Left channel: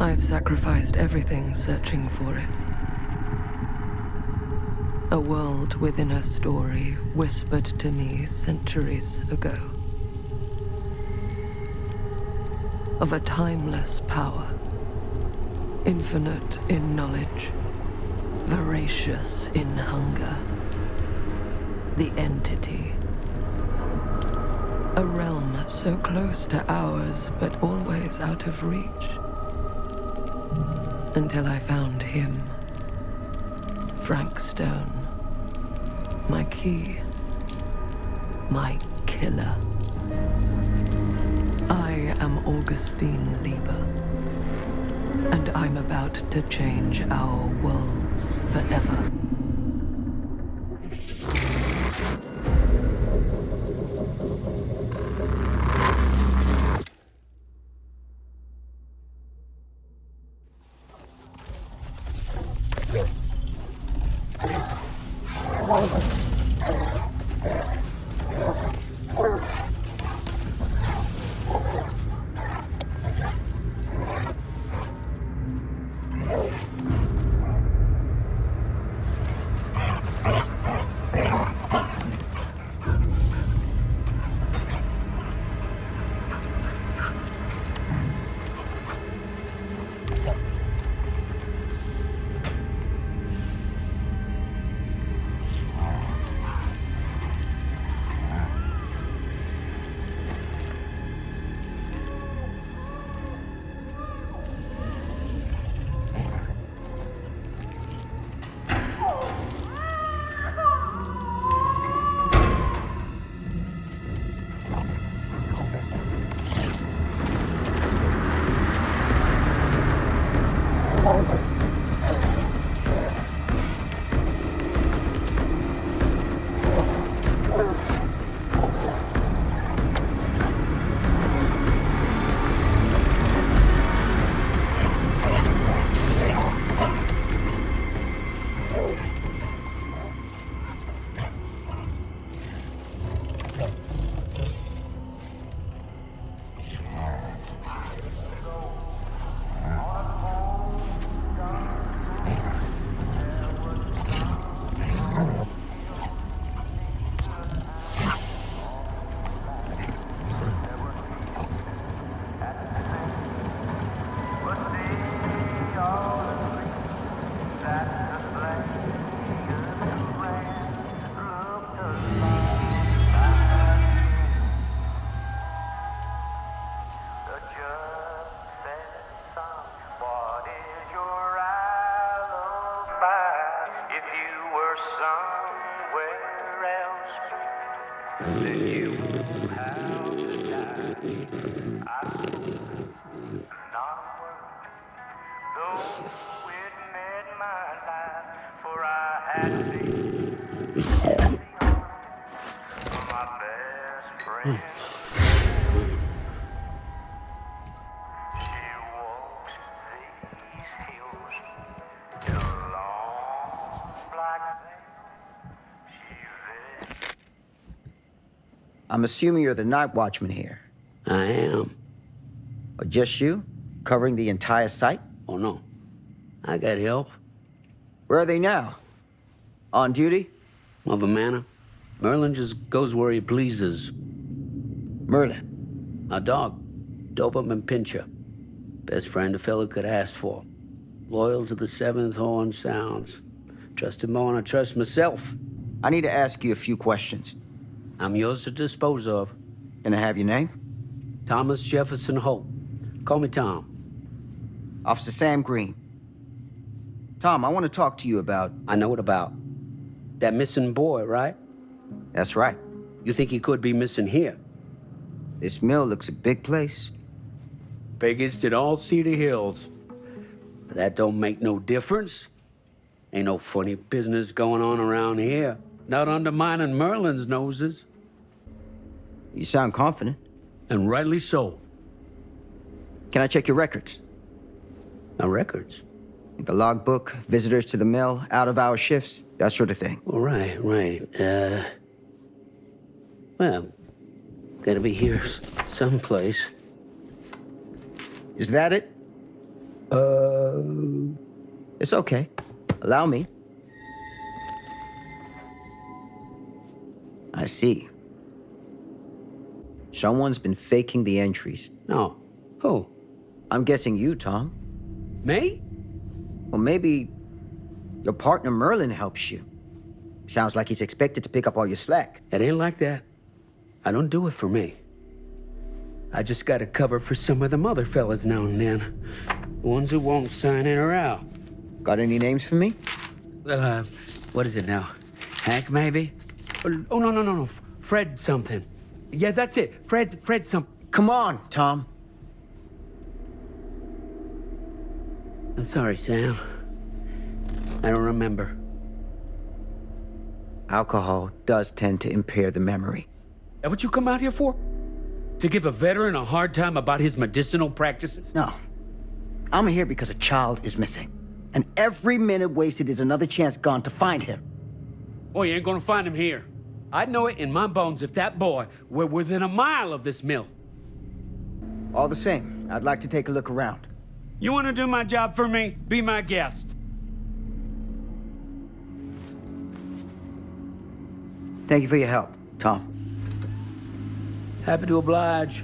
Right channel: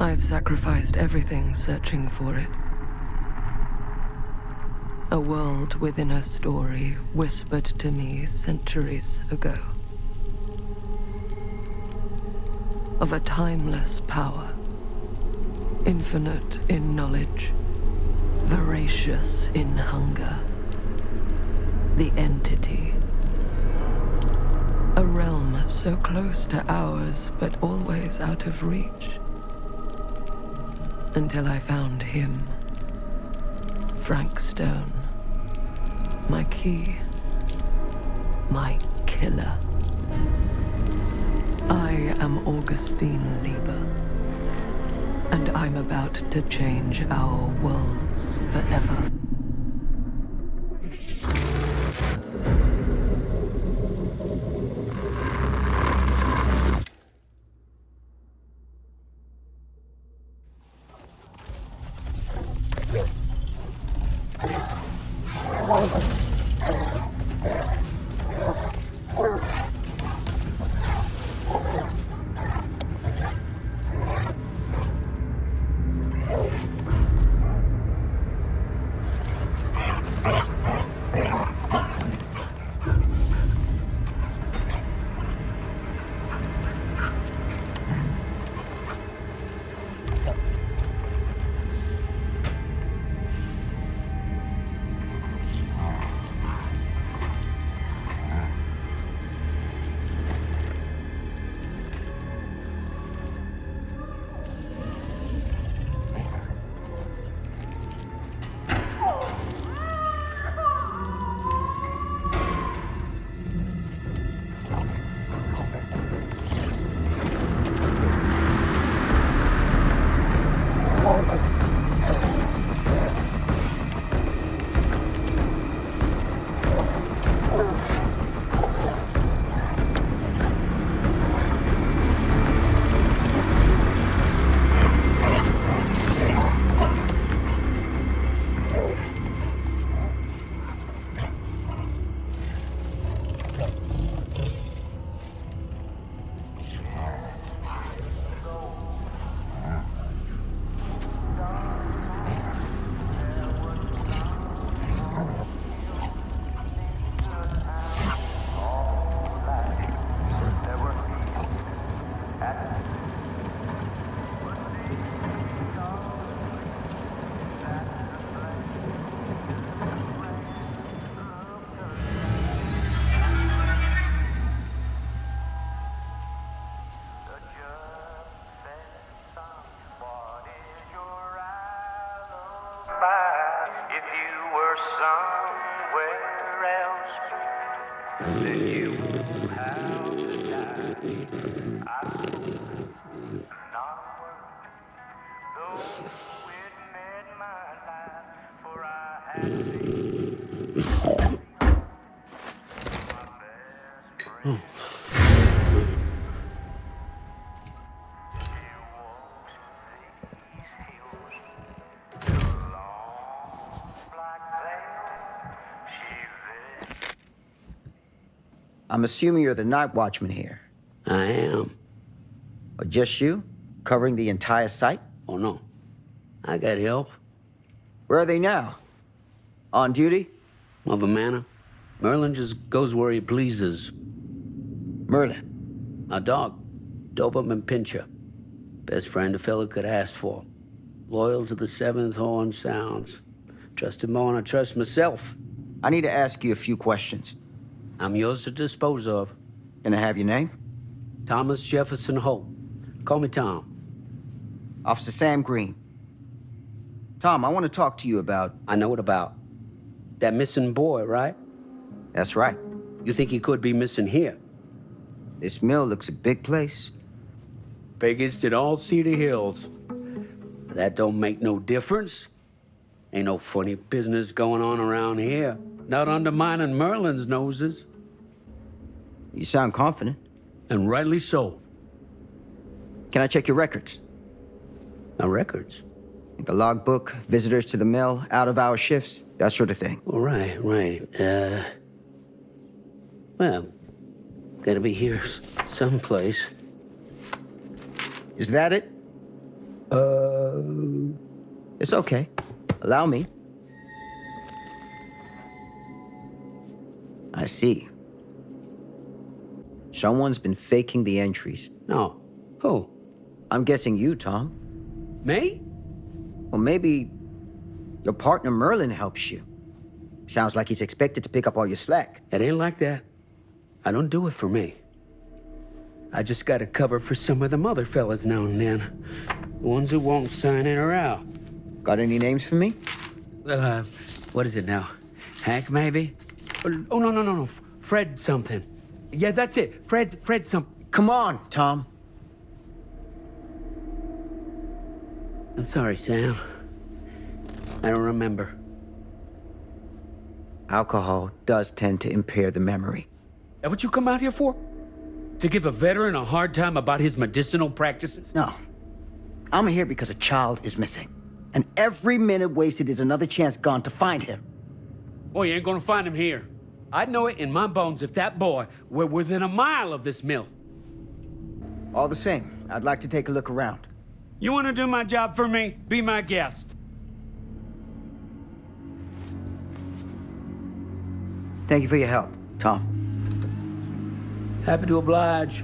I've sacrificed everything searching for it. A world within a story whispered to me centuries ago. Of a timeless power, infinite in knowledge, voracious in hunger. The entity. A realm so close to ours, but always out of reach. Until I found him. Frank Stone. My key. My killer. I am Augustine Lieber. And I'm about to change our worlds forever. I'm assuming you're the night watchman here. I am. Or just you? Covering the entire site? Oh, no. I got help. Where are they now? On duty? Mother Manor. Merlin just goes where he pleases. Merlin? A dog. Doberman Pinscher. Best friend a fella could ask for. Loyal to the seventh horn sounds. Trust him more than I trust myself. I need to ask you a few questions. I'm yours to dispose of. Can I have your name? Thomas Jefferson Hope. Call me Tom. Officer Sam Green. Tom, I want to talk to you about... I know what about. That missing boy, right? That's right. You think he could be missing here? This mill looks a big place. Biggest in all Cedar Hills. But that don't make no difference. Ain't no funny business going on around here. Not undermining Merlin's noses. You sound confident. And rightly so. Can I check your records? My records? The logbook, visitors to the mill, out-of-hour shifts, that sort of thing. Oh, right. Well, gotta be here someplace. Is that it? It's okay. Allow me. I see. Someone's been faking the entries. No. Who? I'm guessing you, Tom. Me? Or maybe your partner Merlin helps you. Sounds like he's expected to pick up all your slack. It ain't like that. I don't do it for me. I just gotta cover for some of them other fellas now and then. The ones who won't sign in or out. Got any names for me? What is it now? Hank, maybe? Oh, no. Fred something. Yeah, that's it. Fred something. Come on, Tom. I'm sorry, Sam. I don't remember. Alcohol does tend to impair the memory. That what you come out here for? To give a veteran a hard time about his medicinal practices? No. I'm here because a child is missing. And every minute wasted is another chance gone to find him. Oh, you ain't gonna find him here. I'd know it in my bones if that boy were within a mile of this mill. All the same, I'd like to take a look around. You wanna do my job for me? Be my guest. Thank you for your help, Tom. Happy to oblige.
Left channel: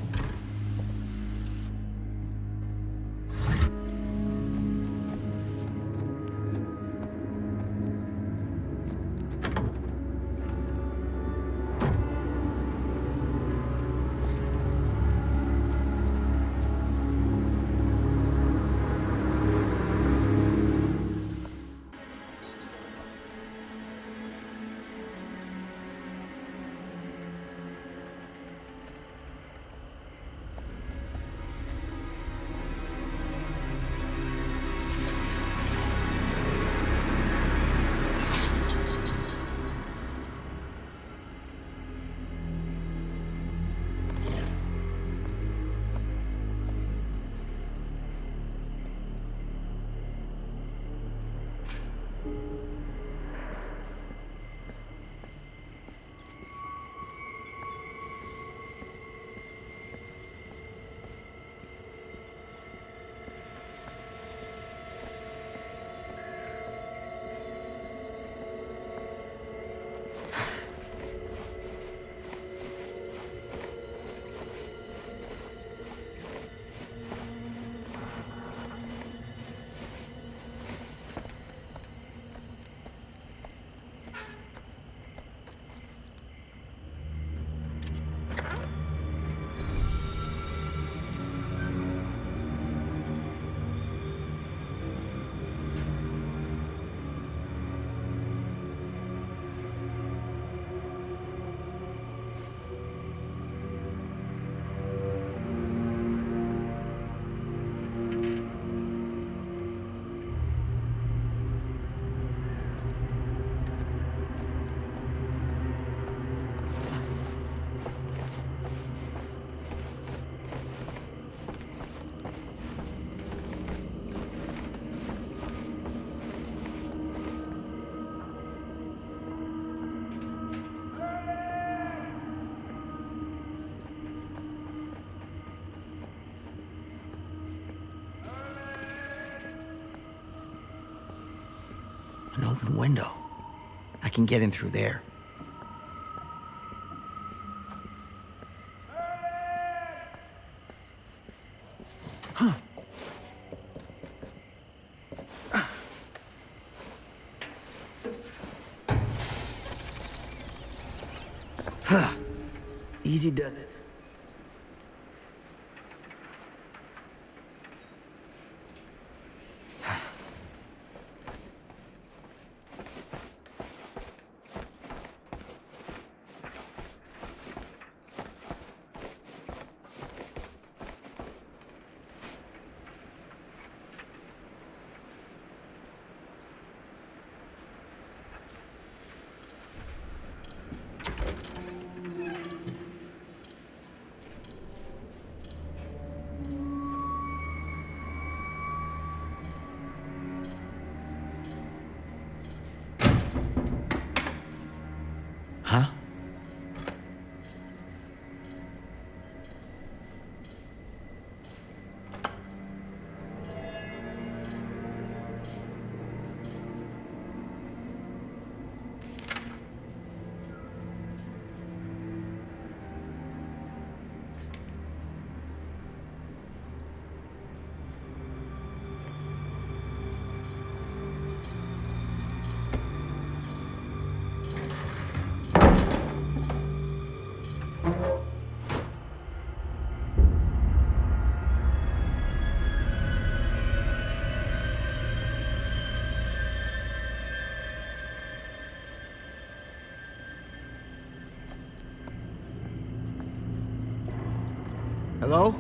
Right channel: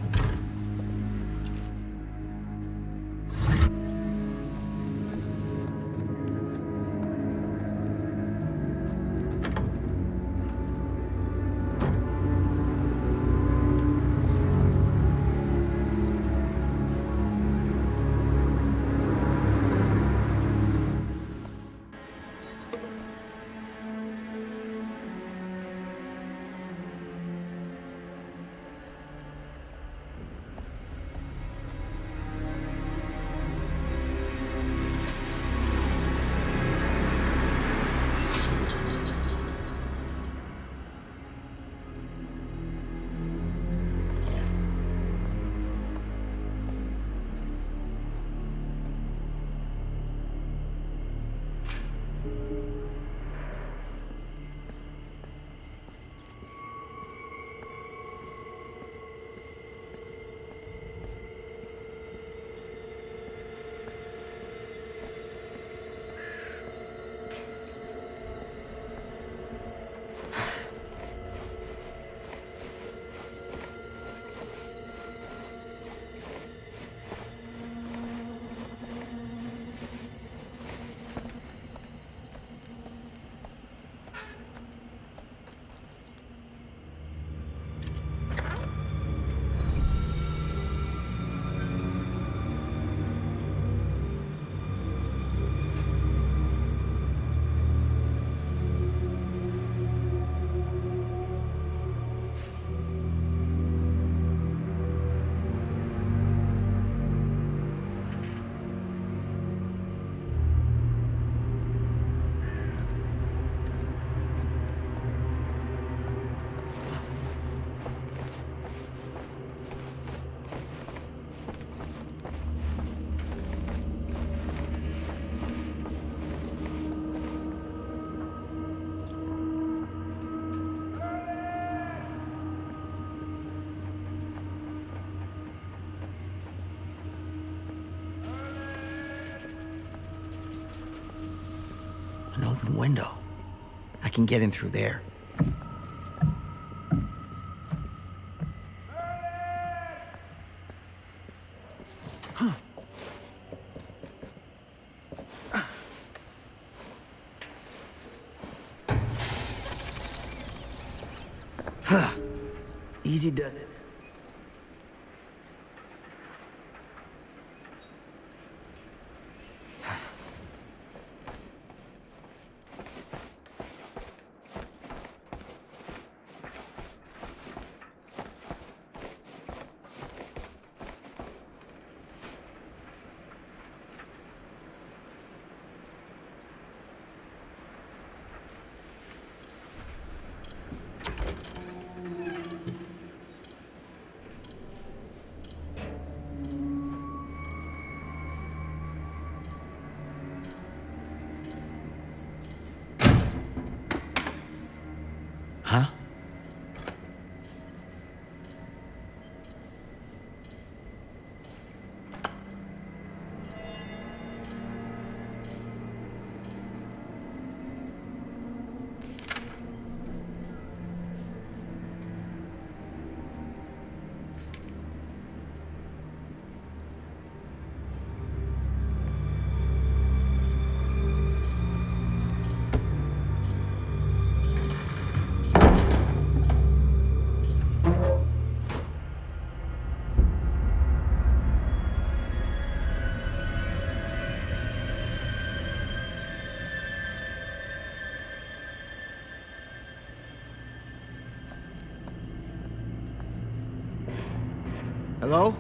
An open window. I can get in through there. Easy does it. Hello?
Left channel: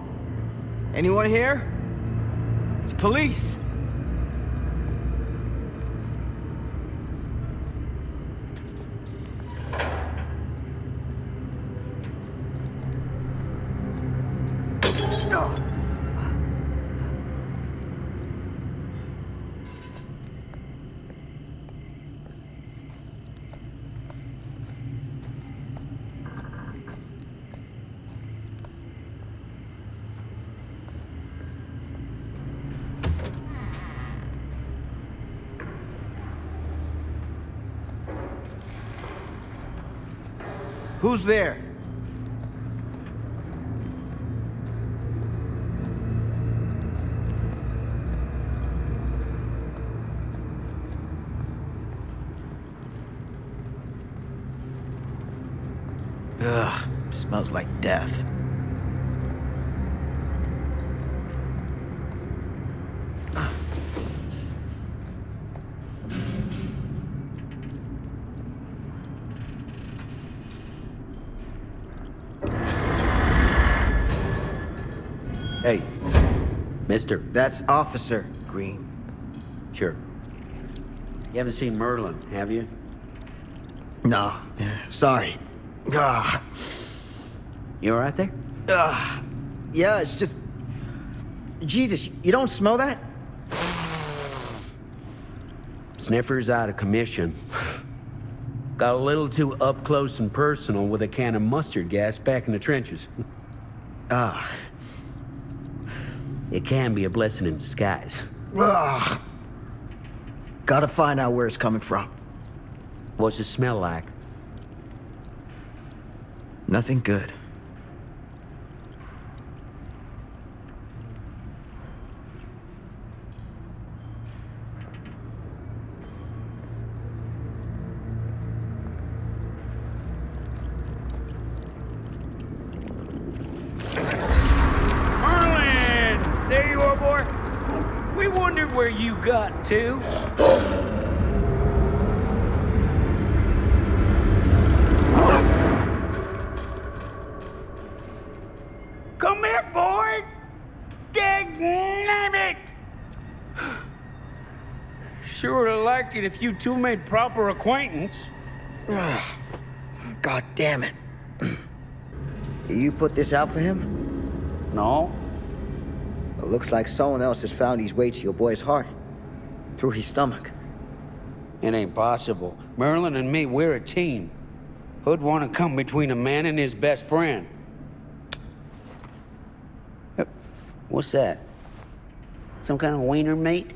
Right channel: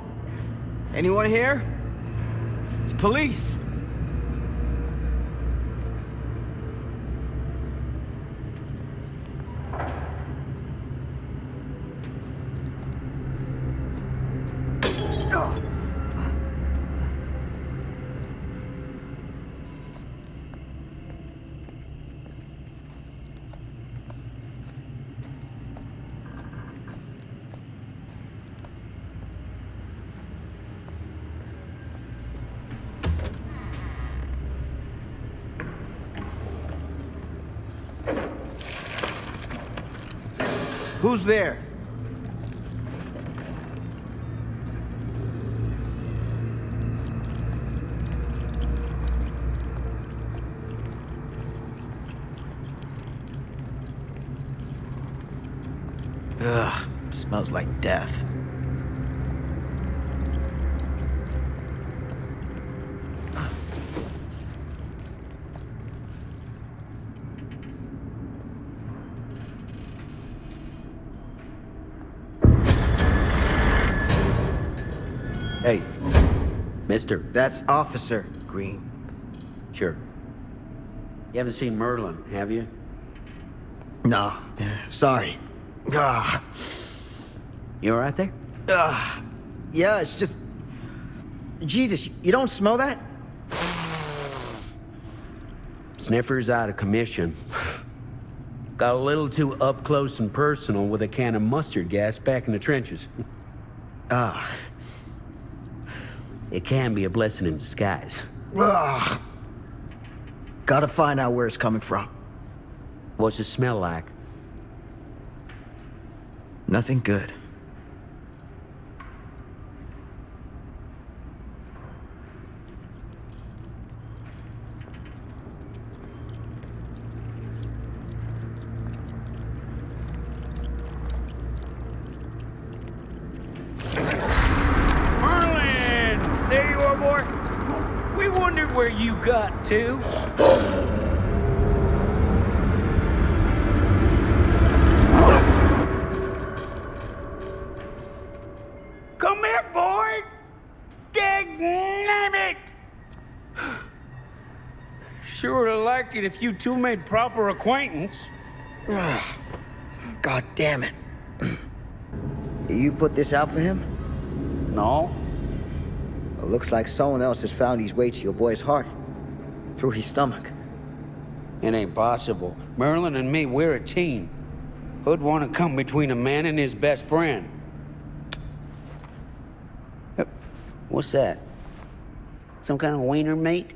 Anyone here? It's police. Who's there? Ugh, smells like death. Hey, mister. That's Officer Green. Sure. You haven't seen Merlin, have you? No, sorry. Ah. You all right there? Yeah, it's just... Jesus, you don't smell that? Sniffer's out of commission. Got a little too up close and personal with a can of mustard gas back in the trenches. Ah. It can be a blessing in disguise. Ugh. Gotta find out where it's coming from. What's it smell like? Nothing good. Merlin! There you are, boy. We wondered where you got to. Come here, boy! Dang it! Sure would have liked it if you two made proper acquaintance. God damn it. You put this out for him? No? It looks like someone else has found his way to your boy's heart. Through his stomach. It ain't possible. Merlin and me, we're a team. Who'd want to come between a man and his best friend? What's that? Some kind of wiener mate?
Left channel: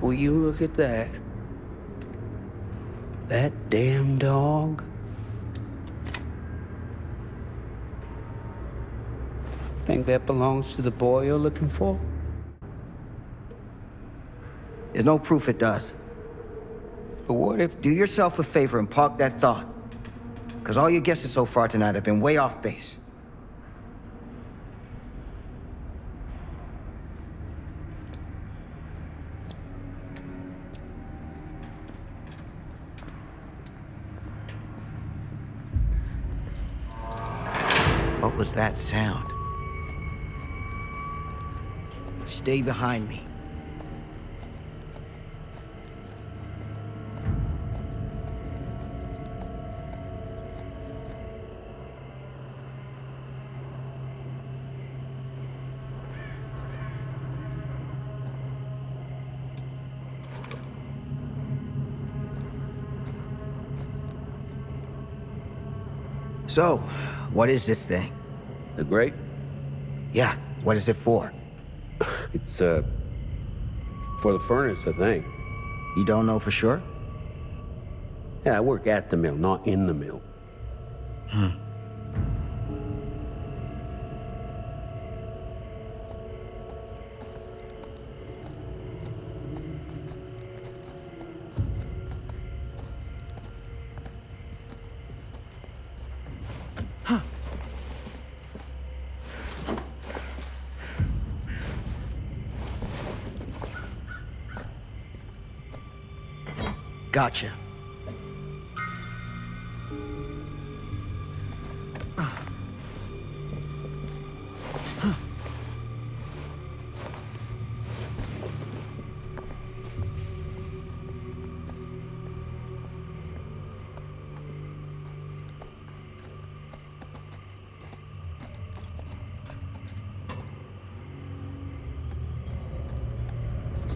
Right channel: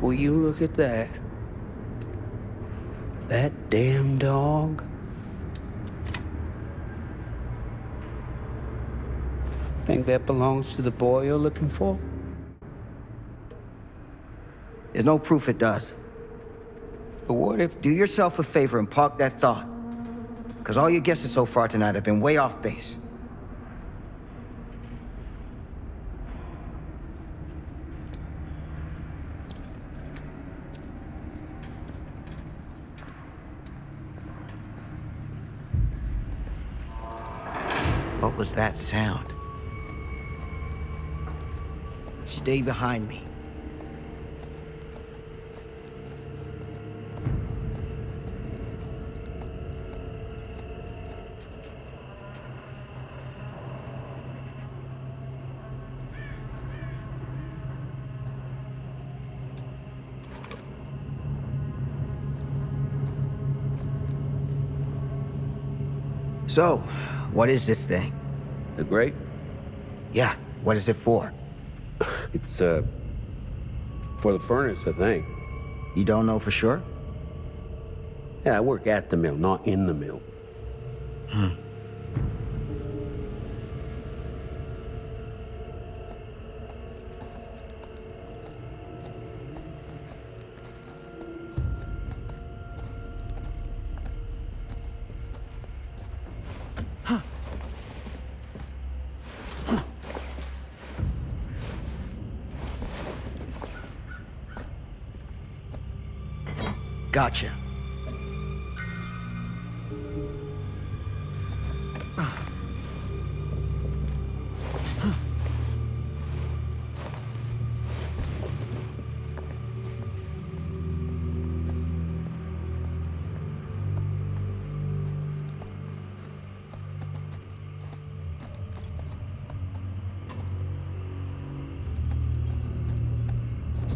Will you look at that? That damn dog? Think that belongs to the boy you're looking for? There's no proof it does. But what if... Do yourself a favor and park that thought. Because all your guesses so far tonight have been way off base. What was that sound? Stay behind me. So, what is this thing? The grate? Yeah, what is it for? It's, for the furnace, I think. You don't know for sure? Yeah, I work at the mill, not in the mill. Gotcha.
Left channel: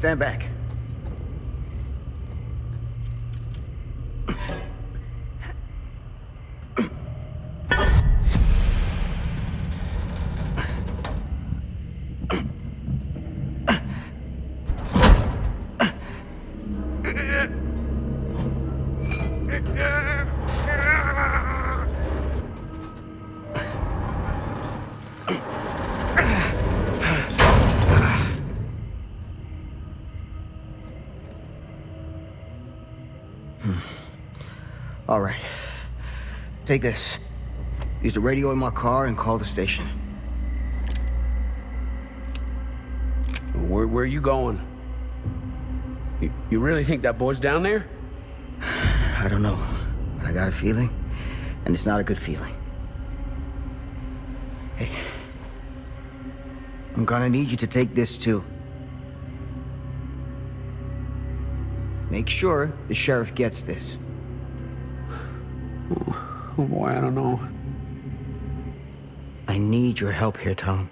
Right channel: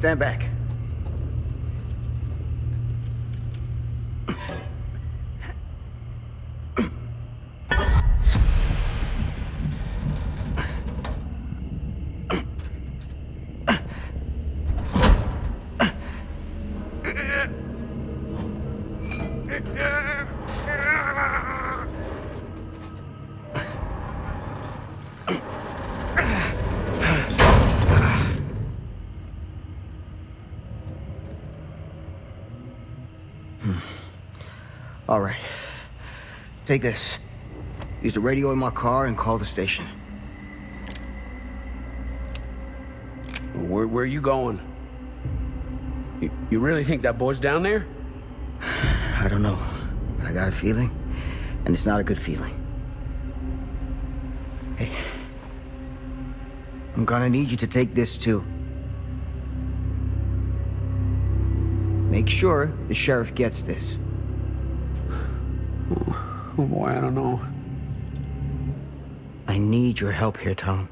stand back. All right. Take this. Use the radio in my car and call the station. Where are you going? You really think that boy's down there? I don't know. I got a feeling, and it's not a good feeling. Hey. I'm gonna need you to take this too. Make sure the sheriff gets this. Oh boy, I don't know. I need your help here, Tom.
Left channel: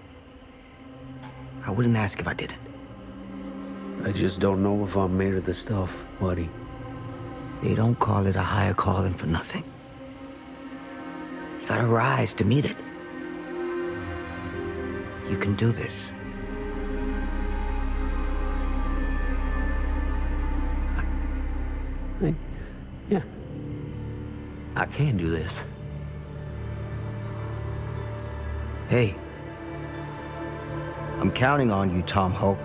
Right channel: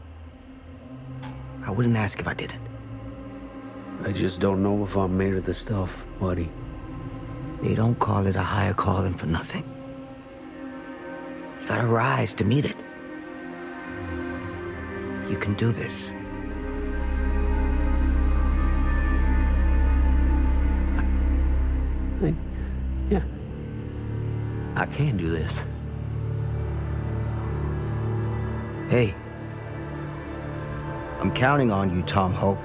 I wouldn't ask if I didn't. I just don't know if I'm made of this stuff, buddy. They don't call it a higher calling for nothing. You gotta rise to meet it. You can do this. Yeah. I can do this. Hey. I'm counting on you, Tom Holt.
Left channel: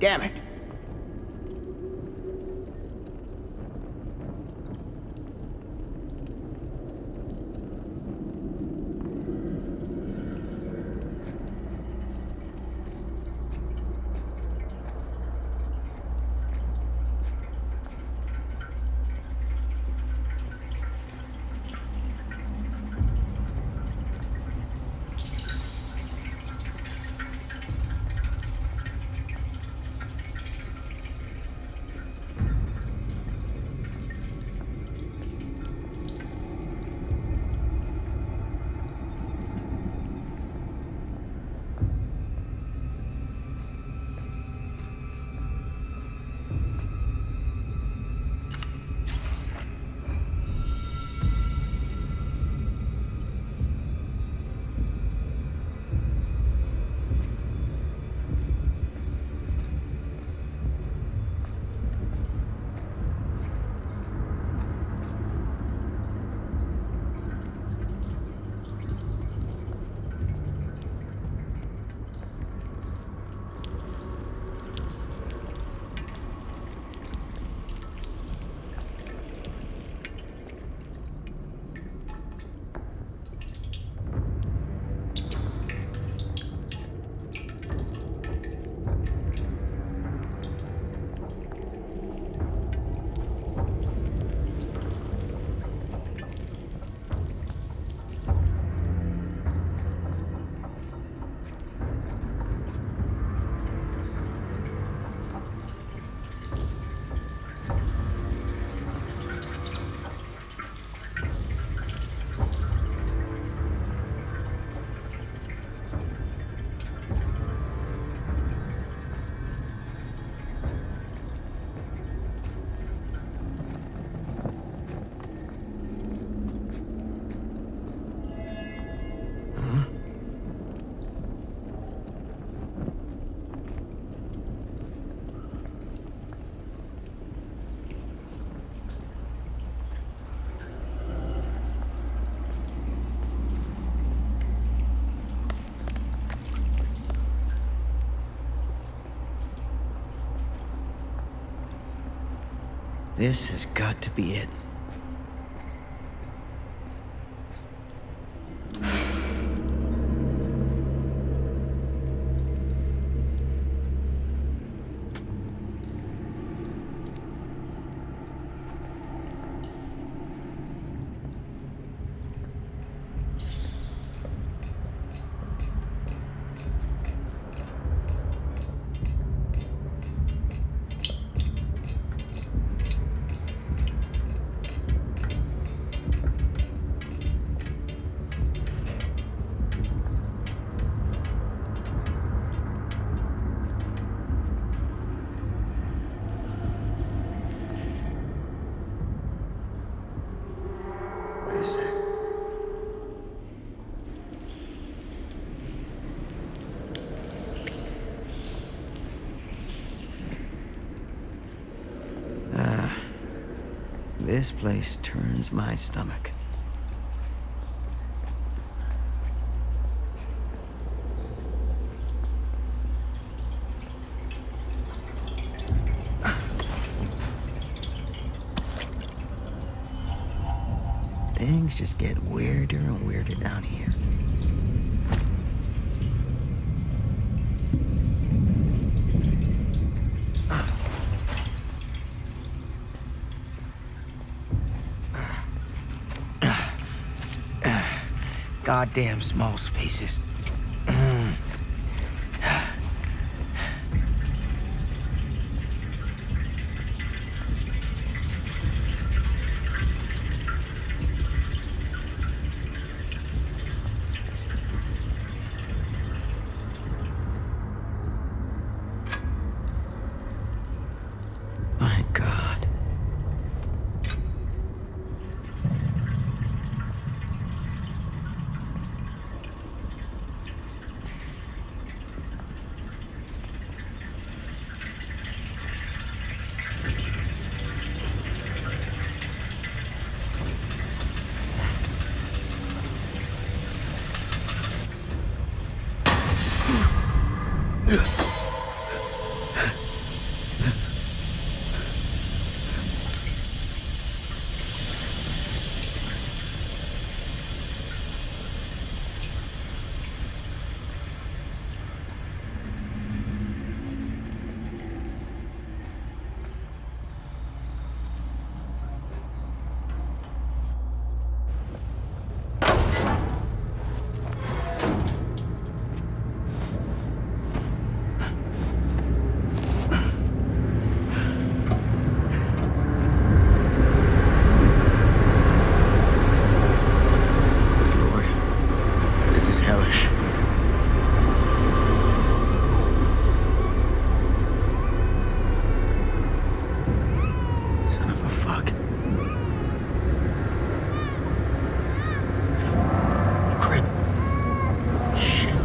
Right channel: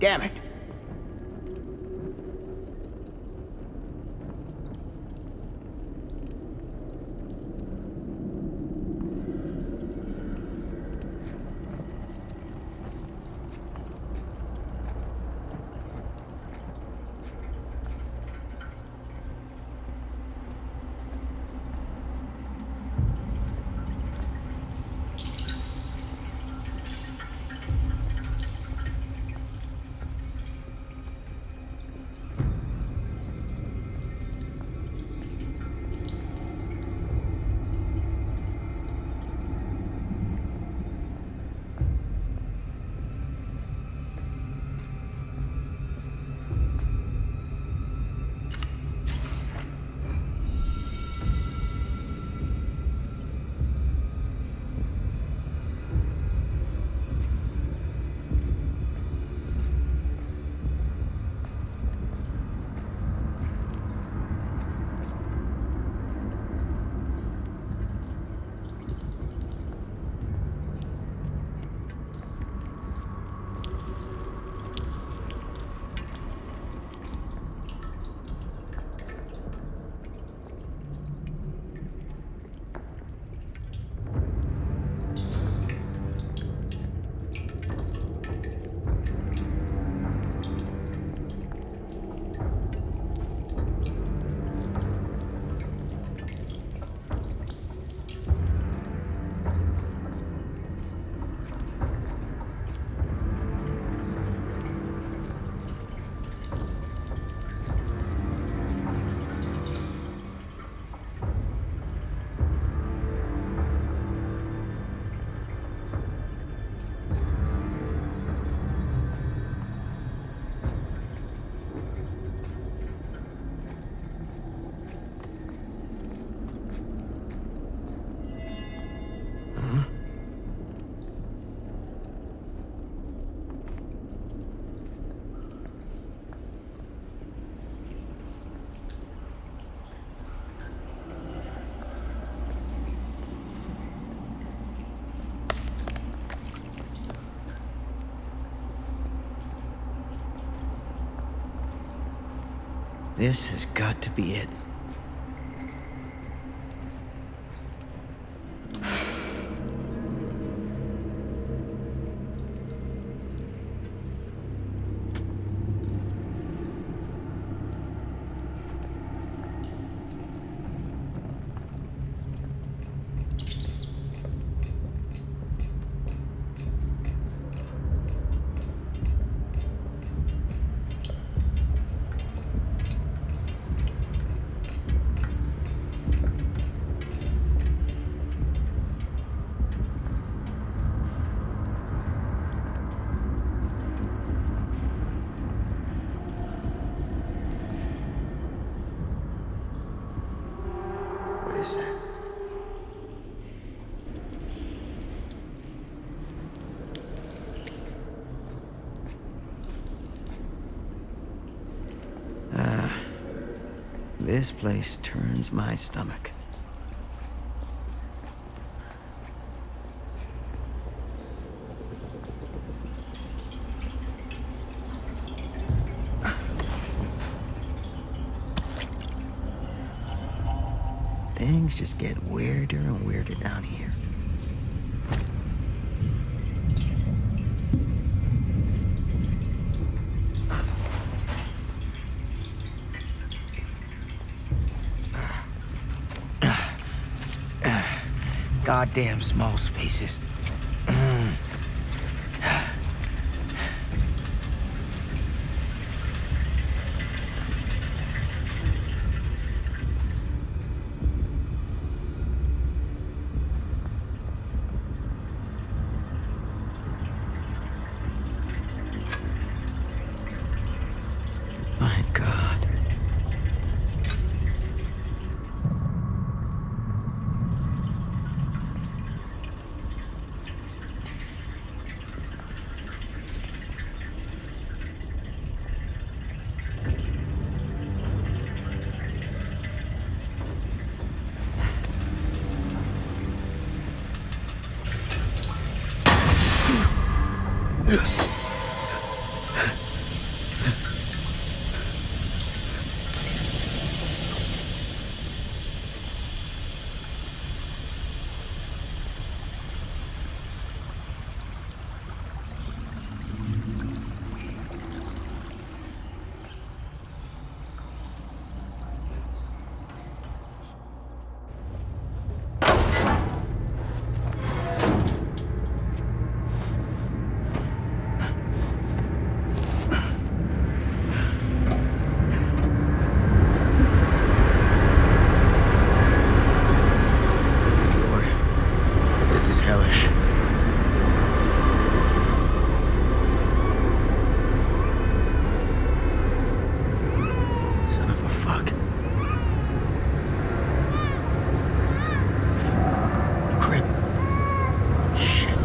Damn it. This has got to be it. What is that? This place turns my stomach. Things just get weirder and weirder down here. Goddamn small spaces. My God. Hellish. Son of a fuck. Crap. Shit.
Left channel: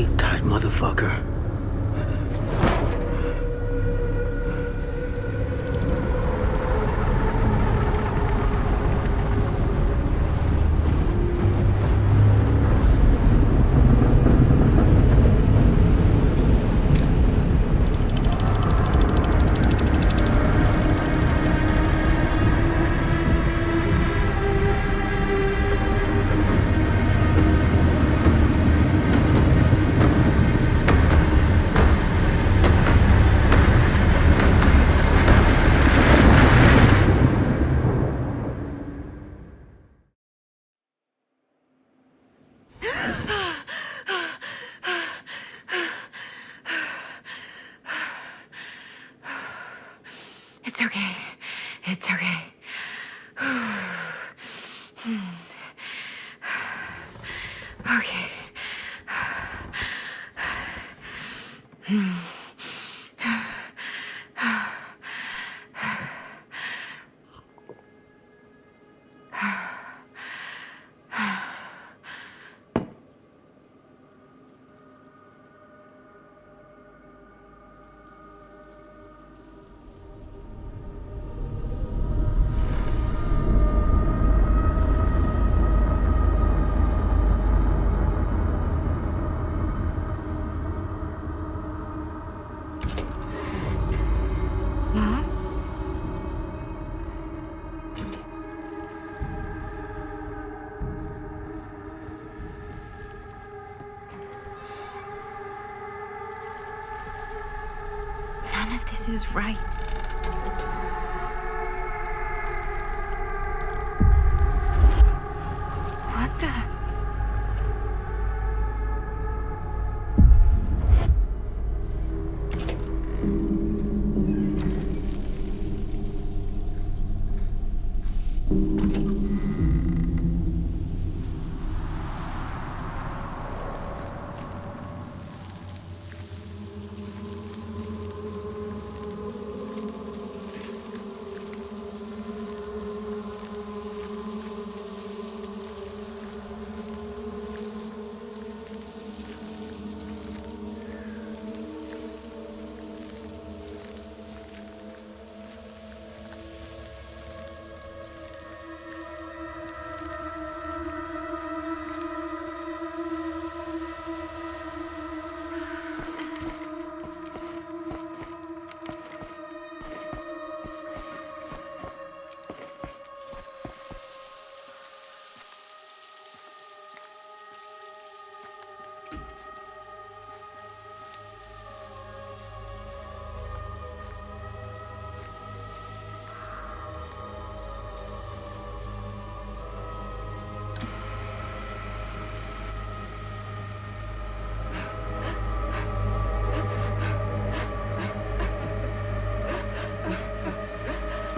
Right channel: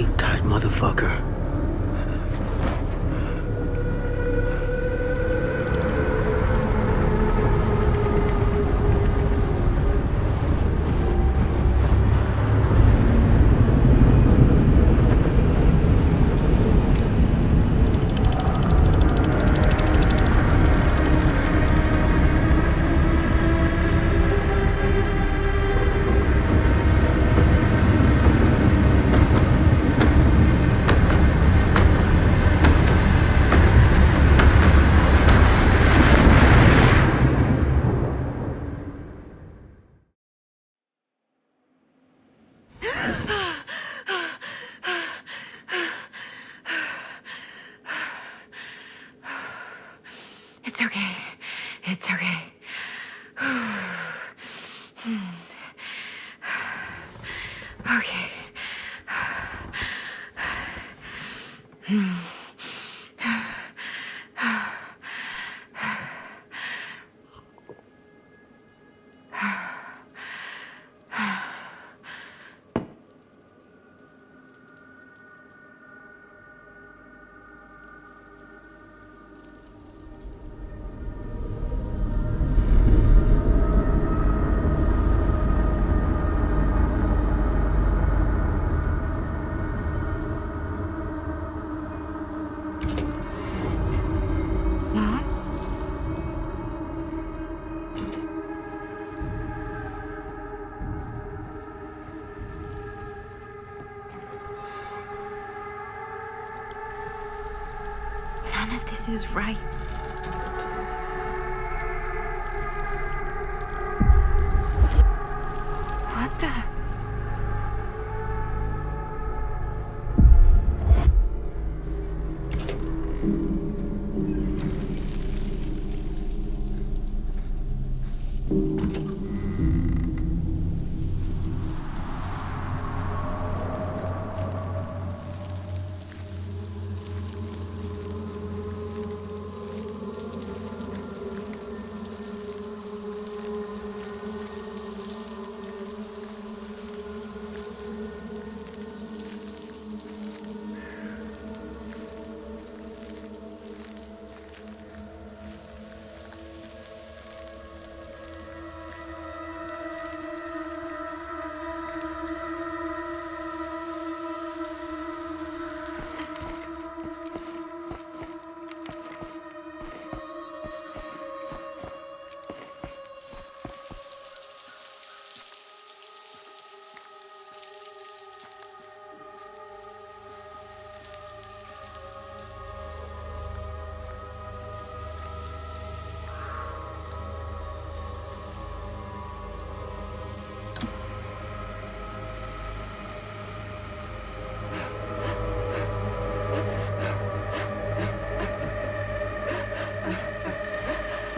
Sleep tight, motherfucker. It's okay. It's okay. Okay. Mom? None of this is right. What the?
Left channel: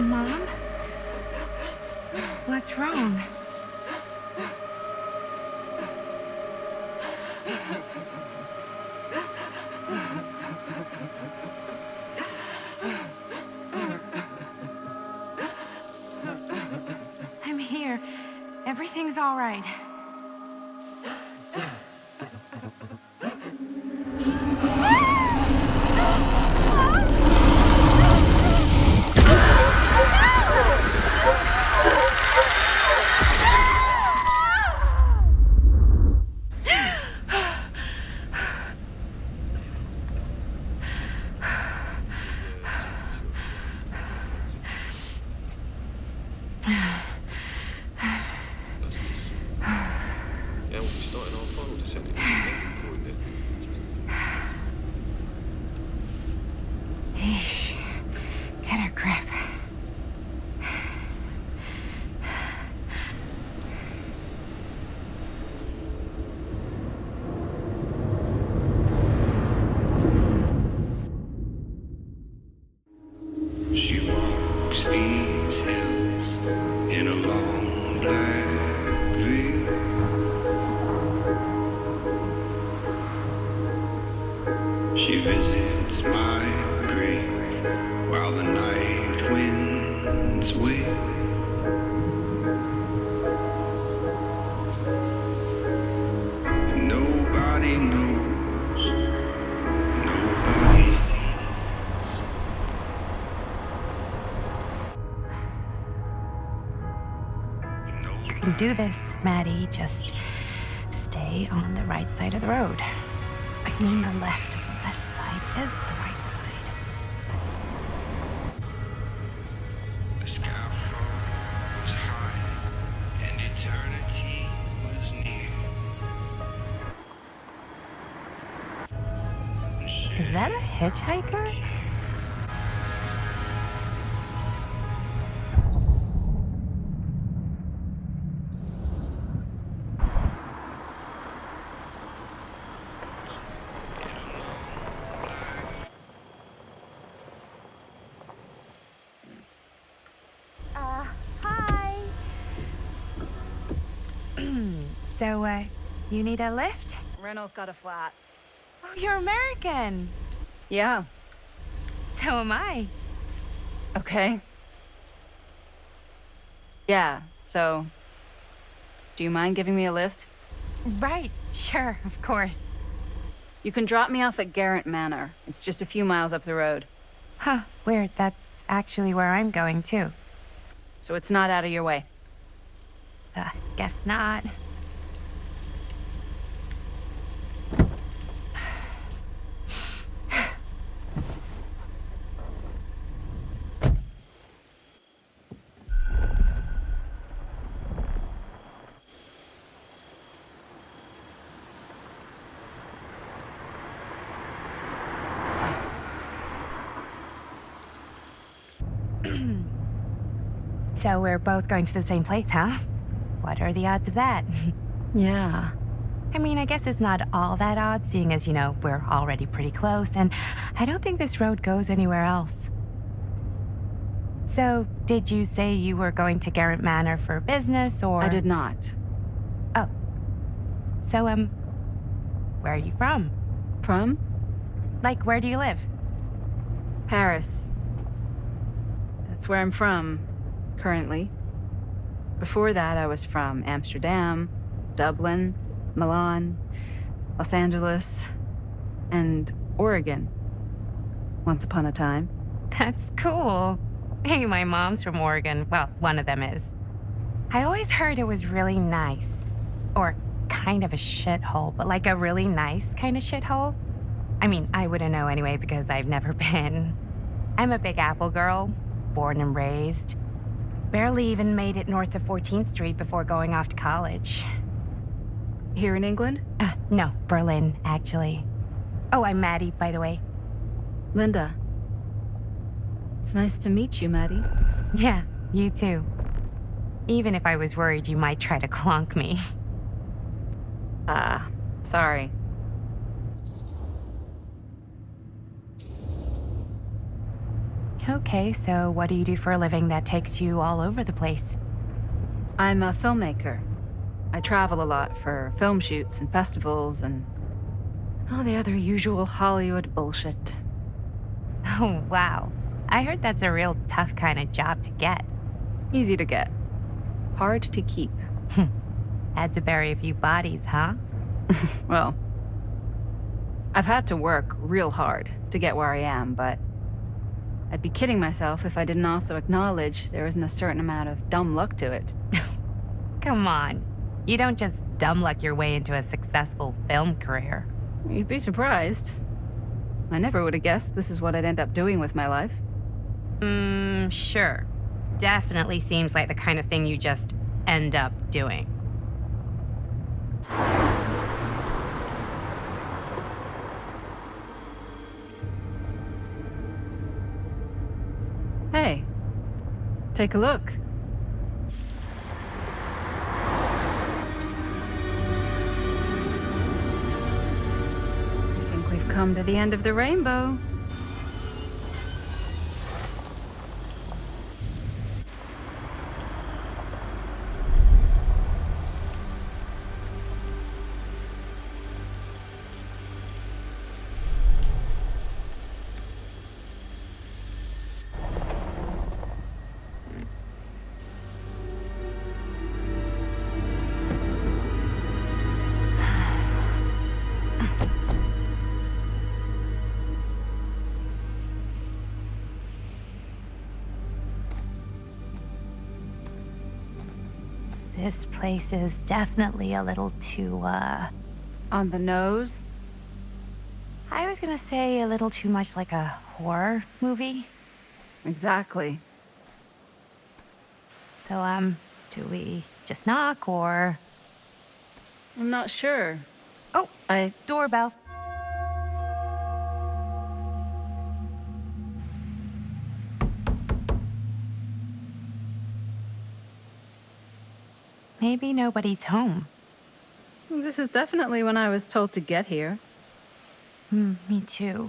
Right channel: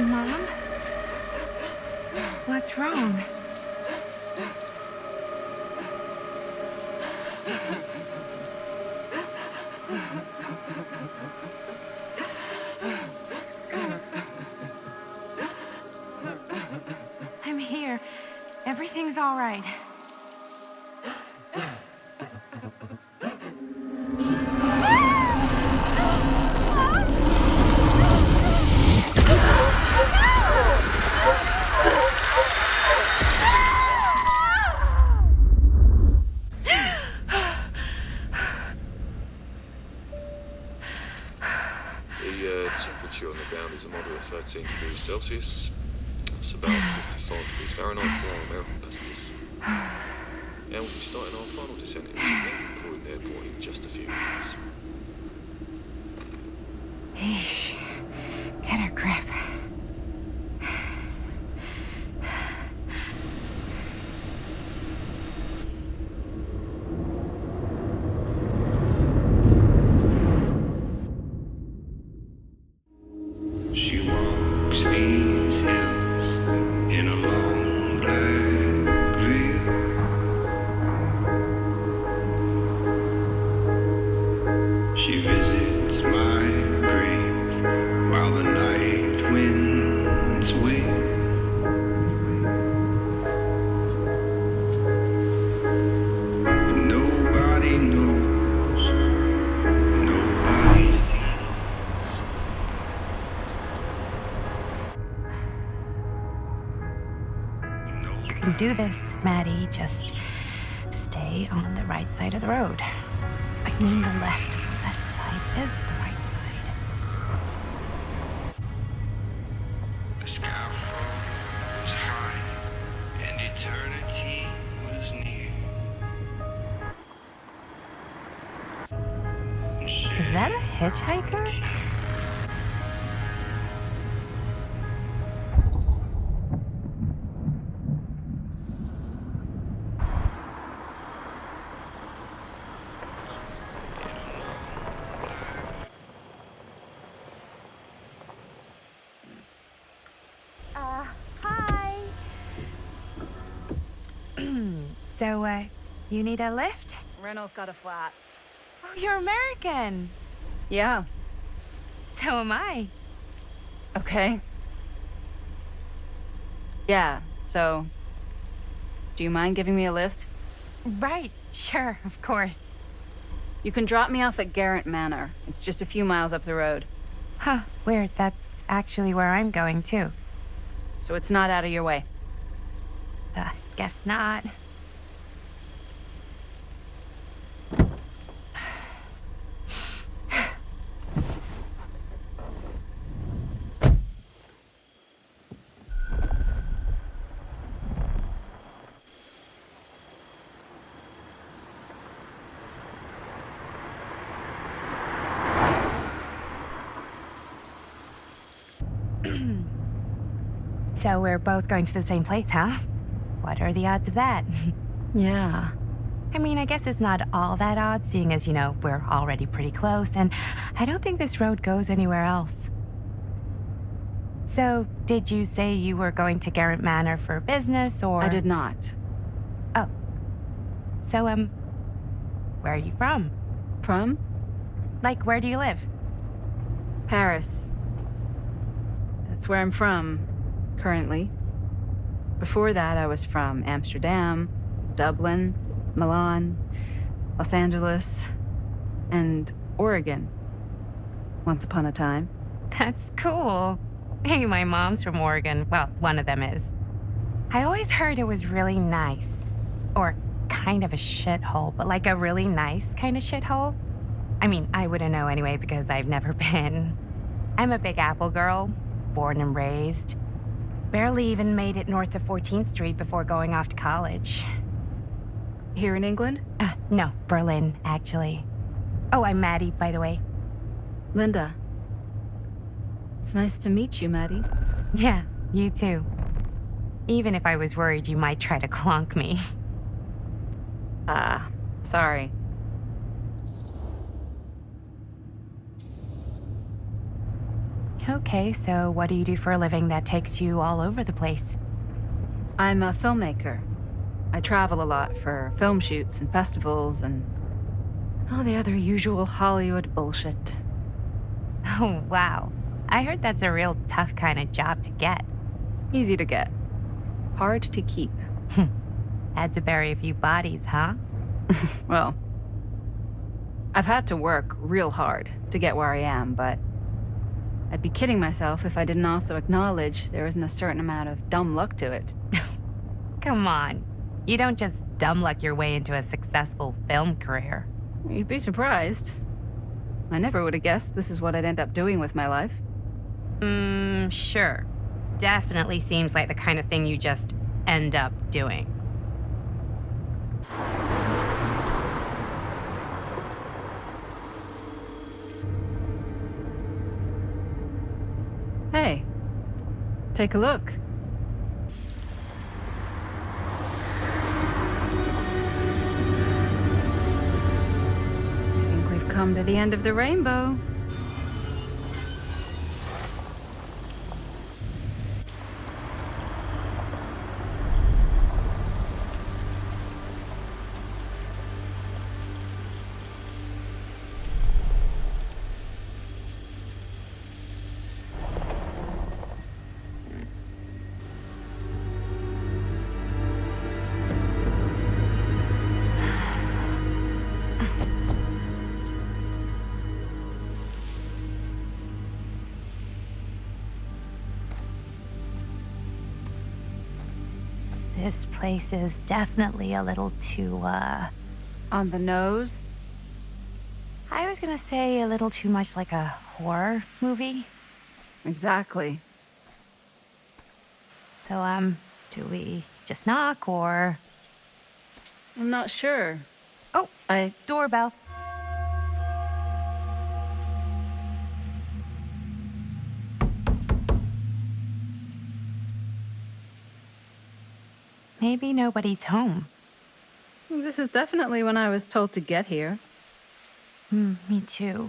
Mom? What's wrong? I'm here. Everything's all right. Temperature on the ground is a moderate 13 degrees Celsius. It's about 5 degrees Fahrenheit. And we'll be starting our final descent into London Croydon Airport in just a few minutes. Eesh. Get a grip. She walks these hills in a long black veil. She visits my grave while the night winds wail. Nobody knows can do this, Maddie. Just stay on the right side of the road. I mean the left. The left side is the right side. The scaffold was high, and eternity was near. Is that a hitchhiker? Hi. So, you need a lift? Reynolds got a flat. Oh, you're American. Yeah. So am I. Okay. Yeah, so... Do you mind giving me a lift? Right, sure, of course. You can drop me off at Garrett Manor. It's just a few miles up the road. Huh, weird. That's actually where I'm going, too. So it's not out of your way. Guess not. So we're both going to the same place, huh? What are the odds of that? Yeah. I mean, I guess it's not all that odd, seeing as, we're already pretty close, and I don't think this road goes anywhere else. So, did you say you were going to Garrett Manor for business, or...? I did not. Oh. So, where are you from? From? Like, where do you live? Paris. That's where I'm from, currently. Before that, I was from Amsterdam, Dublin, Milan, Los Angeles, and Oregon. Once upon a time. That's cool. Hey, my mom's from Oregon. Well, one of them is. I always heard it was really nice. Or kind of a shithole, but like a really nice kind of shithole. I mean, I wouldn't know anyway because I've never been. I'm a Big Apple girl, born and raised. Barely even made it north of 14th Street before going off to college. Here in England? No, Berlin, actually. Oh, I'm Maddie, by the way. Linda. It's nice to meet you, Maddie. Yeah, you too. Even if I was worried you might try to clonk me. Sorry. Okay, so what do you do for a living that takes you all over the place? I'm a filmmaker. I travel a lot for film shoots and festivals and all the other usual Hollywood bullshit. Oh, wow. I heard that's a real tough kind of job to get. Easy to get. Hard to keep. Had to bury a few bodies, huh? Well, I've had to work real hard to get where I am, but I'd be kidding myself if I didn't also acknowledge there isn't a certain amount of dumb luck to it. Come on. You don't just dumb luck your way into a successful film career. You'd be surprised. I never would have guessed this is what I'd end up doing with my life. Sure. Definitely seems like the kind of thing you just end up doing. Hey, take a look. I think we've come to the end of the rainbow. This place is definitely a little too, On the nose? I was gonna say a little too much like a horror movie. Exactly. So, do we just knock or... I'm not sure. Oh, I... doorbell. Maybe nobody's home. This is definitely when I was told to get here. Me too.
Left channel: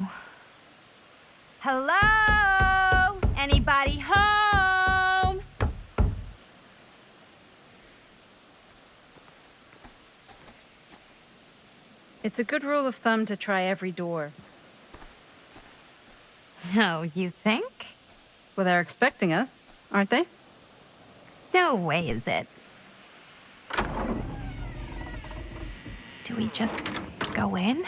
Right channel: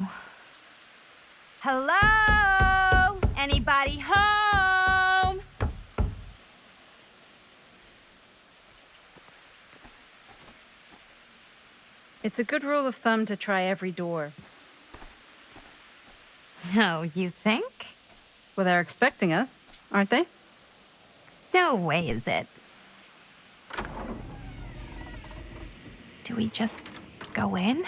Hello? Anybody home? It's a good rule of thumb to try every door. No, you think? Well, they're expecting us, aren't they? No way is it. Do we just go in?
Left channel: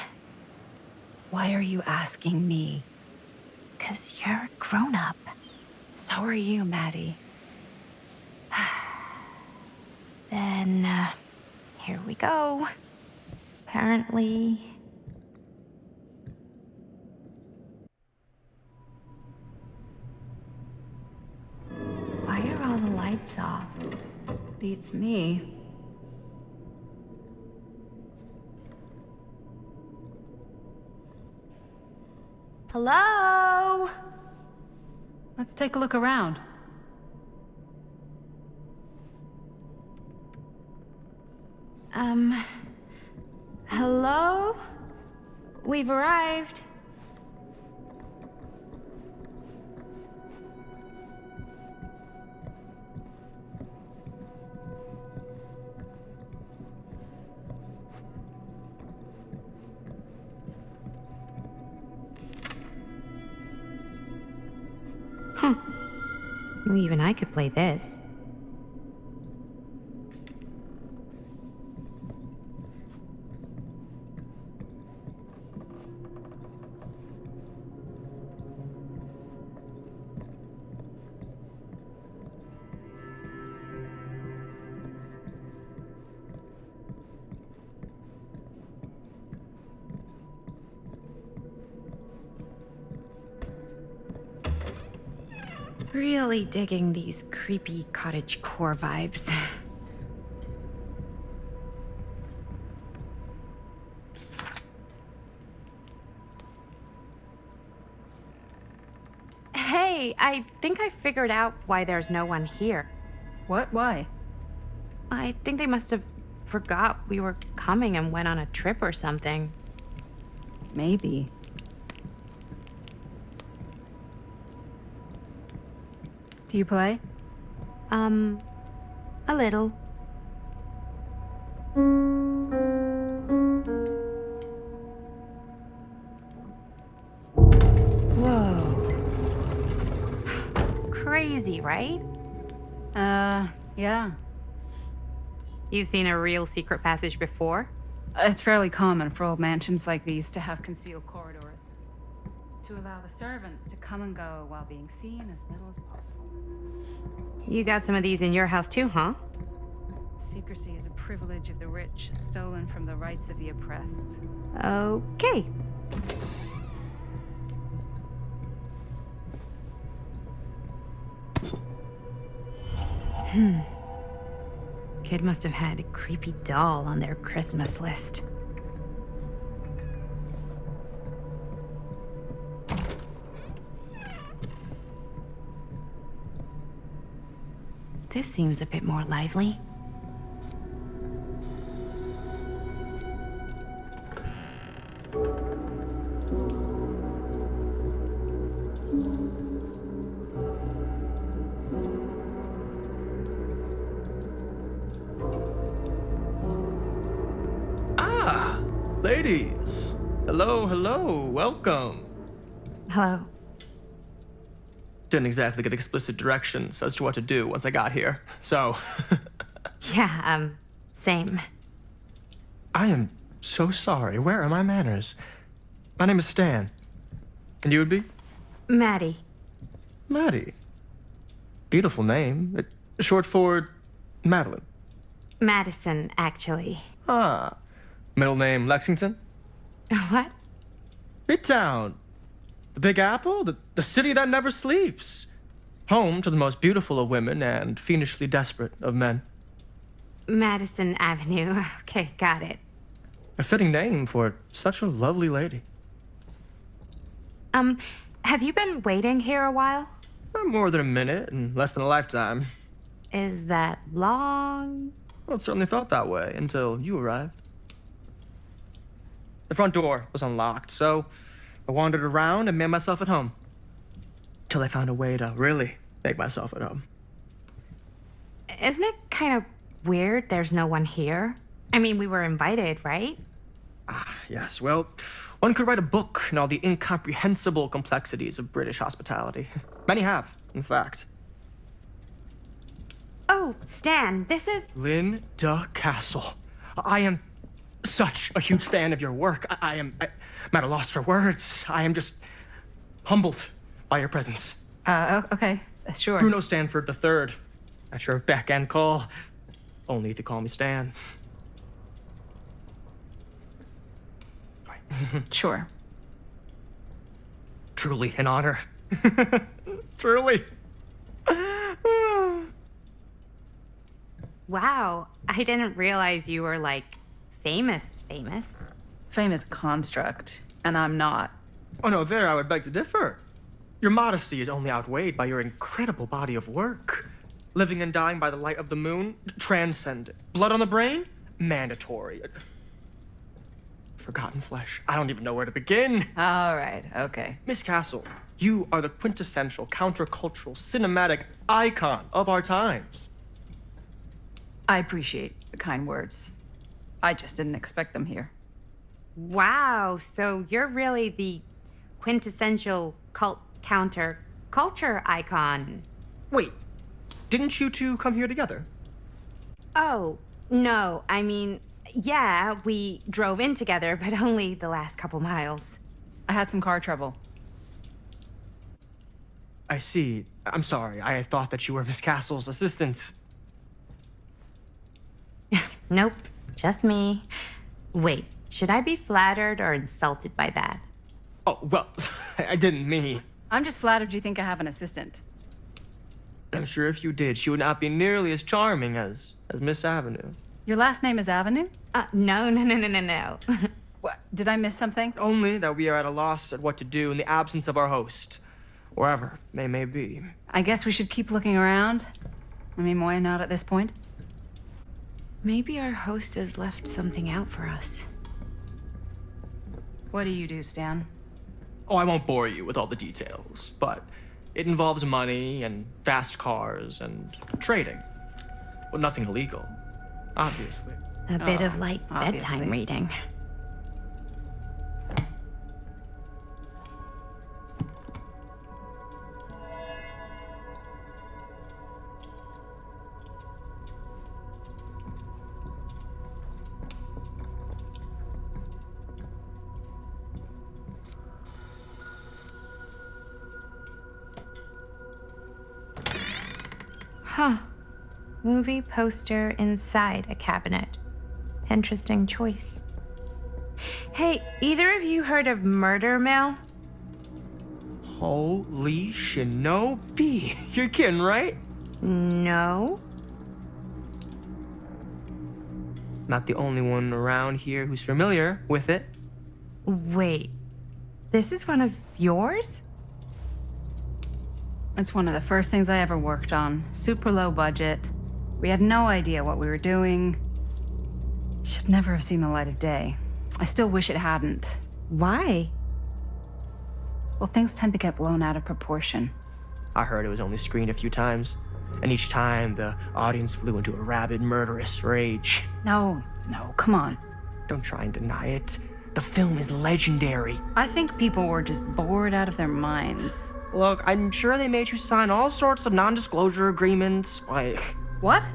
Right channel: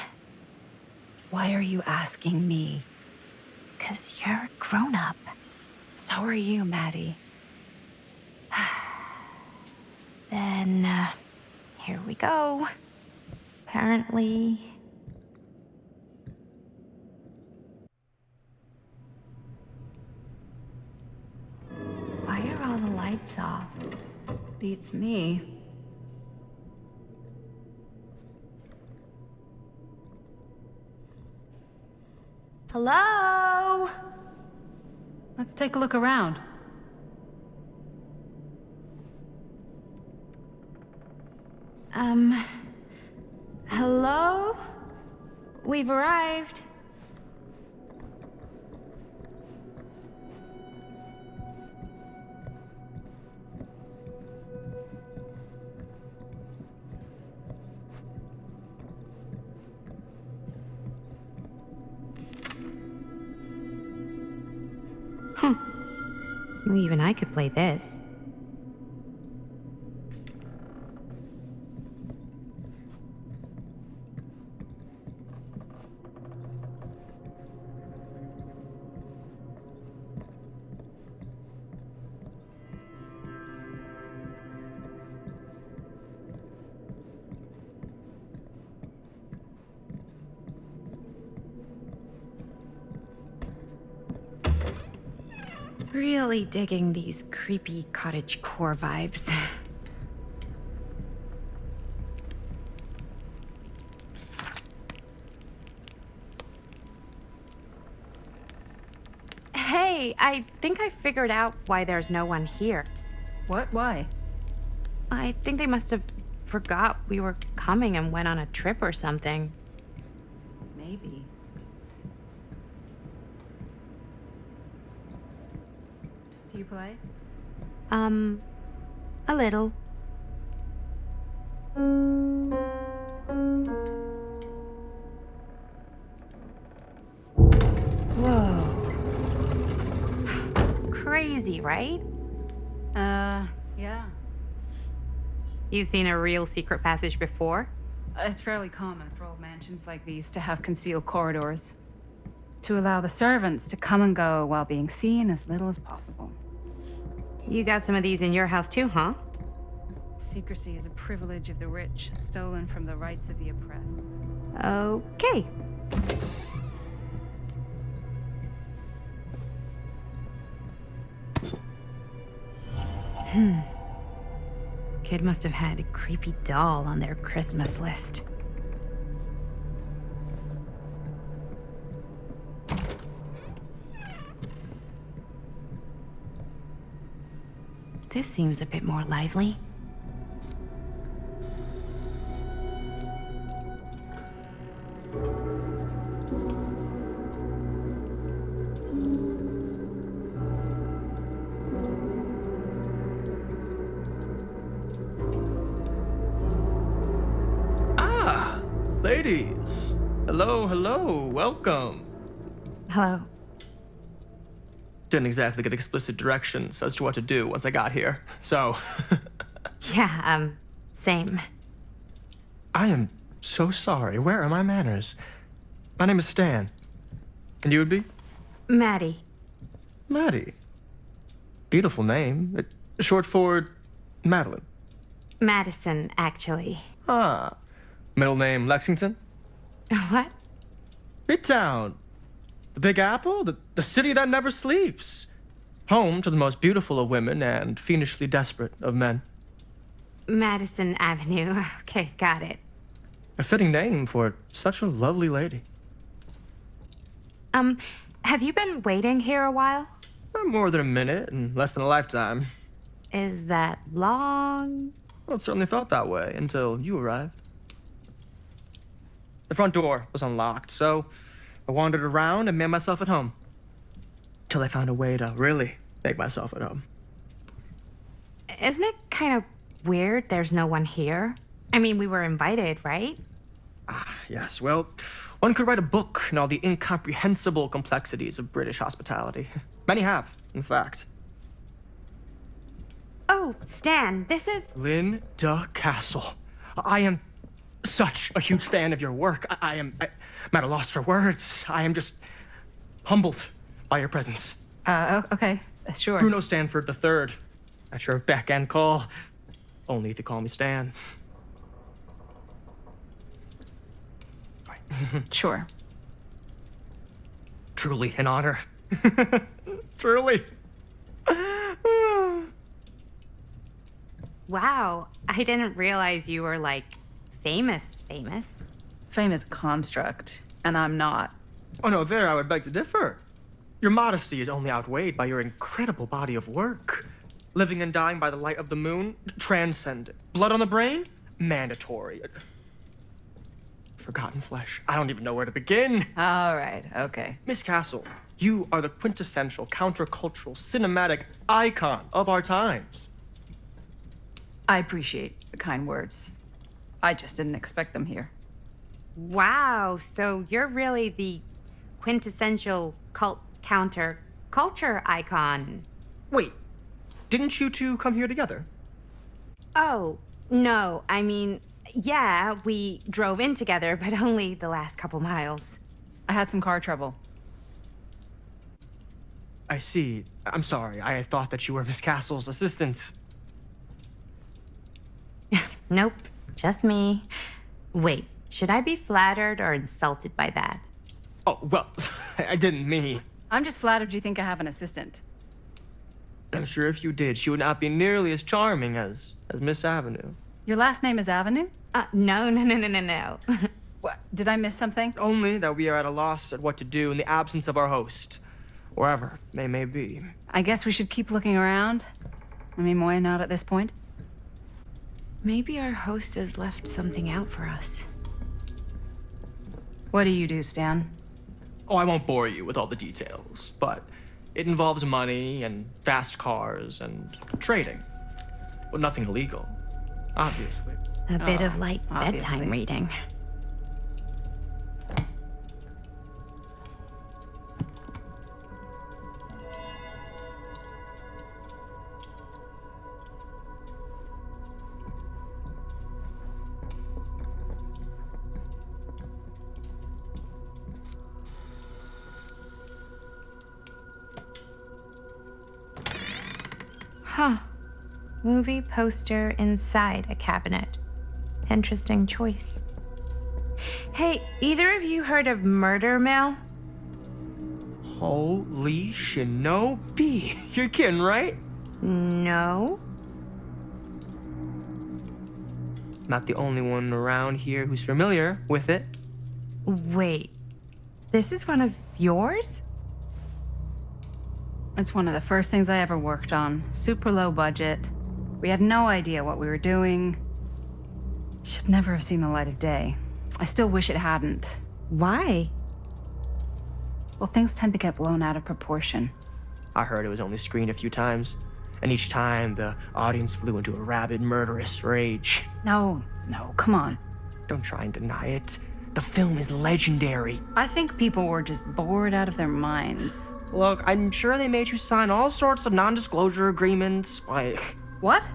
Why are you asking me? 'Cause you're a grown-up. So are you, Maddie. Then, here we go. Apparently... Why are all the lights off? Beats me. Hello? Let's take a look around. Hello? We've arrived. Well, even I could play this. Really digging these creepy cottagecore vibes. Hey, I think I figured out why there's no one here. What? Why? I think they must have forgot we were coming and went on a trip or something. Maybe. Do you play? A little. Whoa. Crazy, right? Yeah. You've seen a real secret passage before? It's fairly common for old mansions like these to have concealed corridors. To allow the servants to come and go while being seen as little as possible. You got some of these in your house too, huh? Secrecy is a privilege of the rich, stolen from the rights of the oppressed. Okay. Kid must have had a creepy doll on their Christmas list. This seems a bit more lively. Ladies! Hello, hello, welcome. Hello. Didn't exactly get explicit directions as to what to do once I got here, so... Yeah, same. I am so sorry. Where are my manners? My name is Stan. And you would be? Maddie. Maddie. Beautiful name. Short for Madeline. Madison, actually. Ah. Middle name Lexington? What? Midtown. The Big Apple? The city that never sleeps. Home to the most beautiful of women and fiendishly desperate of men. Madison Avenue. Okay, got it. A fitting name for such a lovely lady. Have you been waiting here a while? More than a minute and less than a lifetime. Is that long? Well, it certainly felt that way until you arrived. The front door was unlocked, so I wandered around and made myself at home. Till I found a way to really make myself at home. Isn't it kind of weird there's no one here? I mean, we were invited, right? Yes, well, one could write a book on all the incomprehensible complexities of British hospitality. Many have, in fact. Oh, Stan, this is... Linda Castle. I am such a huge fan of your work. I'm at a loss for words. I am just humbled by your presence. Okay, sure. Bruno Stanford III. At your beck and call. Only if you call me Stan. Sure. Truly an honor. Truly. Wow, I didn't realize you were, like, famous. Famous construct, and I'm not. Oh no, there I would beg to differ. Your modesty is only outweighed by your incredible body of work. Living and dying by the light of the moon, transcendent. Blood on the brain, mandatory. Forgotten flesh. I don't even know where to begin. All right, okay. Miss Castle, you are the quintessential countercultural cinematic icon of our times. I appreciate the kind words. I just didn't expect them here. Wow, so you're really the quintessential counter-culture icon. Wait, didn't you two come here together? Oh, no, I mean, yeah, we drove in together, but only the last couple miles. I had some car trouble. I see. I'm sorry. I thought that you were Miss Castle's assistant. Nope, just me. Wait, should I be flattered or insulted by that? Oh, well, I didn't mean. I'm just flattered you think I have an assistant. I'm sure if you did, she would not be nearly as charming as Miss Avenue. Your last name is Avenue? No. What, did I miss something? Only that we are at a loss at what to do in the absence of our host, wherever they may be. I guess we should keep looking around. I mean, why not at this point? Maybe our host has left something out for us. What do you do, Stan? Oh, I won't bore you with all the details, but it involves money and fast cars and trading. Well, nothing illegal, obviously. A bit of light obviously. bedtime reading. Huh. Movie poster inside a cabinet. Interesting choice. Hey, either of you heard of Murder Mill? Holy shinobi. You're kidding, right? No. Not the only one around here who's familiar with it. Wait. This is one of yours? It's one of the first things I ever worked on. Super low budget. We had no idea what we were doing. Should never have seen the light of day. I still wish it hadn't. Why? Well, things tend to get blown out of proportion. I heard it was only screened a few times, and each time the audience flew into a rabid, murderous rage. No, come on. Don't try and deny it. The film is legendary. I think people were just bored out of their minds. Look, I'm sure they made you sign all sorts of non-disclosure agreements, like... What?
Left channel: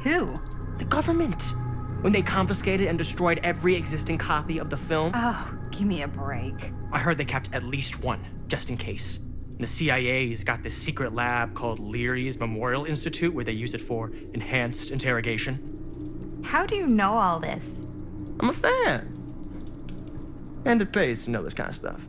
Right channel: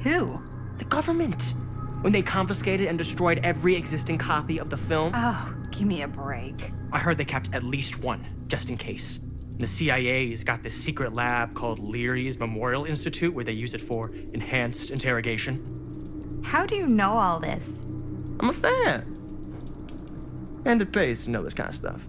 Who? The government. When they confiscated and destroyed every existing copy of the film. Oh, give me a break. I heard they kept at least one, just in case. And the CIA's got this secret lab called Leary's Memorial Institute where they use it for enhanced interrogation. How do you know all this? I'm a fan. And it pays to know this kind of stuff.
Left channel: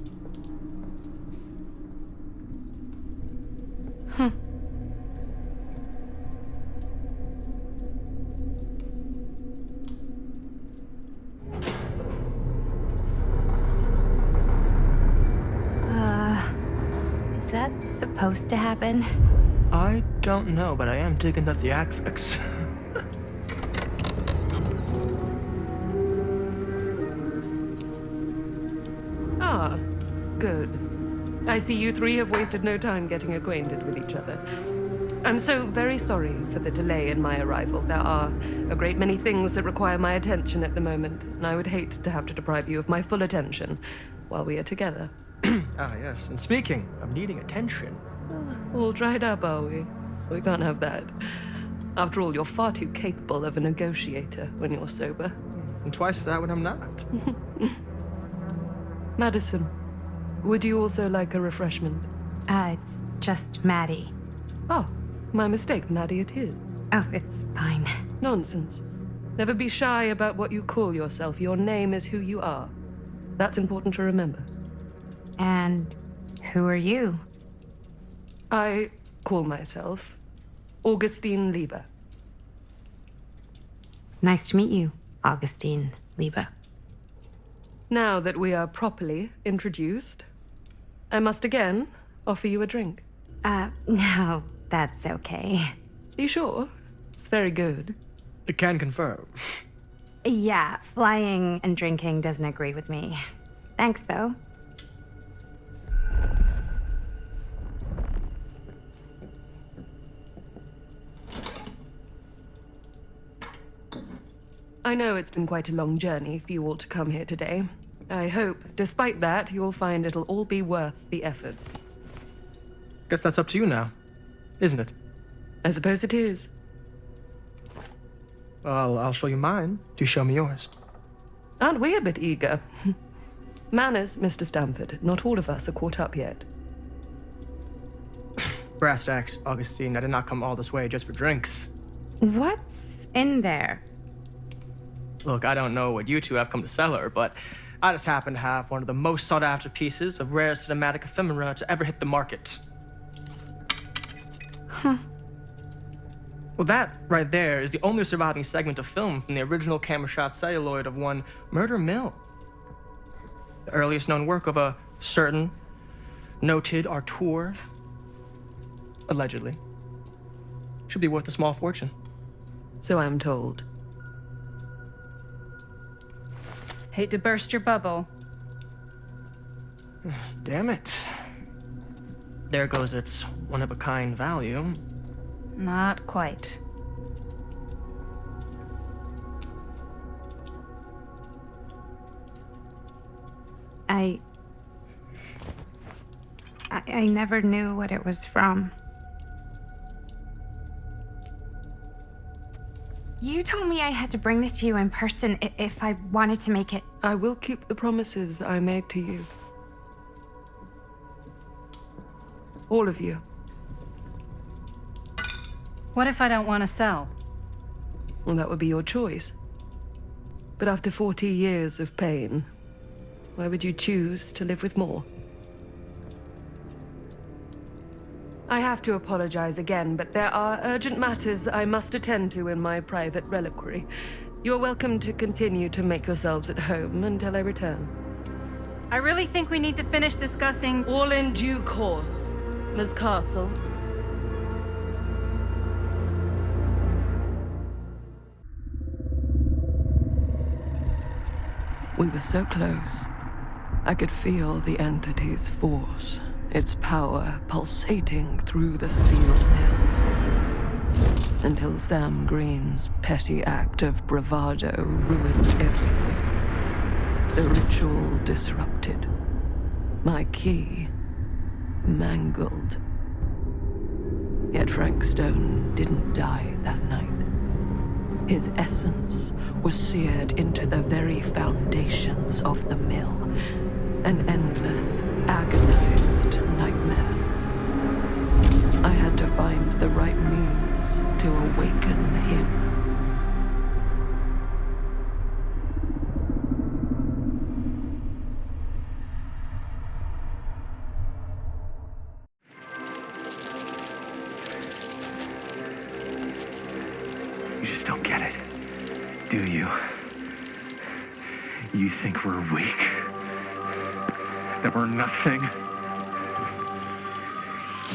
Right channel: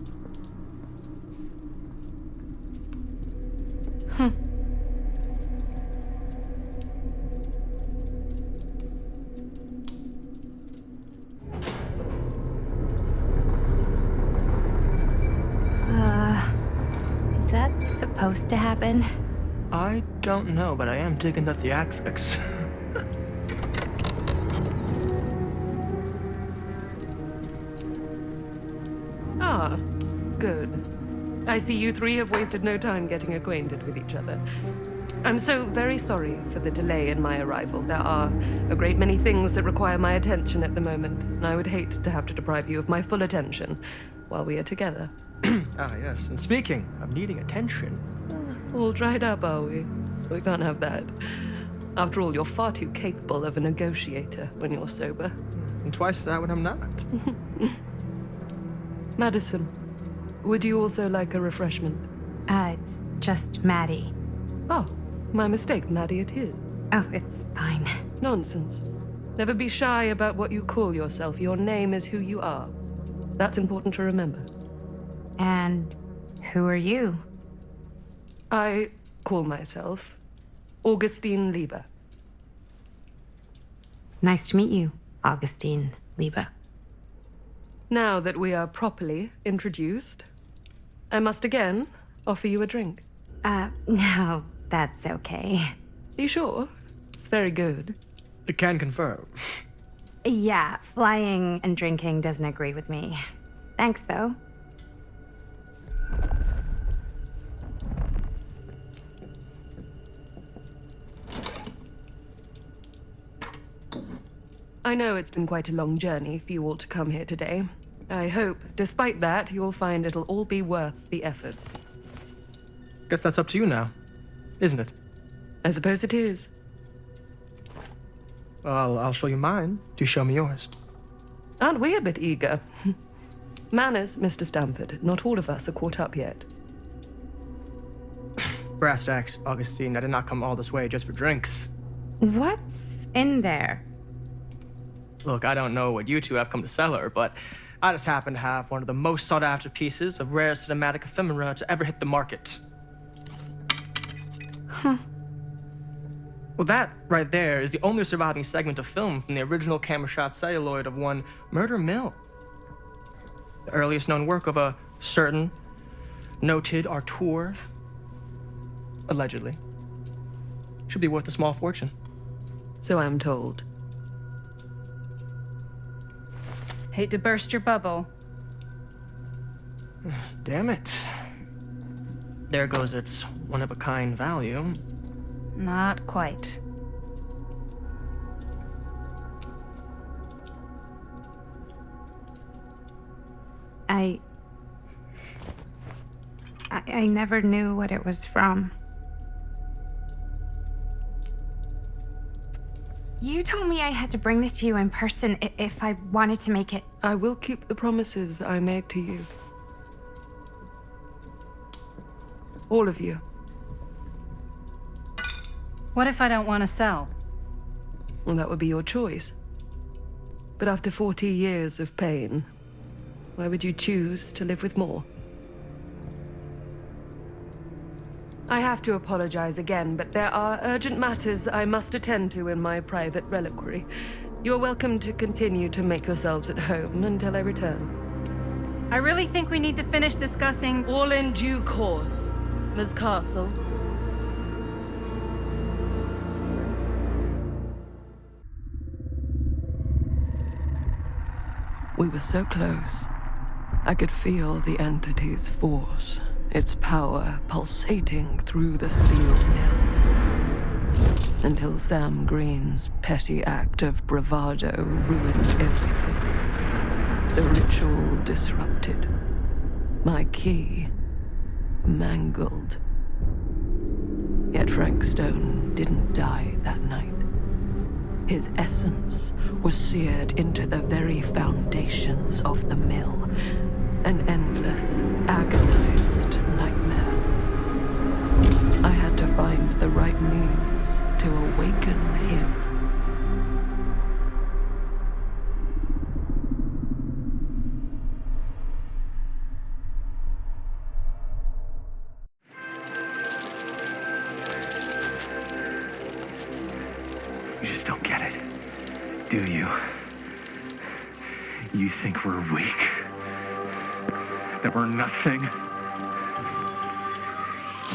Is that supposed to happen? I don't know, but I am digging the theatrics. Ah, good. I see you three have wasted no time getting acquainted with each other. I'm so very sorry for the delay in my arrival. There are a great many things that require my attention at the moment, and I would hate to have to deprive you of my full attention while we are together. Ah, yes. And speaking of needing attention, All dried up, are we? We can't have that. After all, you're far too capable of a negotiator when you're sober. and twice that when I'm not. Madison, would you also like a refreshment? It's just Maddie. Oh, my mistake. Maddie it is. Oh, it's fine. Nonsense. Never be shy about what you call yourself. Your name is who you are. That's important to remember. And who are you? I call myself Augustine Lieber. Nice to meet you, Augustine Lieber. Now that we are properly introduced, I must again offer you a drink. No, that's okay. You sure? It's very good. I can confirm. Yeah, flying and drinking doesn't agree with me. Thanks, though. I know it's been quite a long journey for you all to come here today. I hope, despite that, you'll find it'll all be worth the effort. Guess that's up to you now, isn't it? I suppose it is. Well, I'll show you mine. Do show me yours. Aren't we a bit eager? Manners, Mr. Stamford. Not all of us are caught up yet. Brass tacks, Augustine. I did not come all this way just for drinks. What's in there? Look, I don't know what you two have come to cellar, but I just happen to have one of the most sought-after pieces of rare cinematic ephemera to ever hit the market. Huh. Well, that right there is the only surviving segment of film from the original camera-shot celluloid of one Murder Mill. The earliest known work of a certain noted auteur, allegedly. Should be worth a small fortune. So I'm told. Hate to burst your bubble. Damn it. There goes its one-of-a-kind value. Not quite. I never knew what it was from. You told me I had to bring this to you in person if I wanted to make it. I will keep the promises I made to you. All of you. What if I don't want to sell? Well, that would be your choice. But after 40 years of pain, why would you choose to live with more? I have to apologize again, but there are urgent matters I must attend to in my private reliquary. You're welcome to continue to make yourselves at home until I return. I really think we need to finish discussing. All in due course, Ms. Castle. We were so close. I could feel the entity's force, its power pulsating through the steel mill. Until Sam Green's petty act of bravado ruined everything. The ritual disrupted. My key mangled. Yet Frank Stone didn't die that night. His essence was seared into the very foundations of the mill. An endless, agonized nightmare. I had to find the right means to awaken him. do you? You think we're weak? That we're nothing?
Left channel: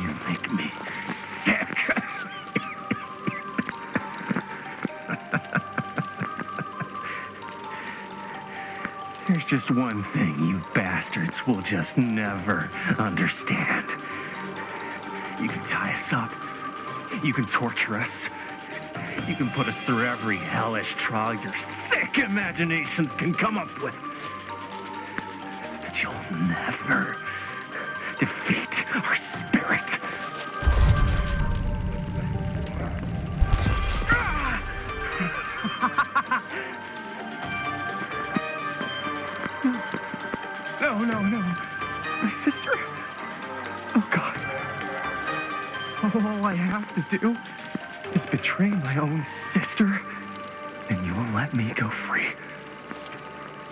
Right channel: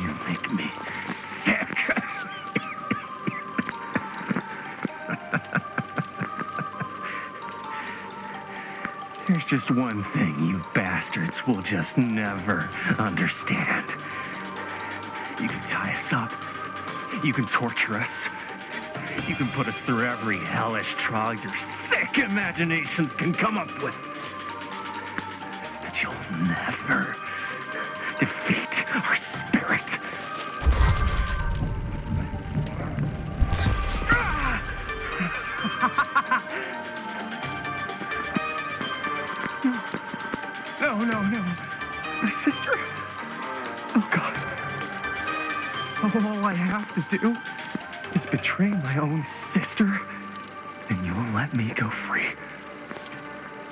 You make me sick. There's just one thing you bastards will just never understand. You can tie us up. You can torture us. You can put us through every hellish trial your sick imaginations can come up with. But you'll never defeat our spirit. No. My sister? Oh, God. All I have to do is betray my own sister, and you will let me go free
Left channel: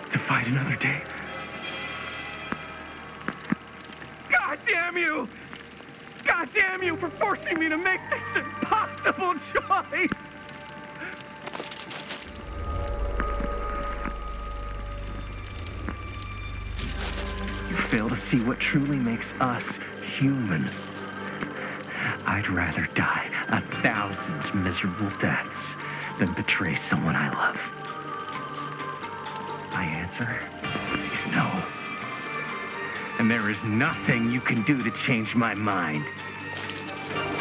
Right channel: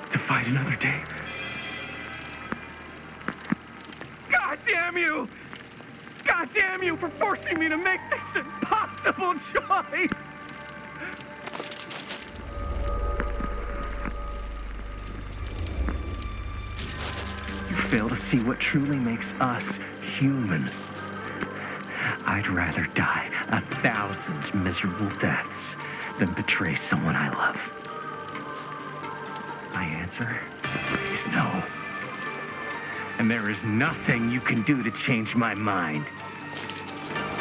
to fight another day. God damn you! God damn you for forcing me to make this impossible choice! You fail to see what truly makes us human. I'd rather die 1,000 miserable deaths than betray someone I love. My answer is no. And there is nothing you can do to change my mind.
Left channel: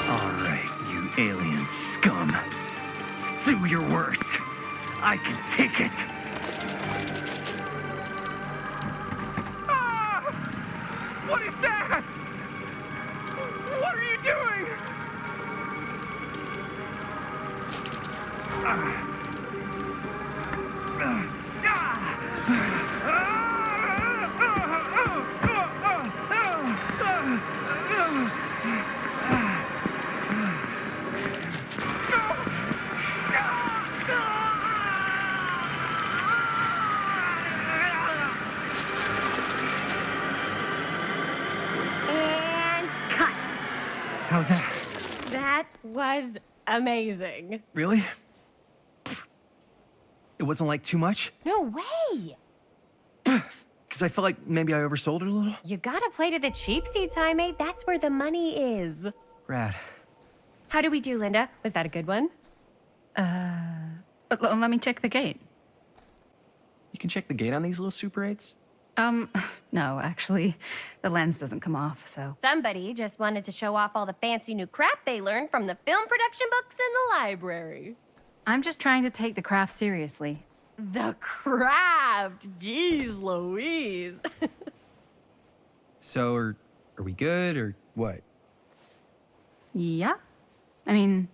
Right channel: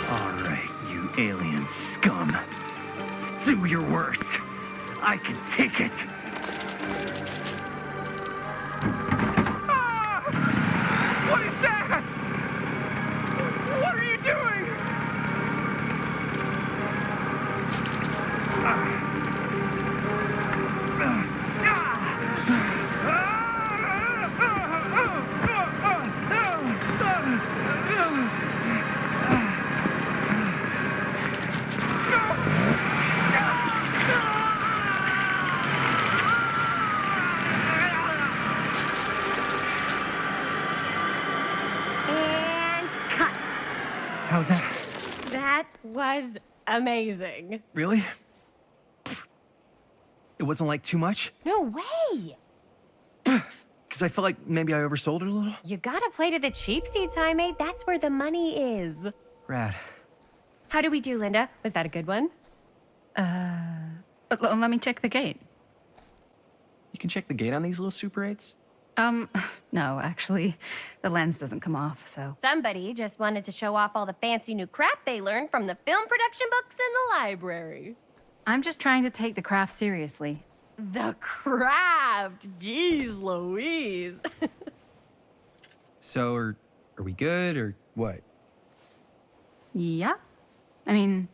All right, you alien scum. Do your worst. I can take it. What is that? What are you doing? And cut. How's that? That was amazing. Really? It wasn't like too much? No way. Because I felt like maybe I oversold it a little? You gotta play to the cheap seats, Jaime. That's where the money is. Rad. How do we do, Linda? Was that a good one? Let me check the gate. You can check the gate on these little Super 8s? No, actually, the lens doesn't come off, so. Somebody just wanted to show off all the fancy new crap they learned from the film production books in the library. I'm just trying to take the craft seriously. The craft! Jeez Louise. So, are we good, or what? Yeah? I mean,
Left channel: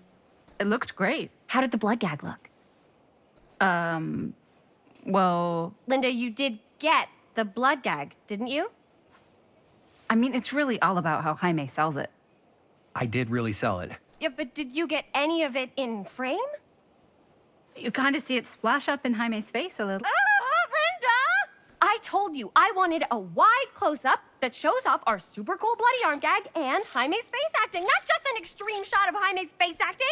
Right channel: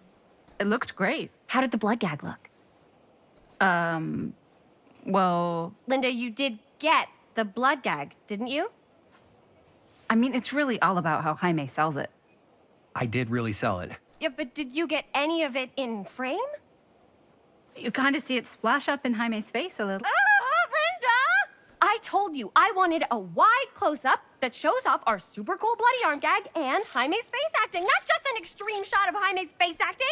it looked great. How did the blood gag look? Well, Linda, you did get the blood gag, didn't you? I mean, it's really all about how Jaime sells it. I did really sell it. Yeah, but did you get any of it in frame? You kind of see it splash up in Jaime's face a little. Linda! I told you I wanted a wide close-up that shows off our super cool bloody arm gag and Jaime's face acting, not just an extreme shot of Jaime's face acting.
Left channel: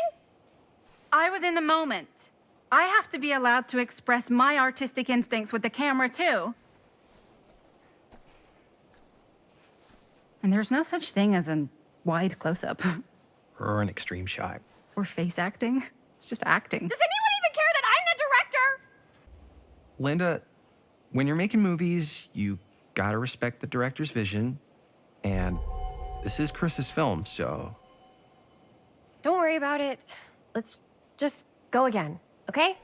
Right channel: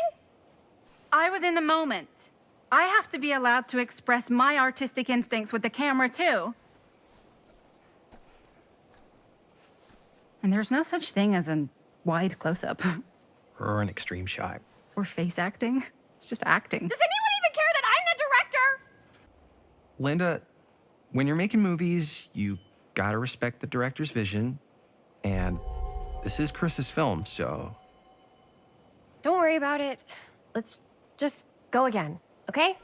I was in the moment. I have to be allowed to express my artistic instincts with the camera, too. And there's no such thing as a wide close-up. Or an extreme shot. Or face acting. It's just acting. Does anyone even care that I'm the director? Linda, when you're making movies, you gotta respect the director's vision. And this is Chris's film, so... Don't worry about it. Let's just go again, okay?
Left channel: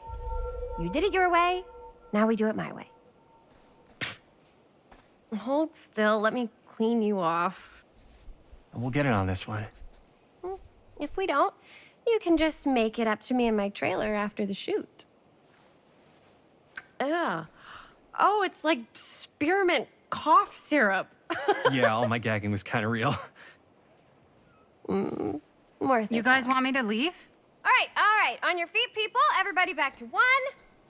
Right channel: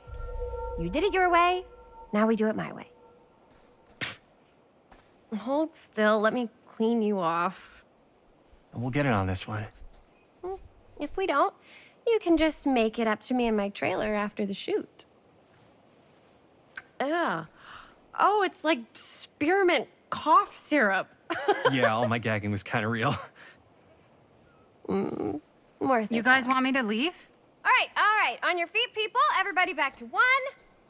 You did it your way, now we do it my way. Hold still, let me clean you off. We'll get it on this one. If we don't, you can just make it up to me in my trailer after the shoot. Yeah. Oh, it's like spearmint cough syrup. Yeah, all my gagging was kind of real. Worth it. You guys want me to leave? All right. On your feet, people. Everybody back to one.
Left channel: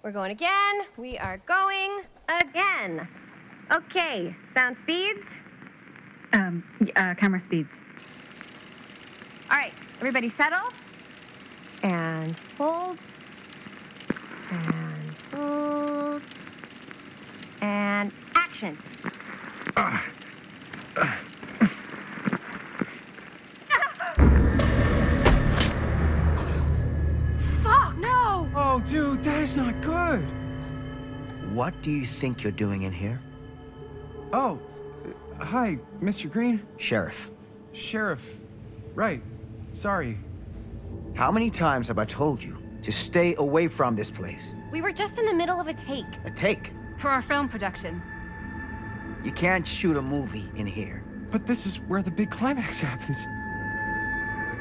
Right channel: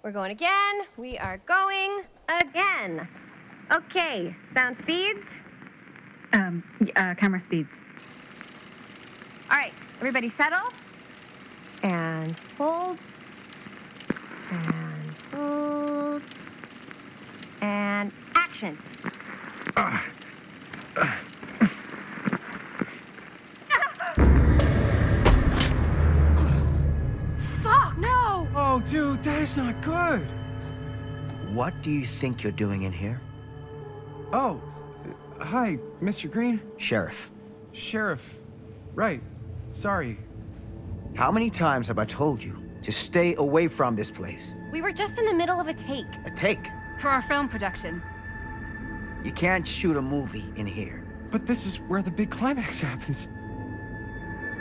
We're going again. We are going again. Okay, sound speeds. Camera speeds. All right, everybody settle. And hold. And Hold. And action. Fuck, no! Oh, dude, that is not good. What do you think you're doing in here? Oh, hi, Mr. Green. Sheriff. Sheriff. Right. Sorry. How many times have I told you to stay away from this place? We were just in the middle of a take. A take. For our film production. You can't shoot a movie in here. But this is where the big climax happens.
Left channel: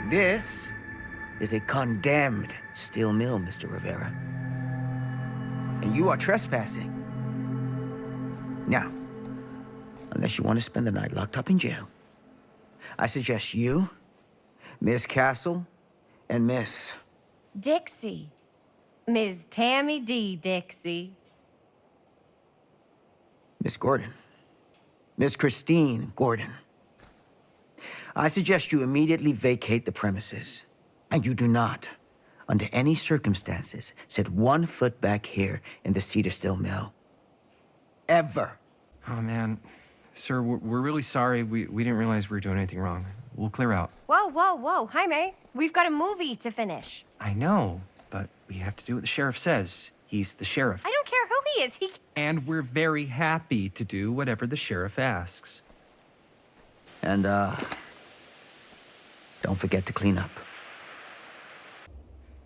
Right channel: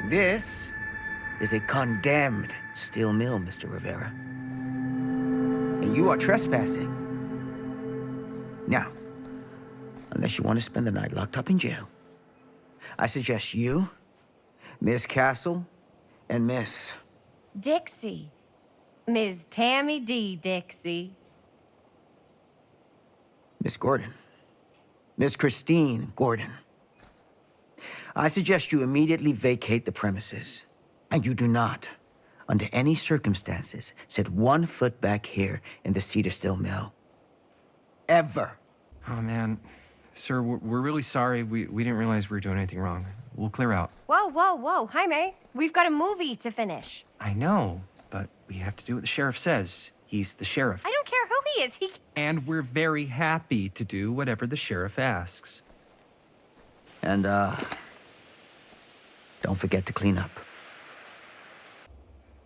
This is a condemned steel mill, Mr. Rivera. And you are trespassing. Now, unless you want to spend the night locked up in jail, I suggest you, Miss Castle, and Miss... Dixie. Ms. Tammy D. Dixie. Miss Gordon. Miss Christine Gordon. I suggest you immediately vacate the premises. And you do not, under any circumstances, set 1 foot back here in the Cedar Steel Mill. Ever. Oh, man. Sir, we're really sorry. We didn't realize we were doing anything wrong. We'll clear out. Whoa, whoa, whoa. Jaime, we've got a movie to finish. I know, but we have to do what the sheriff says. He's the sheriff. I don't care who he is. And we're very happy to do whatever the sheriff asks. And, don't forget to clean up.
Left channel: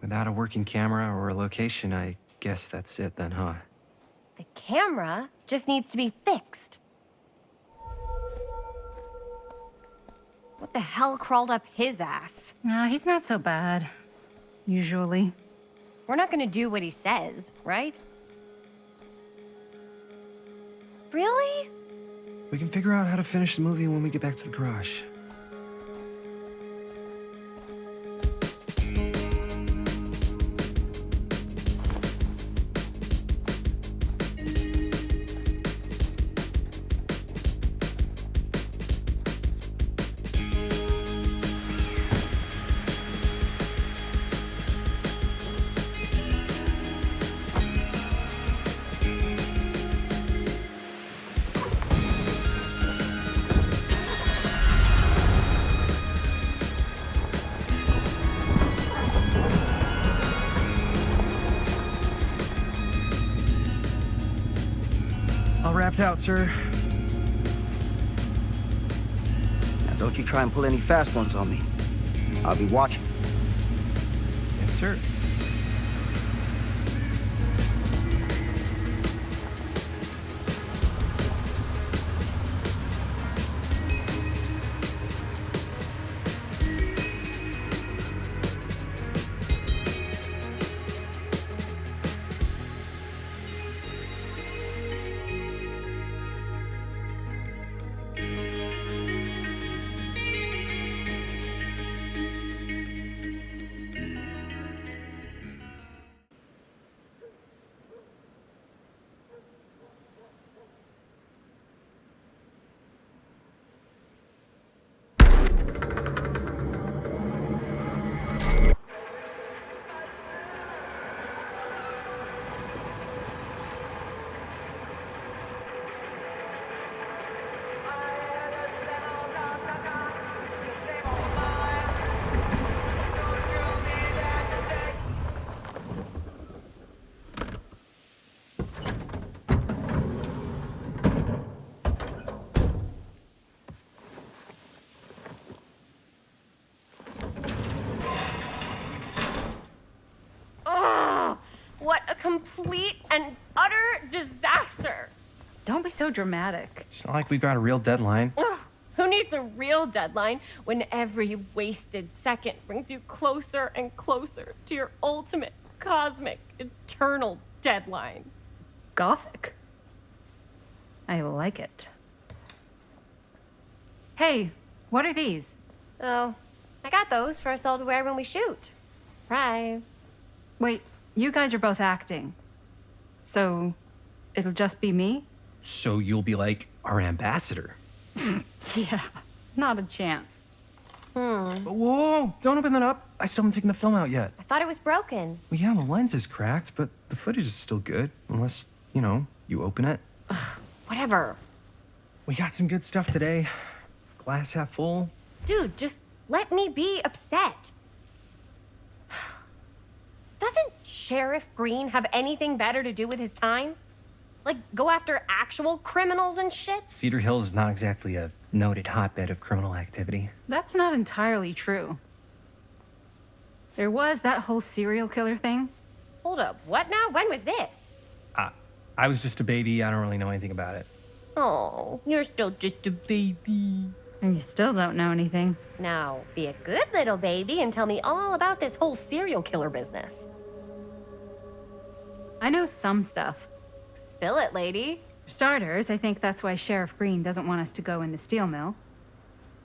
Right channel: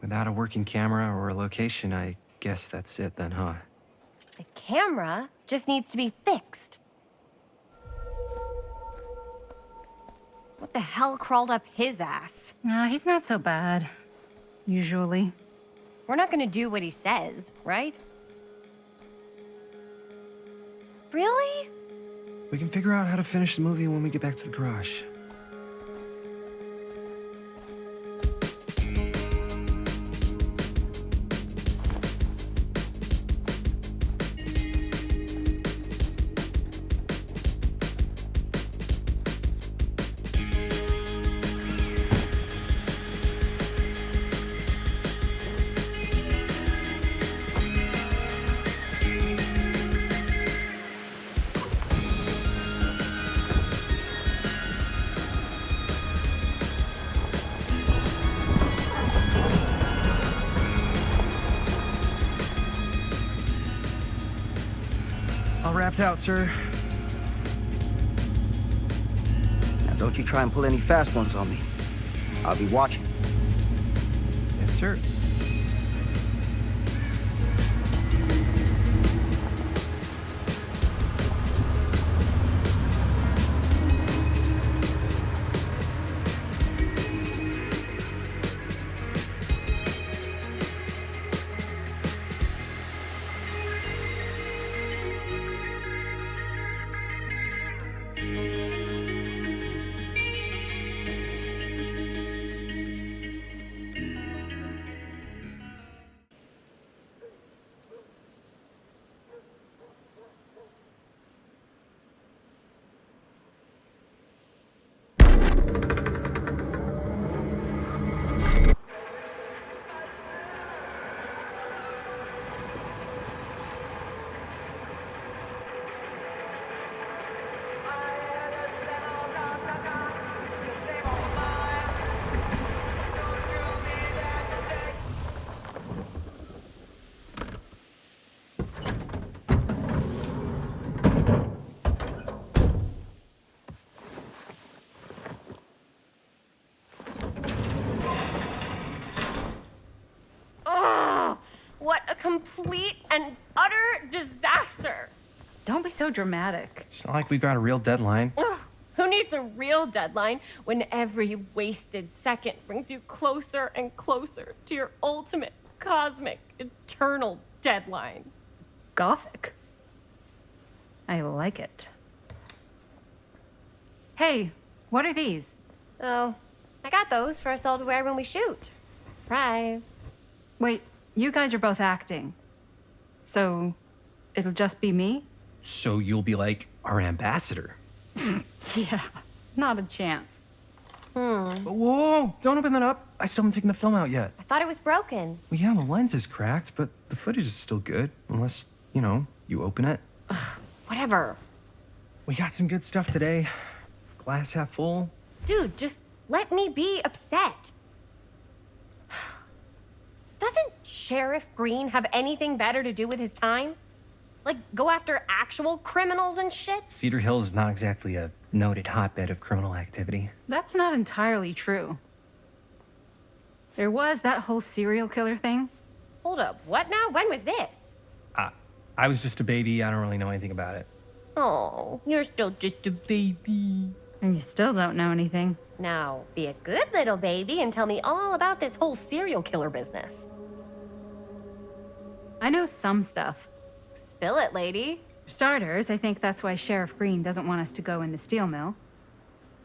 Without a working camera or a location, I guess that's it then, huh? The camera just needs to be fixed. What the hell crawled up his ass? Nah, he's not so bad. Usually. We're not gonna do what he says, right? Really? We can figure out how to finish the movie when we get back to the garage. All wrapped out, sir. Now, don't you try and pull any fast ones on me. I'll be watching. Yes, sir. What a complete and utter disaster. Don't be so dramatic. It's not like we've got a real deadline. Ugh, who needs a real deadline when every wasted second brings you closer and closer to your ultimate, cosmic, eternal deadline? Gothic. I like it. Hey, what are these? Oh, I got those for us all to wear when we shoot. Surprise. Wait, you guys are both acting. So, it'll just be me? So you'll be like our ambassador. Yeah, not a chance. Whoa, don't open that up. I still haven't taken the film out yet. I thought it was broken. Well, yeah, the lens is cracked, but the footage is still good. Unless, you know, you open it. Whatever. We got some good stuff today. Glass half full. Dude, just let me be upset. Doesn't Sheriff Green have anything better to do with his time? Like, go after actual criminals and shit? Cedar Hills is not exactly a noted hotbed of criminal activity. That's not entirely true. There was that whole serial killer thing. Hold up, what now? When was this? I was just a baby. I don't really know anything about it. Oh, you're still just a baby. And you still don't know anything. Now, be a good little baby and tell me all about this whole serial killer business. I know some stuff. Spill it, lady. For starters, I think that's why Sheriff Green doesn't want us to go in the steel mill.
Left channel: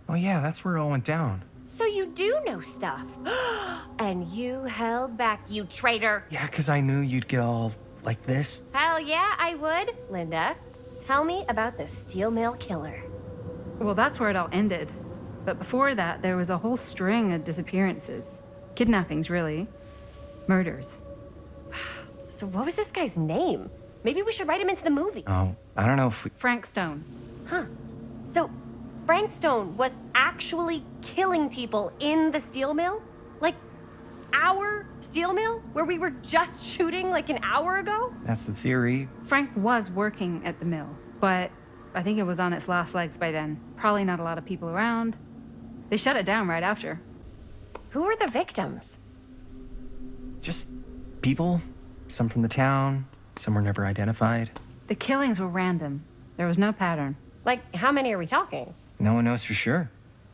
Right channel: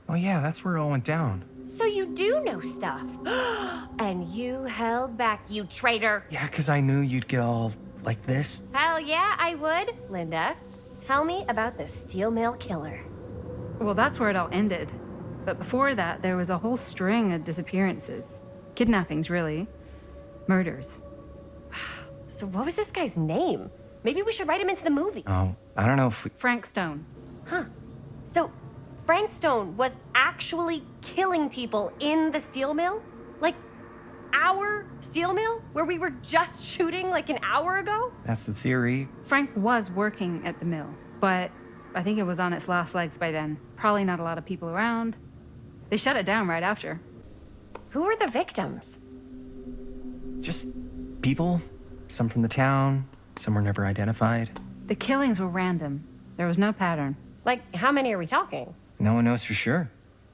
Oh, yeah, that's where it all went down. So you do know stuff. And you held back, you traitor. Yeah, because I knew you'd get all like this. Hell yeah, I would. Linda, tell me about the steel mill killer. Well, that's where it all ended. But before that, there was a whole string of disappearances. Kidnappings, really. Murders. So what was this guy's name? Maybe we should write him into the movie. Oh, I don't know if we... Frank Stone. Huh. So Frank Stone was actually killing people in the steel mill? Like, our steel mill? Where we were just shooting like an hour ago? That's the theory. Frank was working at the mill, but I think it was on its last legs by then. Probably not a lot of people around. They shut it down right after. Who were the victims? Just people. Some from the town. Some were never identified. The killings were random. There was no pattern. Like, how many are we talking? No one knows for sure.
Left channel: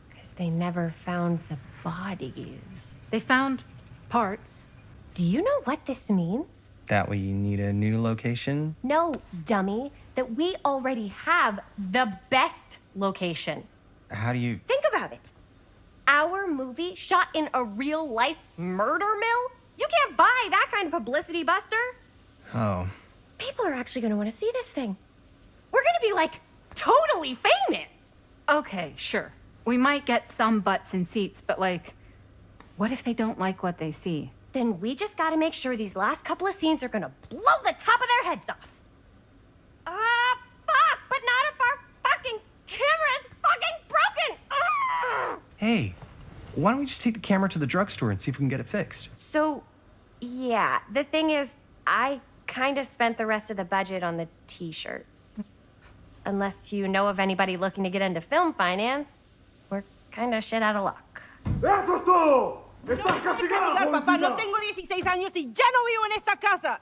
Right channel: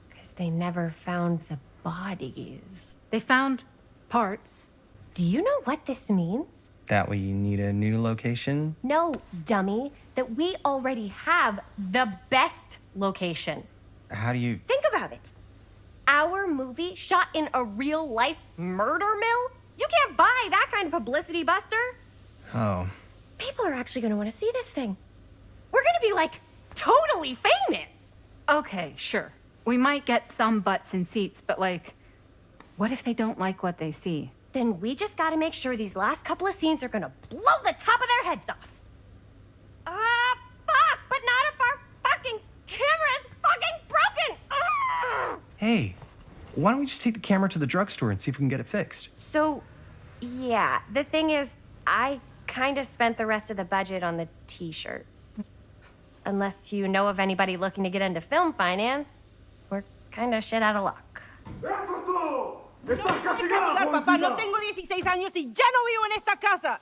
Because they never found the bodies. They found parts. Do you know what this means? That we need a new location? No, dummy. That we already have the best location. How do you... Think about it. Our movie shot in a real-life murder mill? You can't buy that kind of publicity, Buster. Oh. People are actually going to want to see this thing. We're going to be, like, totally famous. Okay, sure. We might get some butts in seats, but like, what if they don't like what they see? Then we just got to make sure these last couple of scenes are going to blow the top of their heads off. Fuck, but not if our fucking camera's fucking broken. Ugh. Hey, why don't we just take the camera to the drugstore and see if we can get it fixed? So, yeah, the thing is, I kind of spent the rest of the budget on the t-shirts. Unless you know of anybody looking to get into film finance, we're kind of shit out of luck. Papá, no tengo 16 años y ya no vivo en esta casa.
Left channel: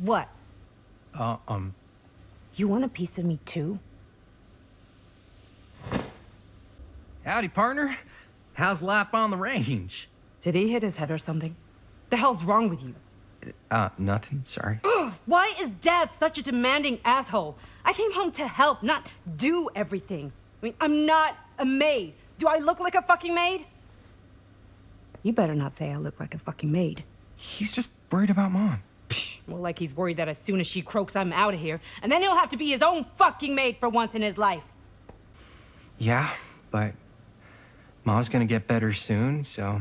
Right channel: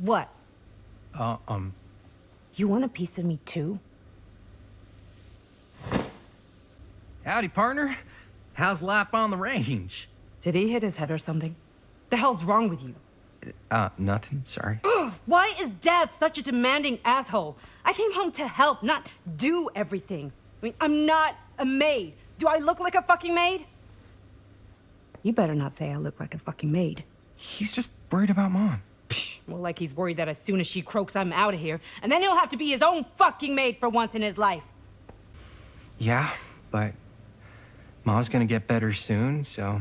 What? You want a piece of me too? Howdy, partner. How's life on the range? Did he hit his head or something? The hell's wrong with you? Nothing, sorry. Ugh, why is Dad such a demanding asshole? I came home to help, not do everything. I mean, I'm not a maid. Do I look like a fucking maid? You better not say I look like a fucking maid. He's just worried about Mom. More like he's worried that as soon as she croaks, I'm out of here. And then he'll have to be his own fucking maid for once in his life. Yeah, but Mom's gonna get better soon, so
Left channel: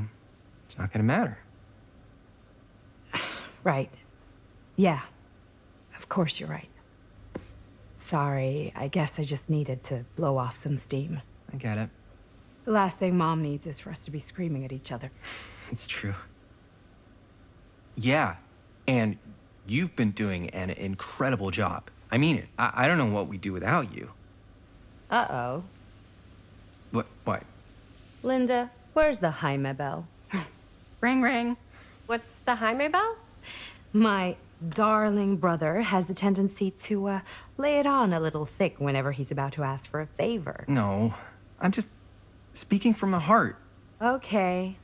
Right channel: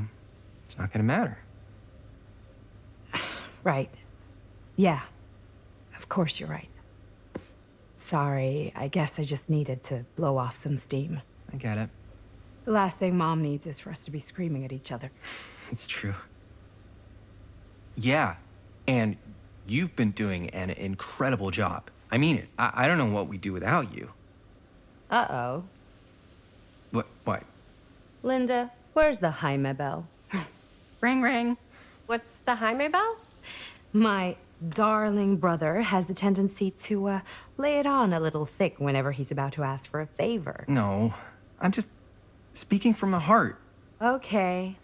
it's not gonna matter. Right. Yeah. Of course you're right. Sorry, I guess I just needed to blow off some steam. I get it. The last thing Mom needs is for us to be screaming at each other. It's true. Yeah, and you've been doing an incredible job. I mean it. I don't know what we'd do without you. Uh-oh. What? Linda, where's the Jaime bell? Ring, ring. What's the Jaime bell? My darling brother has the tendency to lay it on a little thick whenever he's about to ask for a favor. No, I'm just speaking from the heart. Okay.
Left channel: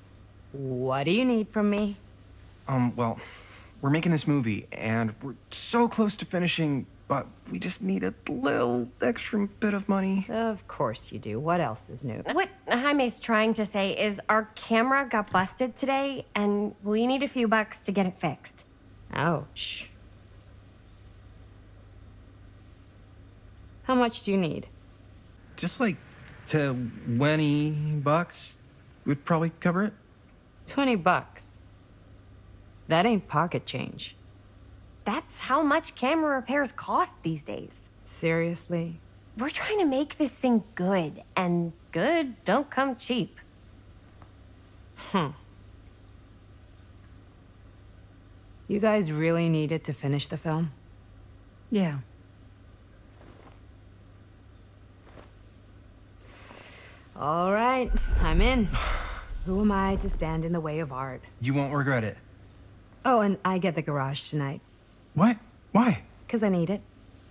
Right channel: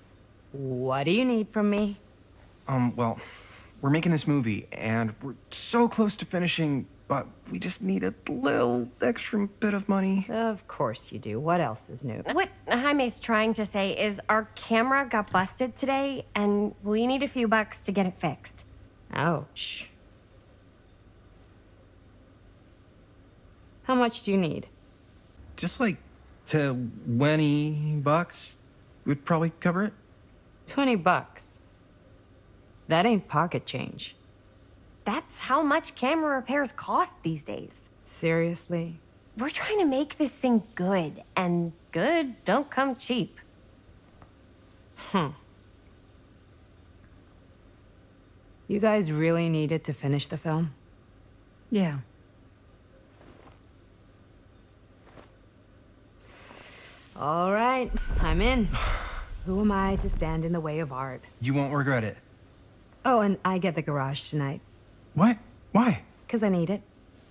What do you need from me? Well, we're making this movie, and we're so close to finishing, but we just need a little extra bit of money. Of course you do. What else is new? What Jaime's trying to say is our camera got busted today, and we need a few bucks to get it fixed. Ouch. How much do you need? Just like $20 would probably cover it. $20. That ain't pocket change. That's how much camera repairs cost these days. Seriously? We're trying to make this thing good, and good don't come cheap. You guys really needed to finish the film? Yeah. All right, I'm in. Who am I to stand in the way of art? You won't regret it. Oh, and I get the garage tonight. What? Why? 'Cause I need it.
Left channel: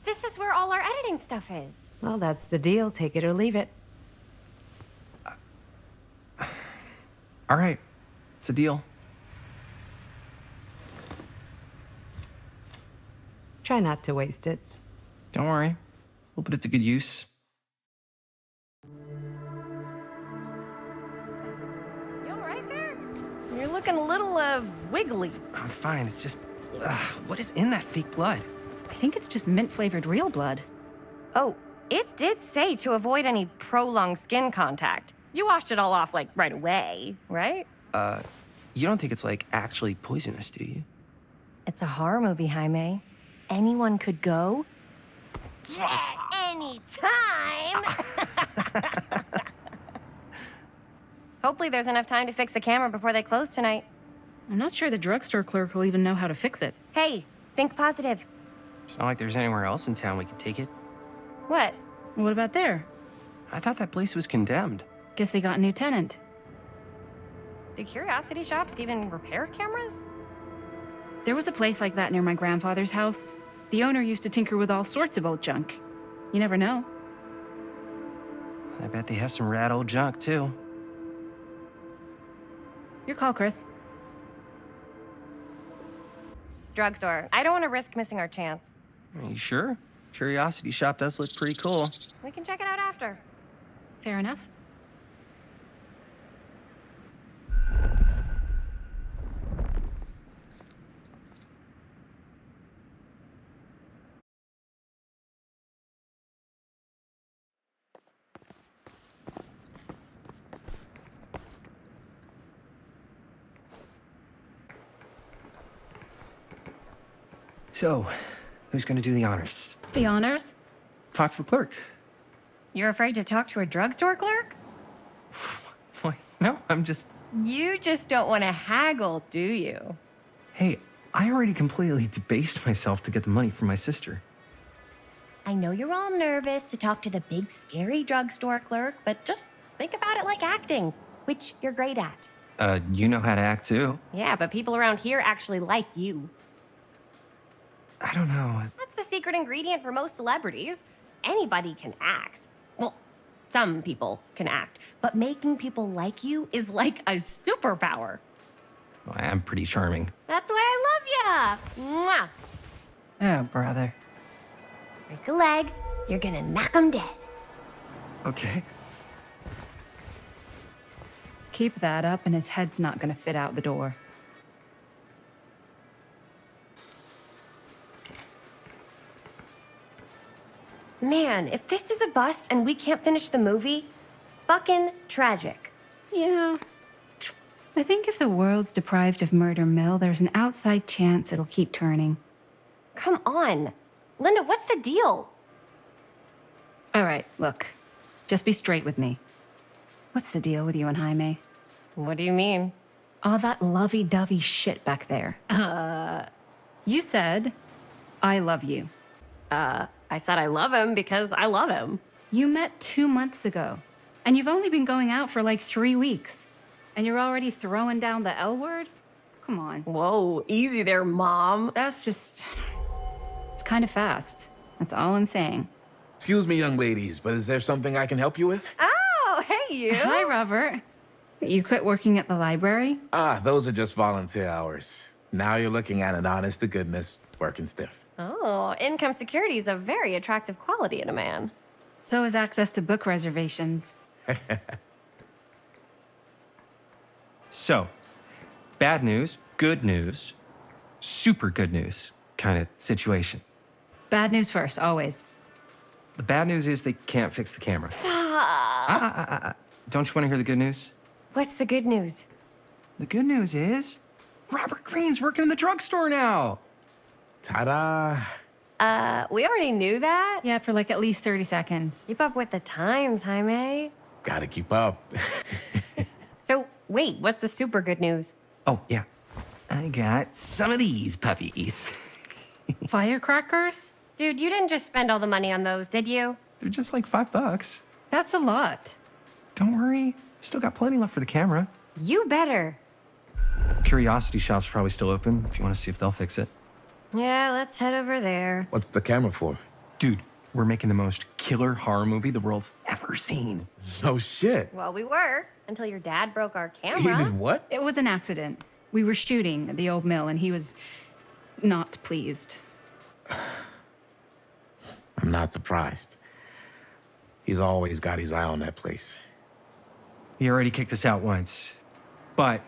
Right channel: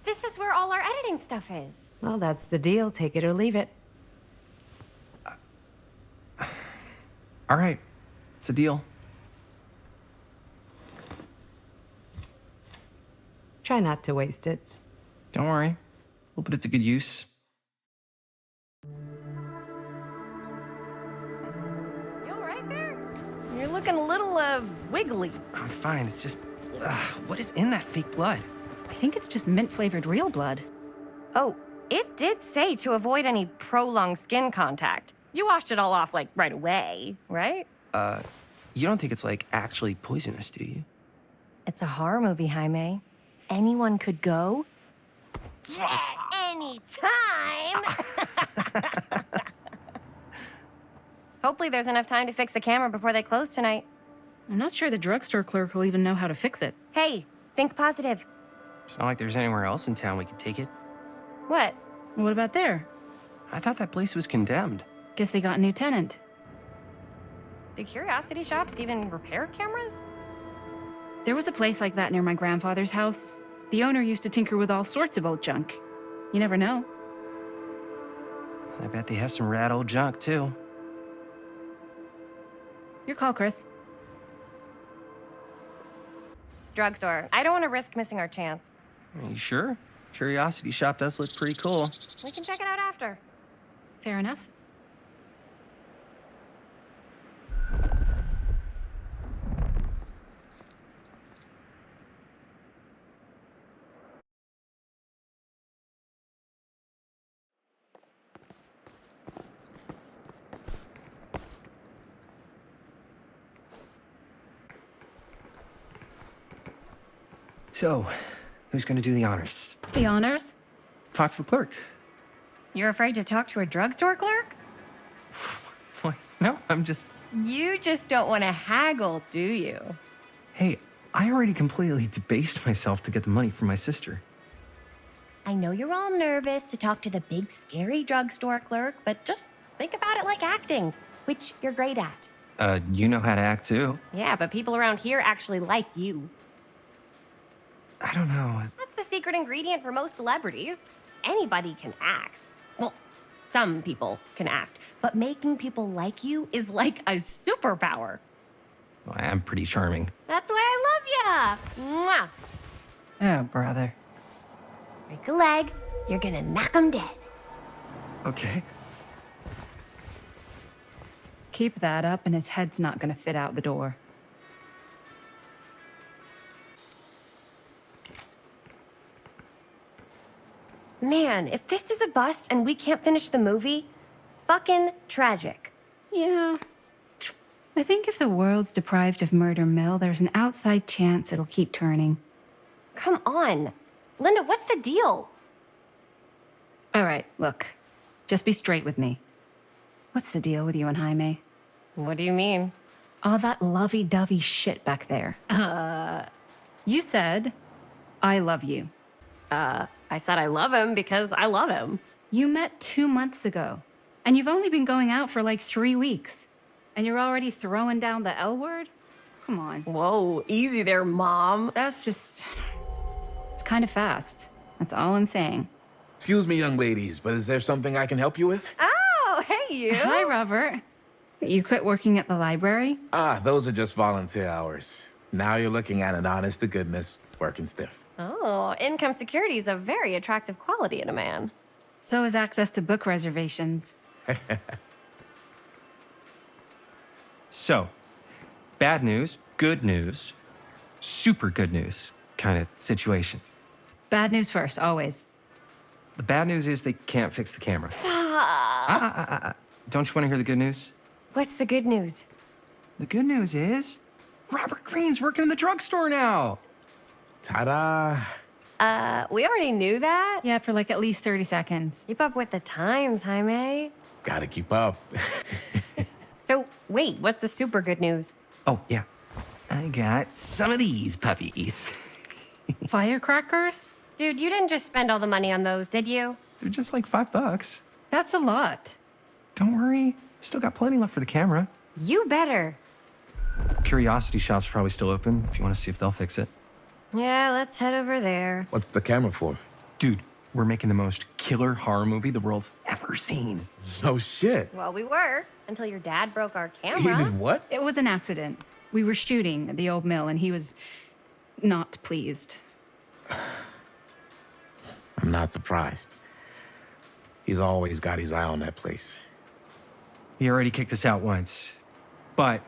This is where all our editing stuff is. Well, that's the deal. Take it or leave it. All right. It's a deal. Try not to waste it. Don't worry. We'll put it to good use. You all right there? You're looking a little, wiggly. I'm fine. It's just... what is in that fake blood? I think it's just mint-flavored real blood. Oh, it did say to avoid any prolonged skin contact. You washed it all off, like, right away, right? You don't think it's, like, actually poisonous, do you? It's a horror movie, Jaime. Anyone could go at any time. Hopefully there's enough time to fix the camera before they close tonight. I'm not sure the drugstore clerk will even know how to fix it. Hey, think positive. It's not like there's anywhere else in town we could take it. What? What about there? I thought that place was condemned. Guess they got a new tenant. Do curiosity shops even repair cameras? There was a place like that near my grandfather's house. The owner used to tinker with all sorts of old junk. You never know. I bet they have some rad old junk, too. Your call, Chris. Drugstore. I don't want to risk missing our chance. Are you sure? Curiosity shop does look pretty cool. We can check it out after. Fair enough. So, who's gonna do the honors? The honors? Talk to the clerk. You're afraid to talk to a drugstore clerk? Why? No, I'm just... You just don't want to haggle, do you? Hey, I already completely debased myself to get the money from my sister. I know you're all nervous to talk to the big, scary drugstore clerk, but just think about it like acting, which you're great at. You know how to act, too. Yeah, but people around here actually like you. I don't know. That's the secret ingredient for most celebrities. Anybody can act. Well, some people can act, but making people like you is like a superpower. Well, I am pretty charming. That's why I love ya. Mwah. Oh, brother. Break a leg, you're gonna knock 'em dead. Okay. Keep that up and his head's not gonna fit out the door. Man, if this is a bust and we can't finish the movie, fucking tragic. Yeah. I think if the world's deprived of Murder Mill, there's an outside chance it'll keep turning. Come on. Linda, what's the deal? All right, look. Just be straight with me. What's the deal with you and Jaime? What do you mean? All that lovey-dovey shit back there. You said, I love you. I said I love him because I love him. You met 2 months ago, and you've only been going out for like 3 weeks. And you're already throwing down the L word? Come on. Whoa, easy there, Mom. That's just... It's kind of fast. That's all I'm saying. Excuse me, young ladies, but is there something I can help you with? Oh, hey, you. Hi, Robert. You quit working at the library? Ah, those are just volunteer hours. Now you're looking at an honest-to-goodness working stiff. Oh, income security is a very attractive quality in a man. So is access to book reservations. So, bad news, good news, super good news kind of situation. Bad news first, always. The bad news is they can't fix the camera. Fuck. Don't you want to hear the good news? What's the good news? The good news is Robert Greene's working in the drugstore now. Ta-da! We already knew that. Yeah, for like at least 30 seconds. Keep up with the times, Jaime. Gotta keep up. So, wait, what's the super good news? Oh, yeah. I got some of these puppies. Firecrackers? Dude, you didn't just spend all the money on those, did you? They're just like $5. That's a lot. Don't worry. Still got plenty left for the camera. You better. Curiosity Shop's probably still open if you want to see if they'll fix it. Yeah, let's head over there. What's the camera for? Dude, we're making the most killer horror movie the world's ever seen. No shit. Well, we were, until your dad broke our camera. He did what? It was an accident. We were shooting at the old mill and he was not pleased. I'm not surprised. He's always got his eye on that place. He already kicked us out once. But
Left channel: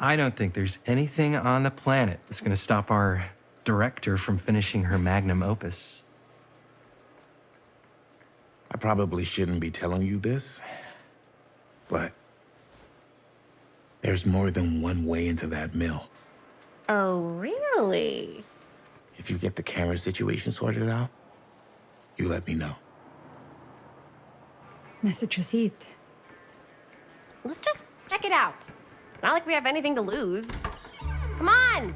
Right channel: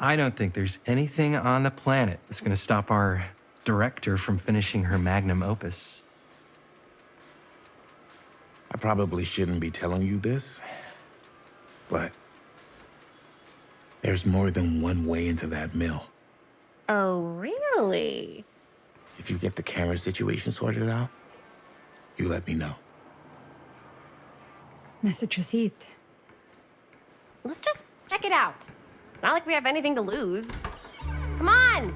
I don't think there's anything on the planet that's going to stop our director from finishing her magnum opus. I probably shouldn't be telling you this, but there's more than one way into that mill. Oh, really? If you get the camera situation sorted out, you let me know. Message received. Let's just check it out. It's not like we have anything to lose. Come on!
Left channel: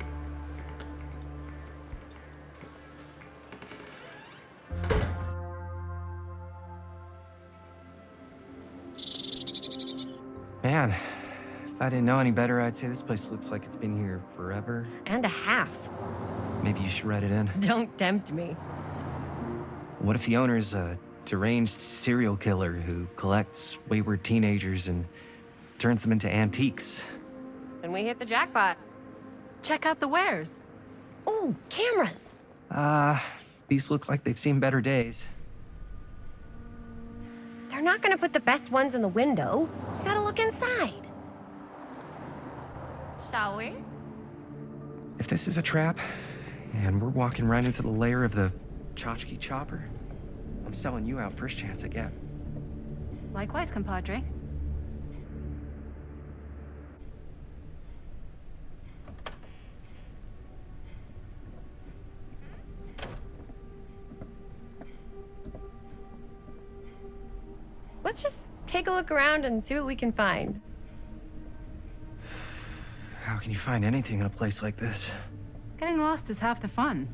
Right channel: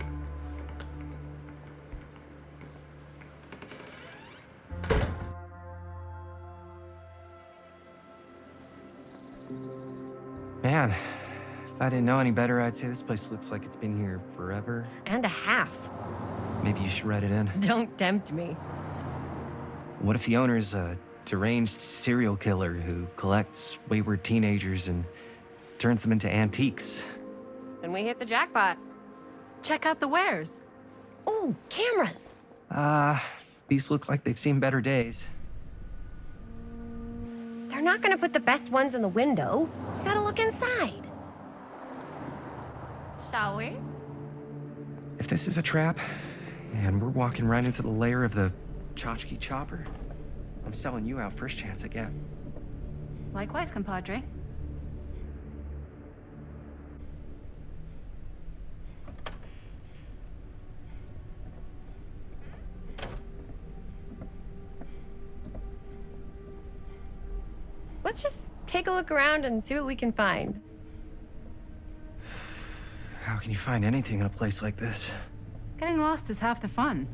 Man, if I didn't know any better, I'd say this place looks like it's been here forever. And a half. Maybe you should write it in. Don't tempt me. What if the owner's a deranged serial killer who collects wayward teenagers and turns them into antiques? Then we hit the jackpot. Check out the wares. Ooh, cameras. These look like they've seen better days. They're not gonna put the best ones in the window. You gotta look inside. Shall we? If this is a trap, and we're walking right into the lair of the tchotchke chopper, I'm selling you out first chance I get. Likewise, compadre. Let's just take a look around and see what we can find. How can you find anything in a place like this? Getting lost is half the fun.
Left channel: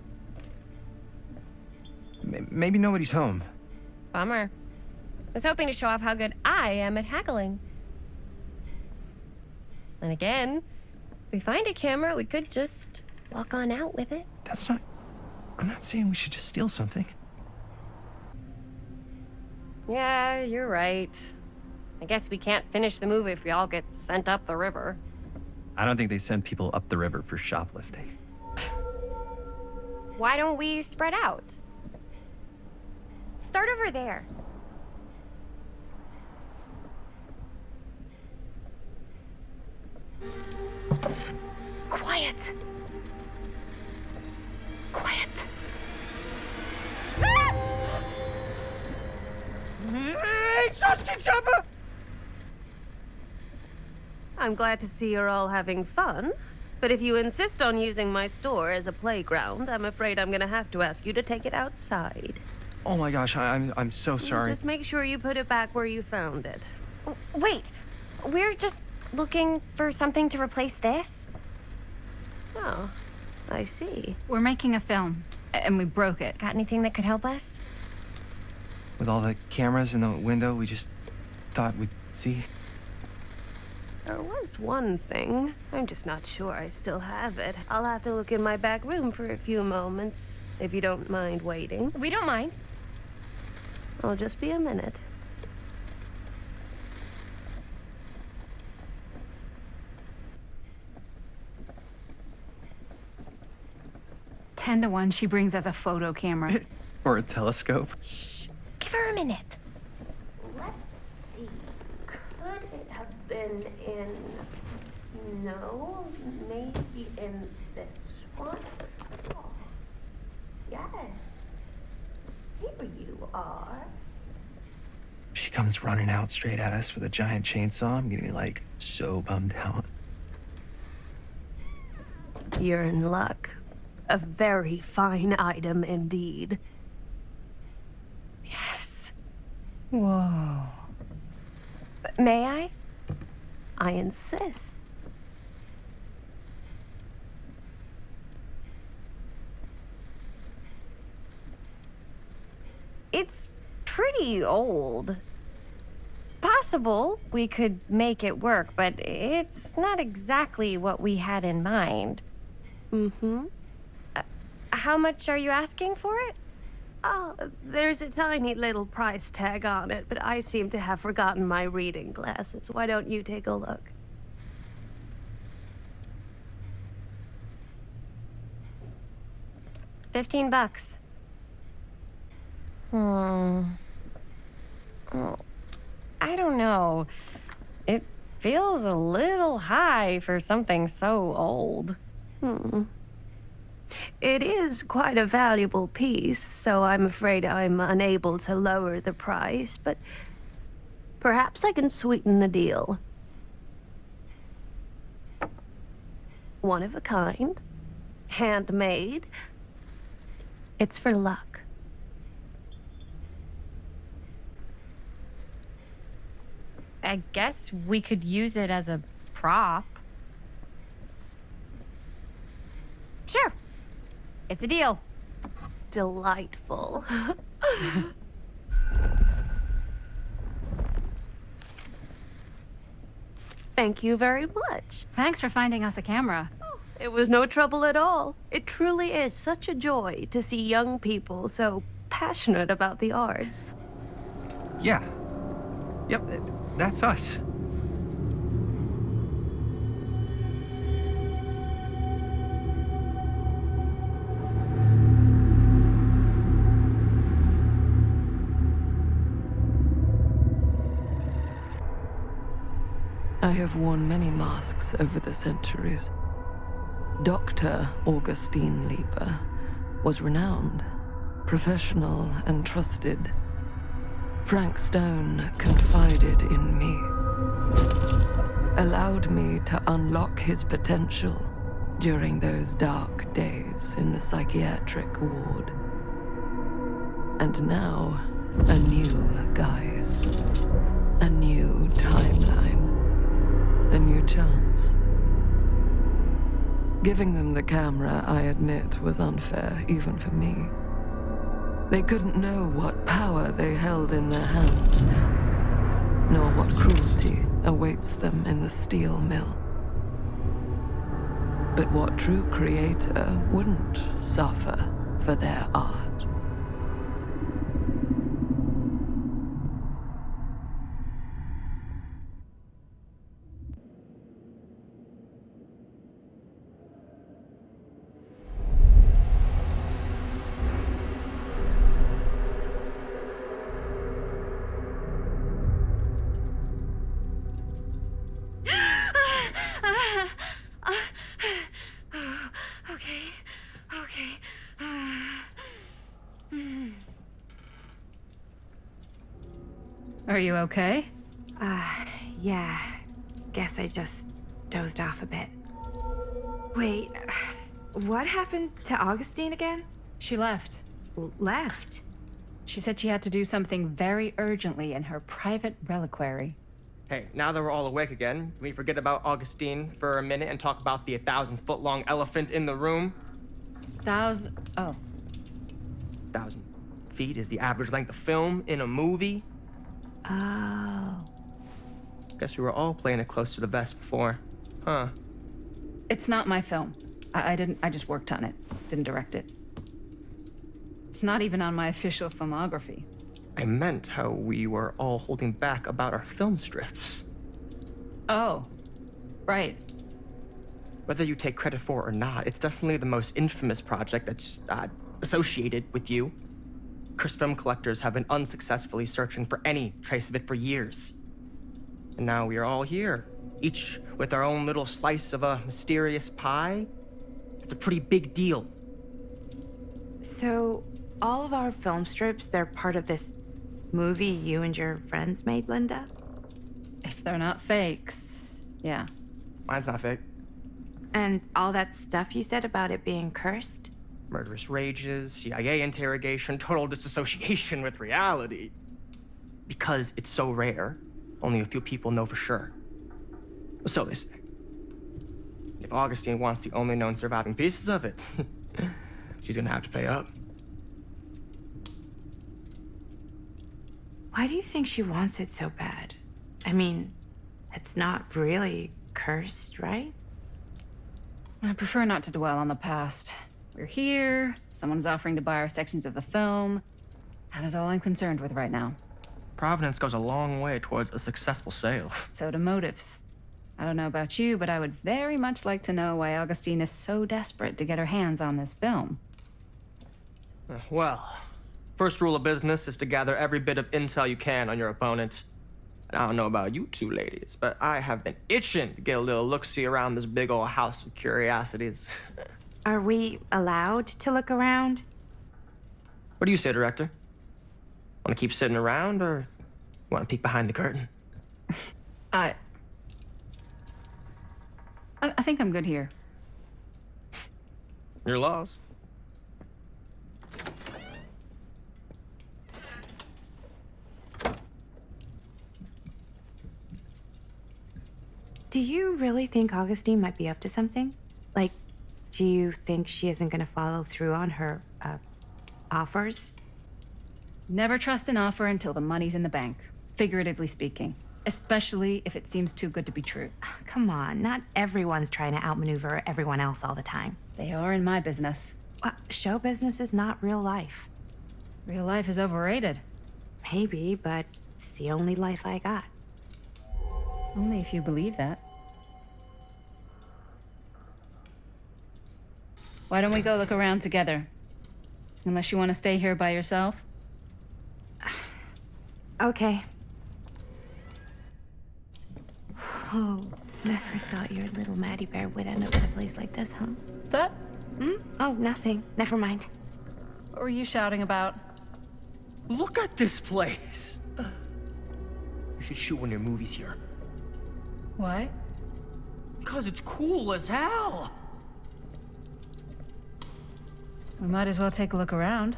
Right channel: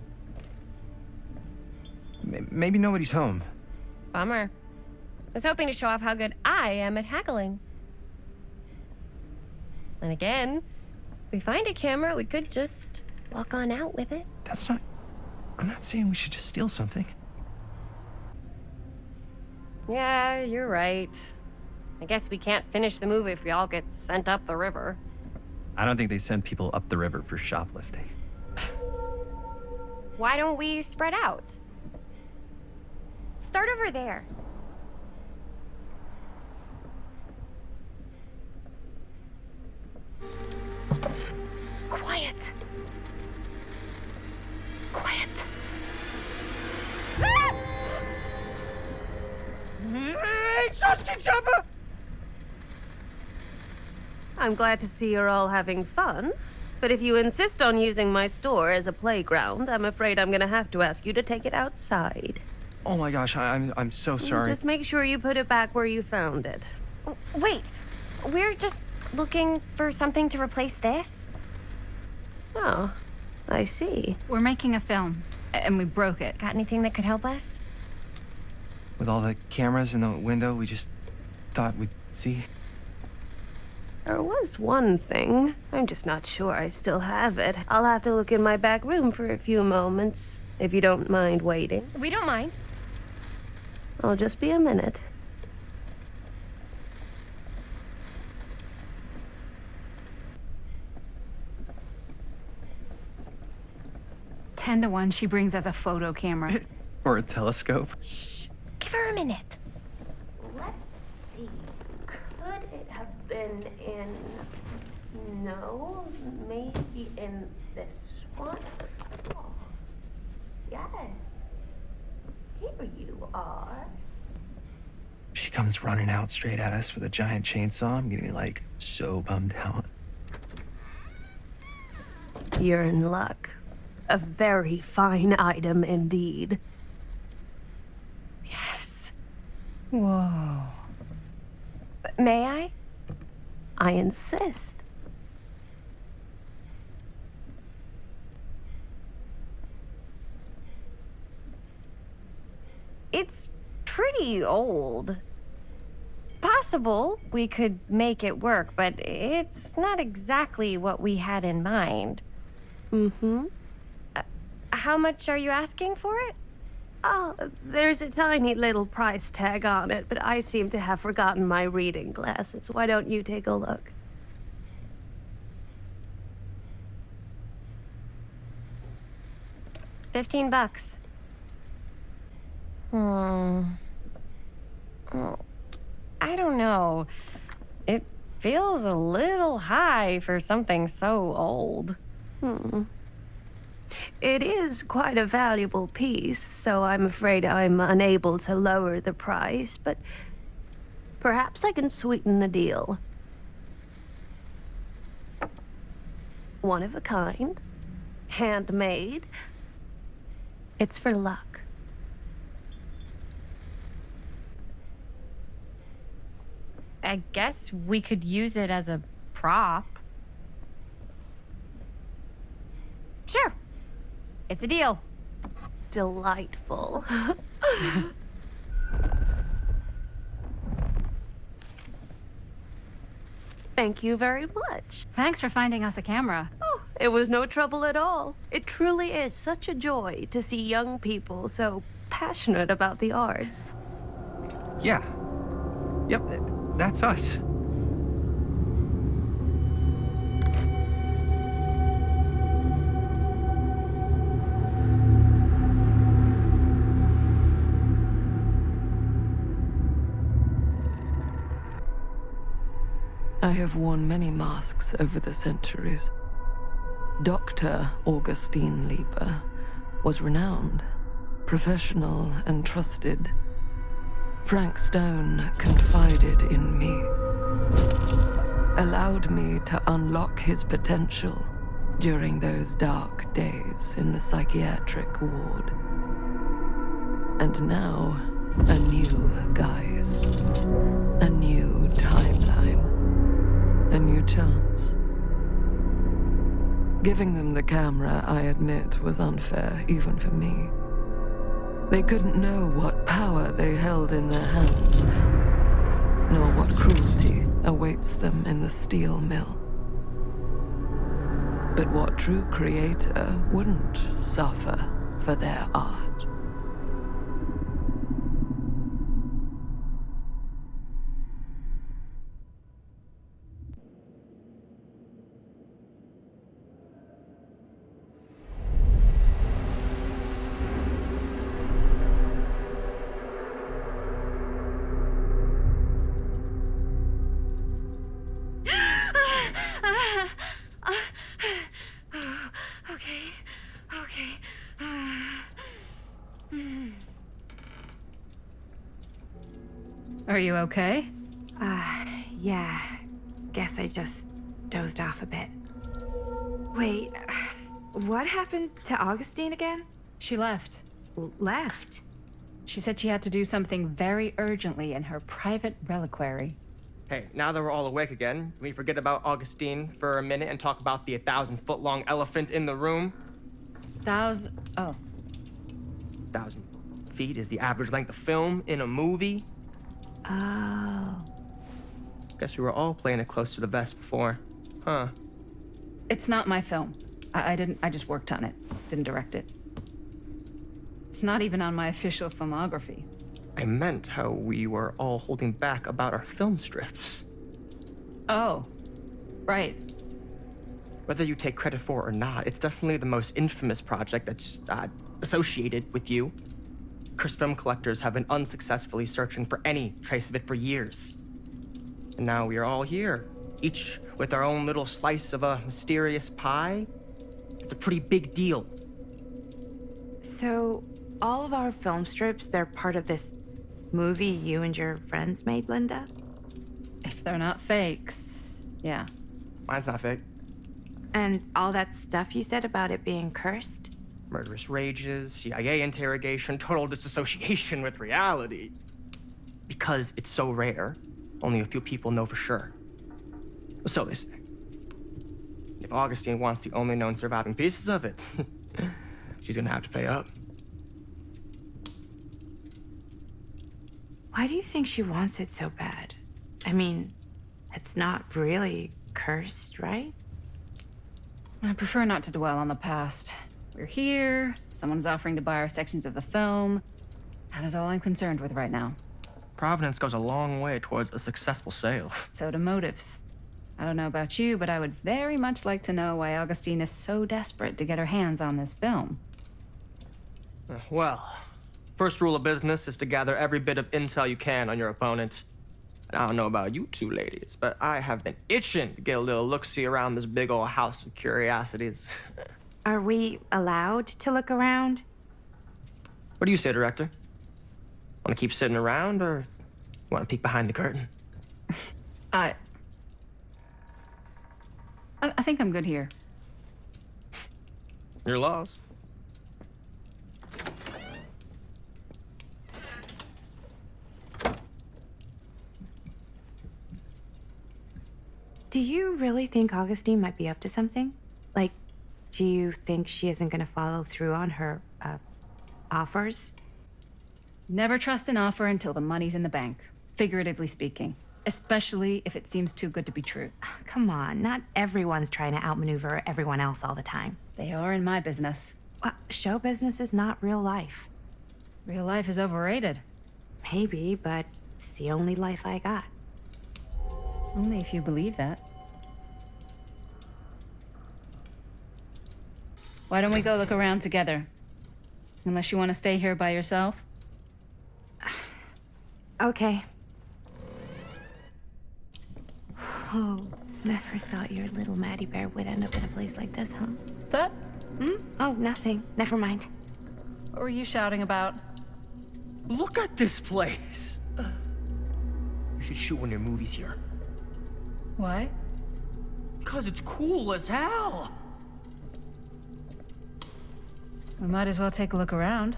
Maybe nobody's home. Bummer. I was hoping to show off how good I am at haggling. And again, if we find a camera, we could just walk on out with it. That's not... I'm not saying we should just steal something. Yeah, you're right. I guess we can't finish the movie if we all get sent up the river. I don't think they send people up the river for shoplifting. Why don't we spread out? Start over there. Quiet. Quiet. Hey, tchotchke chopper! I'm glad to see you're all having fun. But if you insist on using my store as a playground, I'm afraid I'm gonna have to ask you to take it outside. Oh my gosh, I'm so sorry. Just make sure you put it back where you found it. Wait, we're just looking for something to replace this? Oh, I see. We're making a film, and we broke it. Got anything that could help us? With all the cameras in the window, we just thought we'd see. There was one thing. I'm just not sure I still have it. I'll have to look in my back room for a few moments, if you don't mind waiting. We don't mind. I'll just be a minute. Ten to 1, she brings us a photo camera. Or a telescope. Shh, give her a minute. Let's see. Could it have been in... No, maybe in this one? Oh, yes. Here you are. She comes running out straight at us with a giant chainsaw, I'm gonna be like so bummed out. You're in luck. A very fine item indeed. Yes. Whoa. May I? I insist. It's pretty old. Possible we could make it work, but it's not exactly what we had in mind. Mm-hmm. How much are you asking for it? Oh, there's a tiny little price tag on it, but I seem to have forgotten my reading glasses. Why don't you take a look? $15. Oh, I don't know. It feels a little high for something so old. It is quite a valuable piece, so I'm afraid I'm unable to lower the price, but perhaps I can sweeten the deal. One of a kind, handmade. It's for luck. I guess we could use it as a prop. Sure. It's a deal. Delightful. Thank you very much. Thanks for finding us a camera. Oh, it was no trouble at all. It truly is such a joy to see young people so passionate about the arts. Yeah. Yep, that's us. I have worn many masks over the centuries. Dr. Augustine Lieber was renowned, professional, and trusted. Frank Stone confided in me, allowed me to unlock his potential during those dark days in the psychiatric ward. And now, a new guise, a new timeline. A new chance. Giving them the camera, I admit, was unfair, even for me. They couldn't know what power they held in their hands, nor what cruelty awaits them in the steel mill. But what true creator wouldn't suffer for their art? Are you okay? Yeah. Guess I just dozed off a bit. Wait, what happened to Augustine again? She left. Left? She said she had to do something very urgently in her private reliquary. Hey, now that we're all awake again, can we forget about Augustine for a minute and talk about the 1,000-foot-long elephant in the room? 1,000 feet is the average length of film in a movie. Oh. Guess we were all playing it close to the vest before. Huh. It's not my film. I just worked on it. Didn't direct it. It's not even on my official filmography. I meant how we were all holding back about our film strips. Oh, right. Whether you take credit for it or not, it's definitely the most infamous project that's associated with you. Cursed film collectors have been unsuccessfully searching for any trace of it for years. And now we are all here, each with our own little slice of a mysterious pie. It's a pretty big deal. So, all of our film strips, they're part of this movie you and your friends made, Linda? If they're not fakes, yeah. Mine's not fake. And all that stuff you said about it being cursed? Murderous rages, CIA interrogation, total disassociation with reality. Because it's so rare, only a few people know for sure. So they say. If Augustine wants the only known surviving pieces of it, she's gonna have to pay up. Why do you think she wants it so bad? I mean, it's not really cursed, right? I prefer not to dwell on the past. We're here, someone's offering to buy our sections of the film. That is all I'm concerned with right now. Providence goes a long way towards a successful sale. So do motives. I don't know about you, but I would very much like to know why Augustine is so desperate to get her hands on this film. Well, first rule of business is to gather every bit of intel you can on your opponent. And I don't know about you two ladies, but I have been itching to get a little look-see around this big old house of curiosities. Are we allowed to look around? What do you say, director? Want to keep sitting around, or want to peek behind the curtain? I think I'm good here. You're lost. Do you really think Augustine might be up to something? Like, do you think she isn't gonna follow through on her, offers? Never trust an offer until the money's in the bank, figuratively speaking. Especially if it seems too good to be true. Come on, not everyone's trying to outmaneuver everyone else all the time. They are in my business. Show business is not real life. Real life is overrated. Maybe, but it's the only life I got. Only if you believe that. Why don't we go look around together? Unless you want to stay here by yourself? Okay. Oh, never thought your little Maddie Bear would end up in a place like this, huh? That? Oh, nothing. Never mind. What were you shouting about? Look at this place! You should shoot one of your movies here. Why? Because it's cool as hell! We might as well take a look around.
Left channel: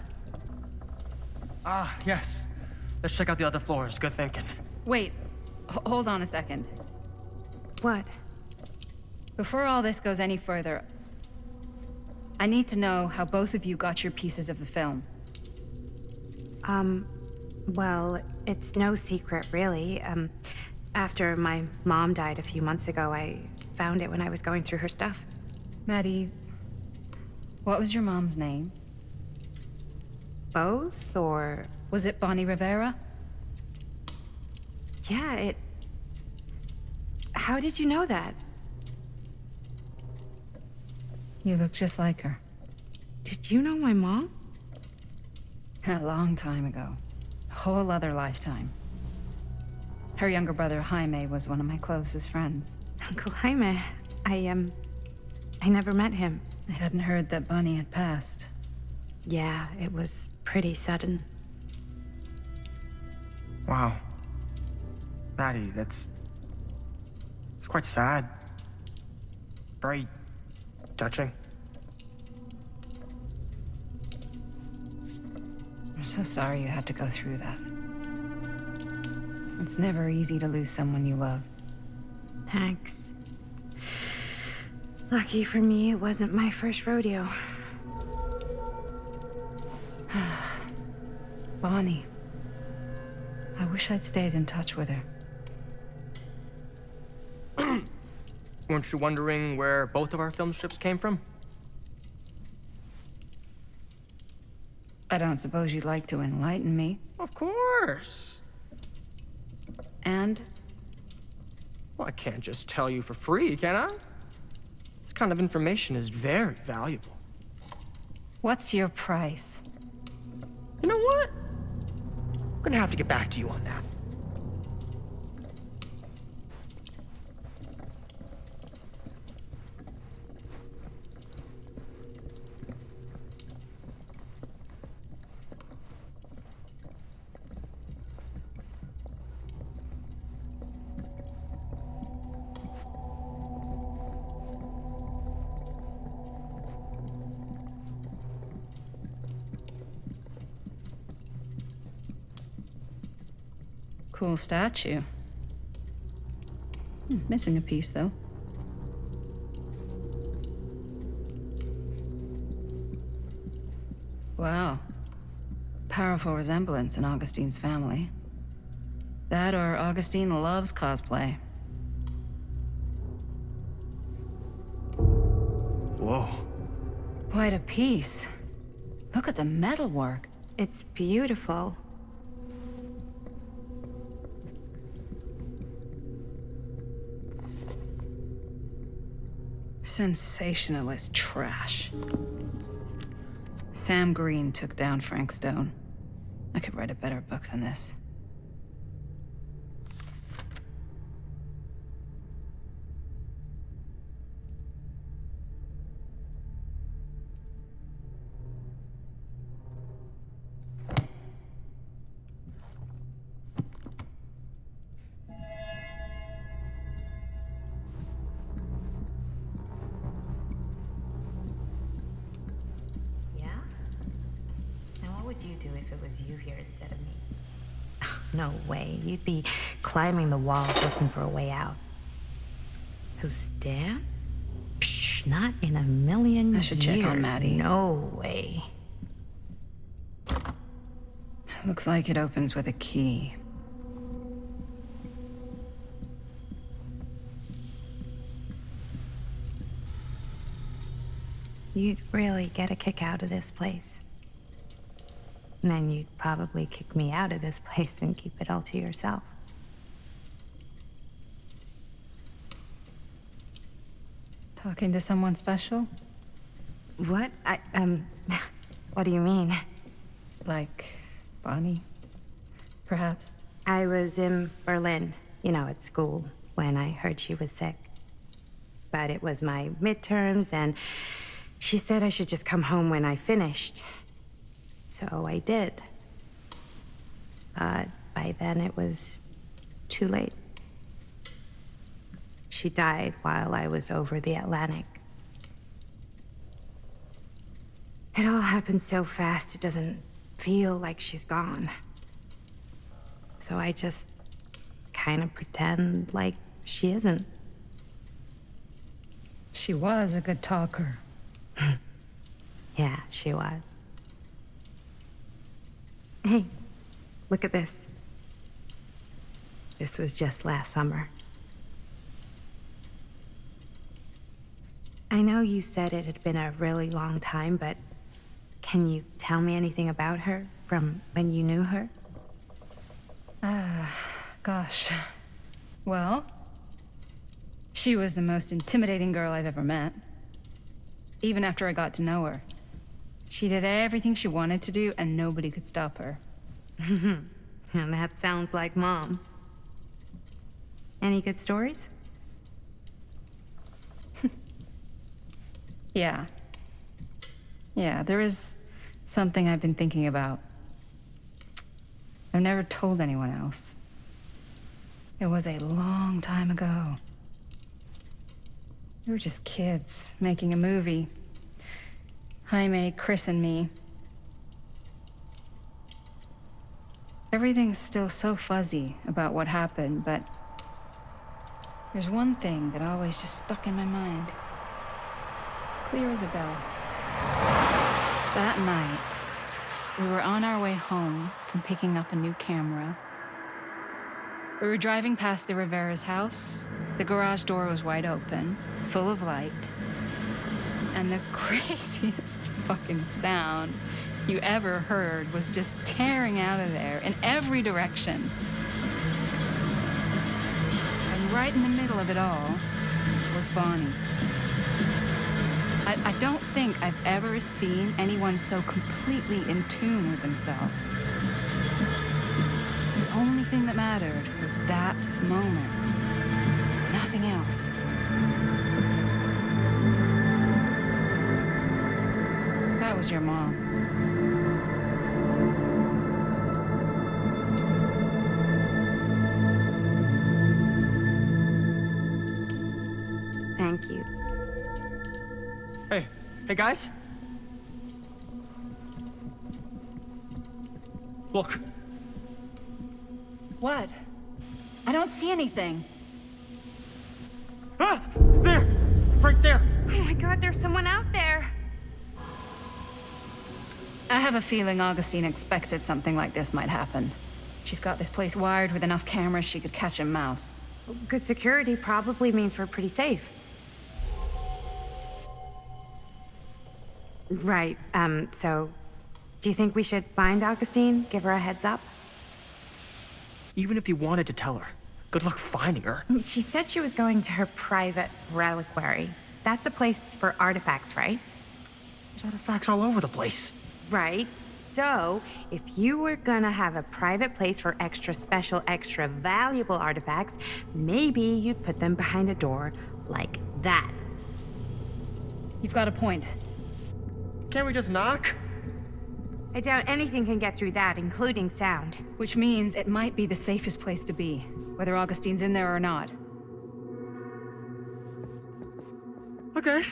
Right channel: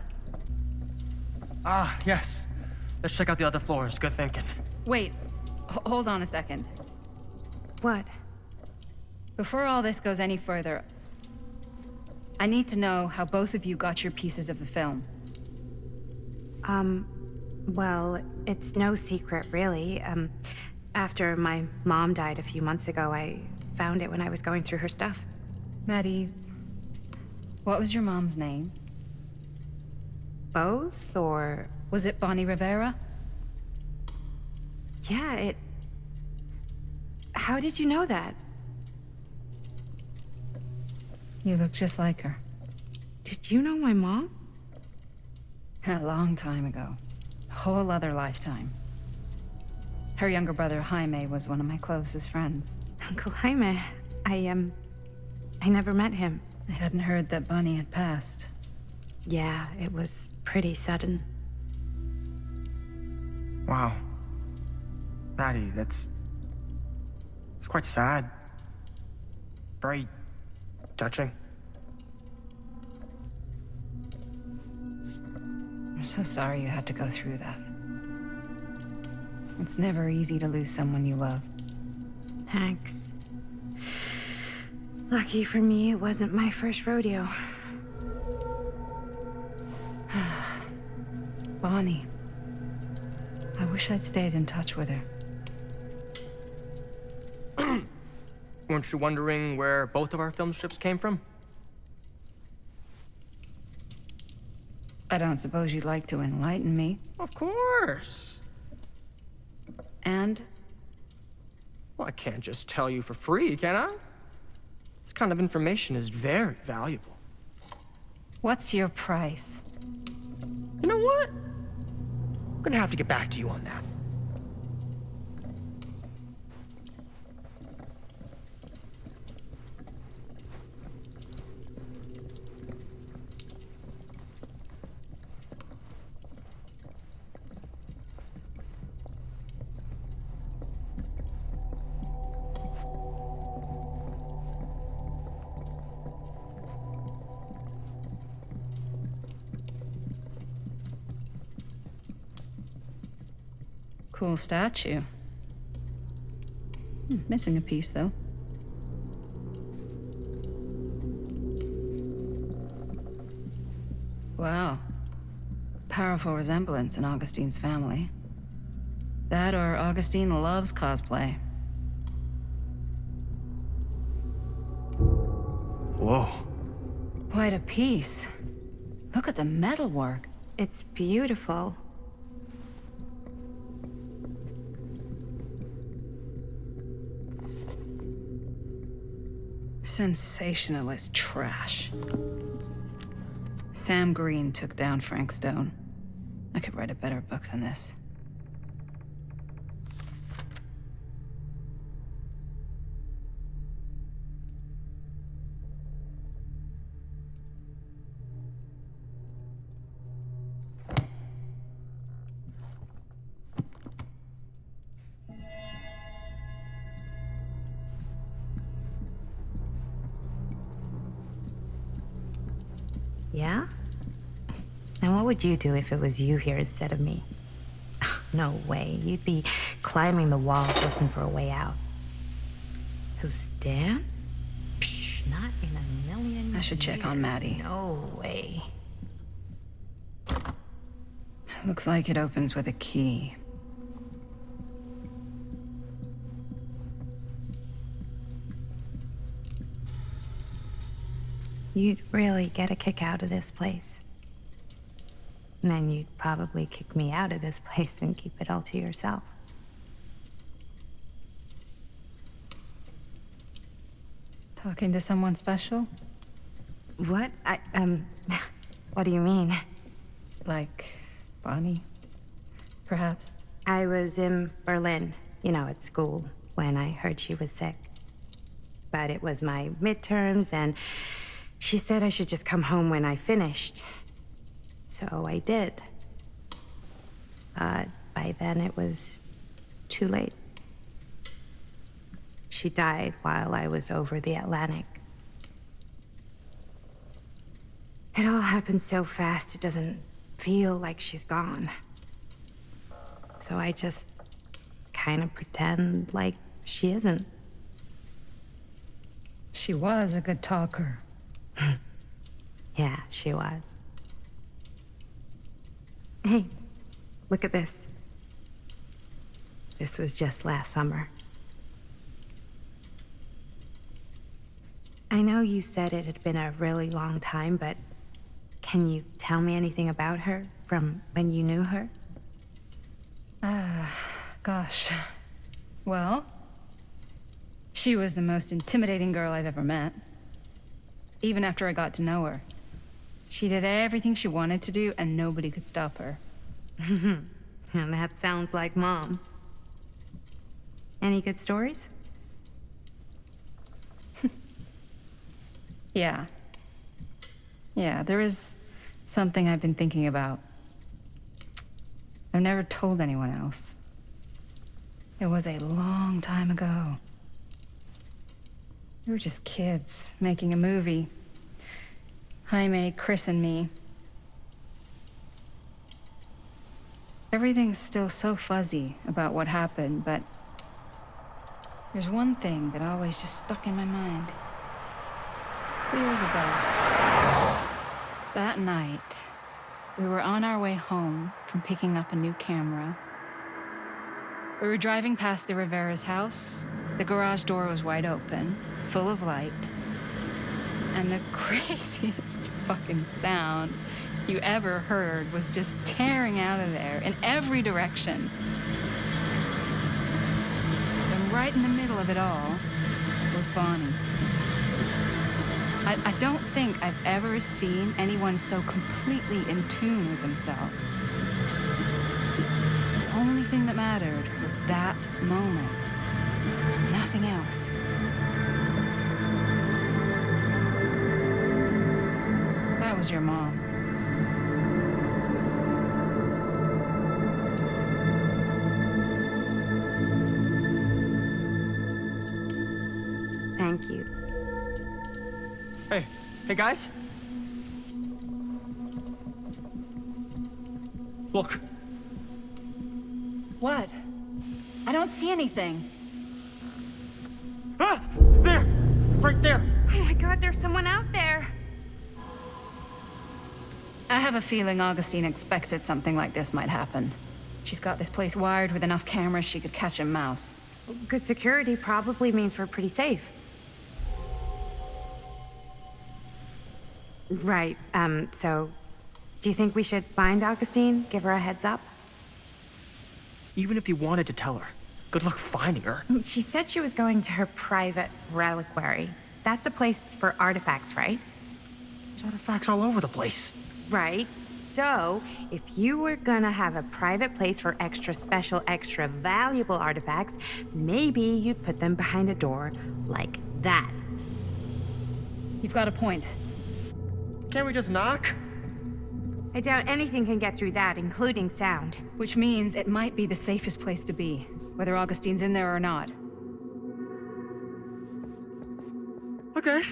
Ah, yes. Let's check out the other floors. Good thinking. Wait, hold on a second. What? Before all this goes any further, I need to know how both of you got your pieces of the film. Well, it's no secret, really. After my mom died a few months ago, I found it when I was going through her stuff. Maddie, what was your mom's name? Both, or... Was it Bonnie Rivera? Yeah, How did you know that? You look just like her. Did you know my mom? A long time ago. A whole other lifetime. Her younger brother, Jaime, was one of my closest friends. Uncle Jaime. I never met him. I hadn't heard that Bonnie had passed. Yeah, it was pretty sudden. Wow. Maddie, it's quite sad. Very touching. I'm so sorry you had to go through that. It's never easy to lose someone you love. Thanks. Lucky for me, it wasn't my first rodeo. Bonnie. I wish I'd stayed in touch with her. Weren't you wondering where both of our film strips came from? I don't suppose you'd like to enlighten me. Of course. And? Well, I can't just tell you for free, can I? This kind of information is very valuable. What's your price? You know what? I'm gonna have to get back to you on that. Cool statue. Missing a piece, though. Wow. Powerful resemblance in Augustine's family. That or Augustine loves cosplay. Whoa. Quite a piece. Look at the metalwork. It's beautiful. Sensationalist trash. Sam Green took down Frank Stone. I could write a better book than this. Yeah? And what would you do if it was you here instead of me? No way. You'd be climbing the walls looking for a way out. Who's Dan? Psh, not in a million I should check on years. Maddie. No way. Looks like it opens with a key. You'd really get a kick out of this place. And then you'd probably kick me out of this place and keep it all to yourself. Talking to someone special? What? What do you mean? Like Bonnie, perhaps? I was in Berlin, at school, when I heard she was sick. But it was my midterms, and she said I should just come home when I finished. So I did. But by then it was too late. She died while I was over the Atlantic. It all happened so fast, it doesn't feel like she's gone. So I just kind of pretend like she isn't. She was a good talker. Yeah, she was. Hey, look at this. This was just last summer. I know you said it had been a really long time, but can you tell me anything about her from when you knew her? Gosh. Well, she was the most intimidating girl I've ever met. Even after I got to know her. She did everything she wanted to do, and nobody could stop her. And that sounds like Mom. Any good stories? Yeah. Yeah, there is something I've been thinking about. I've never told anyone else. It was a long time ago. We were just kids making a movie. Jaime, Chris, and me. Everything's still so fuzzy about what happened, but there's one thing that always just stuck in my mind. Clear as a bell. That night, we were on our way home from picking up a new camera. We were driving past the Rivera's house. The garage door was wide open, full of light. And the craziest fucking sound you ever heard was just tearing out of there in every direction. And right in the middle of it all was Bonnie. I don't think I've ever seen anyone so completely in tune with themselves. The only thing that mattered was that moment. Nothing else. That was your mom. Thank you. Hey guys. Look. What? I don't see anything. Ah! There! Right there! Oh my god, there's someone out there. I have a feeling Augustine expected something like this might happen. She's got this place wired with enough cameras she could catch a mouse. Good security probably means we're pretty safe. Right, so do you think we should find Augustine? Give her a heads up? Even if you wanted to tell her, good luck finding her. She said she was going to her private reliquary. That's a place for artifacts, right? There's artifacts all over the place. Right. So, if you were gonna have a private place for extra special, extra valuable artifacts, maybe you'd put them behind a door like that. You've got a point. Can't we just knock? I doubt anything can get through that, including sound. Which means it might be the safest place to be, whether Augustine's in there or not. Okay.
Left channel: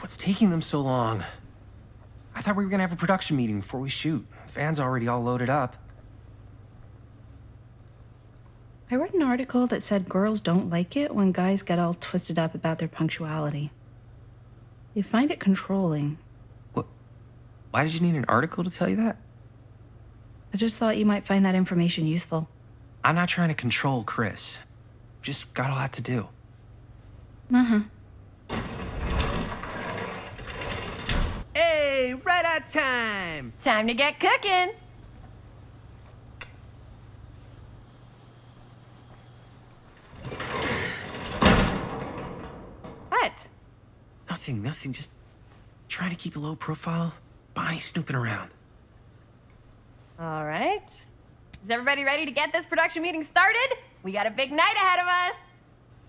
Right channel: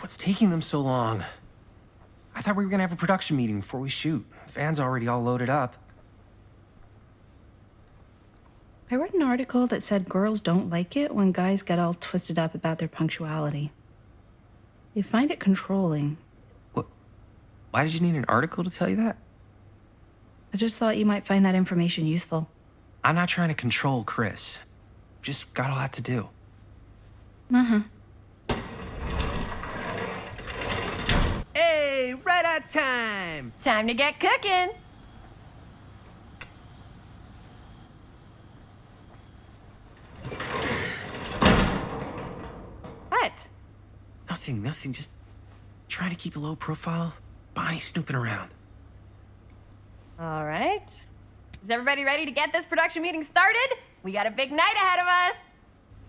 What's taking them so long? I thought we were gonna have a production meeting before we shoot. The van's already all loaded up. I read an article that said girls don't like it when guys get all twisted up about their punctuality. They find it controlling. What? Why did you need an article to tell you that? I just thought you might find that information useful. I'm not trying to control Chris. Just got a lot to do. Uh-huh. Hey, right on time! Time to get cooking. What? Nothing. Just trying to keep a low profile. Bonnie snooping around. All right. Is everybody ready to get this production meeting started? We got a big night ahead of us.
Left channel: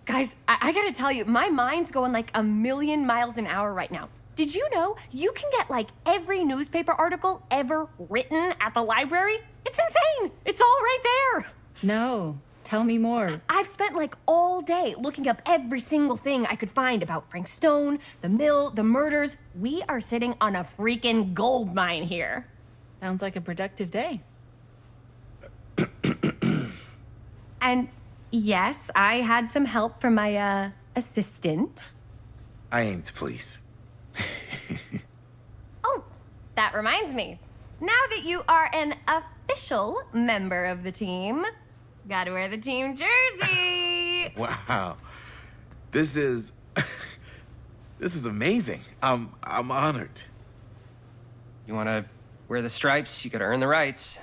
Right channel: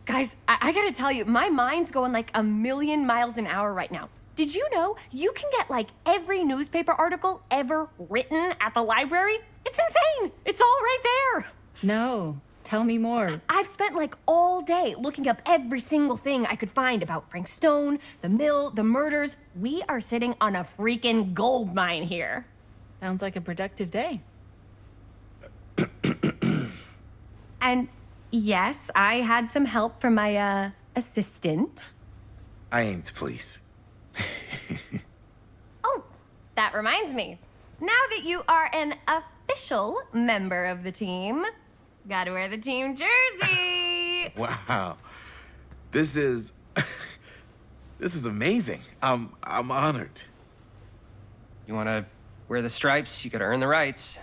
Guys, I gotta tell you, my mind's going like a million miles an hour right now. Did you know you can get like every newspaper article ever written at the library? It's insane. It's all right there. No, tell me more. I've spent like all day looking up every single thing I could find about Frank Stone, the mill, the murders. We are sitting on a freaking gold mine here. Sounds like a productive day. And yes, I had some help from my assistant. I aim to please. Oh, that reminds me. Now that you are an official member of the team, gotta wear the team jersey. Wow. This is amazing. I'm honored. You wanna wear the stripes? You gotta earn the rights.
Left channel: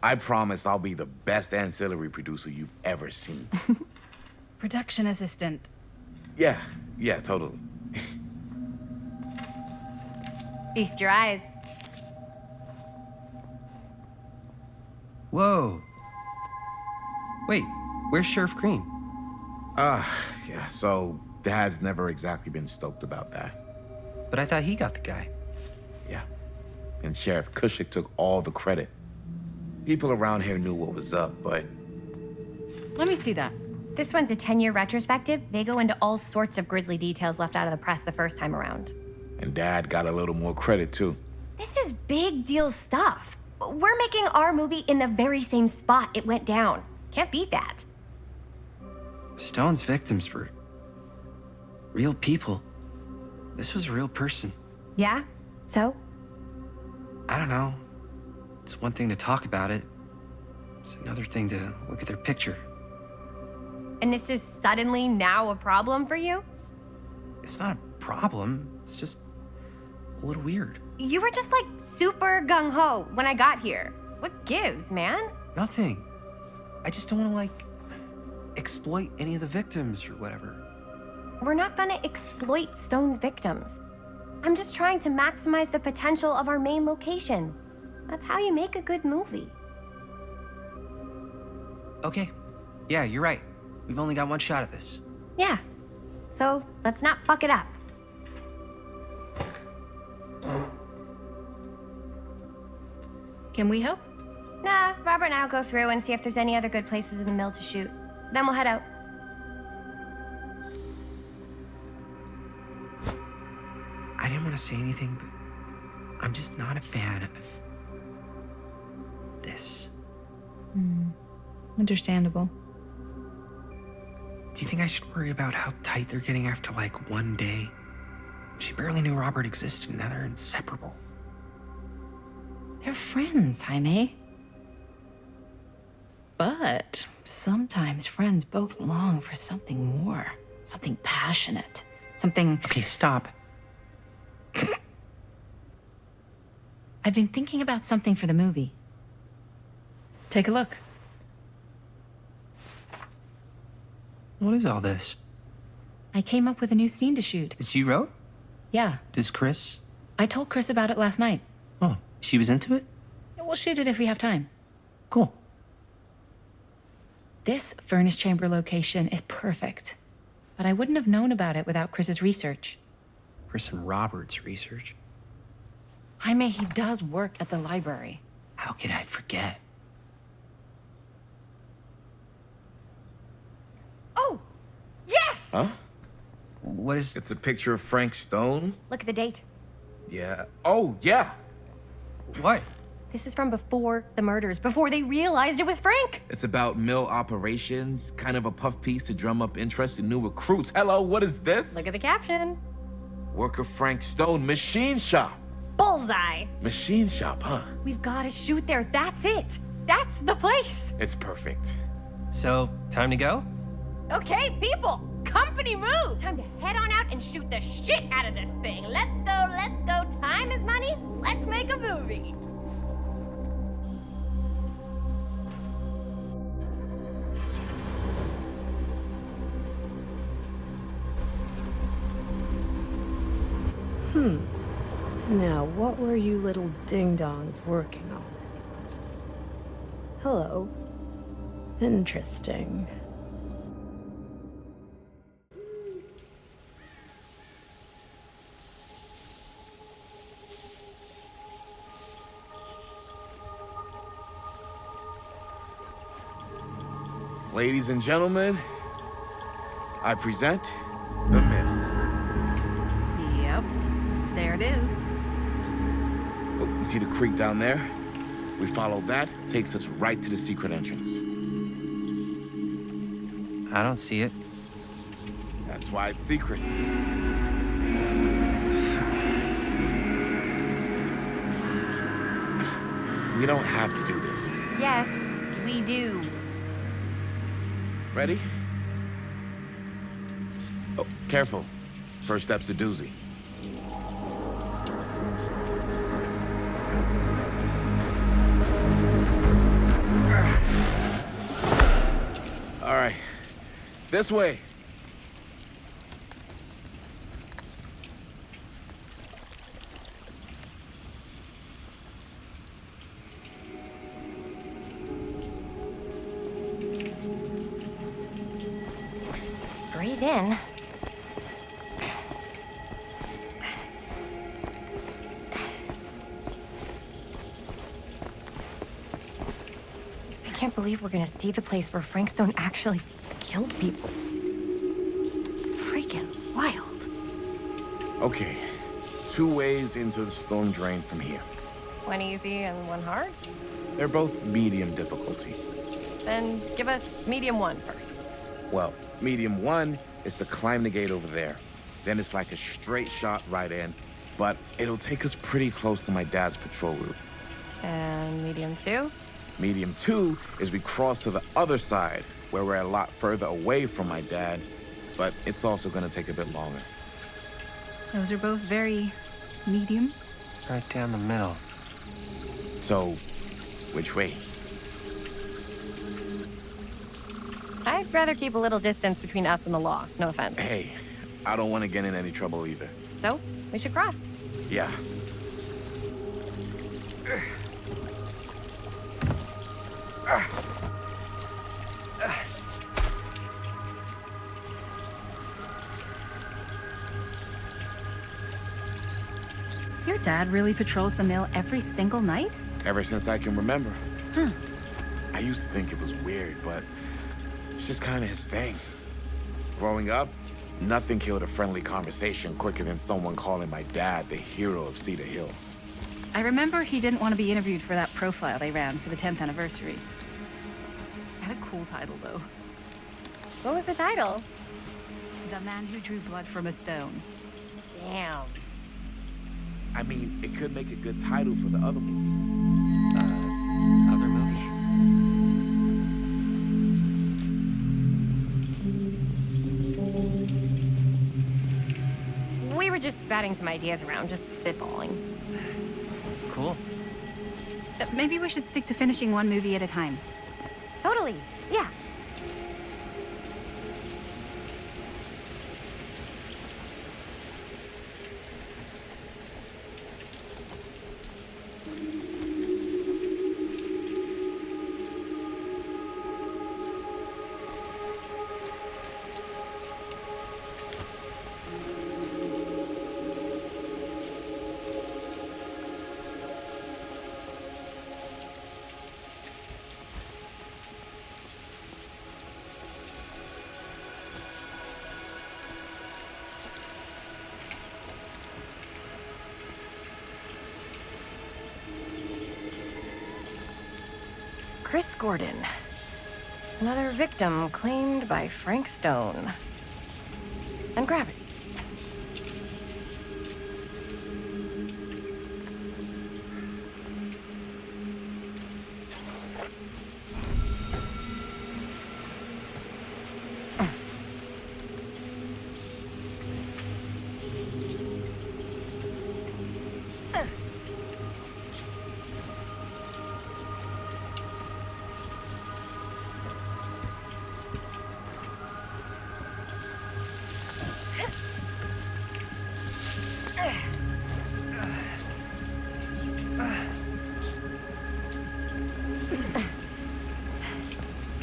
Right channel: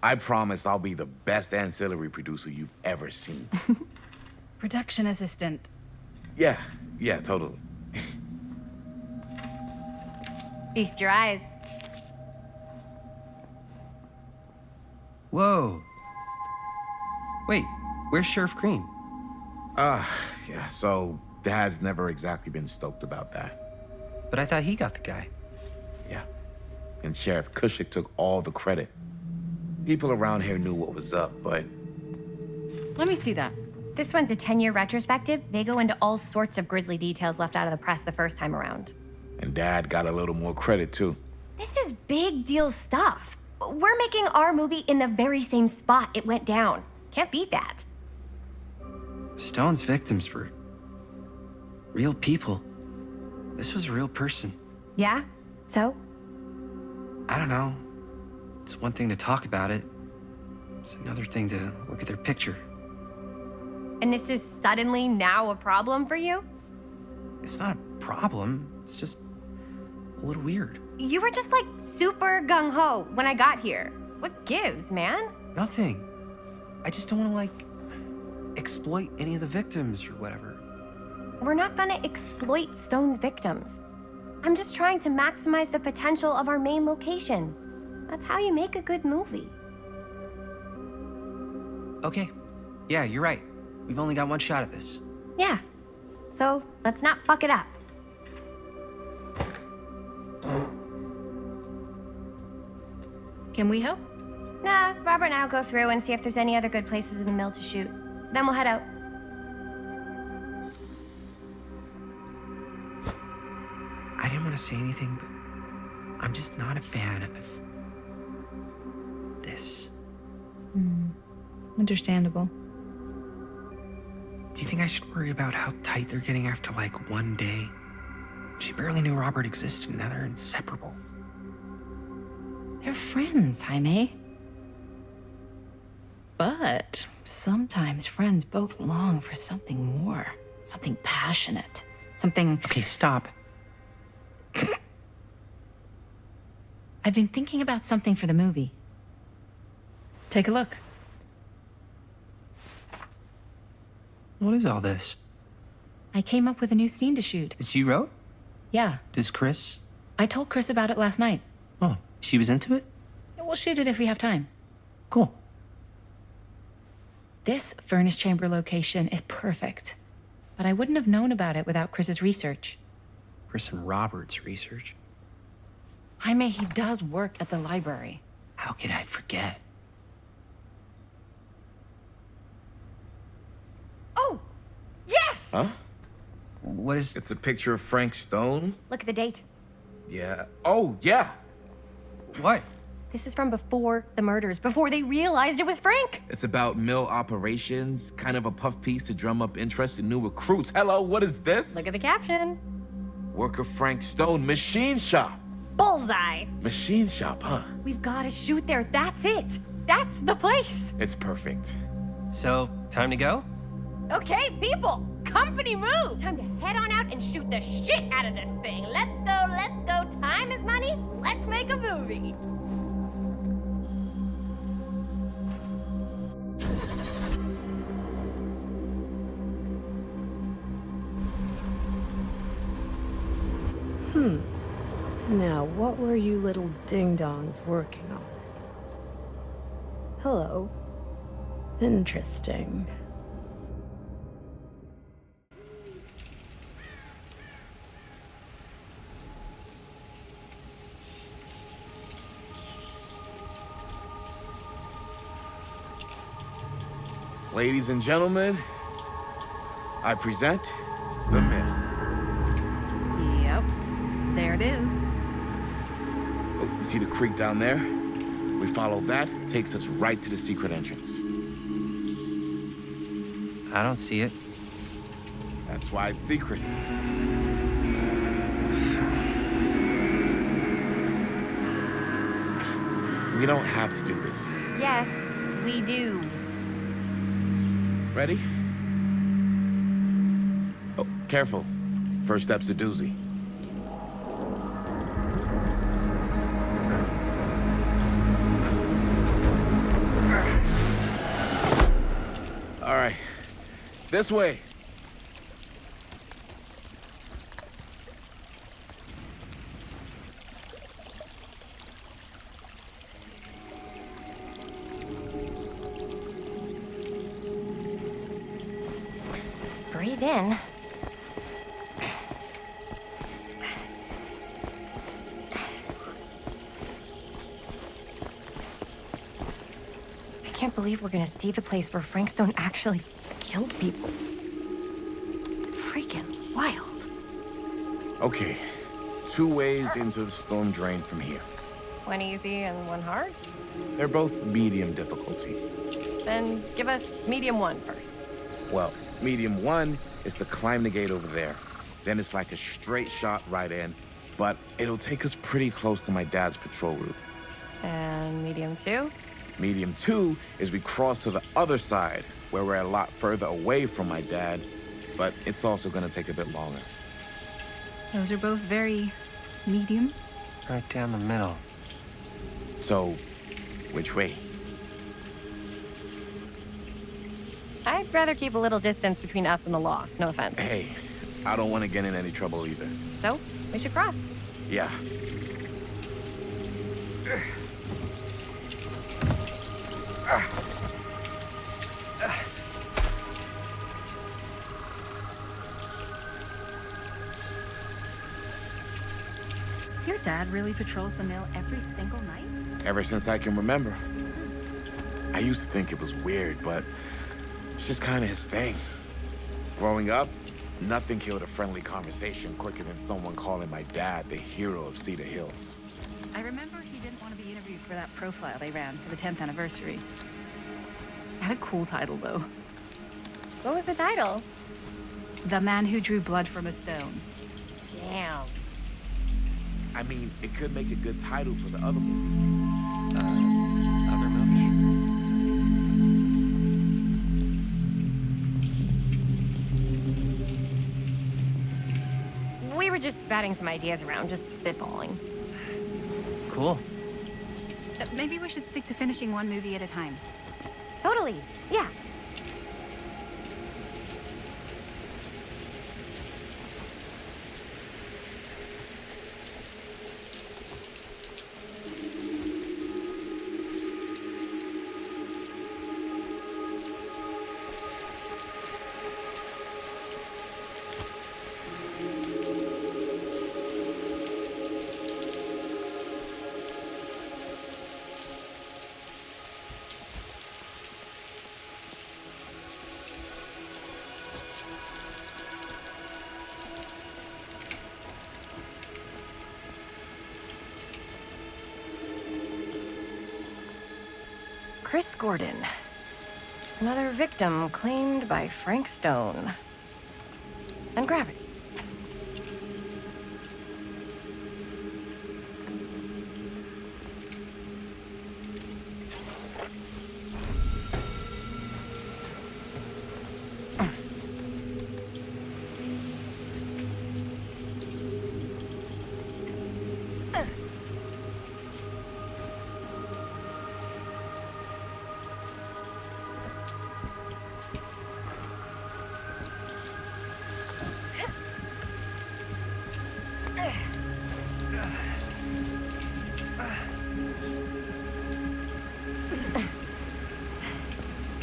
I promise I'll be the best ancillary producer you've ever seen. Production assistant. Yeah, totally. Feast your eyes. Whoa. Wait, where's Sheriff Green? Yeah, so Dad's never exactly been stoked about that. But I thought he got the guy. Yeah, and Sheriff Cushik took all the credit. People around here knew what was up, but... Let me see that. This one's a 10-year retrospective. They go into all sorts of grisly details left out of the press the first time around. And Dad got a little more credit, too. This is big deal stuff. We're making our movie in the very same spot it went down. Can't beat that. Stone's victims were real people. This was a real person. Yeah? So? I don't know. It's one thing to talk about it. It's another thing to look at their picture. And this is suddenly now a problem for you? It's not a problem. It's just a little weird. You were just like super gung-ho when I got here. What gives, man? Nothing. I just don't want to, like, exploit any of the victims or whatever. We're not gonna exploit Stone's victims. I'm just trying to maximize the potential of our main location. That's how you make a good movie. Okay. Yeah, you're right. We've only got one shot at this. Yeah. So let's not fuck it up. Can we help? Nah, Robert and I'll go through and see if there's any other good places in the mill to shoot. Then we'll head out. I didn't want to say anything, but I'm just not a fan of this. Understandable. Do you think I should worry about how tight they're getting after like one day? She barely knew Robert existed, and now they're inseparable. They're friends, Jaime. But sometimes friends both long for something more, something passionate, something. Okay, stop. I've been thinking about something for the movie. Take a look. What is all this? I came up with a new scene to shoot. That you wrote? Yeah. Does Chris? I told Chris about it last night. Oh, she was into it? We'll shoot it if we have time. Cool. This furnace chamber location is perfect. But I wouldn't have known about it without Chris's research. Chris and Robert's research? Jaime, he does work at the library. How could I forget? Oh! Yes! Huh? What is... It's a picture of Frank Stone? Look at the date. Yeah. Oh, yeah. What? This is from before the murders, before they realized it was Frank. It's about mill operations, kind of a puff piece to drum up interest in new recruits. Hello, what is this? Look at the caption. Worker Frank Stone, machine shop. Bullseye. Machine shop, huh? We've got to shoot there. That's it. That's the place. It's perfect. So, time to go? Okay, people. Company move. Time to head on out and shoot the shit out of this thing. Let's go, let's go. Time is money. Let's make a movie. Now, what were you little ding-dongs working on? Hello. Interesting. Ladies and gentlemen, I present the mill. Yep. There it is. Oh, you see the creek down there? We follow that, takes us right to the secret entrance. I don't see it. That's why it's secret. We don't have to do this. Yes, we do. Ready? Oh, careful. First step's a doozy. All right, this way. Breathe in. I can't believe we're gonna see the place where Frank Stone actually killed people. Freaking wild. Okay, 2 ways into the storm drain from here. One easy and one hard? They're both medium difficulty. Then give us medium one first. Well, medium 1 is to climb the gate over there. Then it's like a straight shot right in, but it'll take us pretty close to my dad's patrol route. And medium two? Medium 2 is we cross to the other side, where we're a lot further away from my dad, but it's also gonna take a bit longer. Those are both very medium. Right down the middle. So, which way? I'd rather keep a little distance between us and the law. No offense. Hey, I don't want to get in any trouble either. So, we should cross. Yeah. Dad really patrols the mill every single night? Ever since I can remember. Huh. I used to think it was weird, but it's just kind of his thing. Growing up, nothing killed a friendly conversation quicker than someone calling my dad the hero of Cedar Hills. I remember he didn't want to be interviewed for that profile they ran for the 10th anniversary. Had a cool title, though. What was the title? The Man Who Drew Blood from a Stone. Damn. I mean, it could make a good title for the other movie. Other movie? We were just batting some ideas around, just spitballing. Cool. Maybe we should stick to finishing one movie at a time. Totally. Yeah. Chris Gordon. Another victim claimed by Frank Stone. And gravity.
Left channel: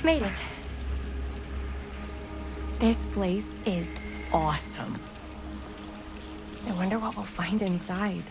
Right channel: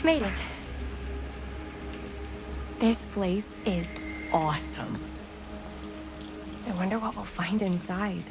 Made it. This place is awesome. I wonder what we'll find inside.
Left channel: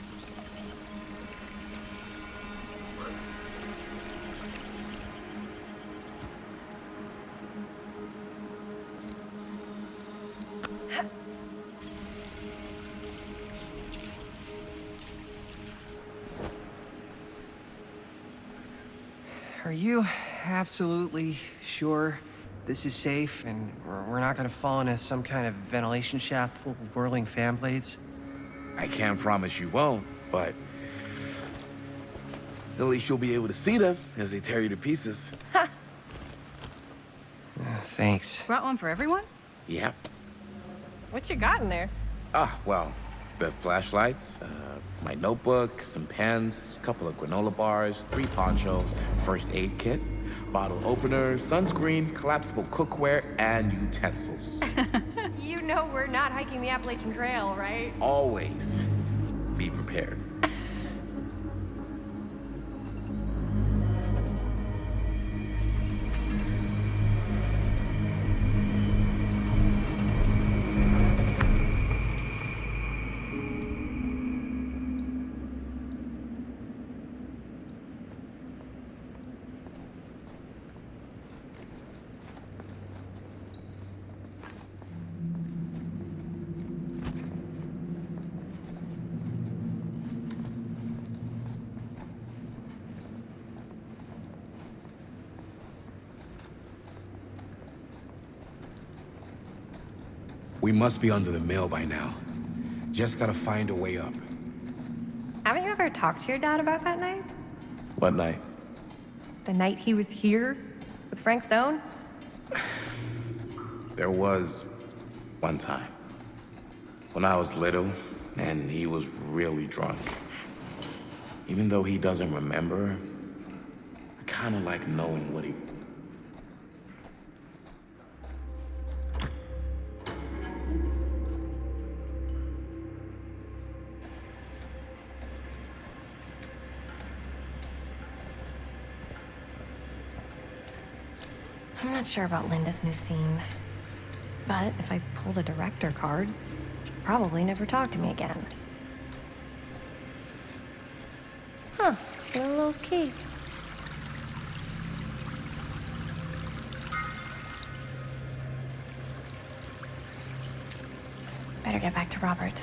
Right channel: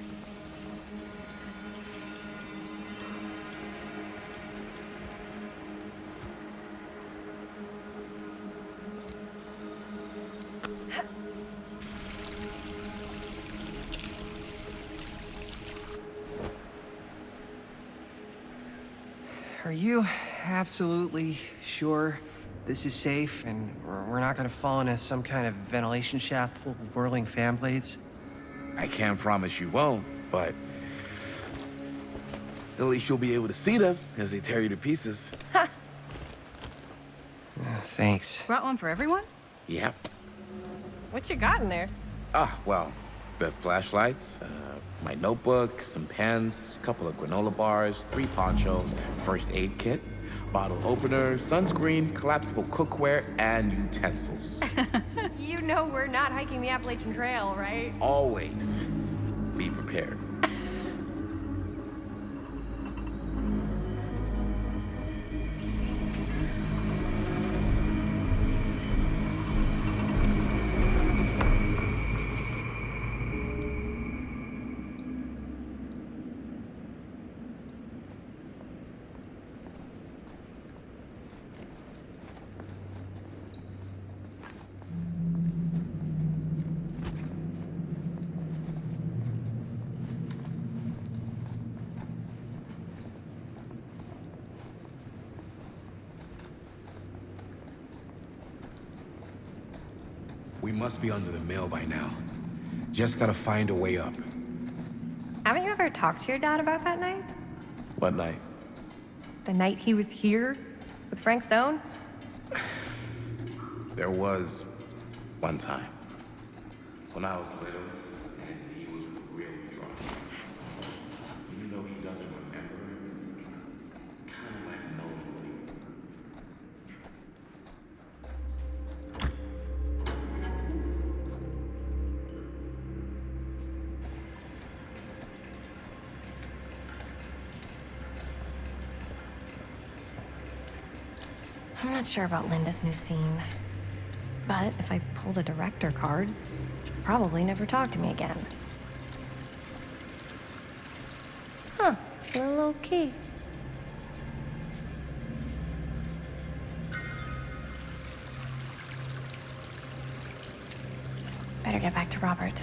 Are you absolutely sure this is safe and we're not gonna fall into some kind of ventilation shaft full of whirling fan blades? I can't promise you won't, but at least you'll be able to see them as they tear you to pieces. Thanks. Brought one for everyone? Yep. What you got in there? Well, the flashlights, my notebook, some pens, a couple of granola bars, 3 ponchos, first aid kit, bottle opener, sunscreen, collapsible cookware, and utensils. You know we're not hiking the Appalachian Trail, right? Always be prepared. We must be under the mill by now. Just gotta find a way up. Haven't you ever talked to your dad about that night? What night? The night he was here with Frank Stone? There was one time when I was little and he was really drunk. Even though he doesn't remember, I kind of like knowing what he... I'm not sure about Linda's new scene. But if I pull the director card, she'll probably never talk to me again. Huh, a little low key. Better get back to Robert.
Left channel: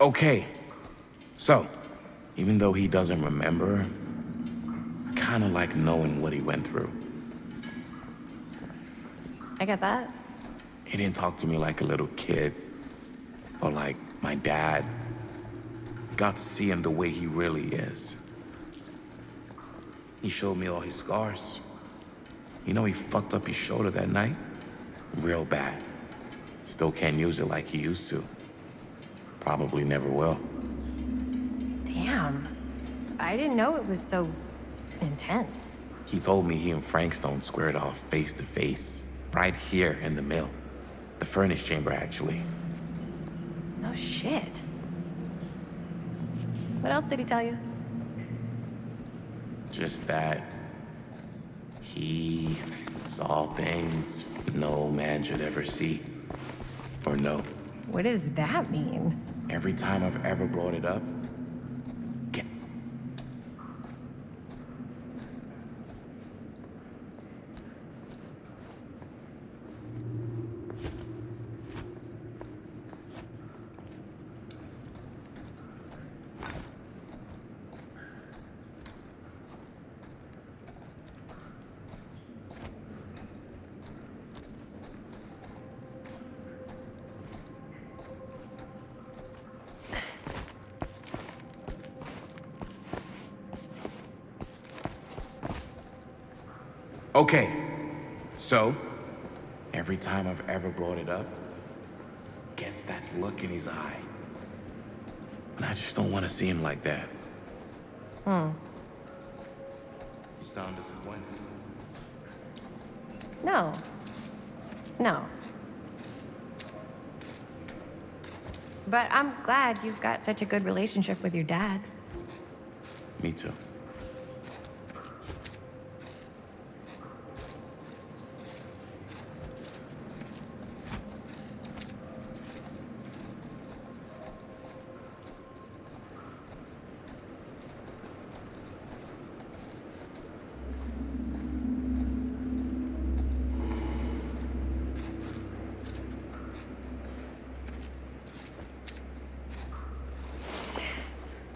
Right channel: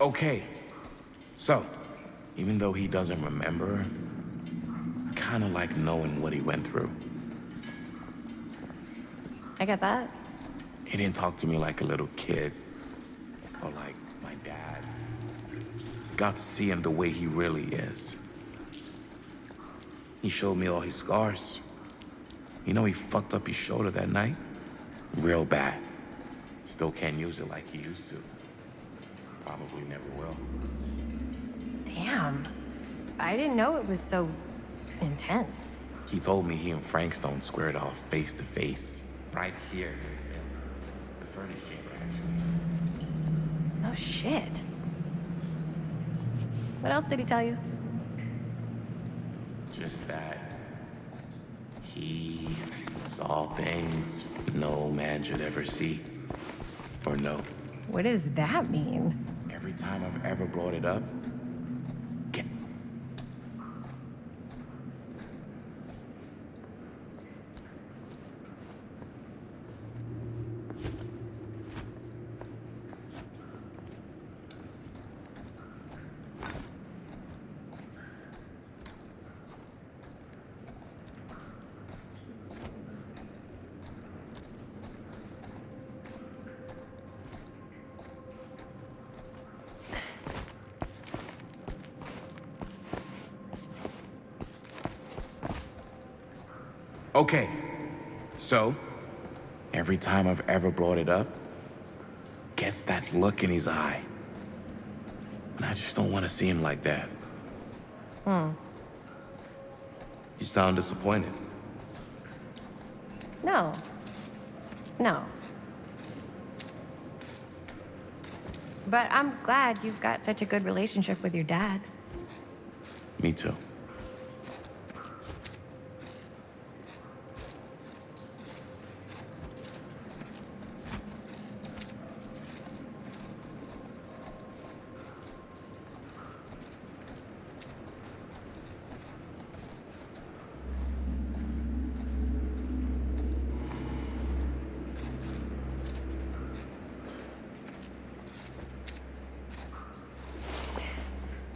Okay, so, even though he doesn't remember, I kinda like knowing what he went through. I get that. He didn't talk to me like a little kid, or like my dad. Got to see him the way he really is. He showed me all his scars. You know he fucked up his shoulder that night? Real bad. Still can't use it like he used to. Probably never will. Damn. I didn't know it was so intense. He told me he and Frankstone squared off face to face, right here in the mill. The furnace chamber, actually. Oh, shit. What else did he tell you? Just that he saw things no man should ever see or know. What does that mean? Every time I've ever brought it up, okay, so every time I've ever brought it up, gets that look in his eye. And I just don't want to see him like that. You sound disappointed. No. No. But I'm glad you've got such a good relationship with your dad. Me too.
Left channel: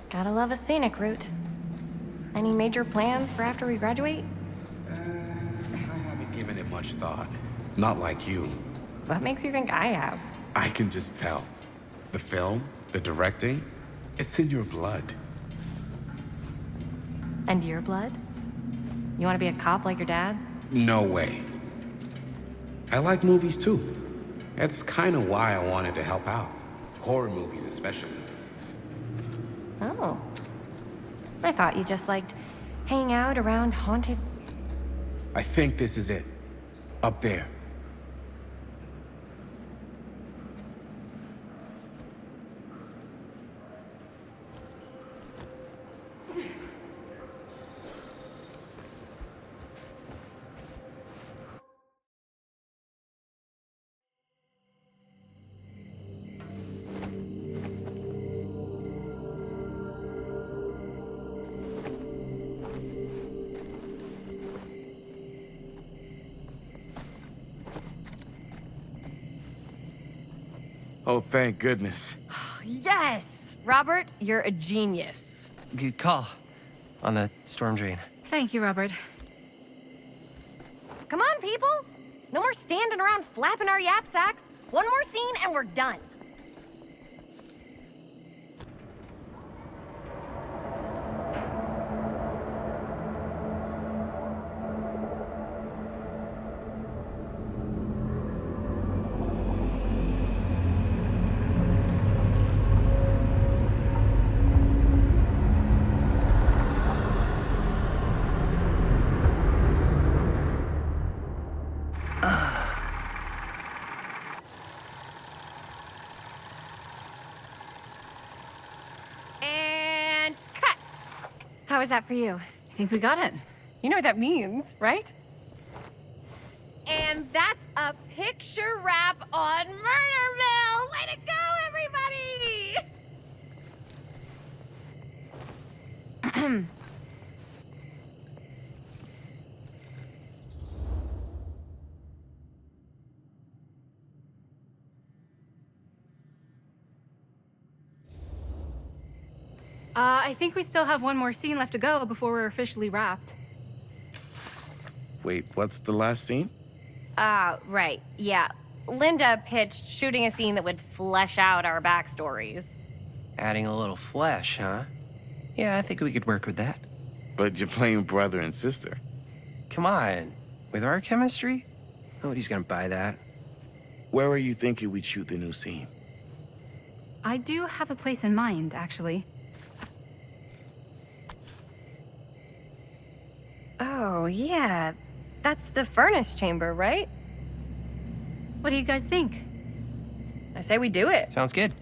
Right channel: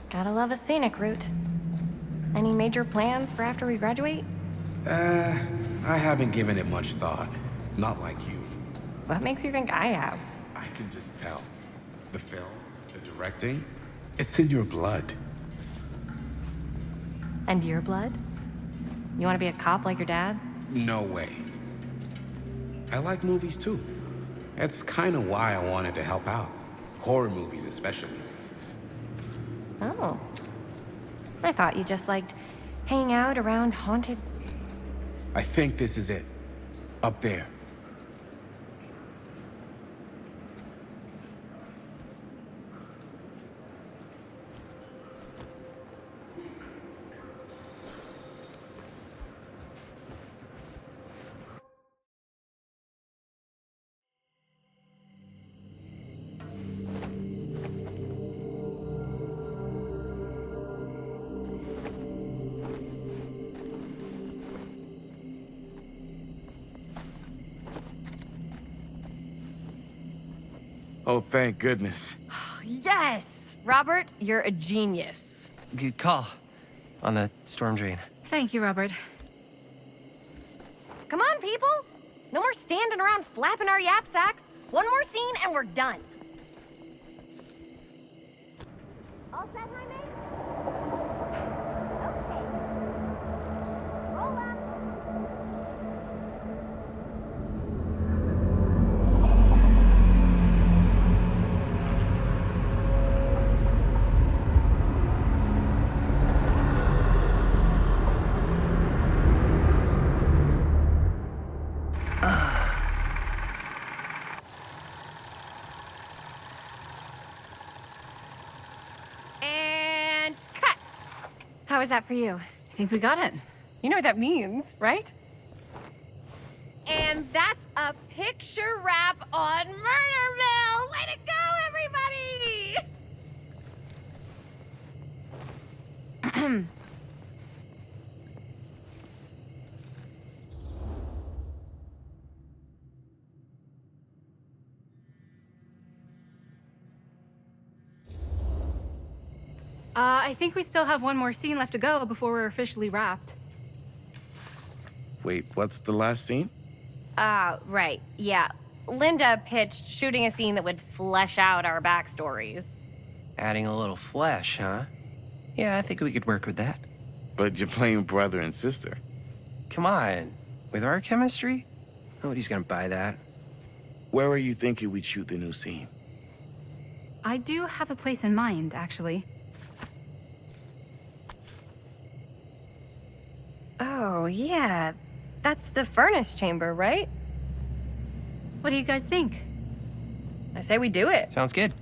Gotta love a scenic route. Any major plans for after we graduate? I haven't given it much thought. Not like you. What makes you think I have? I can just tell. The film, the directing, it's in your blood. And your blood? You want to be a cop like your dad? No way. I like movies too. That's kind of why I wanted to help out. Horror movies especially. Oh. I thought you just liked hanging out around haunted... I think this is it. Up there. Oh, thank goodness. Yes! Robert, you're a genius. Good call on the storm drain. Thank you, Robert. Come on, people! No more standing around flapping our yap sacks. One more scene and we're done. And cut. How was that for you? I think we got it. You know what that means, right? And that's a picture wrap on Murder Mill! Way to go, everybody! I think we still have one more scene left to go before we're officially wrapped. Wait, what's the last scene? Right. Yeah. Linda pitched shooting a scene that would flesh out our backstories. Adding a little flesh, huh? Yeah, I think we could work with that. But you're playing brother and sister. Come on. With our chemistry? Nobody's gonna buy that. Where were you thinking we'd shoot the new scene? I do have a place in mind, actually. Oh, yeah. That's the furnace chamber, right? What do you guys think? I say we do it. Sounds good.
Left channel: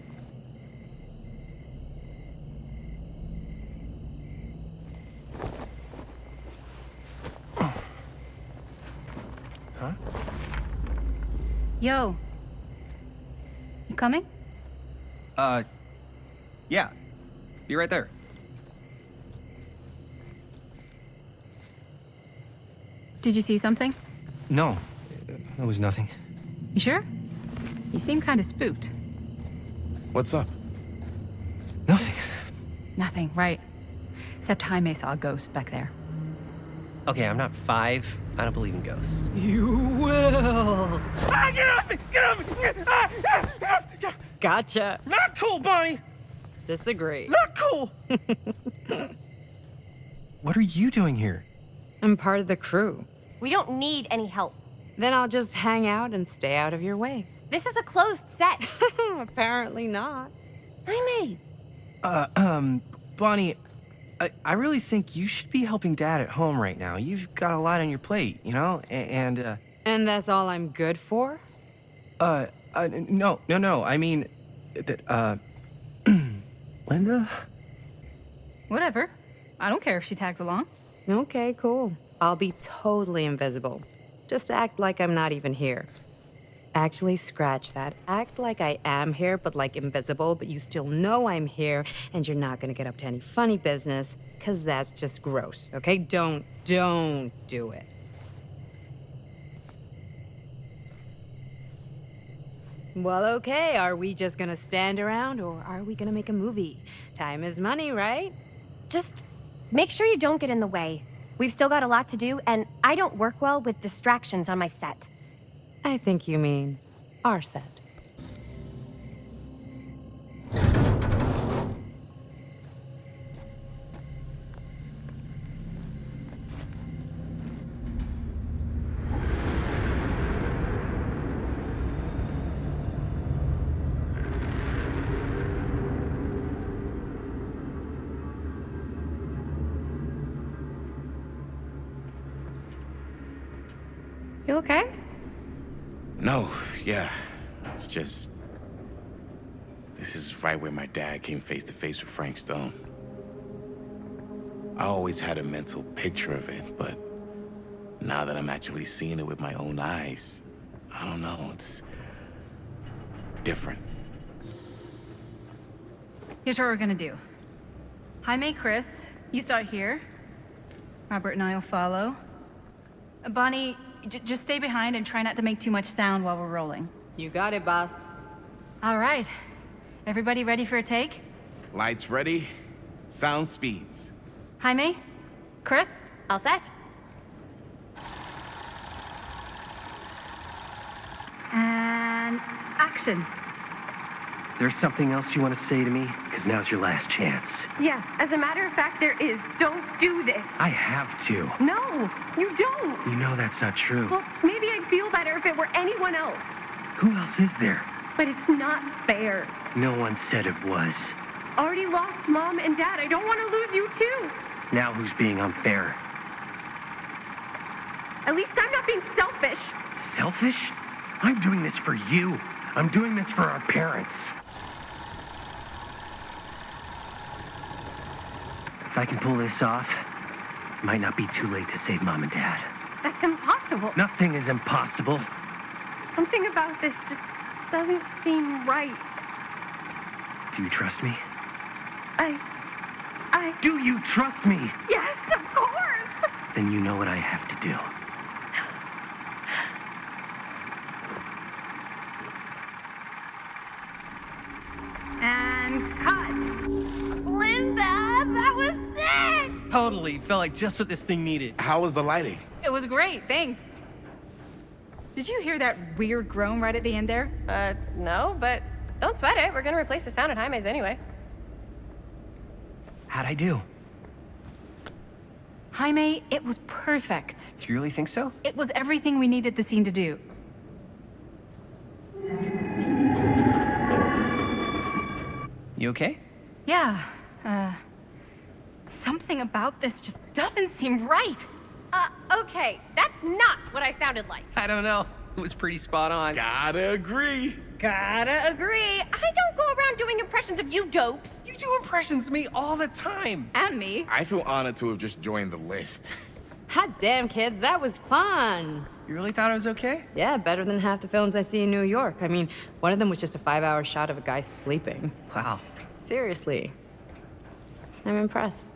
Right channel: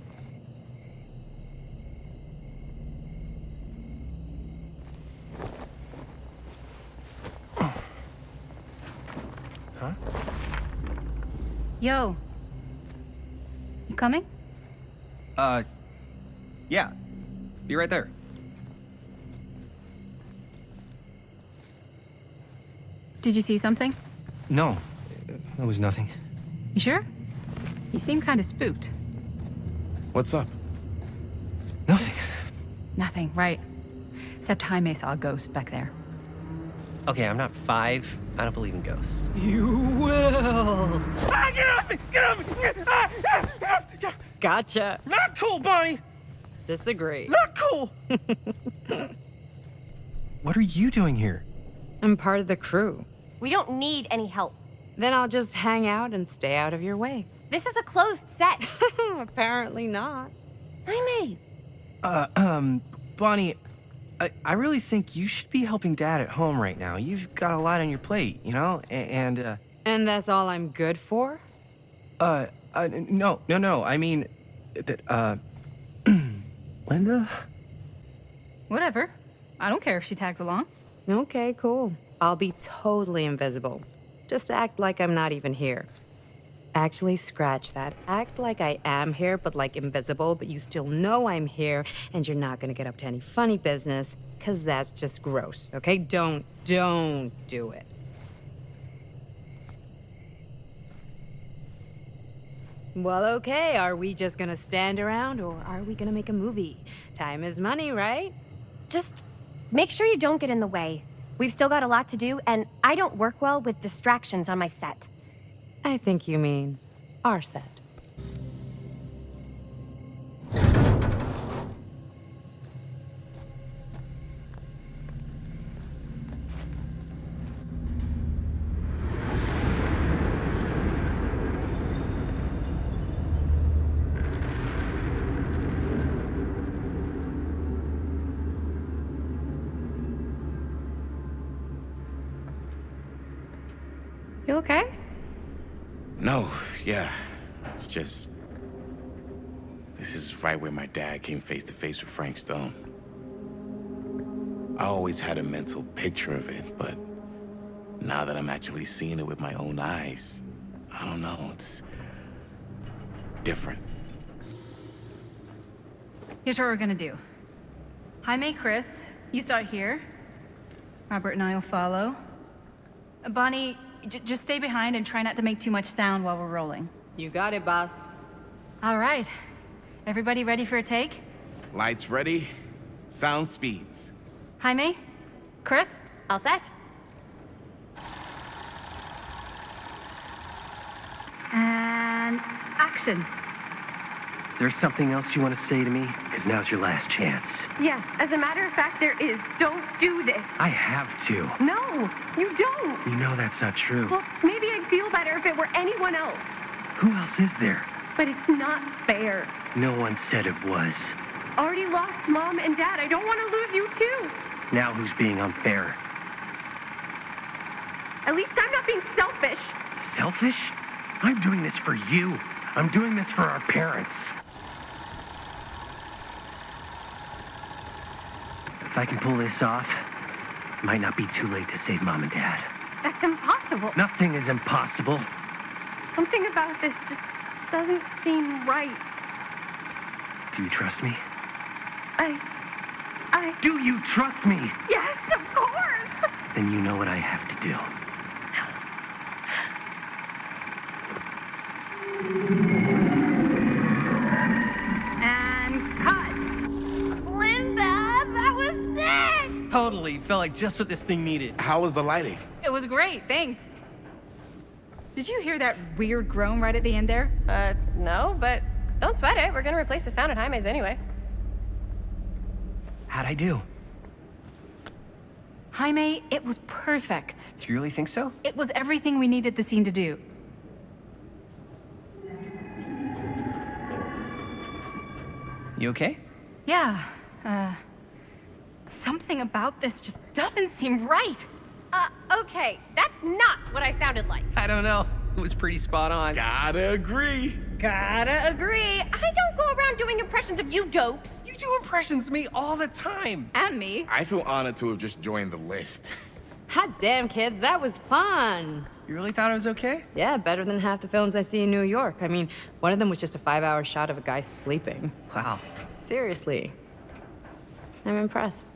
Huh? Yo. You coming? Yeah. Be right there. Did you see something? No, that was nothing. You sure? You seem kind of spooked. What's up? Nothing. Nothing, right. Except Jaime saw a ghost back there. Okay, I'm not 5. I don't believe in ghosts. You will. Ah, get off me! Get off me! Gotcha. Not cool, Bonnie! Disagree. Not cool! What are you doing here? I'm part of the crew. We don't need any help. Then I'll just hang out and stay out of your way. This is a closed set. Apparently not. Jaime. Bonnie, I really think you should be helping Dad at home right now. You've got a lot on your plate, you know? And that's all I'm good for? No. I mean, that, Linda? Whatever. I don't care if she tags along. Okay, cool. I'll be totally invisible. Just act like I'm not even here. Actually, scratch that. Act like I am here, but like invisible, but you still know I'm here, and you're not gonna get up to any funny business, because that's just gross, okay? Don't do it. Well, okay, are we just gonna stand around, or are we gonna make a movie? Time is money, right? Just make sure you don't get in the way. We've still got a lot to do, and I don't work well with distractions on my set. I think you mean our set. You okay? No, yeah. It's just... This is right where my dad came face to face with Frank Stone. I always had a mental picture of it, but now that I'm actually seeing it with my own eyes, I don't know, it's different. Here's what we're gonna do. Jaime, Chris, you start here. Robert and I'll follow. Bonnie, just stay behind and try not to make too much sound while we're rolling. You got it, boss. All right. Everybody ready for a take? Lights ready, sound speeds. Jaime? Chris? All set? And action. Is there something else you want to say to me? Because now's your last chance. Yeah, as a matter of fact, there is. Don't do this. I have to. No, you don't. You know that's not true. Well, maybe I'd feel better if it were anyone else. Who else is there? But it's not fair. No one said it was. Already lost Mom and Dad. I don't want to lose you too. Now who's being unfair? At least I'm not being selfish. Selfish? I'm doing this for you. I'm doing this for our parents. If I can pull this off, it might not be too late to save Mom and Dad. That's impossible. Nothing is impossible. Something about this just doesn't seem right. Do you trust me? I... Do you trust me? Yes, of course! Then you know what I have to do. And cut. Linda, that was sick! Totally. Felt like just what this thing needed. How was the lighting? It was great, thanks. Did you hear that weird groan right at the end there? No, but don't sweat it. We're gonna replace the sound at Jaime's anyway. How'd I do? Jaime, it was perfect. Do you really think so? It was everything we needed the scene to do. You okay? Yeah, something about this just doesn't seem right. Okay, that's not what I sounded like. I don't know. It was pretty spot on. Gotta agree. Gotta agree. I don't go around doing impressions of you dopes. You do impressions of me all the time. And me. I feel honored to have just joined the list. Hot damn, kids, that was fun. You really thought I was okay? Yeah, better than half the films I see in New York. I mean, one of them was just a 5-hour shot of a guy sleeping. Wow. Seriously. I'm impressed.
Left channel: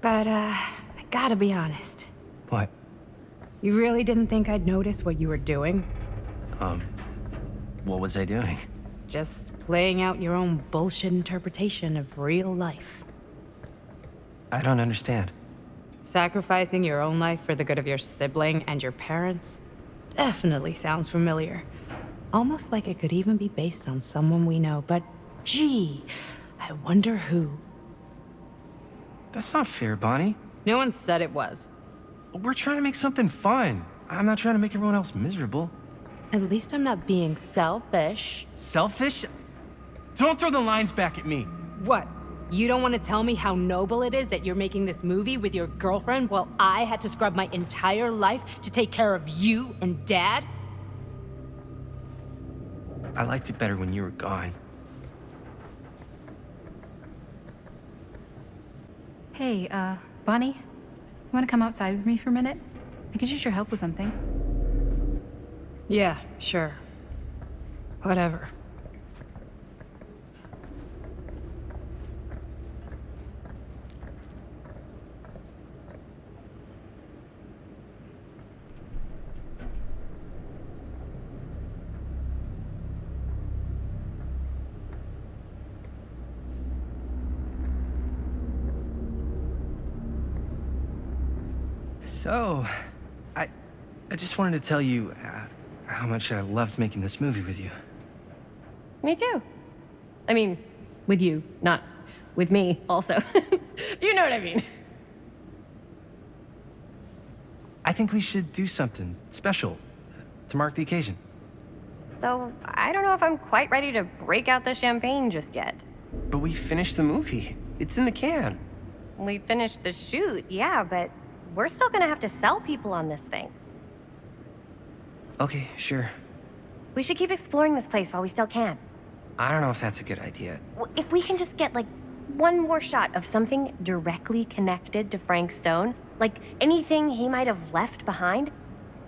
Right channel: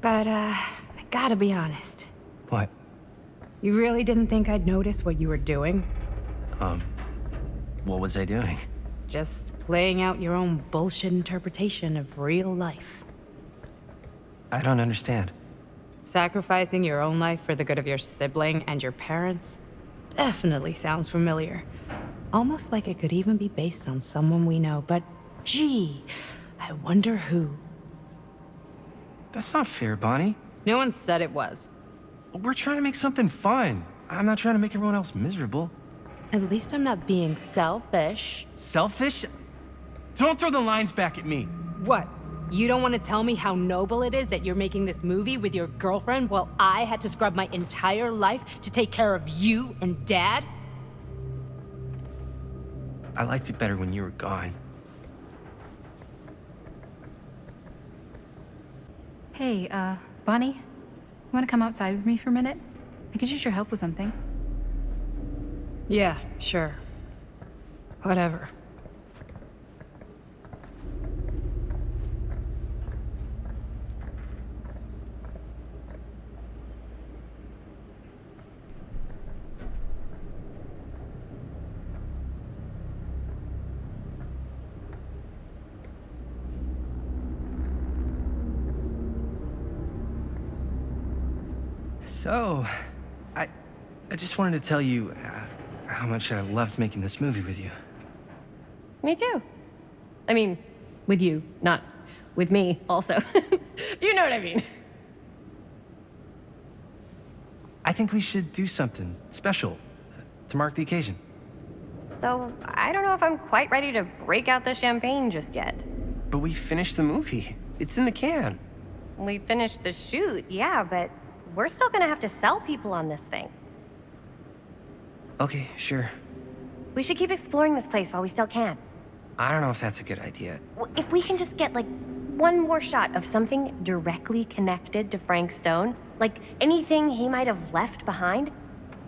But, I gotta be honest. What? You really didn't think I'd notice what you were doing? What was I doing? Just playing out your own bullshit interpretation of real life. I don't understand. Sacrificing your own life for the good of your sibling and your parents definitely sounds familiar. Almost like it could even be based on someone we know, but gee, I wonder who. That's not fair, Bonnie. No one said it was. We're trying to make something fun. I'm not trying to make everyone else miserable. At least I'm not being selfish. Selfish? Don't throw the lines back at me. What? You don't want to tell me how noble it is that you're making this movie with your girlfriend while I had to scrub my entire life to take care of you and Dad? I liked it better when you were gone. Hey, Bonnie, you wanna come outside with me for a minute? I could use your help with something. Yeah, sure. Whatever. So, I just wanted to tell you how much I loved making this movie with you. Me too. I mean, with you, not with me, also. You know what I mean. I think we should do something special to mark the occasion. So, I don't know if I'm quite ready to break out the champagne just yet. But we finished the movie. It's in the can. We finished the shoot, yeah, but we're still gonna have to sell people on this thing. Okay, sure. We should keep exploring this place while we still can. I don't know if that's a good idea. If we can just get, like, one more shot of something directly connected to Frank Stone, like anything he might have left behind,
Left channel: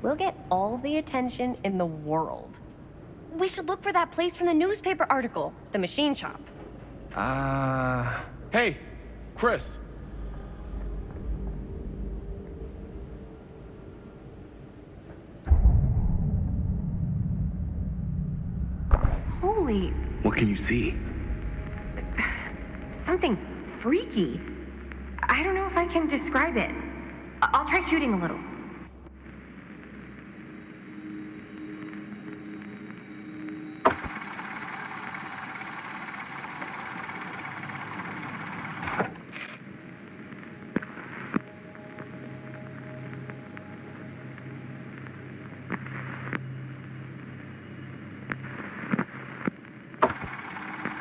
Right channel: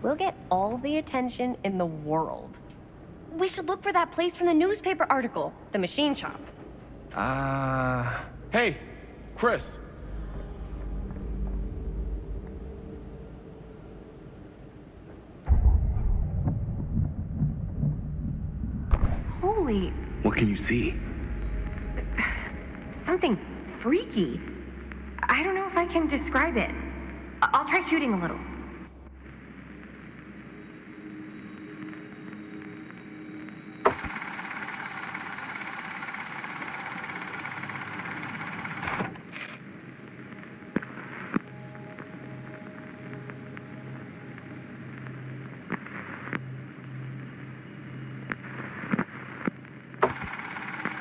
we'll get all the attention in the world. We should look for that place from the newspaper article, the machine shop. Hey, Chris. Holy, What can you see? something freaky. I don't know if I can describe it. I'll try shooting a little.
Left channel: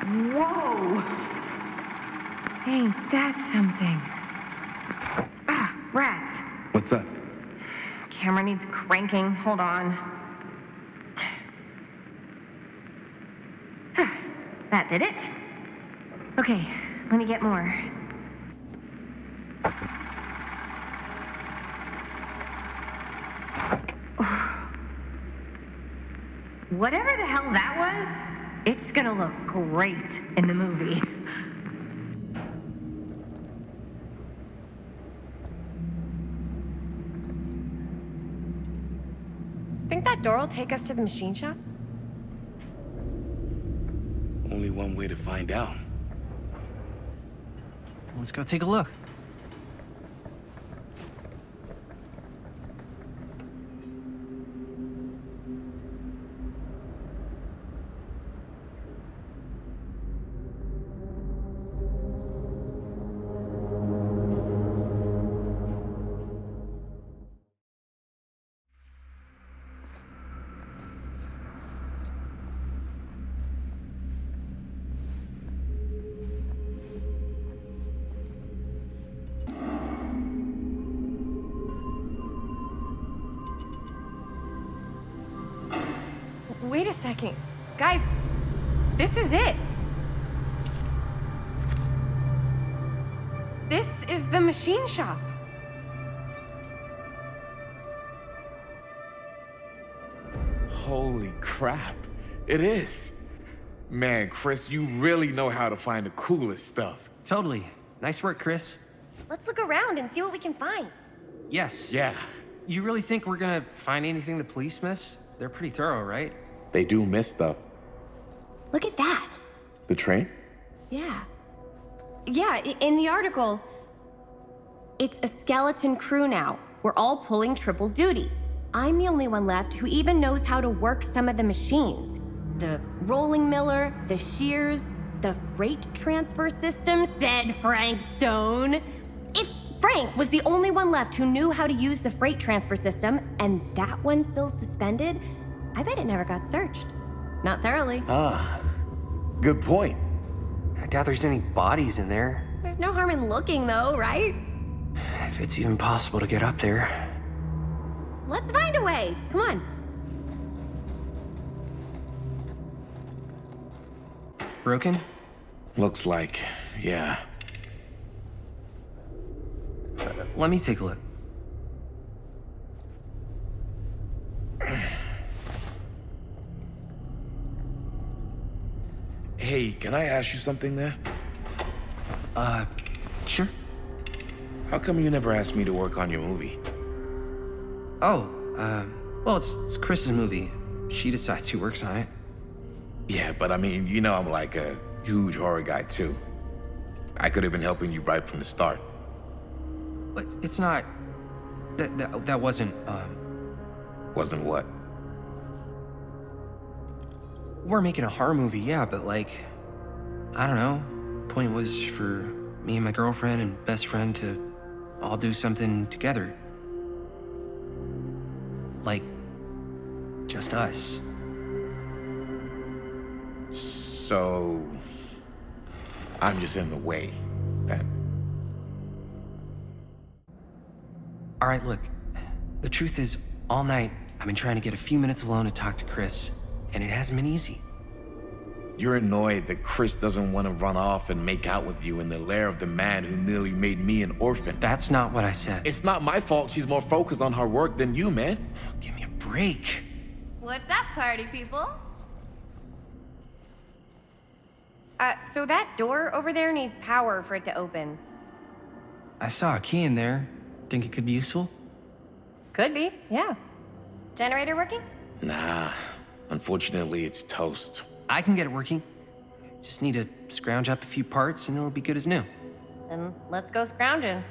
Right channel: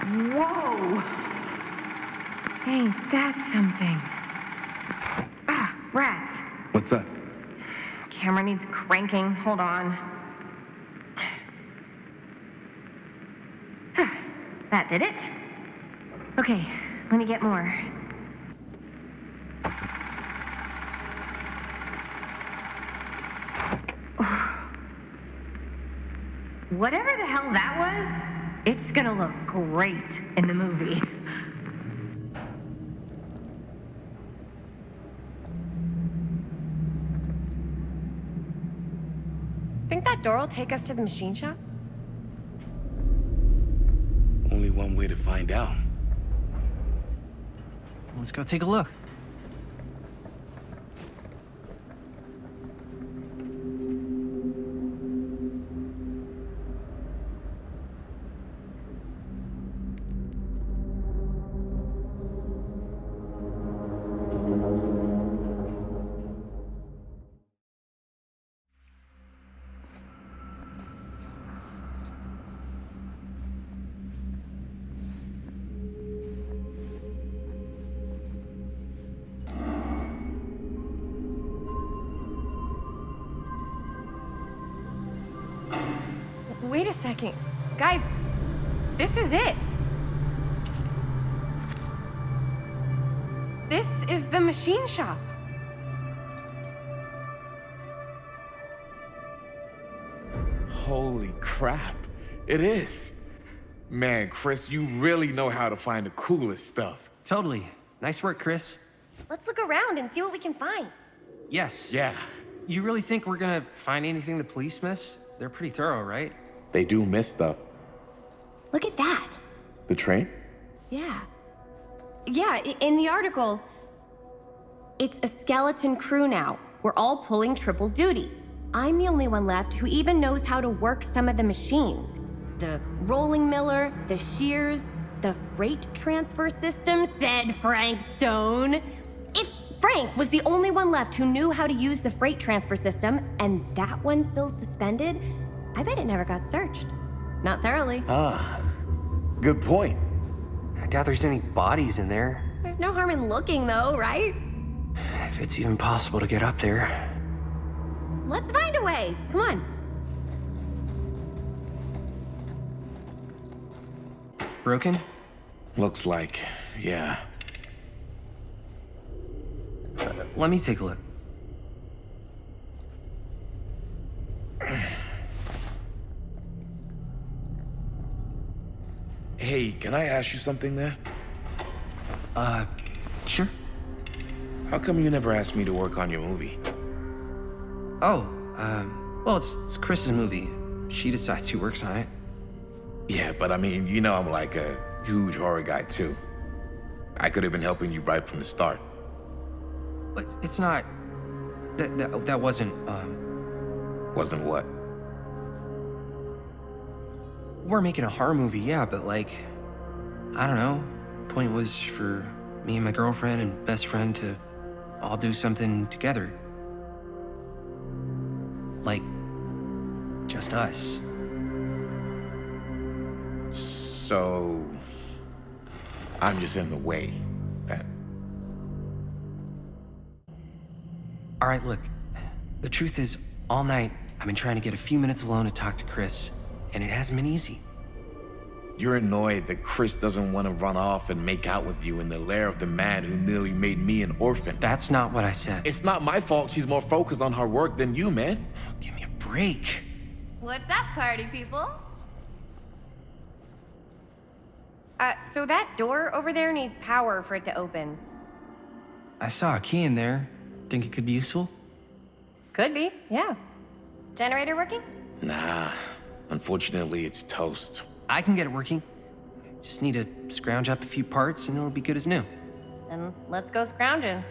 Whoa! Ain't That's something. Ah, rats. What's up? Camera needs cranking. Hold on. That did it. Okay, let me get more. Whatever the hell that was, it's gonna look great in the movie. Think that door will take us to the machine shop? Only one way to find out. Let's go take a look. Wait a second. Guys, this is it. This is the machine shop. Holy crap. It is. Man, Chris, you really know how to find the coolest stuff. Totally. Nice work, Chris. Let's look around and see what we can find. Yes. Yeah. You really think we're gonna find anything the police miss? They're pretty thorough, right? They do miss stuff. Look at that. The train? Yeah. Yeah, in the article, it's a skeleton crew now. We're all pulling triple duty. I'm the only one left who even knows how to work some of the machines. The rolling miller, the shears, the freight transfer system, said Frank Stone. If Frank was the only one left who knew how to use the freight transfer system, and that one's still suspended, I bet it never got searched. Not thoroughly. Ah, good point. I doubt there's any bodies in there. There's no harm in looking, though, right? If it's even possible to get up there. Let's find a way. Come on. Broken? Looks like, yeah. Let me take a look. Hey, can I ask you something, man? Sure. How come you never asked me to work on your movie? Oh, well, it's Chris's movie. She decides who works on it. Yeah, but I mean, you know I'm like a huge horror guy, too. I could have been helping you right from the start. But it's not... That wasn't, Wasn't what? We're making a horror movie, yeah, but like... I don't know. Point was for me and my girlfriend and best friend to all do something together. Like... just us. So... I'm just in the way, then. All right, look. The truth is, all night, I've been trying to get a few minutes alone to talk to Chris, and it hasn't been easy. You're annoyed that Chris doesn't want to run off and make out with you in the lair of the man who nearly made me an orphan. That's not what I said. It's not my fault she's more focused on her work than you, man. Give me a break. What's up, party people? So that door over there needs power for it to open. I saw a key in there. Think it could be useful? Could be, yeah. Generator working? Nah, unfortunately it's toast. I can get it working. Just need to scrounge up a few parts and it'll be good as new. Then let's go scrounging.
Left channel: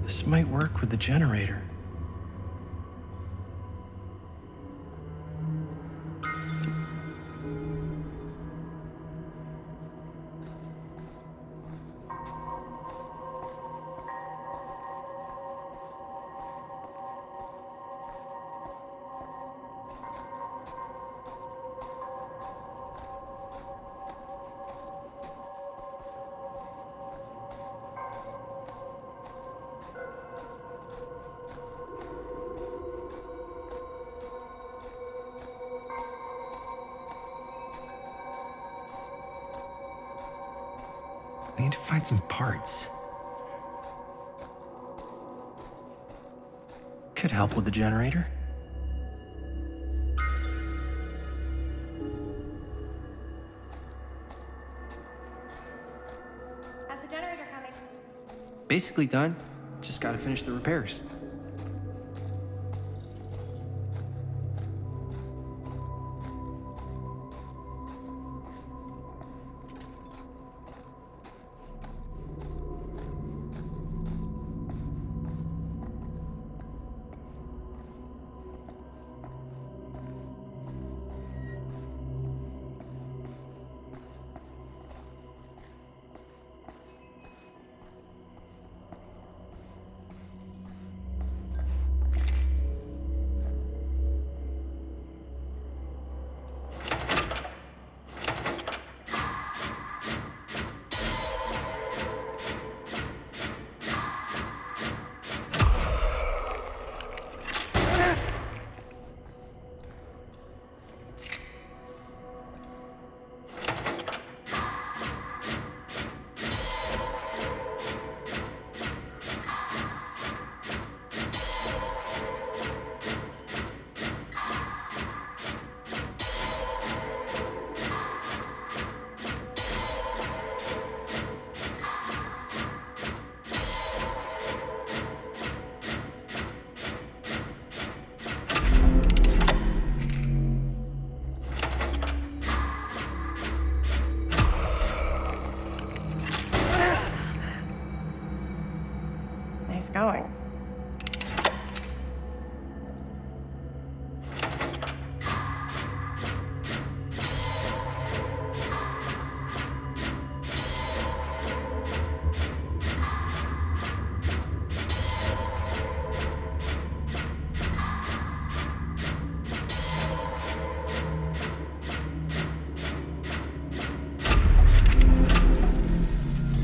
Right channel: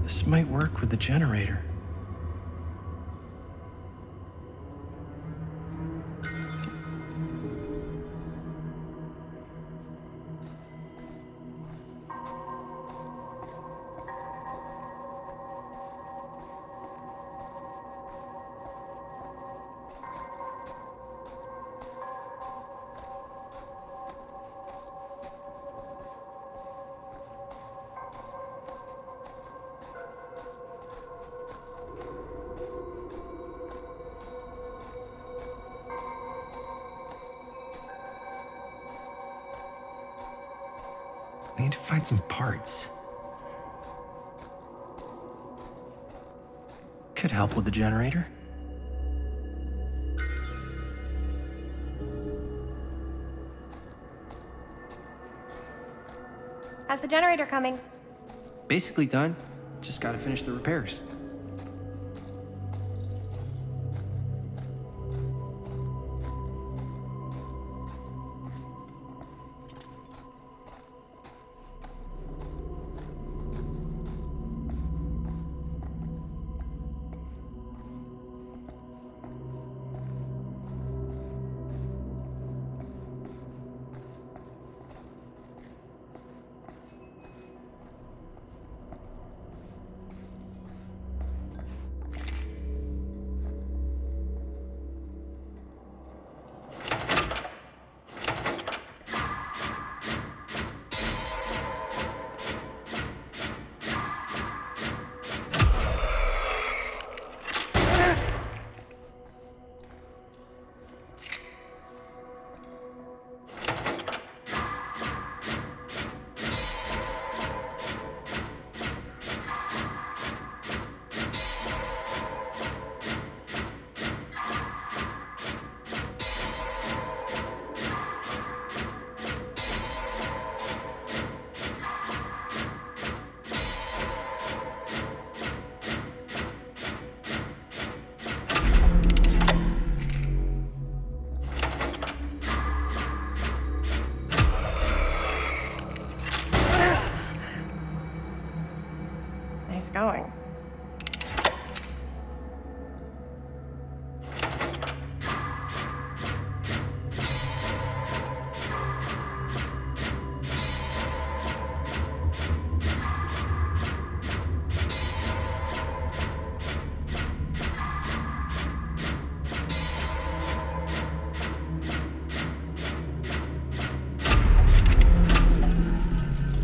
This This might work with the generator. I need to find some parts. Could help with the generator. How's the generator coming? Basically done. Just gotta finish the repairs. Nice going.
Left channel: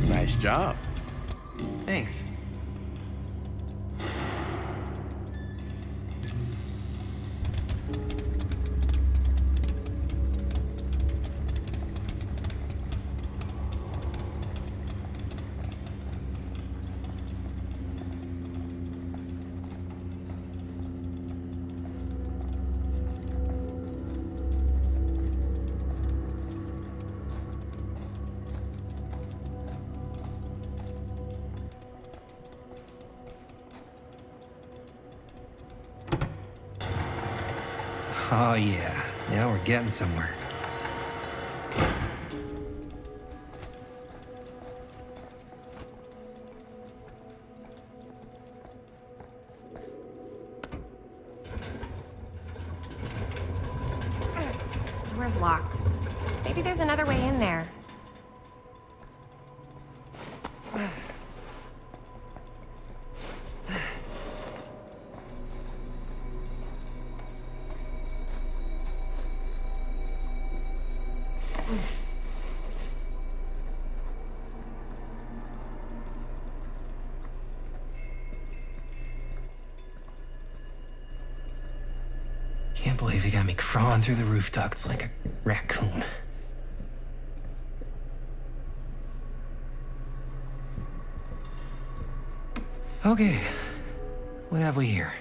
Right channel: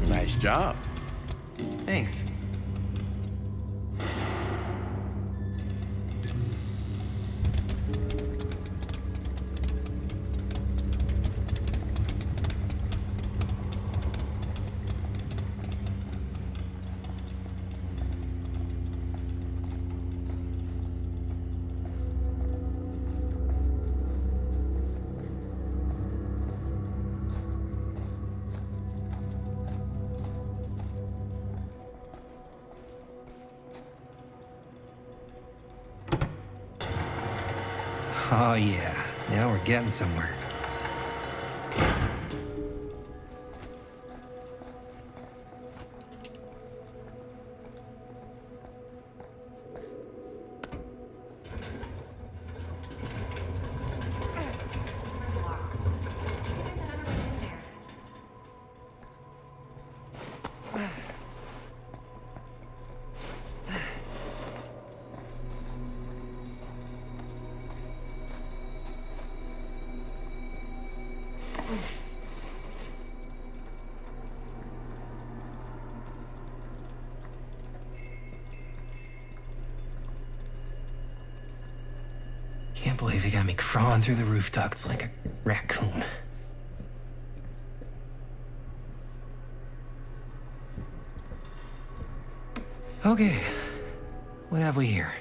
Nice job. Thanks. Oh yeah, now we're getting somewhere. Door's locked. Maybe there's another way in there. Can't believe they got me crawling through the roof ducts like a raccoon. Okay, what have we here?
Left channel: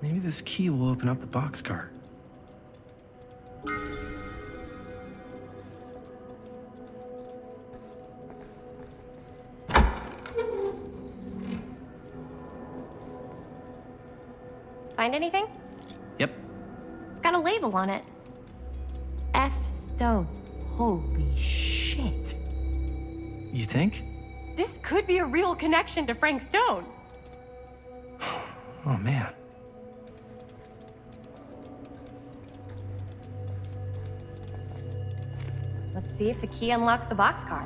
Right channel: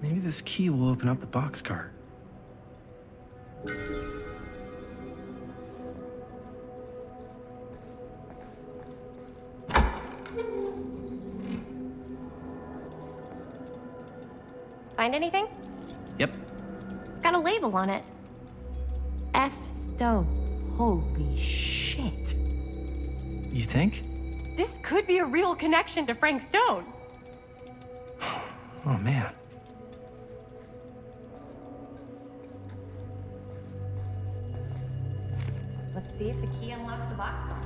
Maybe this key will open up the boxcar. Find anything? Yep. It's got a label on it. F. Stone. Holy shit. You think? This could be a real connection to Frank Stone. Oh, man. Let's see if the key unlocks the boxcar.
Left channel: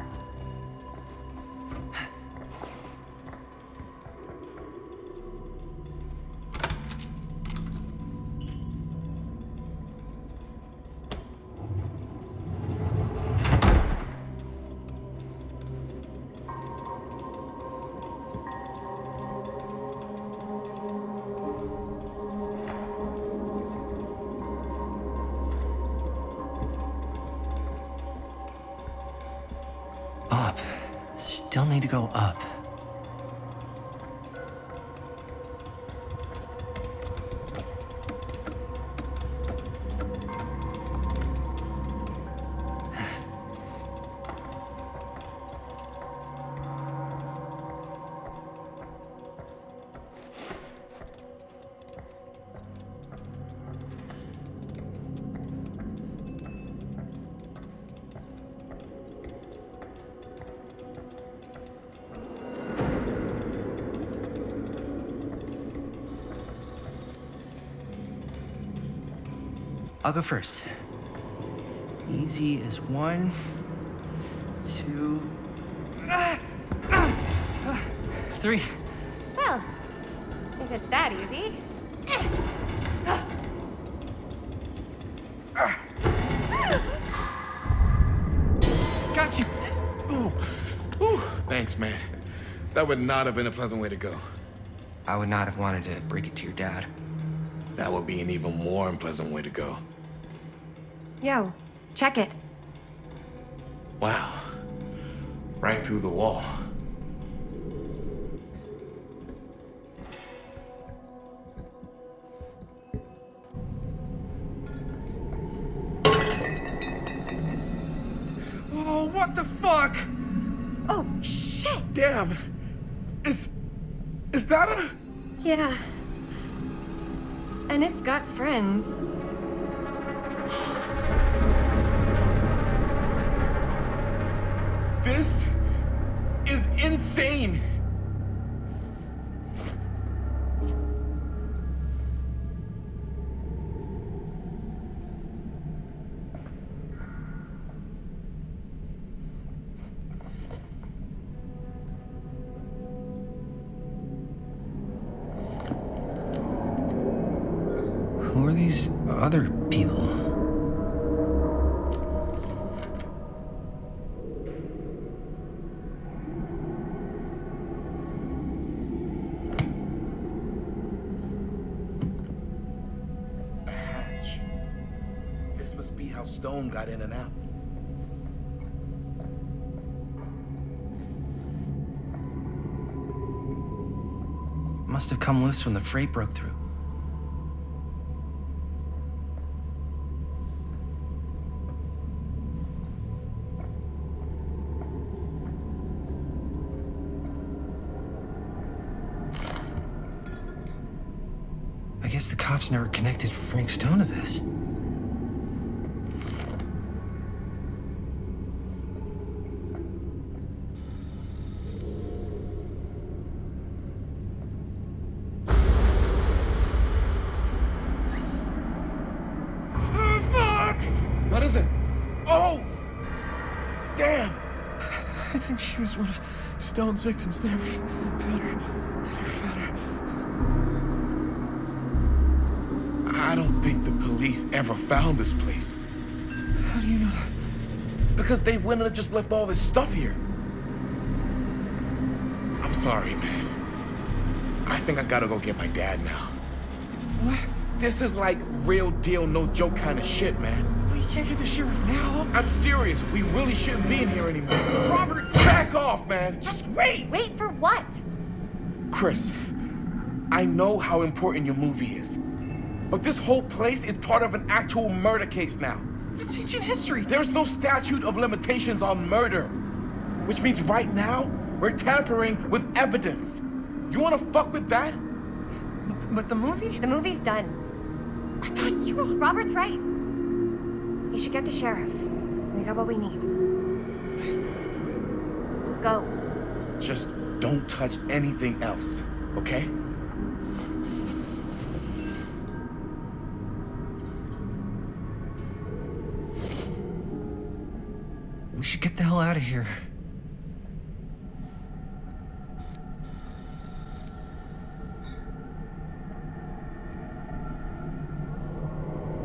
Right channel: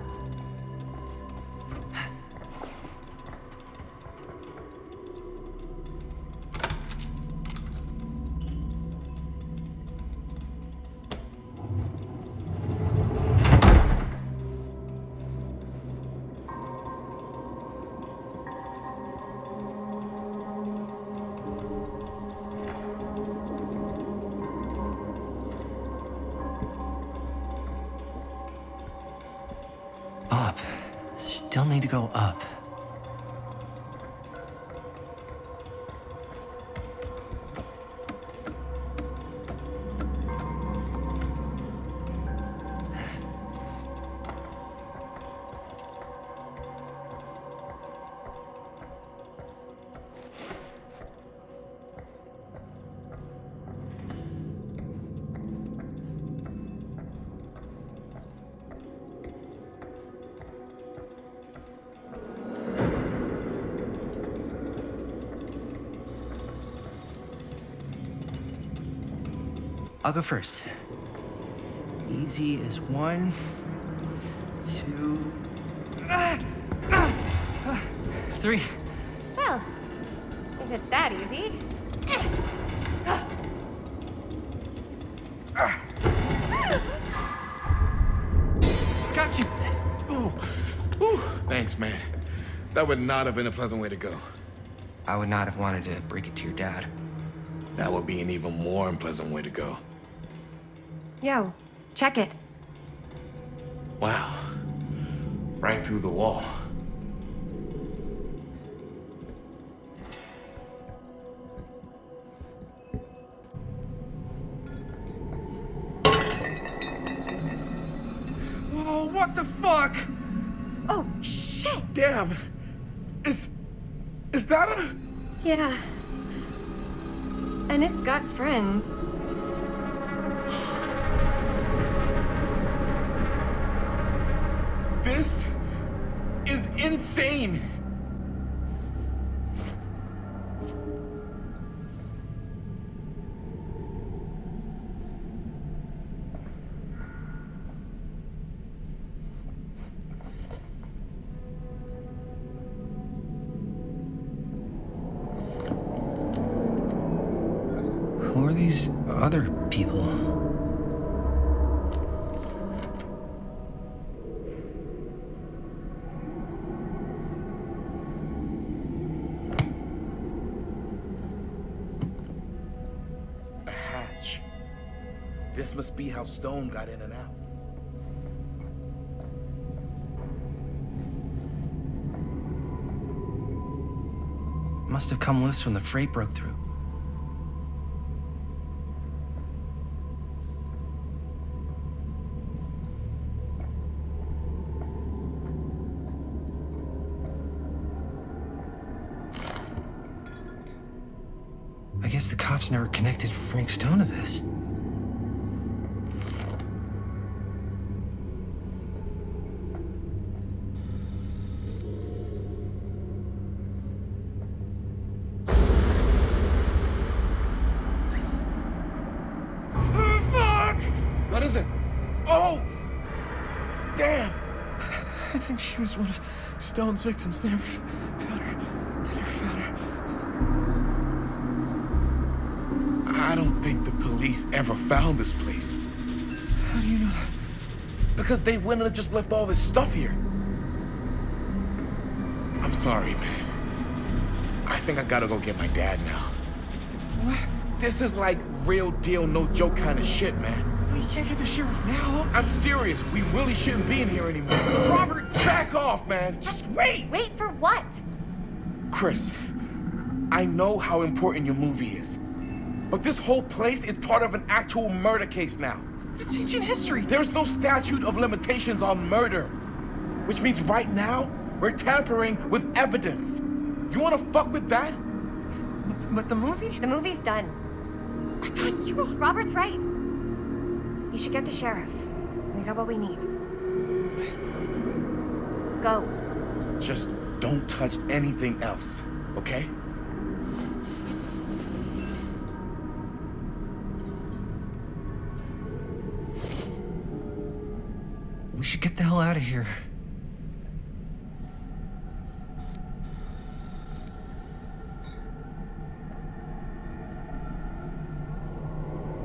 Up. Still need to go up. I'll go first. Easy as 1, 2, 3. Well, if it's that easy. Got you! Ooh. Ooh. Thanks, man. That would not have been a pleasant way to go. I would not have wanted to break it to your dad. That would be an even more unpleasant way to go. Yo, check it. Wow. Right through the wall. Oh, what the fuck? Oh, shit! Damn. Is that a... Yeah. And it's got friends. This is insane. Who are these other people? A hatch. This must be how Stone got in and out. Must have come loose when the freight broke through. I guess the cops never connected Frank Stone to this. What is it? Oh! Damn! I think she was one of Stone's victims. They never found her. They never found her. I don't think the police ever found this place. How do you know that? Because they wouldn't have just left all this stuff here. I'm sorry, man. I think I gotta go get my dad now. What? This is like real deal, no joke kind of shit, man. No, you can't get the sheriff now. I'm serious. We really shouldn't be in here anymore. Robert, back off, man. Just wait. Wait for what? Chris, I know how important your movie is. But this whole place is part of an actual murder case now. It's ancient history. There's no statute of limitations on murder. Which means right now, we're tampering with evidence. You wanna fuck with that? But the movie? The movie's done. I thought you... Robert's right. You should get the sheriff. We got what we need. Go. Just don't touch anything else, okay? We should get the hell out of here.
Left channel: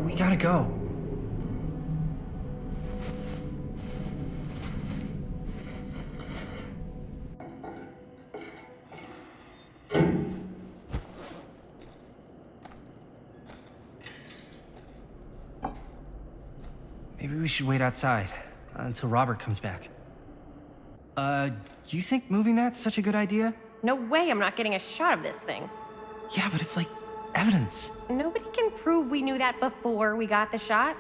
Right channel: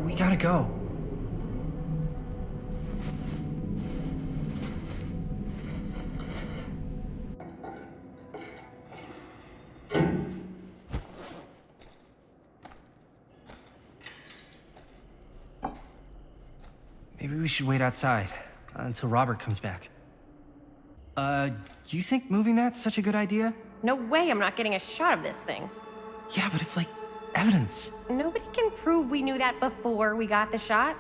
We gotta go. Maybe we should wait outside until Robert comes back. You think moving that's such a good idea? No way I'm not getting a shot of this thing. Yeah, but it's like evidence. Nobody can prove we knew that before we got the shot.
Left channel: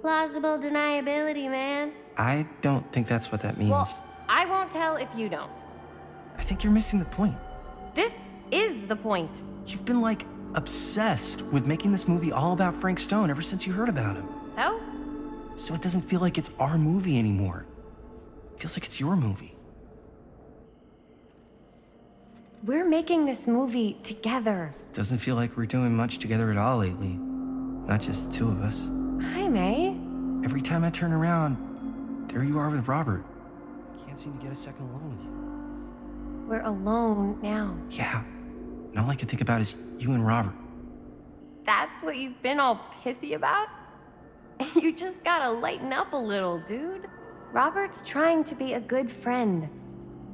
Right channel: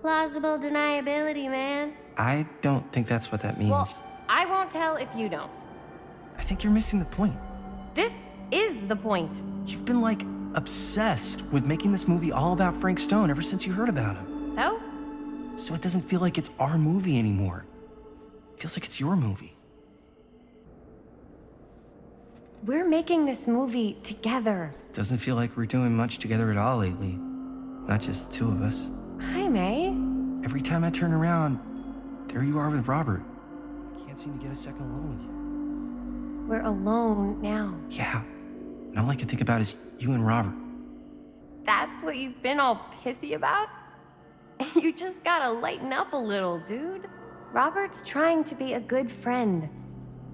Plausible deniability, man. I don't think that's what that means. Well, I won't tell if you don't. I think you're missing the point. This is the point. You've been, like, obsessed with making this movie all about Frank Stone ever since you heard about him. So? So it doesn't feel like it's our movie anymore. It feels like it's your movie. We're making this movie together. Doesn't feel like we're doing much together at all lately. Not just the two of us. Hi, May. Every time I turn around, there you are with Robert. I can't seem to get a second alone with you. We're alone now. Yeah. And all I can think about is you and Robert. That's what you've been all pissy about? You just gotta lighten up a little, dude. Robert's trying to be a good friend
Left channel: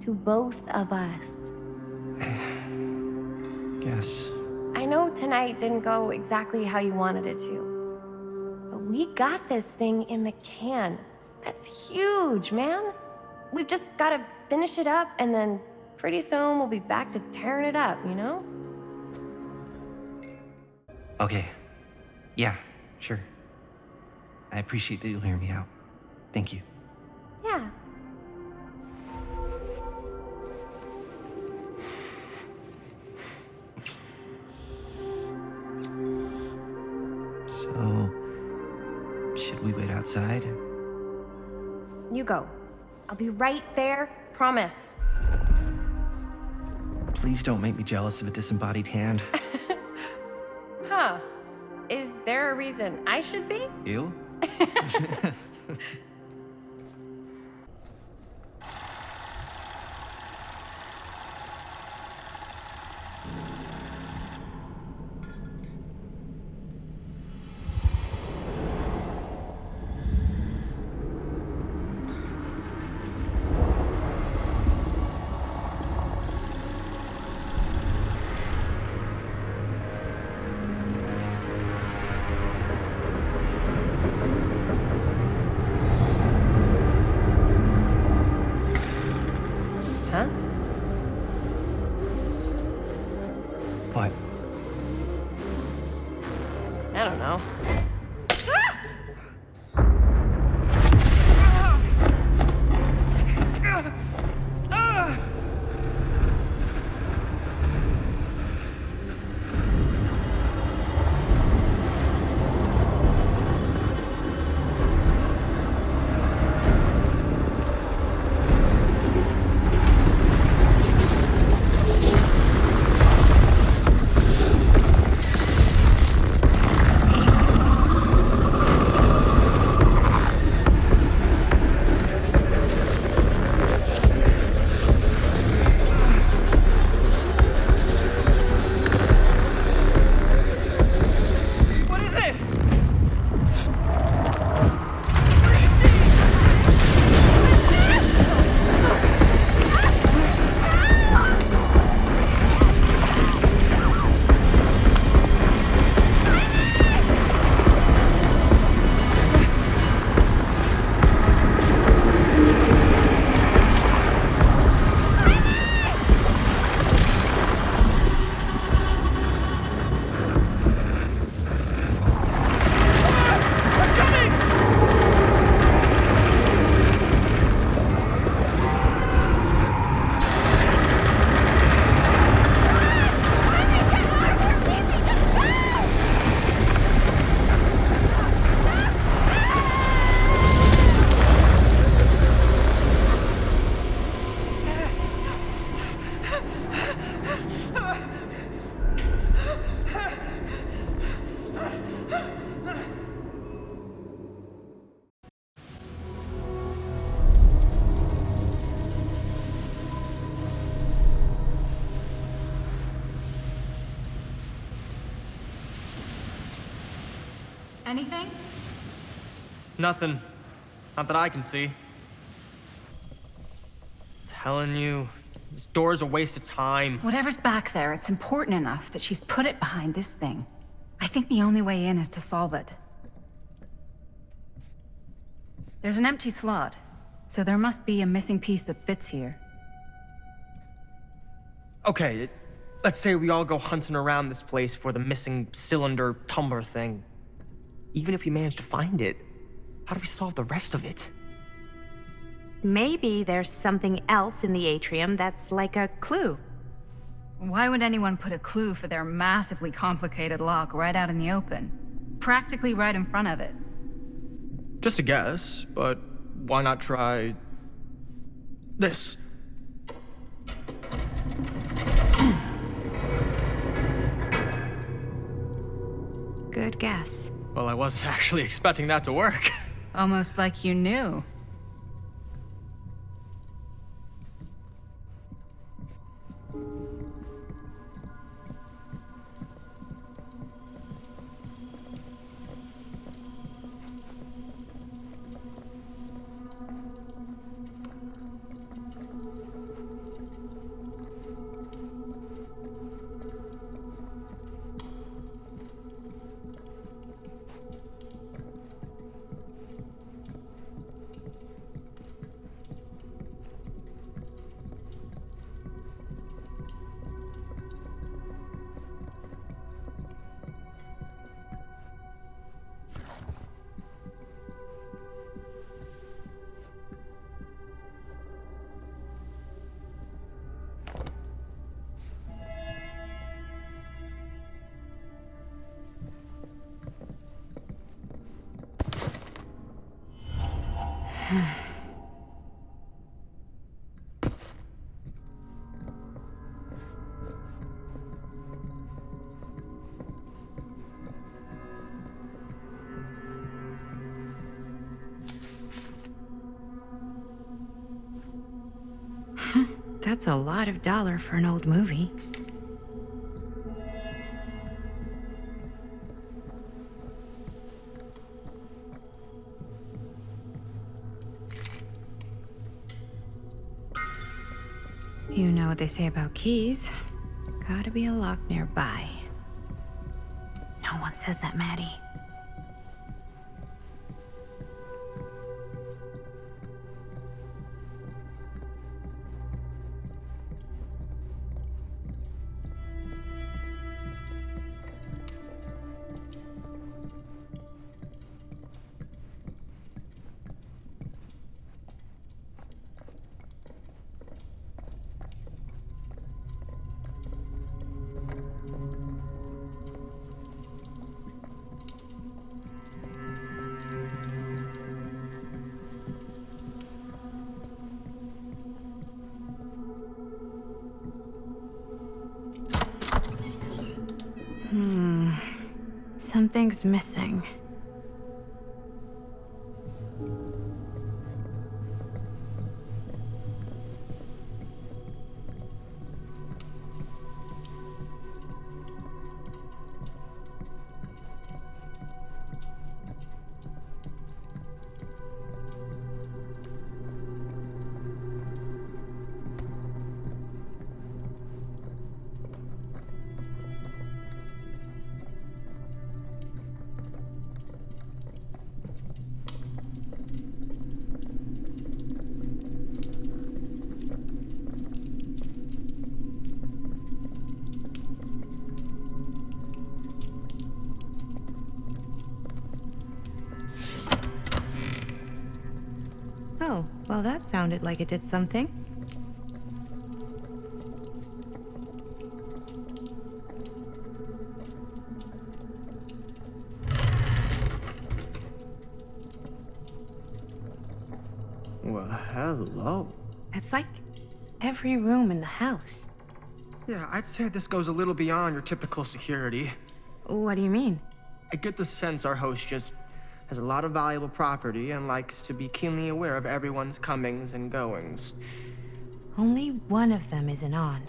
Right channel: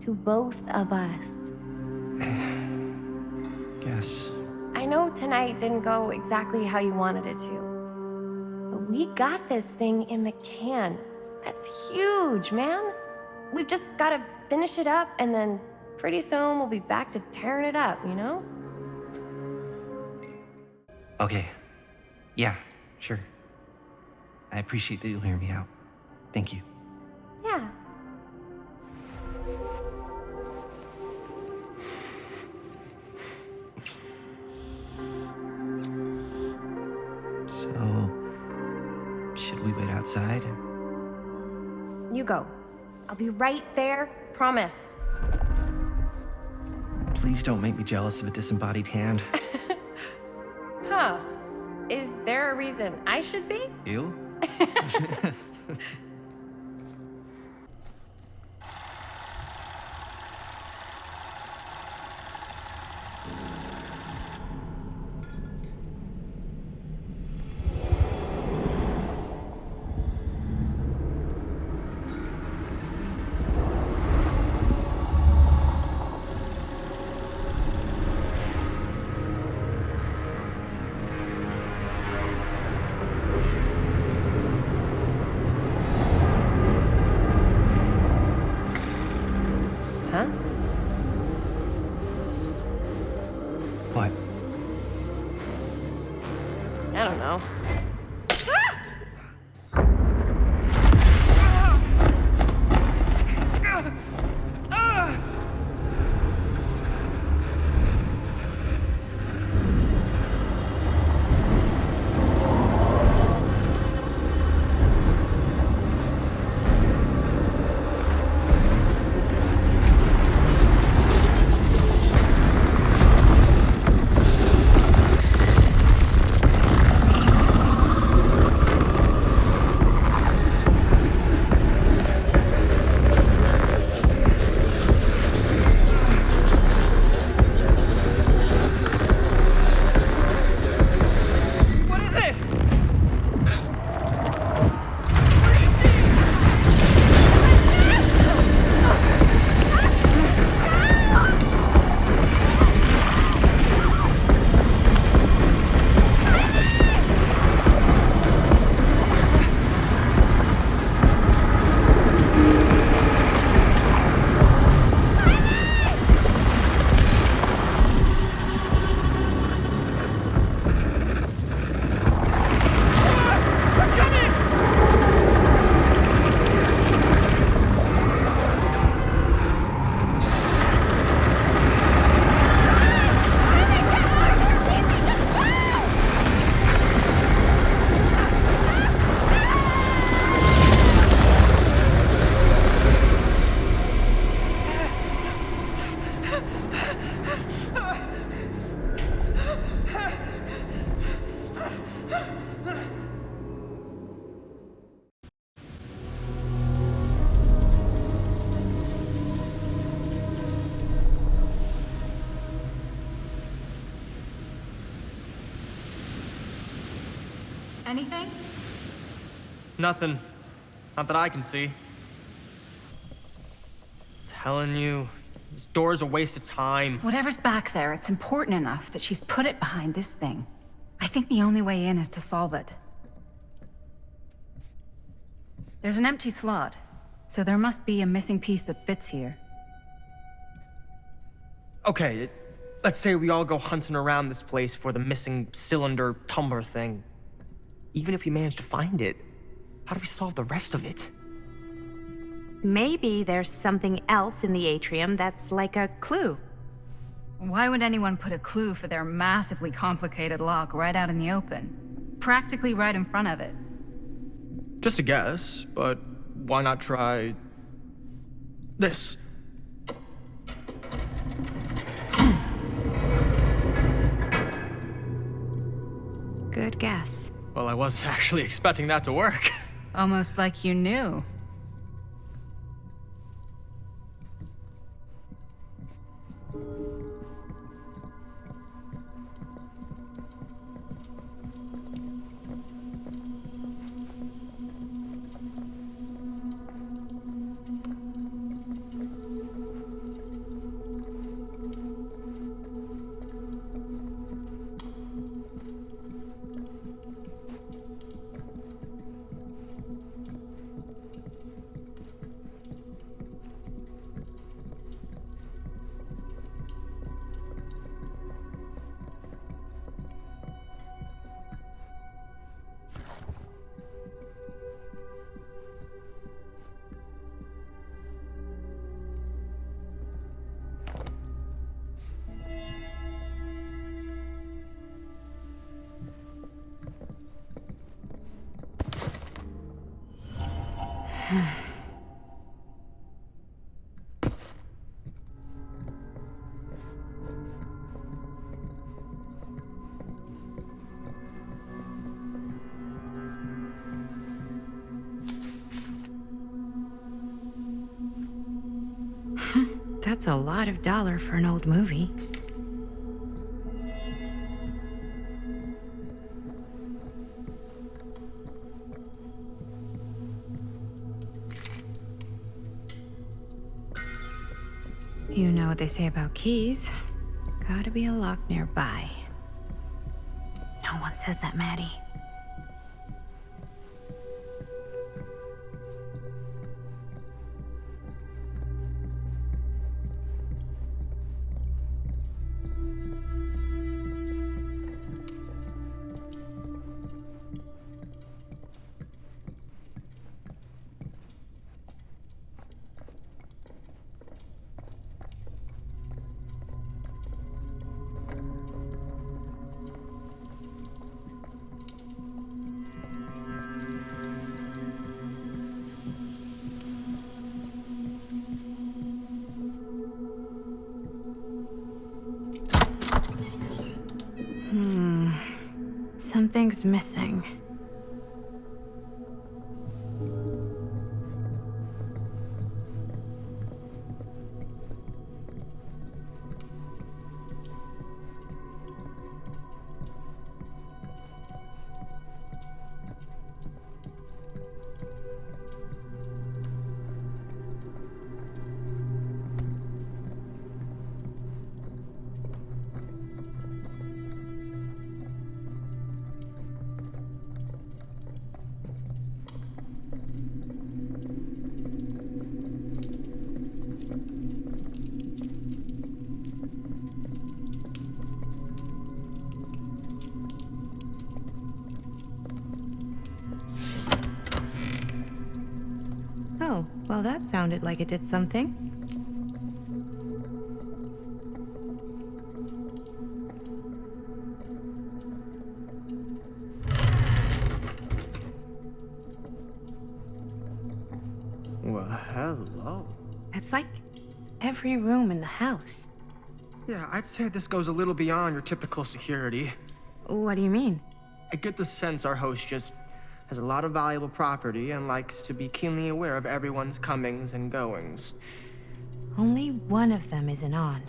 to both of us. Guess. I know tonight didn't go exactly how you wanted it to, but we got this thing in the can. That's huge, man. We've just gotta finish it up, and then pretty soon we'll be back to tearing it up, you know? Okay. Yeah, sure. I appreciate that you'll hear me out. Thank you. Yeah. So, should we wait outside? You go. I'll be right there, promise. Please don't make me jealous of a disembodied hand. Huh. Is there a reason I should be? You? anything? Nothing. Not that I can see. Telling you, this door's a waste of time. Whatever's back there, it's important enough that she's put it behind this thing. I think the only way in is to solve it. There's an empty slot, so there must be a missing piece that fits here. Okay, let's say we all go hunting around this place for the missing cylinder tumbler thing. Even if we manage to find it, how do we solve the rest of it? Maybe there's something else in the atrium that's like a clue. Why would anyone put a clue for their massively complicated lock right out in the open? Practically right in front of it. Just a guess, but why not try this? Good guess. Well, I wasn't actually expecting that to work. Almost like you knew. That's a lot of dollar for an old movie. You know what they say about keys. Gotta be a lock nearby. No one says that, Maddie. Something's missing. Oh, well, that sounded like it did something. Well, hello. It's like every room in the house. Yeah, I'd say this goes a little beyond your typical security. What do you mean? I get the sense our host just has a lot of valuable property and likes to be keenly aware of everyone's comings and goings. Only one of them isn't on.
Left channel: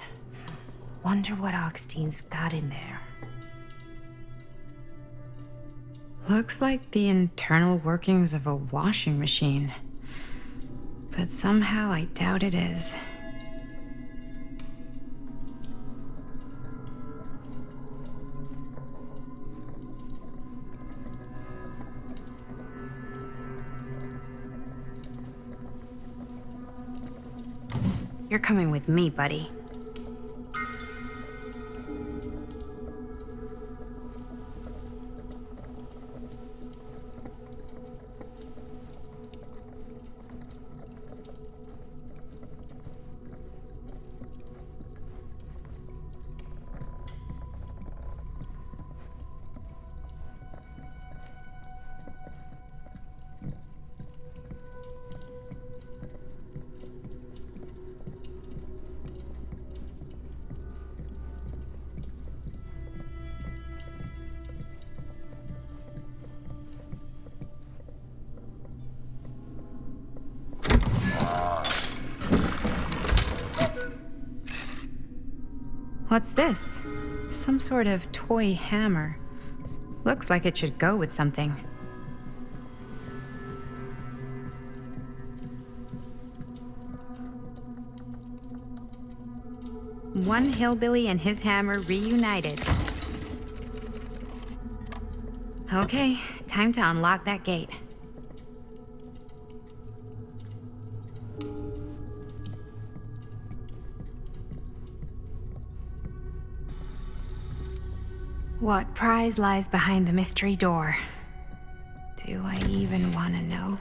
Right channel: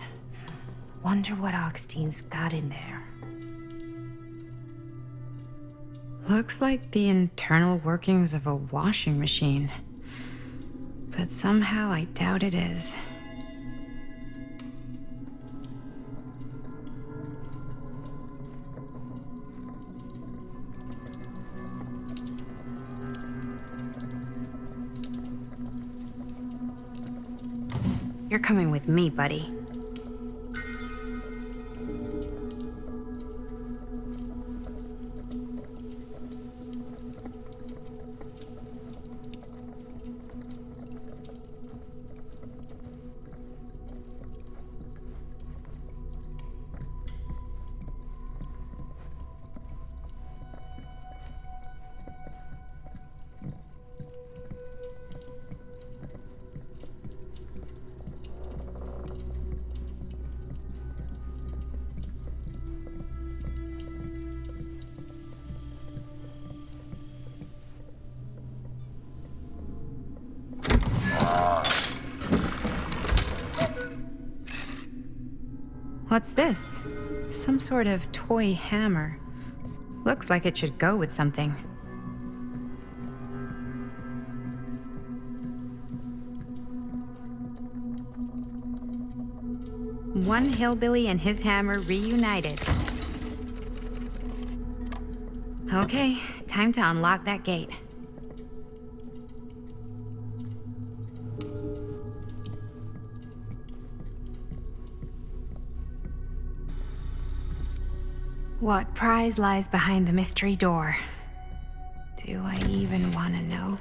Wonder what Augustein's got in there. Looks like the internal workings of a washing machine. But somehow I doubt it is. You're coming with me, buddy. What's this? Some sort of toy hammer. Looks like it should go with something. One hillbilly and his hammer reunited. Okay, time to unlock that gate. What prize lies behind the mystery door? Do I even want to know?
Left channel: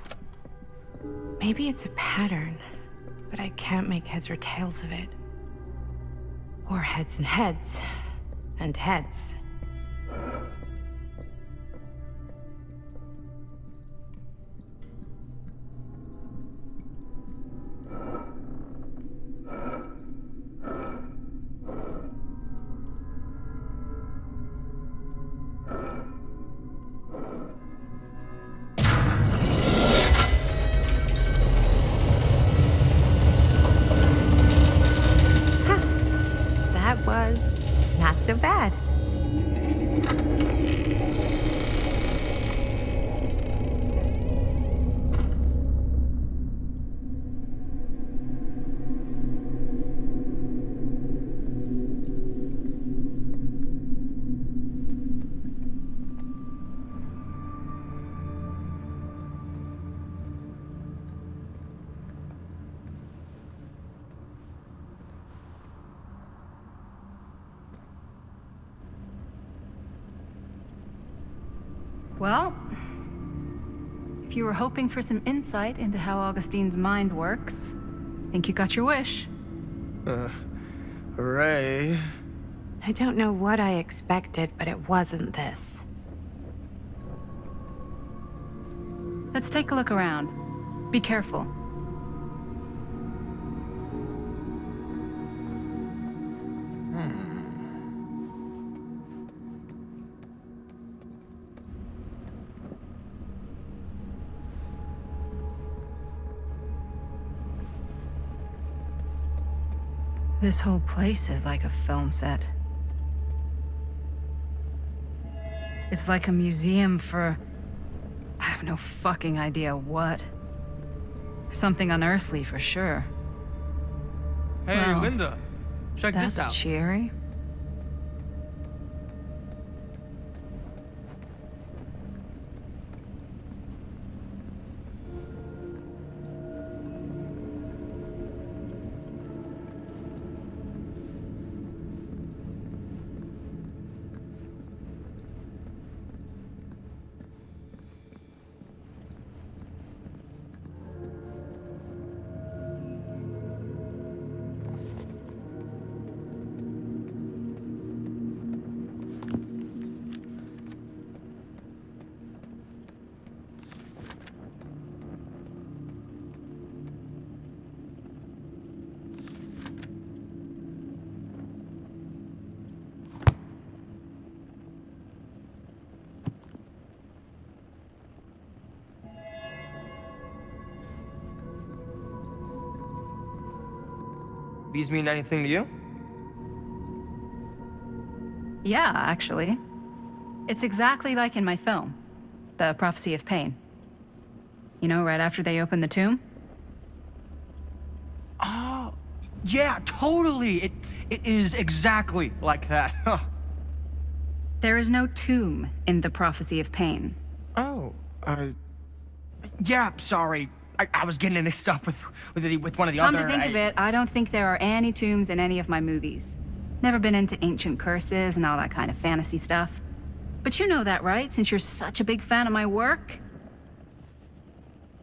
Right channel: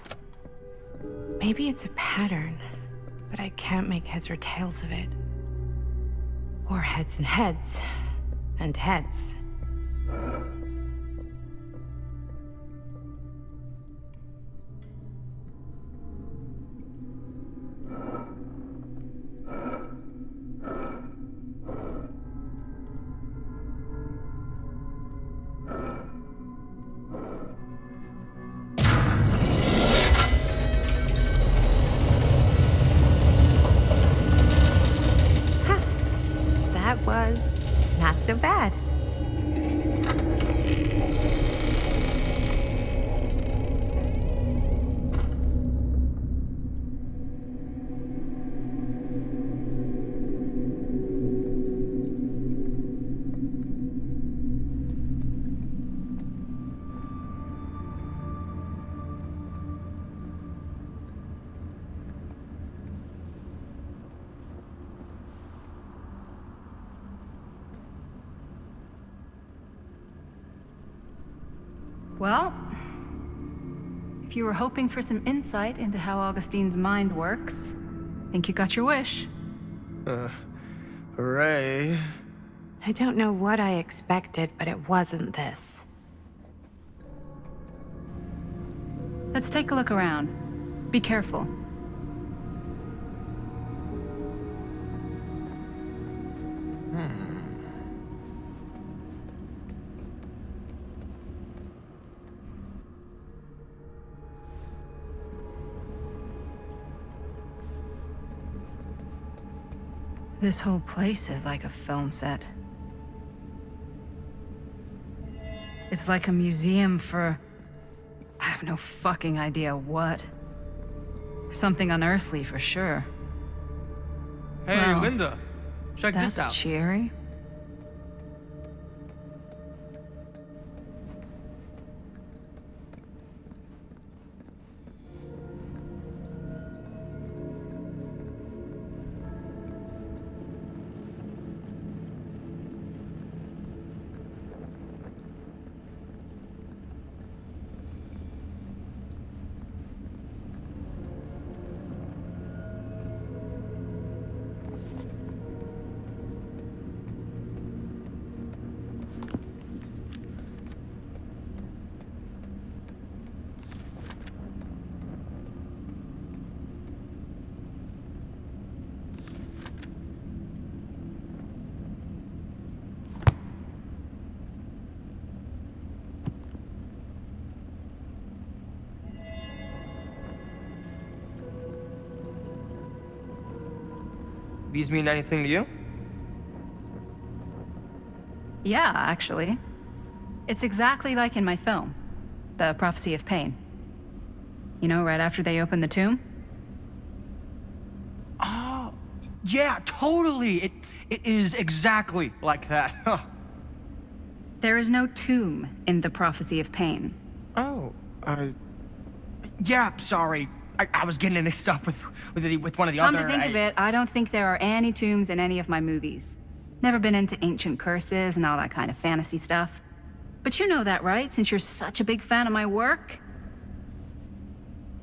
Maybe it's a pattern, but I can't make heads or tails of it. Or heads and heads, and heads. Was not so bad. Well, if you were hoping for some insight into how Augustine's mind works, I think you got your wish. Ray. I don't know what I expected, but it wasn't this. Let's take a look around. Be careful. This whole place is like a film set. It's like a museum for... I have no fucking idea what. Something unearthly for sure. Hey, Well, Linda. Check this out. That's cheery. These mean anything to you? Yeah, actually. It's exactly like in my film. the Prophecy of Pain. You know, right after they open the tomb? Oh, yeah, totally. It is exactly like that. Huh. There is no tomb in the Prophecy of Pain. Oh, yeah, sorry. I was getting it mixed up with one of the Come other... to think of it, I don't think there are any tombs in any of my movies. Never been into ancient curses and all that kind of fantasy stuff. But you know that, right? Since you're such a big fan of my work?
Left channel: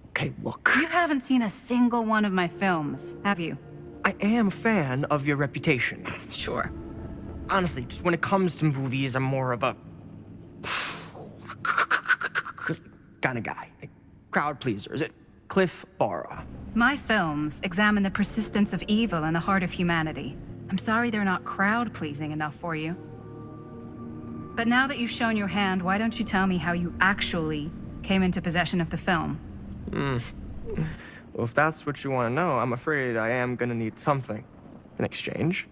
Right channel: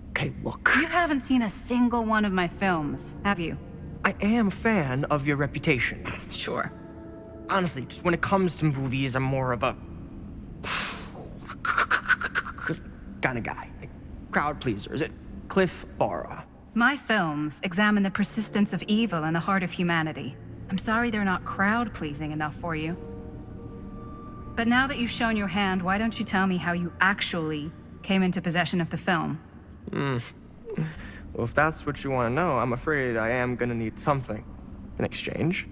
Okay, look. You haven't seen a single one of my films, have you? I am a fan of your reputation. Sure. Honestly, just when it comes to movies, I'm more of a... kind of guy. Like, crowd pleaser. Is it Cliff Barra? My films examine the persistence of evil in the heart of humanity. I'm sorry they're not crowd-pleasing enough for you. But now that you've shown your hand, why don't you tell me how you actually came into possession of the film? Well, if that's what you want to know, I'm afraid I am gonna need something in exchange.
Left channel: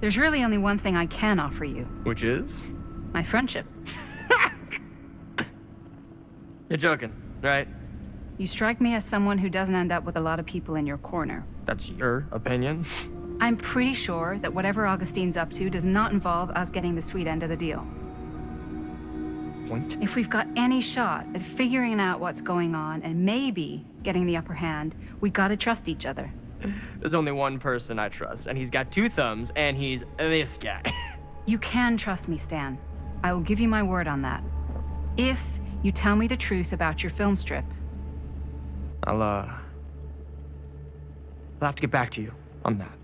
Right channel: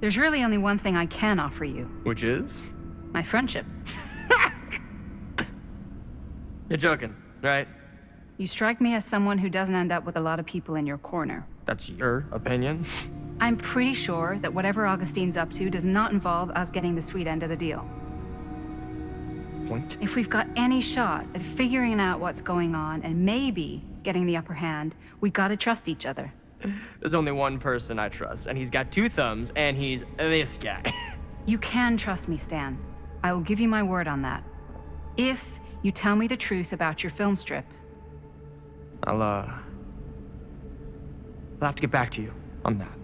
There's really only one thing I can offer you. Which is? My friendship. You're joking, right? You strike me as someone who doesn't end up with a lot of people in your corner. That's your opinion? I'm pretty sure that whatever Augustine's up to does not involve us getting the sweet end of the deal. Point? If we've got any shot at figuring out what's going on and maybe getting the upper hand, we gotta trust each other. There's only one person I trust, and he's got 2 thumbs, and he's this guy. You can trust me, Stan. I will give you my word on that. If you tell me the truth about your film strip. I'll have to get back to you on that.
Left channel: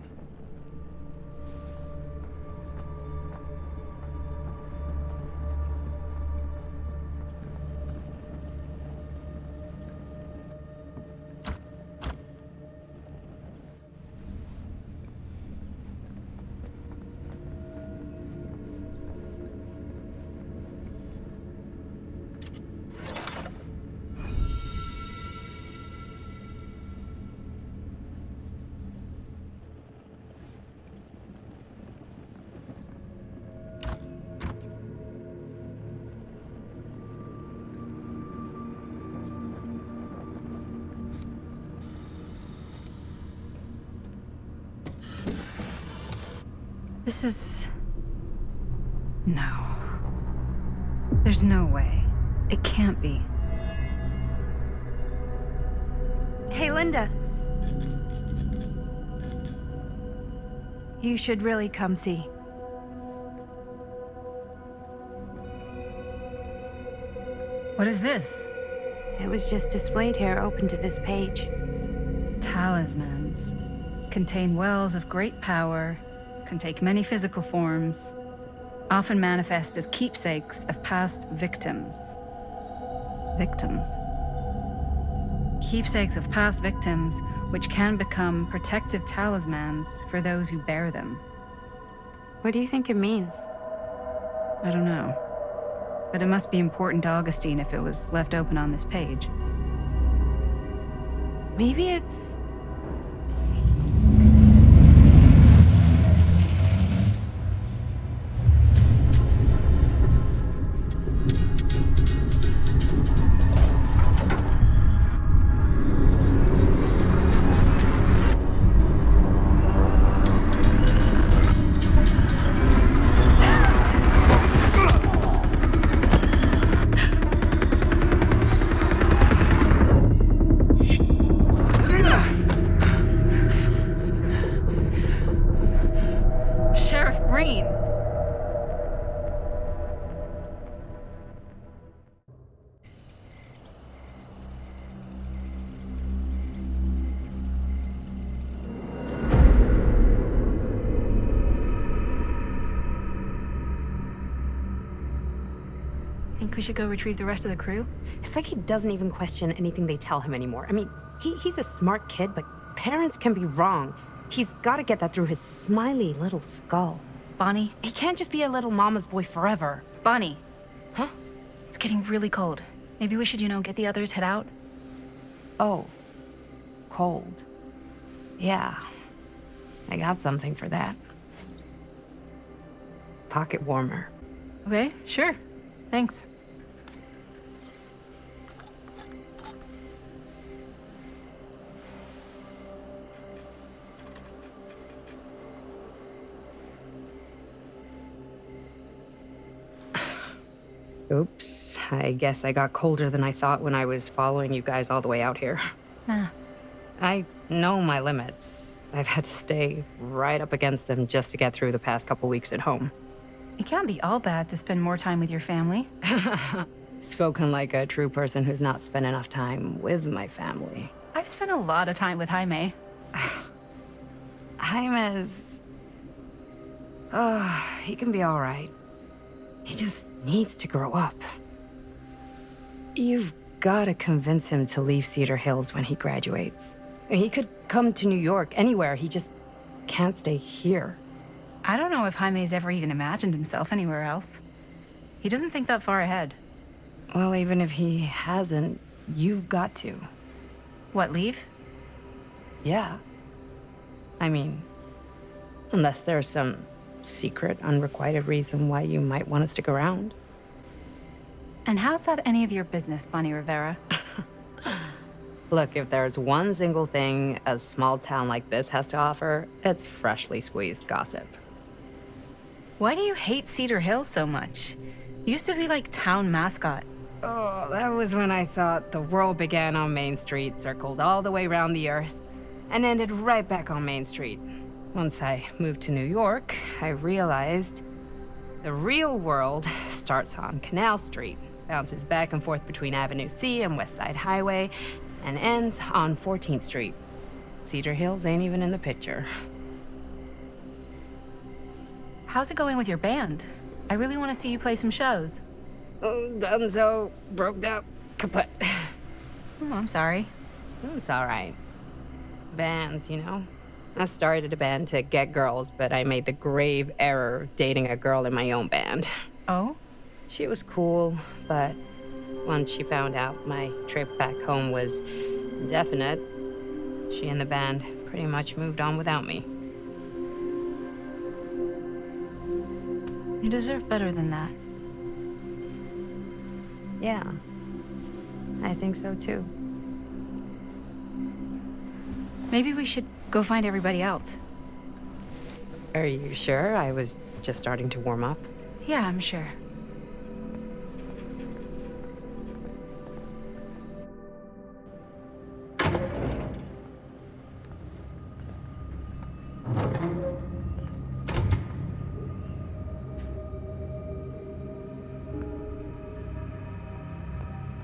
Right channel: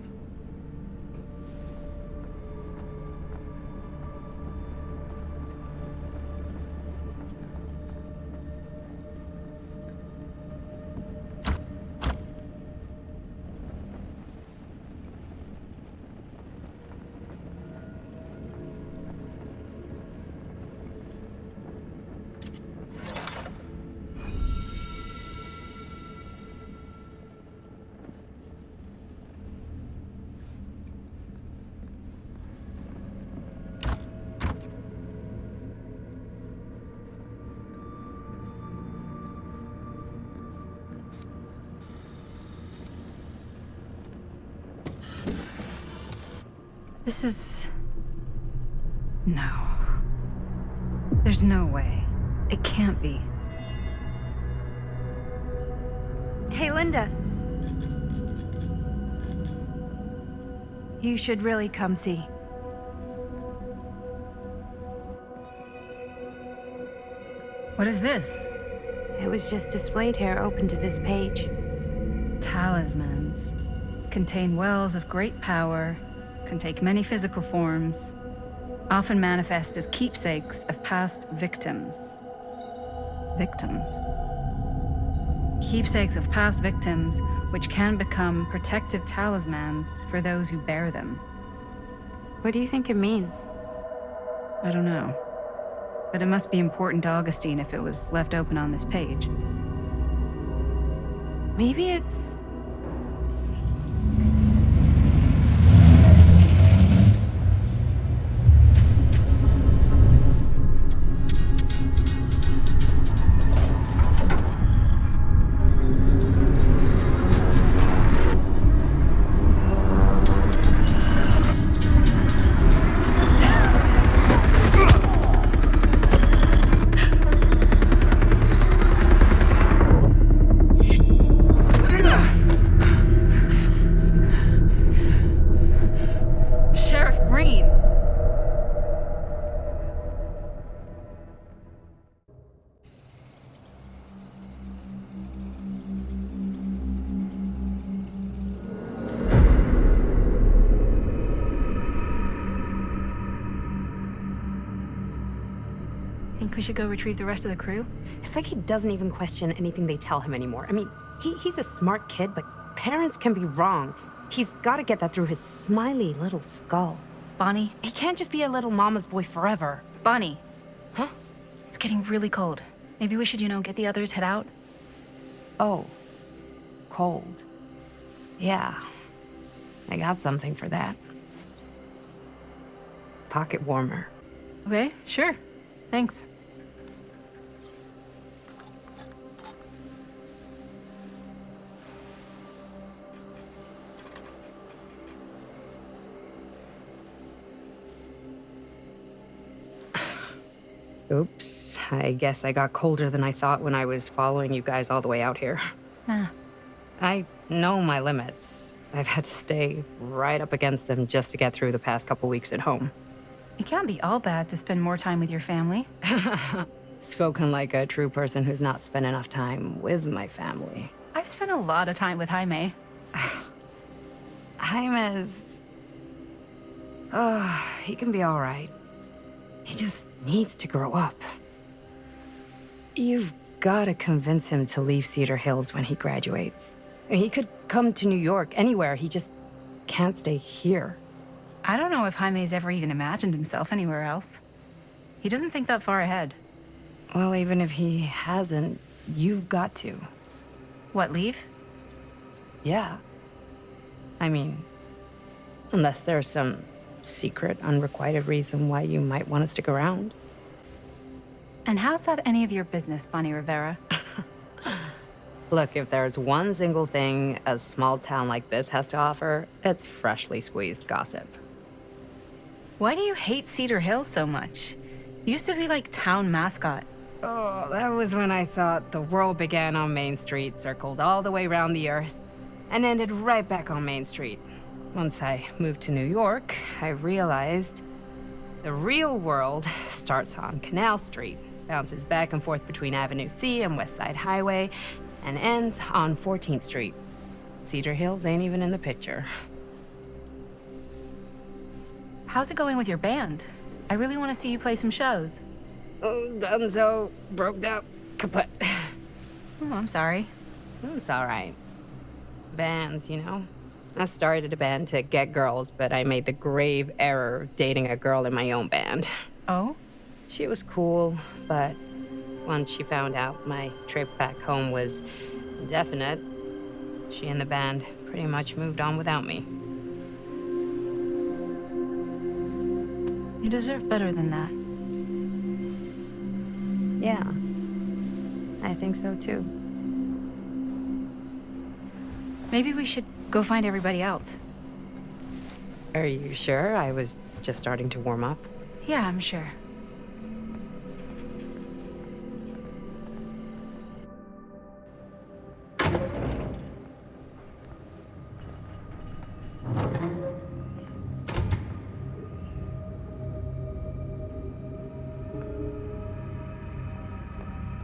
This is... No. There's no way. It can't be. Hey, Linda. You should really come see. What is this? It was just displayed here, open to this page. Talismans. Contain wells of great power, can take many physical forms, often manifest as keepsakes of past victims. Victims? Keepsakes of past victims, which can become protective talismans for those who bear them. What do you think it means? I don't know. But it must be important to Augustine if it was left open on this page. Maybe it's... Think we should go retrieve the rest of the crew? It's like he doesn't even question anything they tell him anymore. I mean, he's a smart kid, but parents can be wrong. He's got to get that through his smiley little skull. Bonnie? He can't just be a little mama's boy forever. Bonnie. Huh? It's getting really cold. Maybe we should, get the others, head out? Oh. Cold. Yeah. I got something for that. Pocket warmer. Okay, sure. Thanks. Oops. I guess I got colder than I thought when I was following you guys all the way out here. Ah. I know my limits. I've had to stay right up against them just to get through the past couple weeks at home. It can't be all bad to spend more time with your family. Spoken like a true person who's not spent enough time with my family. I've spent a lot of time with Jaime. Jaime's... he can be all right. He just needs to grow up. You've got to convince him to leave Cedar Hills when he graduates. He could come to New York, anywhere. He just can't stay here. I don't know if Jaime's ever even imagined himself anywhere else. He doesn't think that far ahead. Well, even if he hasn't, you've got to. What, leave? Yeah. I mean, unless there's some secret, unrequited reason why you might want to stick around. And how's that any of your business, Bonnie Rivera? Look, if there's one single thing a small town like this has to offer, it's freshly squeezed gossip. Why do you hate Cedar Hills so much? You used to be like town mascot. Oh, that was when I thought the world began on Main Street, circled all the way around the earth, and ended right back on Main Street. Once I moved to New York, I realized the real world starts on Canal Street, bounces back and forth between Avenue C and West Side Highway, and ends on 14th Street. Cedar Hills ain't even in the picture. How's it going with your band? I really want to see you play some shows. Oh, done so. Broke up. Kaput. Oh, I'm sorry. It's all right. Bands, you know? I started a band to get girls, but I made the grave error of dating a girl in my own band. Oh? She was cool, but once she found out my trip back home was indefinite, she and the band pretty much moved on without me. You deserve better than that. Yeah. I think so too. Maybe we should go find everybody else. Are you sure? I was just starting to warm up. Yeah, I'm sure.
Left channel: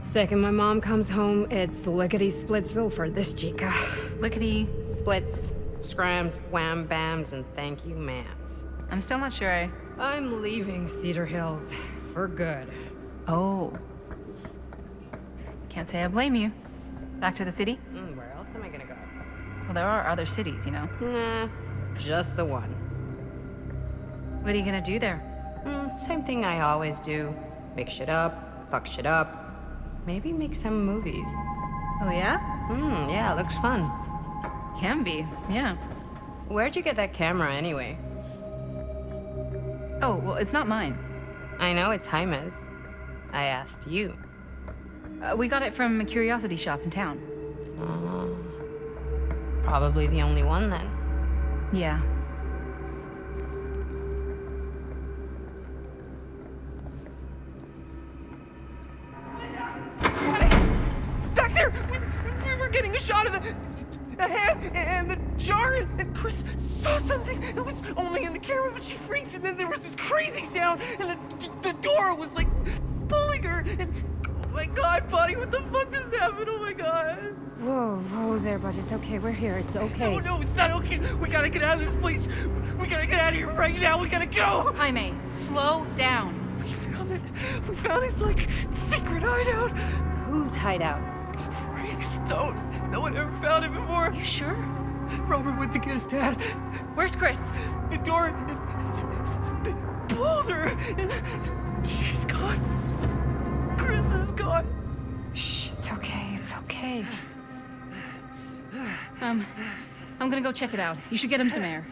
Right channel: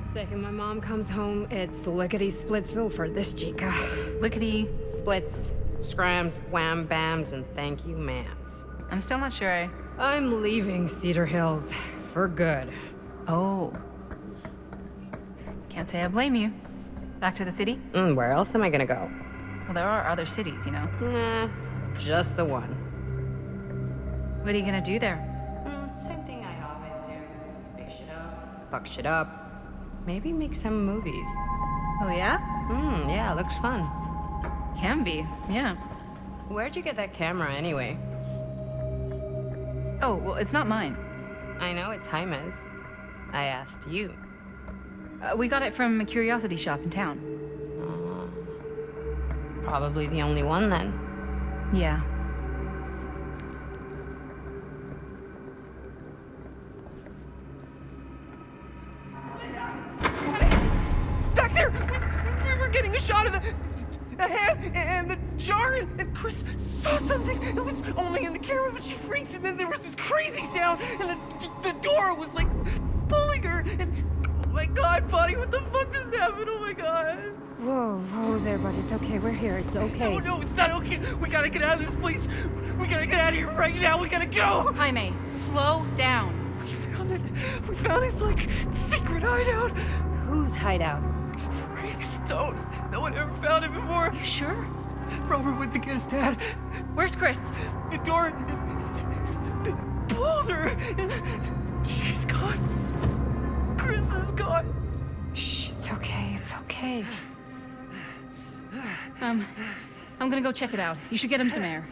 Second my mom comes home, it's lickety-splitsville for this chica. Lickety... Splits, scrams, wham bams, and thank you ma'ams. I'm still not sure I'm leaving Cedar Hills for good. Oh. Can't say I blame you. Back to the city? Where else am I gonna go? Well, there are other cities, you know. Nah, just the one. What are you gonna do there? Same thing I always do. Make shit up, fuck shit up. Maybe make some movies. Oh, yeah? Yeah, looks fun. Can be, yeah. Where'd you get that camera anyway? Oh, well, it's not mine. I know it's Jaime's. I asked you. We got it from a curiosity shop in town. Probably the only one then. Yeah. Back there! We were getting a shot of the hand and the jar, and Chris saw something. It was only in the camera, but she freaked, and then there was this crazy sound, and the door was like pulling her, and oh my god, buddy, what the fuck just happened? Oh my god. Whoa there, buddy. It's okay. We're here. It's okay. No, it's not okay. We gotta get out of this place. We gotta get out of here right now. We gotta go. Jaime, slow down. We found it. We found this, like, secret hideout. Whose hideout? Freaks don't. No one ever found it before. You sure? Robert went to get his dad. Where's Chris? The door pulled her, and she's gone. Chris is gone. Shh, it's okay. It's okay. I'm gonna go check it out. You should get him some air.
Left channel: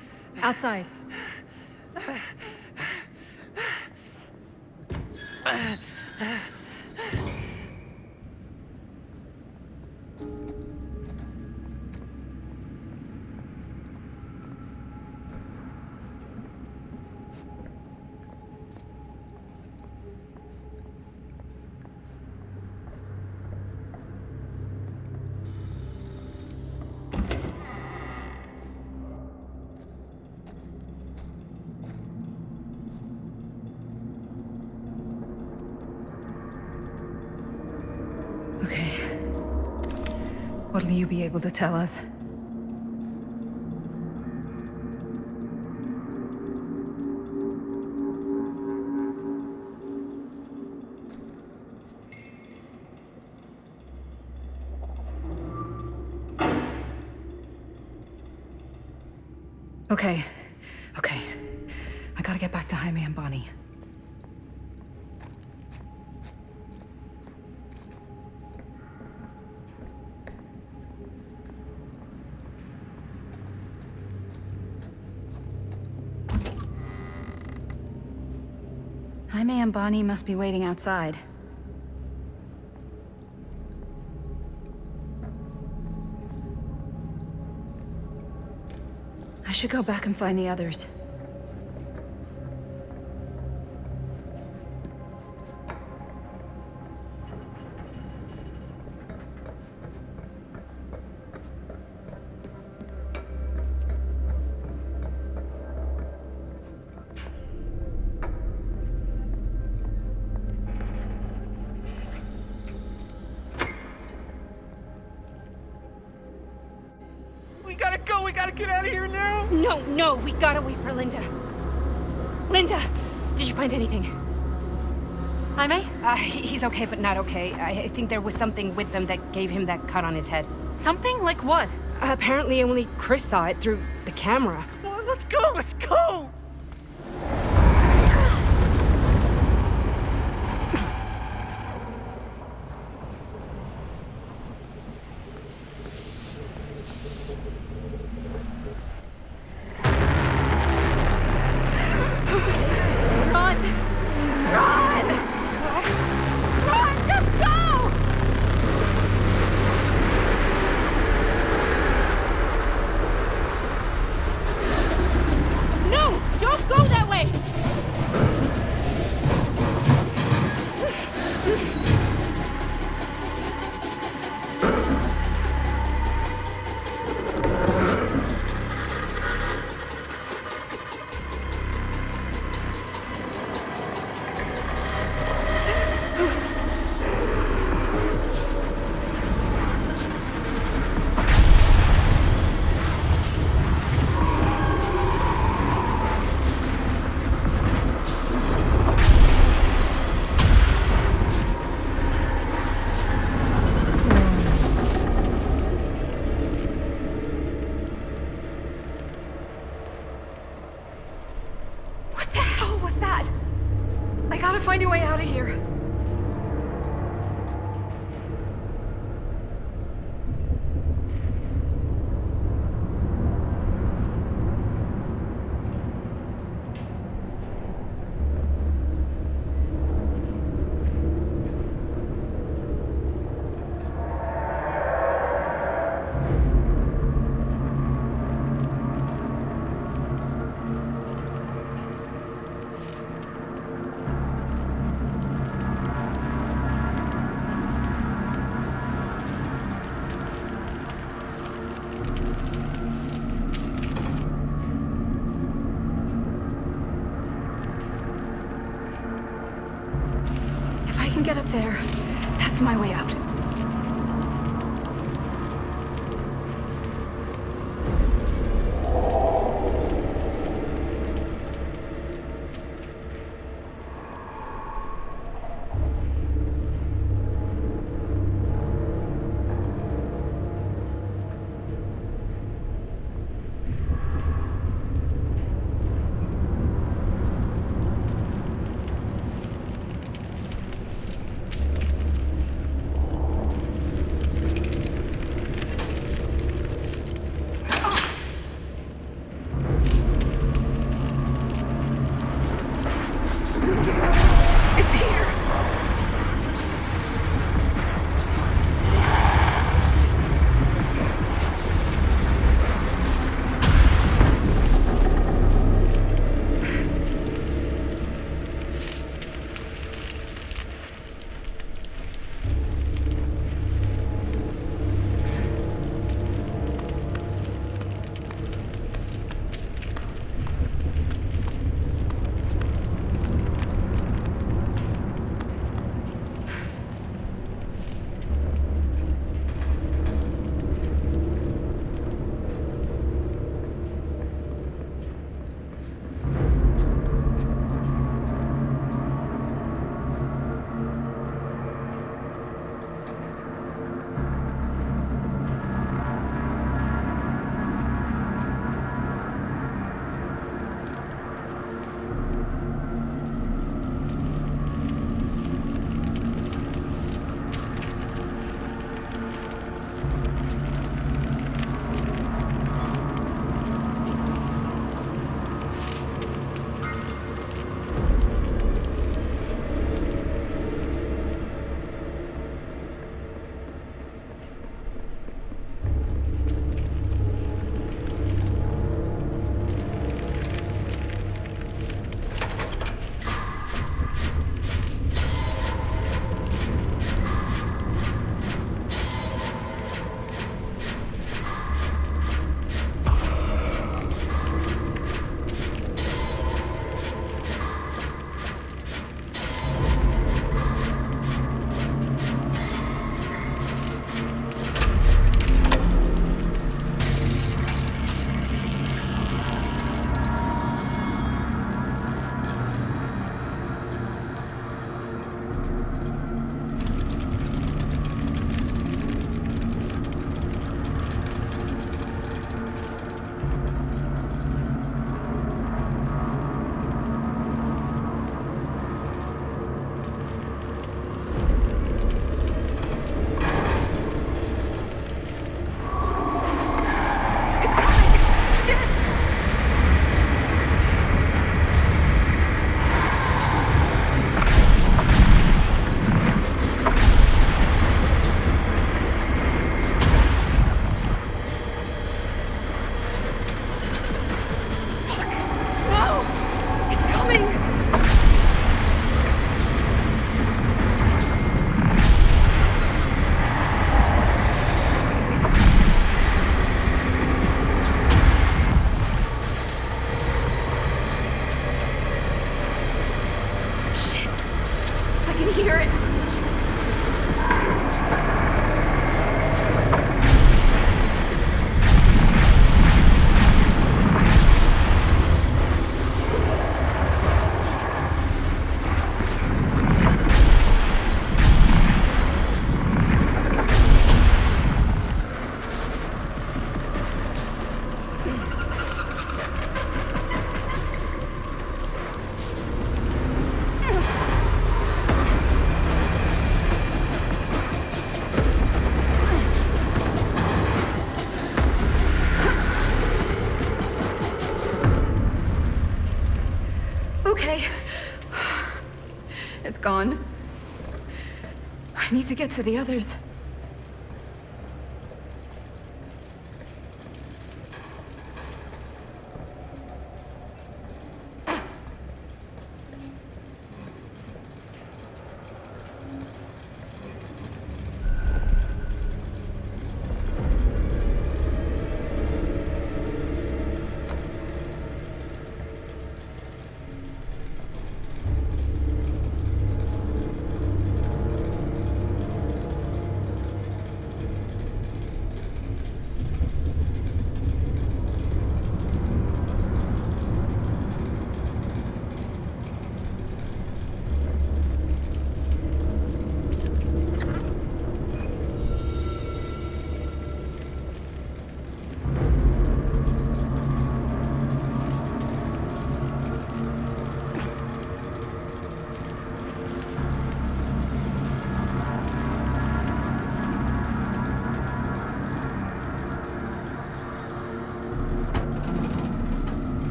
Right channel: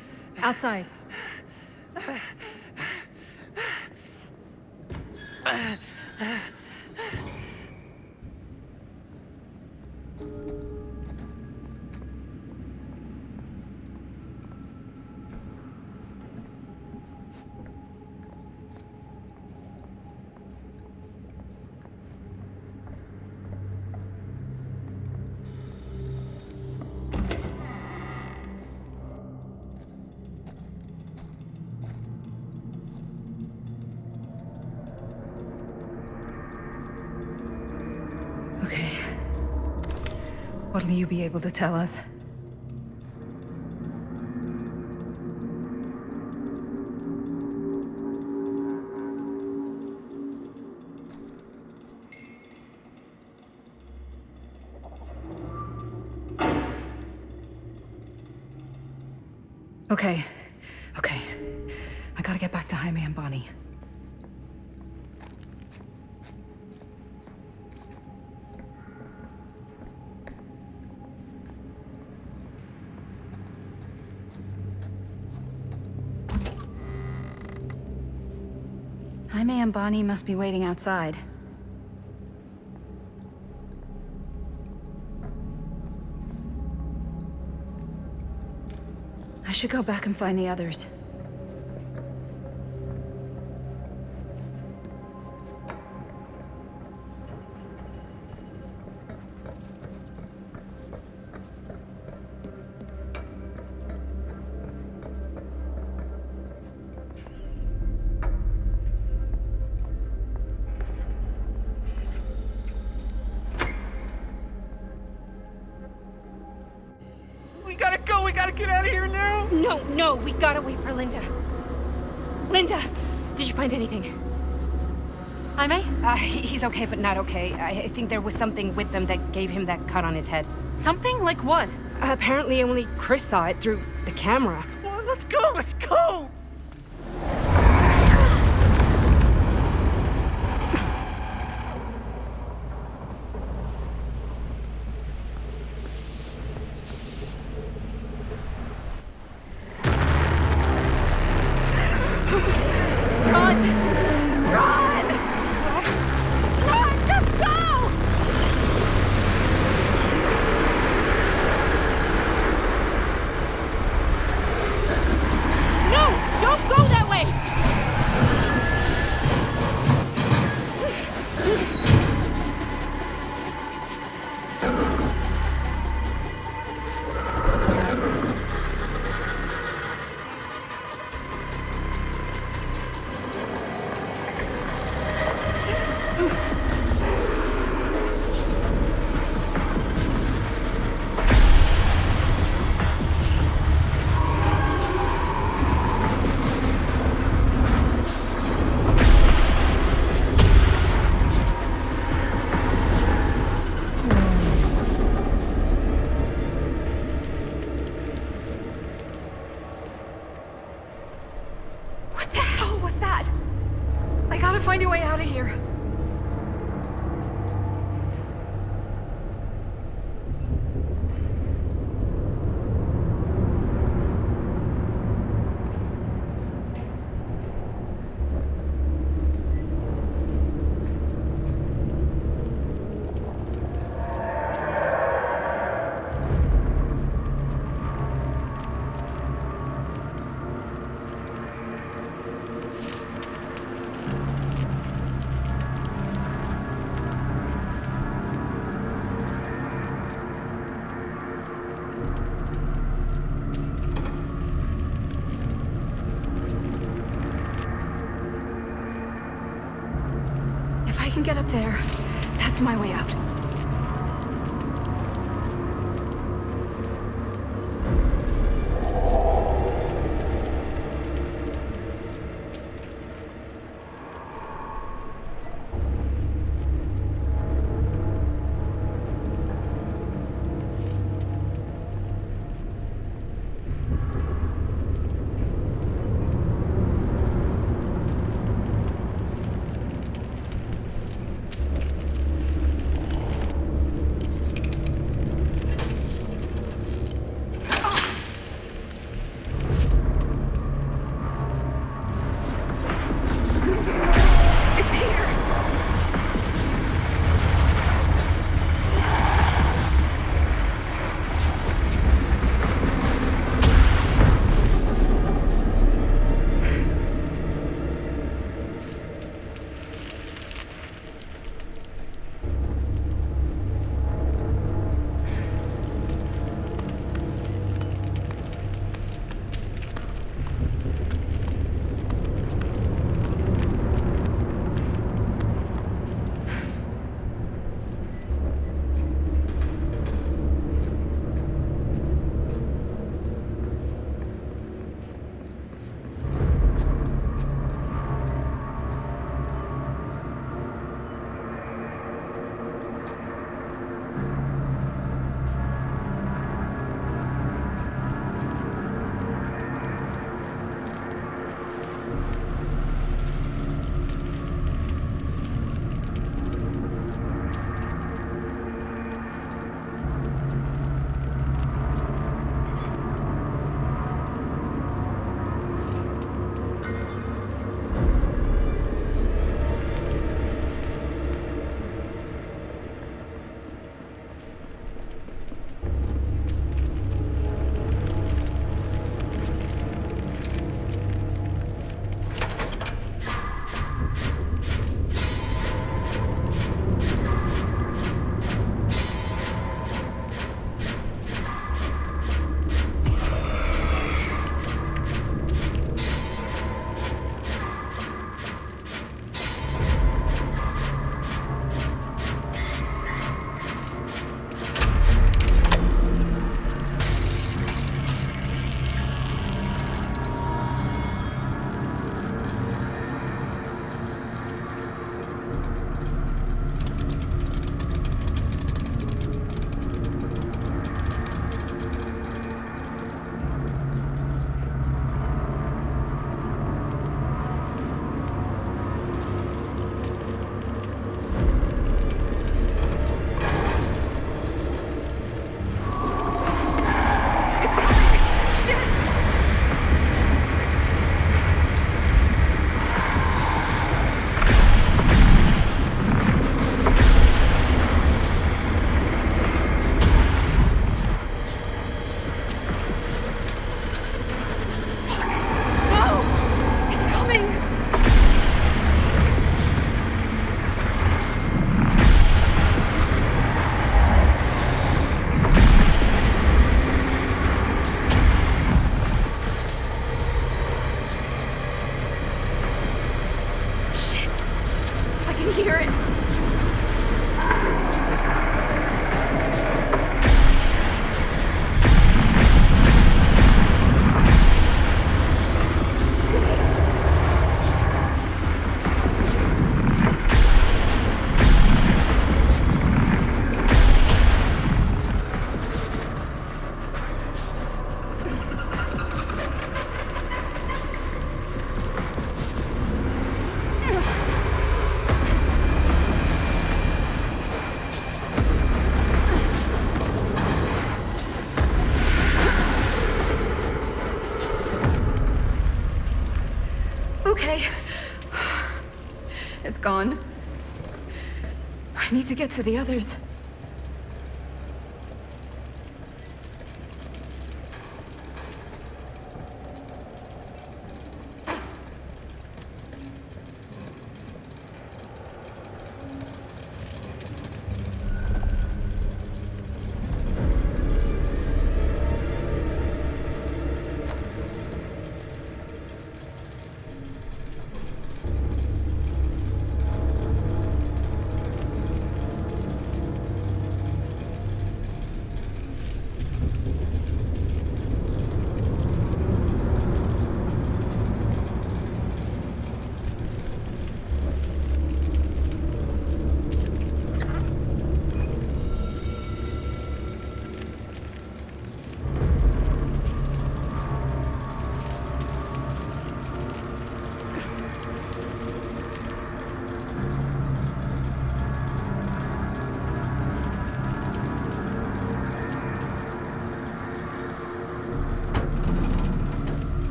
Outside. Okay. What'll you be able to tell us? Okay. Okay. I gotta get back to Jaime and Bonnie. Jaime and Bonnie must be waiting outside. I should go back and find the others. We gotta go! We gotta get out of here now! No, we gotta wait for Linda. Linda, did you find anything? Jaime? He's okay, but not okay. I think there was something with them that gave him that cut on his head. Something? Like what? Apparently only Chris saw it through the camera. Well, let's go! Let's go! Run! Run! Run! Just go! No! Don't go that way! What the hell was that? I gotta find a way out of here. If I can get up there, that's my way out. gone. I need to get to the others.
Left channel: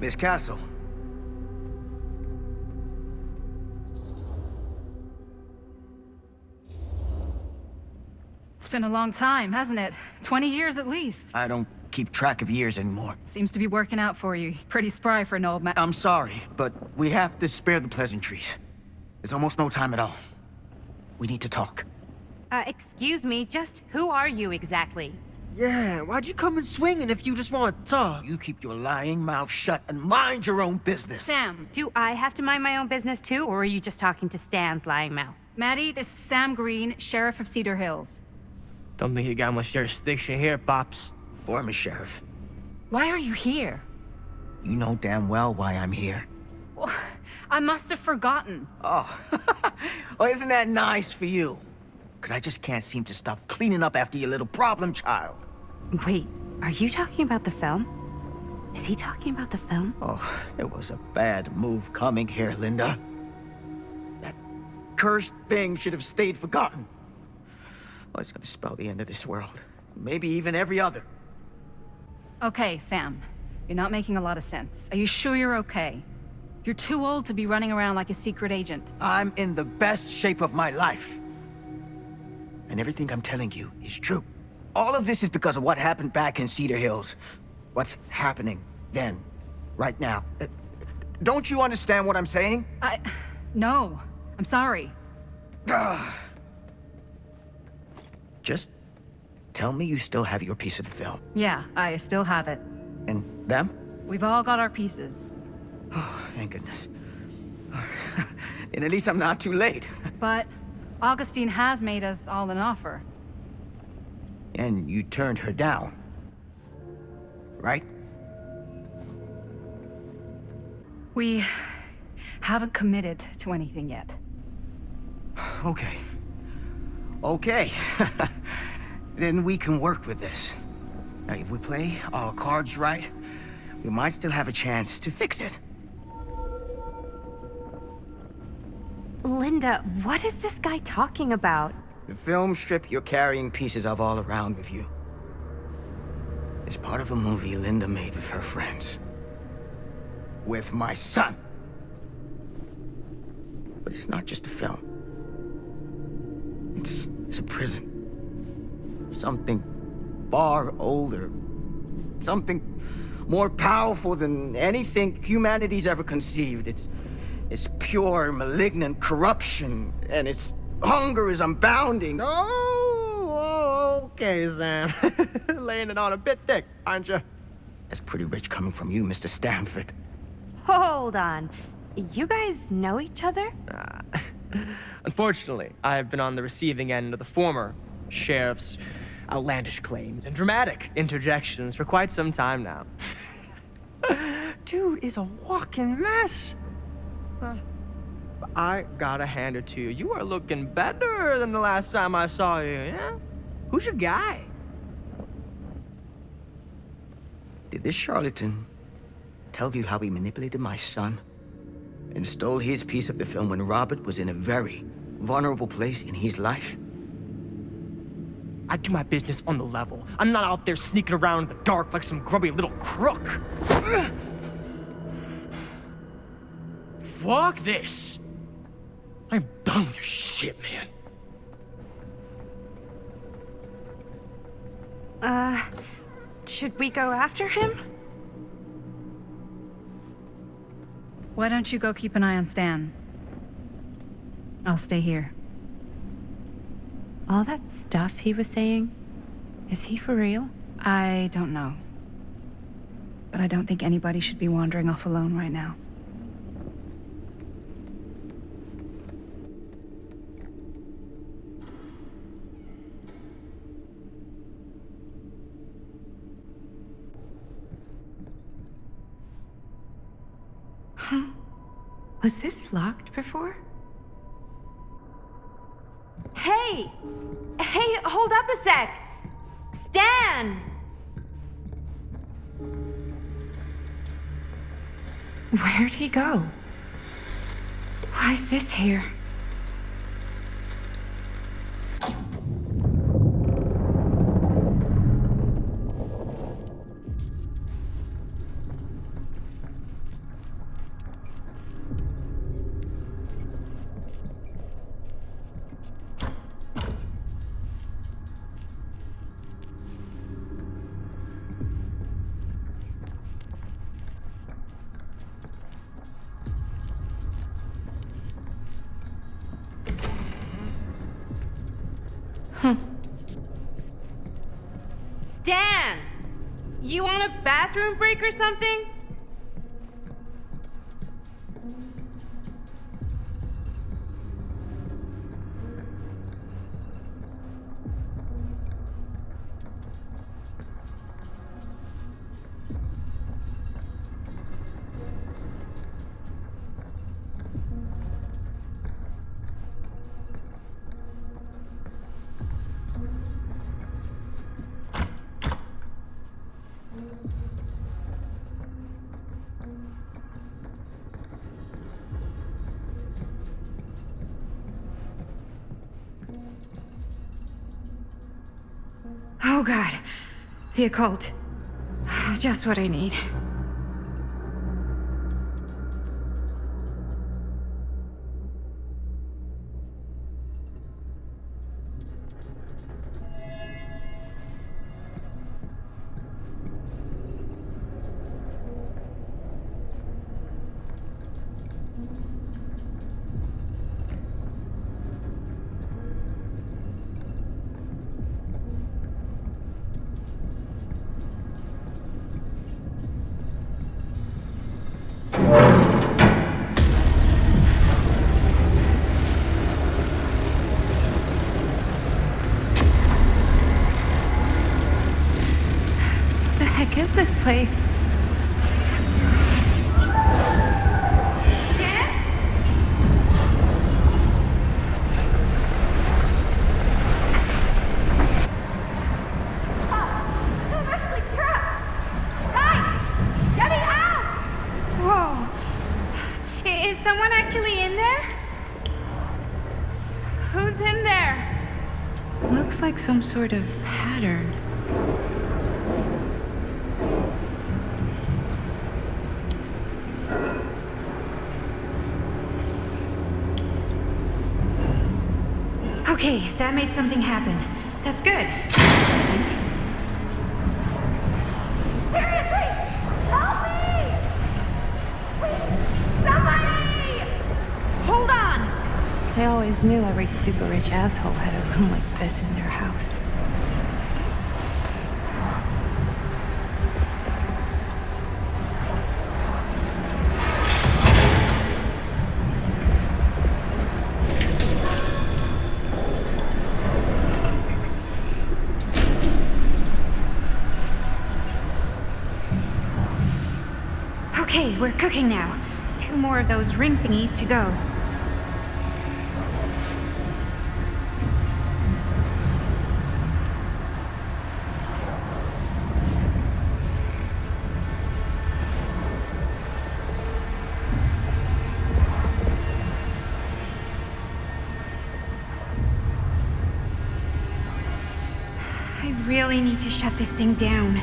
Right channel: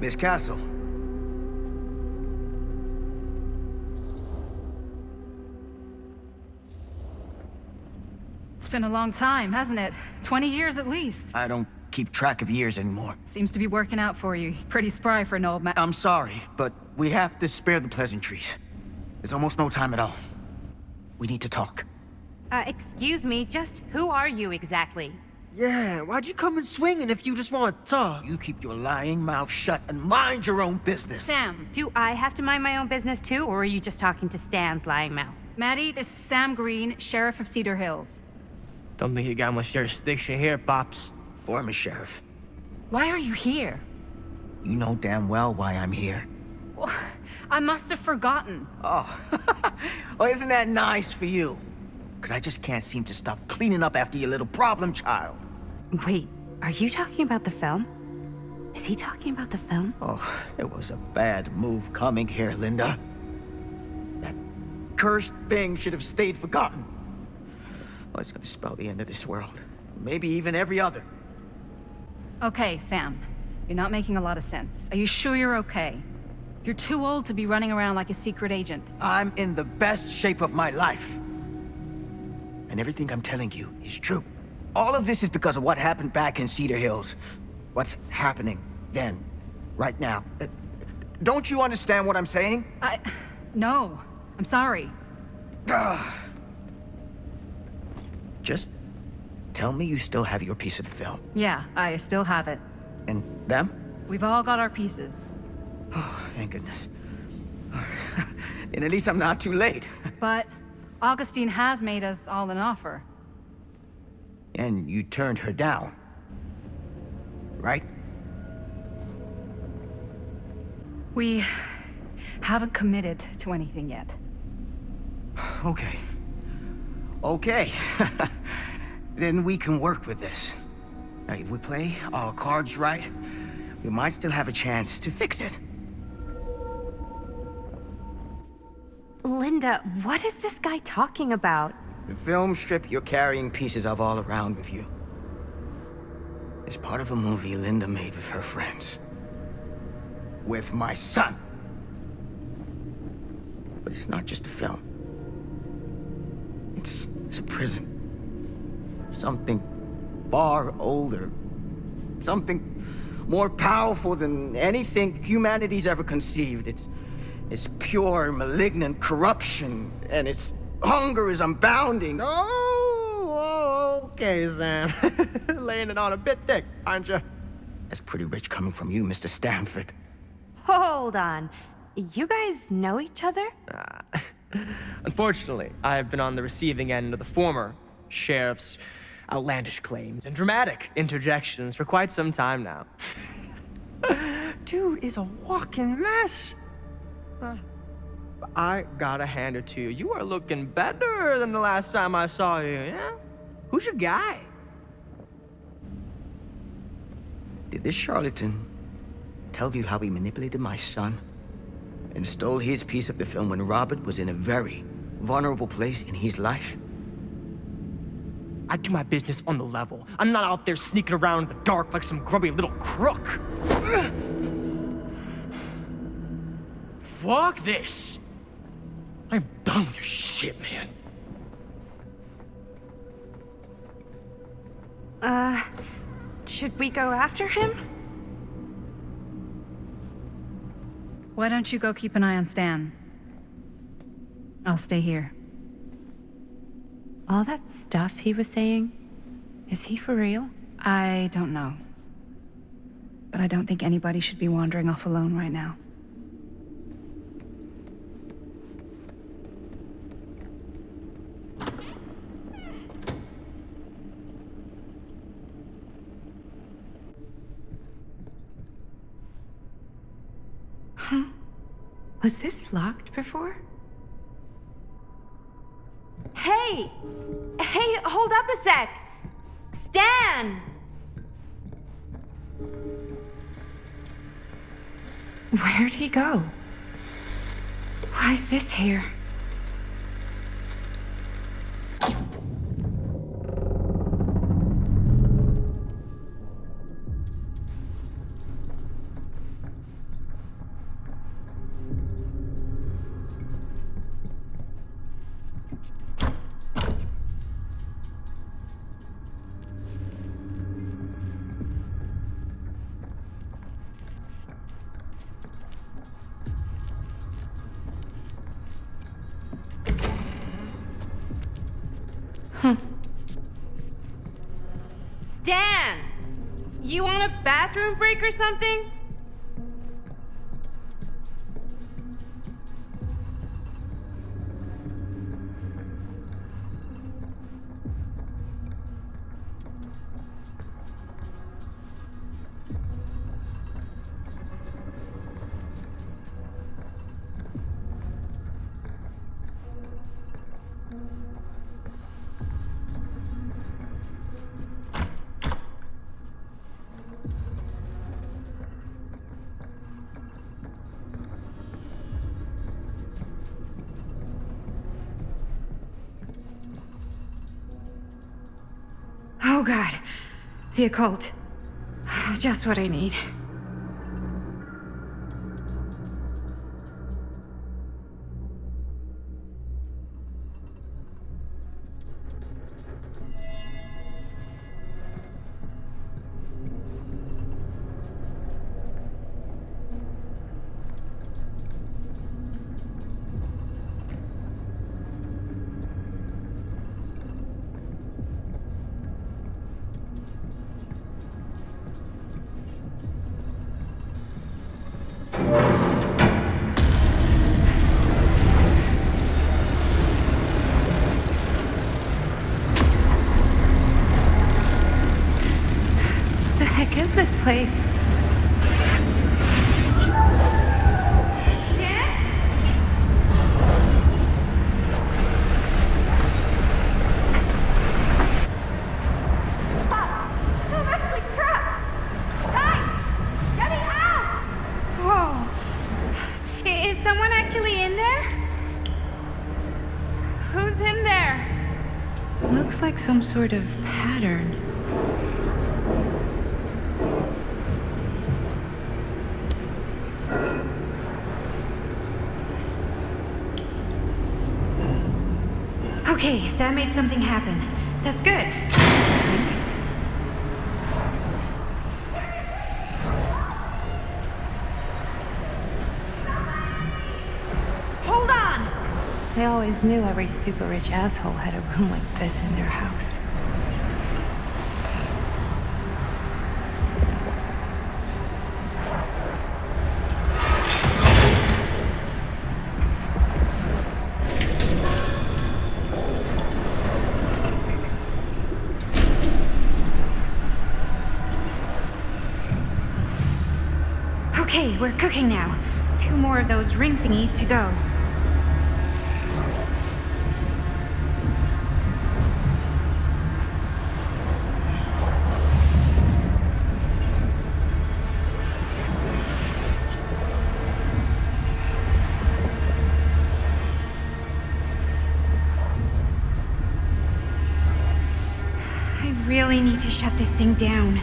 Miss Castle. It's been a long time, hasn't it? 20 years at least. I don't keep track of years anymore. Seems to be working out for you. Pretty spry for an old man. I'm sorry, but we have to spare the pleasantries. There's almost no time at all. We need to talk. Excuse me, just who are you exactly? Yeah, why'd you come in swinging if you just want to talk? You keep your lying mouth shut and mind your own business. Sam. Do I have to mind my own business too, or are you just talking to Stan's lying mouth? Maddie, this is Sam Green, Sheriff of Cedar Hills. Don't think you got much jurisdiction here, Pops. Former sheriff. Why are you here? You know damn well why I'm here. Well, I must have forgotten. Oh, well, isn't that nice for you? Because I just can't seem to stop cleaning up after your little problem child. Wait, are you talking about the film? Is he talking about the film? Oh, it was a bad move coming here, Linda. That cursed thing should have stayed forgotten. Oh, it's gonna spell the end of this world. Maybe even every other. Okay, Sam. You're not making a lot of sense. Are you sure you're okay? You're too old to be running around like a secret agent. I'm in the best shape of my life. And everything I'm telling you is true. All of this is because of what happened back in Cedar Hills. What's happening then, right now. Don't you understand what I'm saying? No. I'm sorry. Just tell me you still have your piece of the film. Yeah, I still have it. And them? We've all got our pieces. Oh, thank goodness. And at least I'm not too late. But Augustine has made us all an offer. And you turned her down, right? We haven't committed to anything yet. Okay. Okay. Then we can work with this. Now, if we play our cards right, we might still have a chance to fix it. Linda, what is this guy talking about? The film strip you're carrying pieces of all around with you is part of a movie Linda made with her friends. With my son. But it's not just a film. It's a prison. Something far older. Something more powerful than anything humanity's ever conceived. It's pure, malignant corruption, and its hunger is unbounding. Oh, okay, Sam. Laying it on a bit thick, aren't you? That's pretty rich coming from you, Mr. Stanford. Hold on. You guys know each other? Unfortunately, I've been on the receiving end of the former sheriff's outlandish claims and dramatic interjections for quite some time now. Dude is a walking mess. I gotta hand it to you. You are looking better than the last time I saw you, yeah? Who's your guy? Did this charlatan tell you how he manipulated my son and stole his piece of the film when Robert was in a very vulnerable place in his life? I do my business on the level. I'm not out there sneaking around in the dark like some grubby little crook. Fuck this. I'm done with your shit, man. Should we go after him? Why don't you go keep an eye on Stan? I'll stay here. All that stuff he was saying, is he for real? I don't know. But I don't think anybody should be wandering off alone right now. Huh? Was this locked before? Hey! Hey, hold up a sec! Stan! Where'd he go? Why is this here? Stan! You want a bathroom break or something? Oh god. The occult. Just what I need. What the heck is this place? Whoa! Is someone actually in there? Who's in there? Looks like some sort of pattern. Okay, that made something happen. That's good, I think. Hold on! I always knew every super rich asshole had a room like this in their house. Okay, we're cooking now. 2 more of those ring thingies to go. really need to shut this thing down.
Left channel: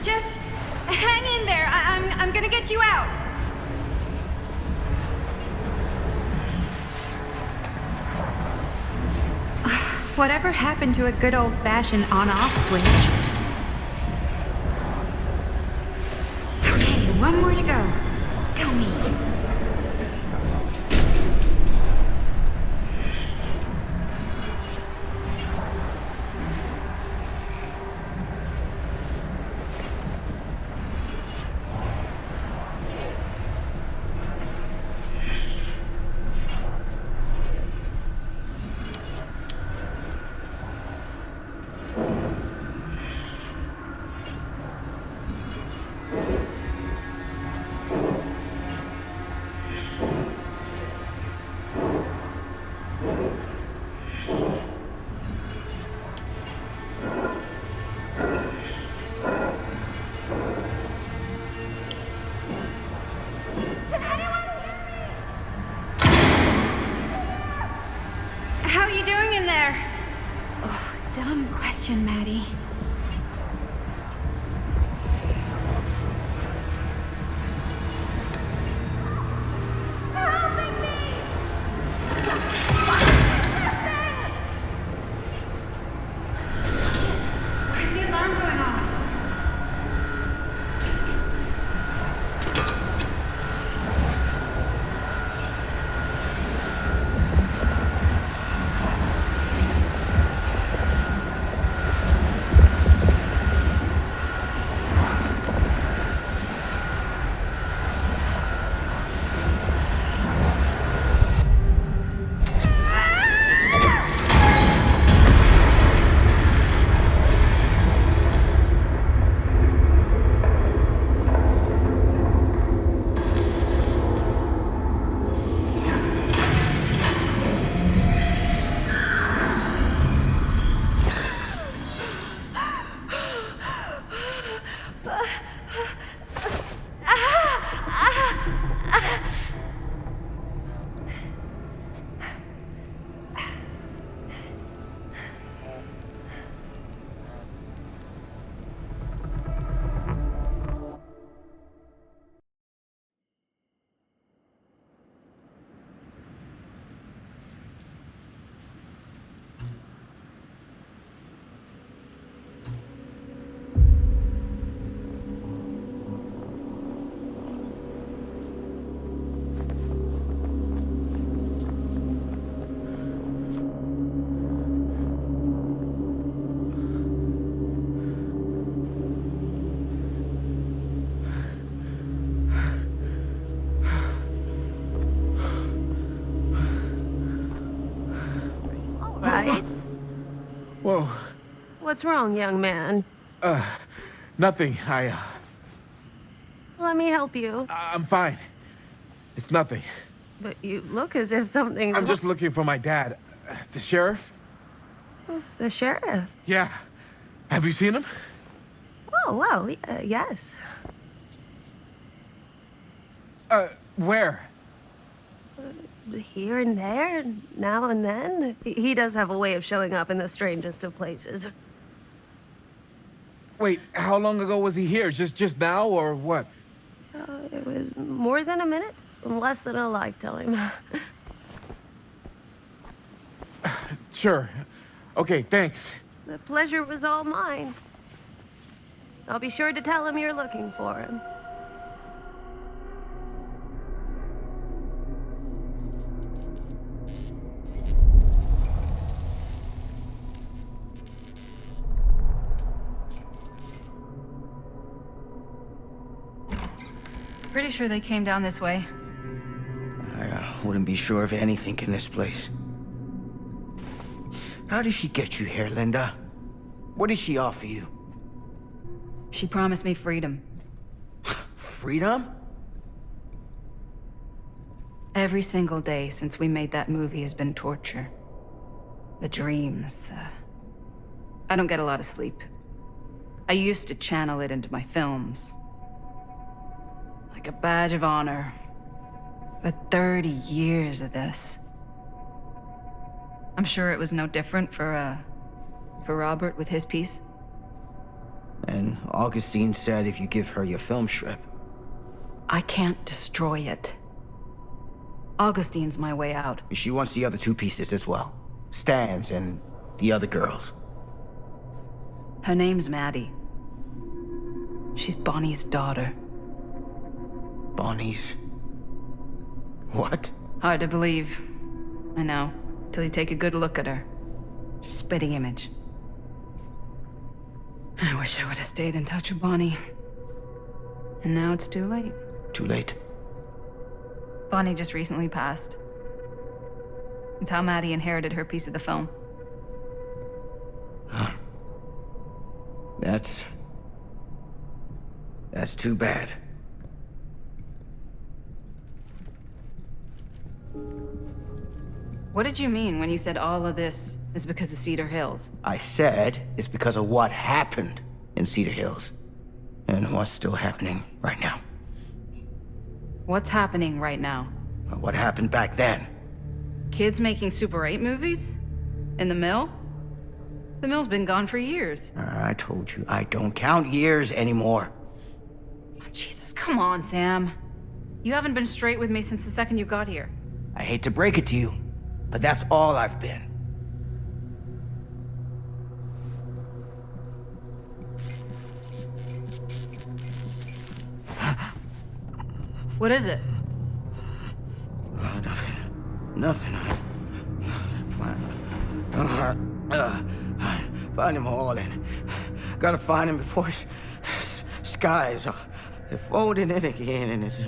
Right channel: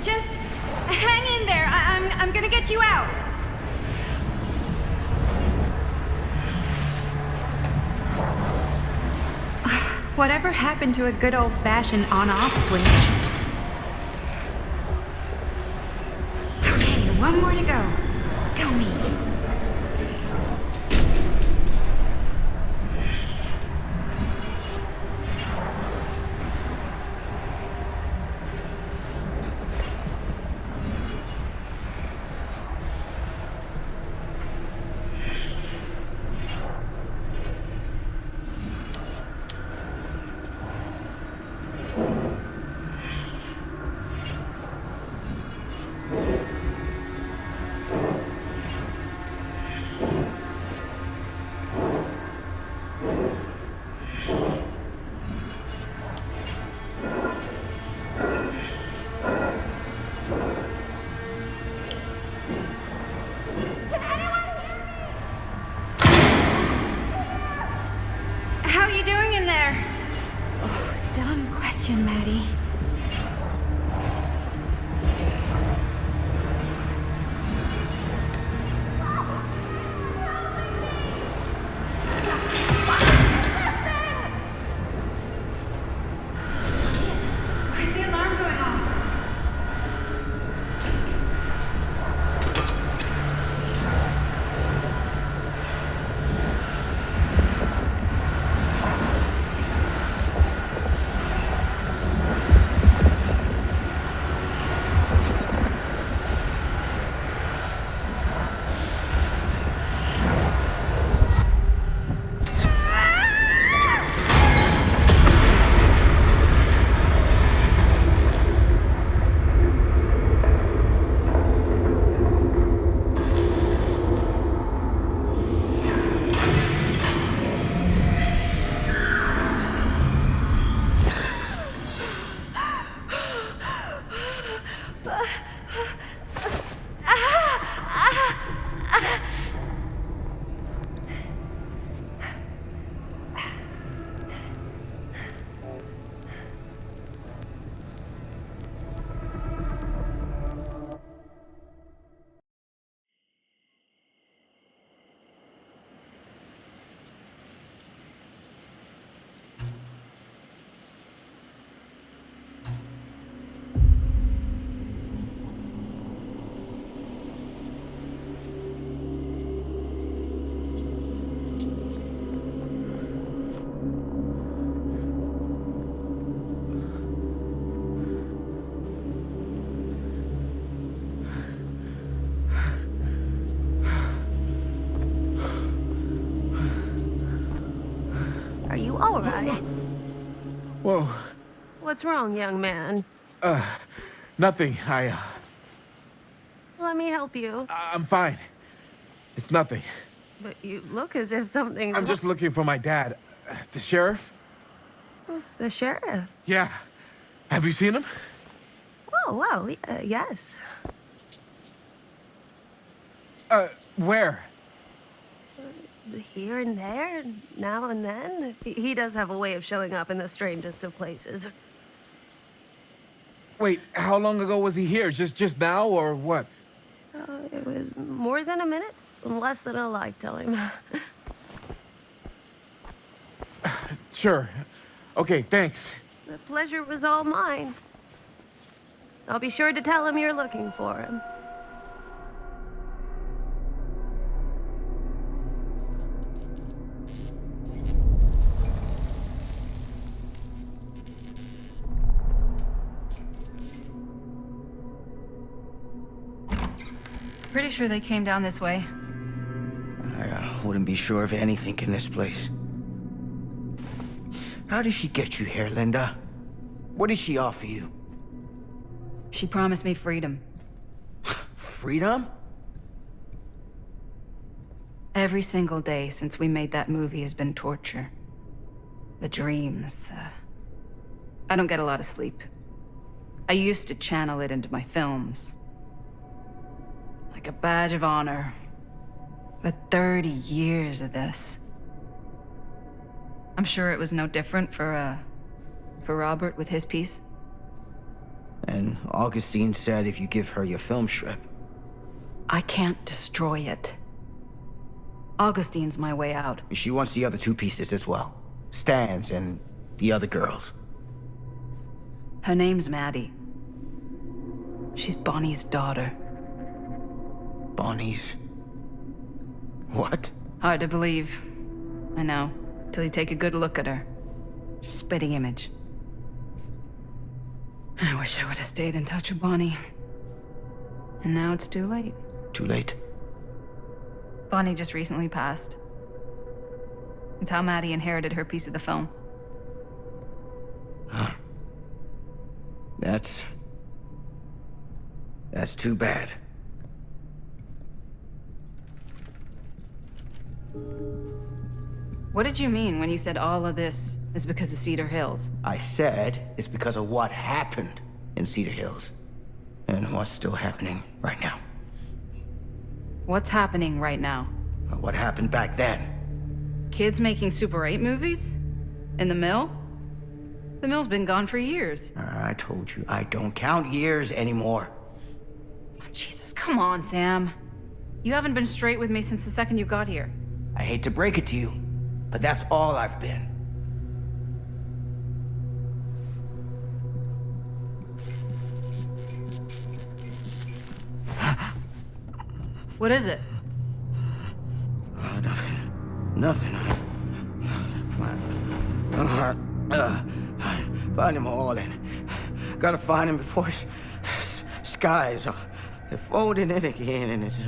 Just hang in there. I'm gonna get you out. Whatever happened to a good old-fashioned on-off switch? Okay, one more to go. Go me. How are you doing in there? Oh, dumb question, Maddie. Why is the alarm going off? Are you all right? Whoa. What's wrong, young man? Nothing. Let me help you. I'm fine. It's nothing. But you look as if something's I'm just looking for my dad. The sheriff? The sheriff? Yeah. Have you seen him? Oh, well, yes. Where? Here and there, now and then. He does have a way of showing up in the strangest of places. Wait, how long ago was he here? Just now, or what? It was more than a minute, less than a lifetime. Sure. Okay, thanks. The pleasure was all mine. I'll be sure to tell him you're looking for him. Pretty sure they came down this way. I wouldn't be sure of anything in this place. How did she get you here, Linda? What did she offer you? She promised me freedom. Freedom? Every single day since we made that movie has been torture. The dreams, I don't get a lot of sleep. I used to channel it into my films. Like a badge of honor. But 30 years of this. I'm sure it was no different for Robert with his piece. And Augustine said if you give her your film strip. I can't destroy it. Augustine's my way out. She wants the other 2 pieces as well. Stan's and the other girls. Her name's Maddie. She's Bonnie's daughter. Bonnie's... what? Hard to believe. I know. Till you take a good look at her. Spitting image. I wish I would have stayed in touch with Bonnie. And now it's too late. Too late? Bonnie just recently passed. It's how Maddie inherited her piece of the film. Huh. That's too bad. What did you mean when you said all of this is because of Cedar Hills? I said it's because of what happened in Cedar Hills. And what's still happening right now. What's happening right now? What happened back then? Kids making Super 8 movies? In the mill? The mill's been gone for years. I told you, I don't count years anymore. Oh, Jesus, come on, Sam. You haven't been straight with me since the second you got here. I hate to break it to you, but that's all I've been. What is it? Nothing. Find him all and gotta find him before his skies are folding in again and it's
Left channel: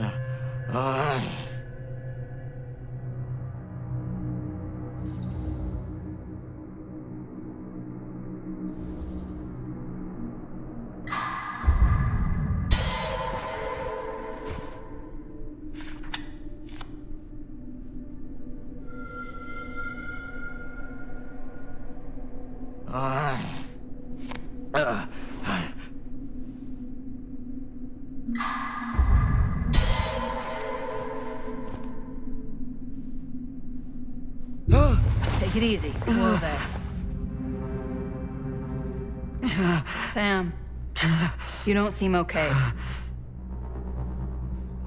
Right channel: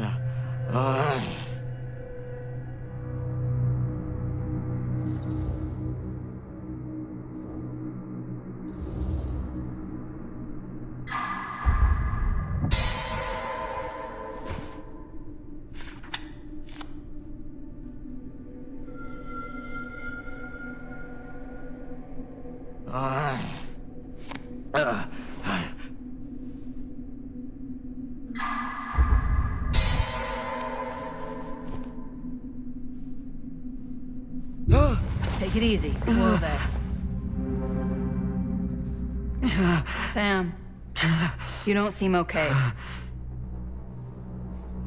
Take it easy. Whoa there. Sam, you don't seem okay.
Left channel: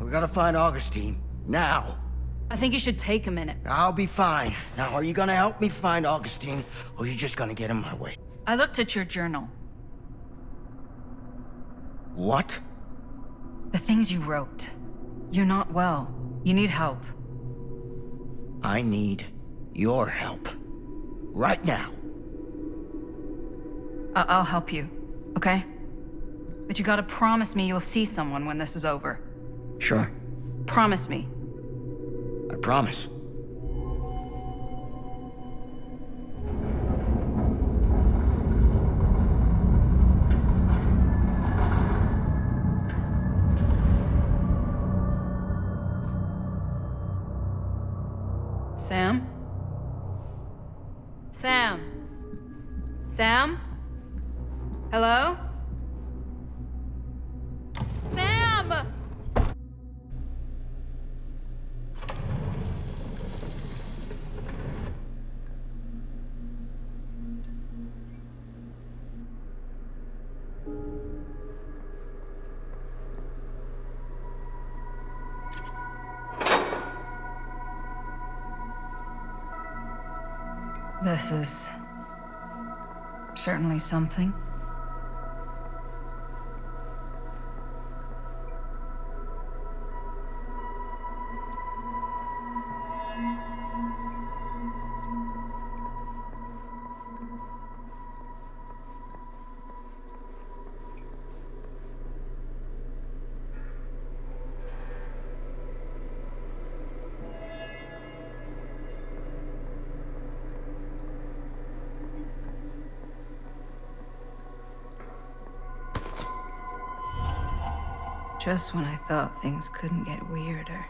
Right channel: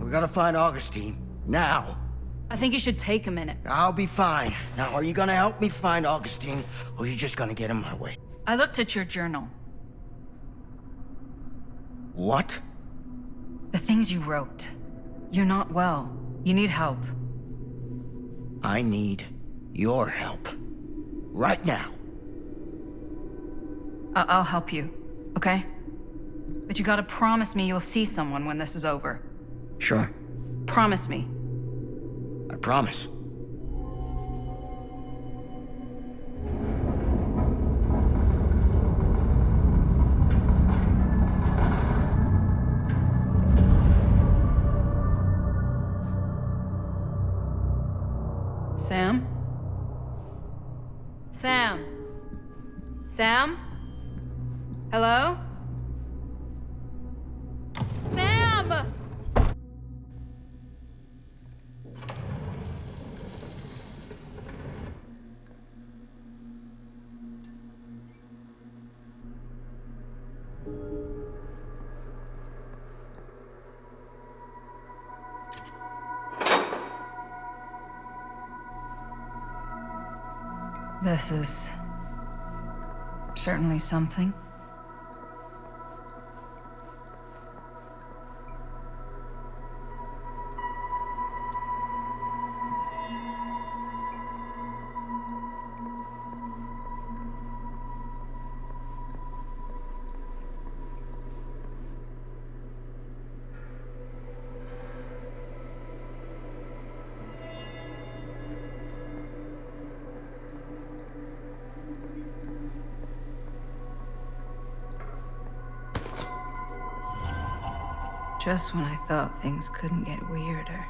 We gotta find Augustine. Now. I think you should take a minute. I'll be fine. Now, are you gonna help me find Augustine, or are you just gonna get in my way? I looked at your journal. What? The things you wrote. You're not well. You need help. I need your help. Right now. I'll help you, okay? But you gotta promise me you'll see someone when this is over. Sure. Promise me. I promise. Sam? Sam? Sam? Hello? Sam! This is certainly something. Just when I thought things couldn't get weirder.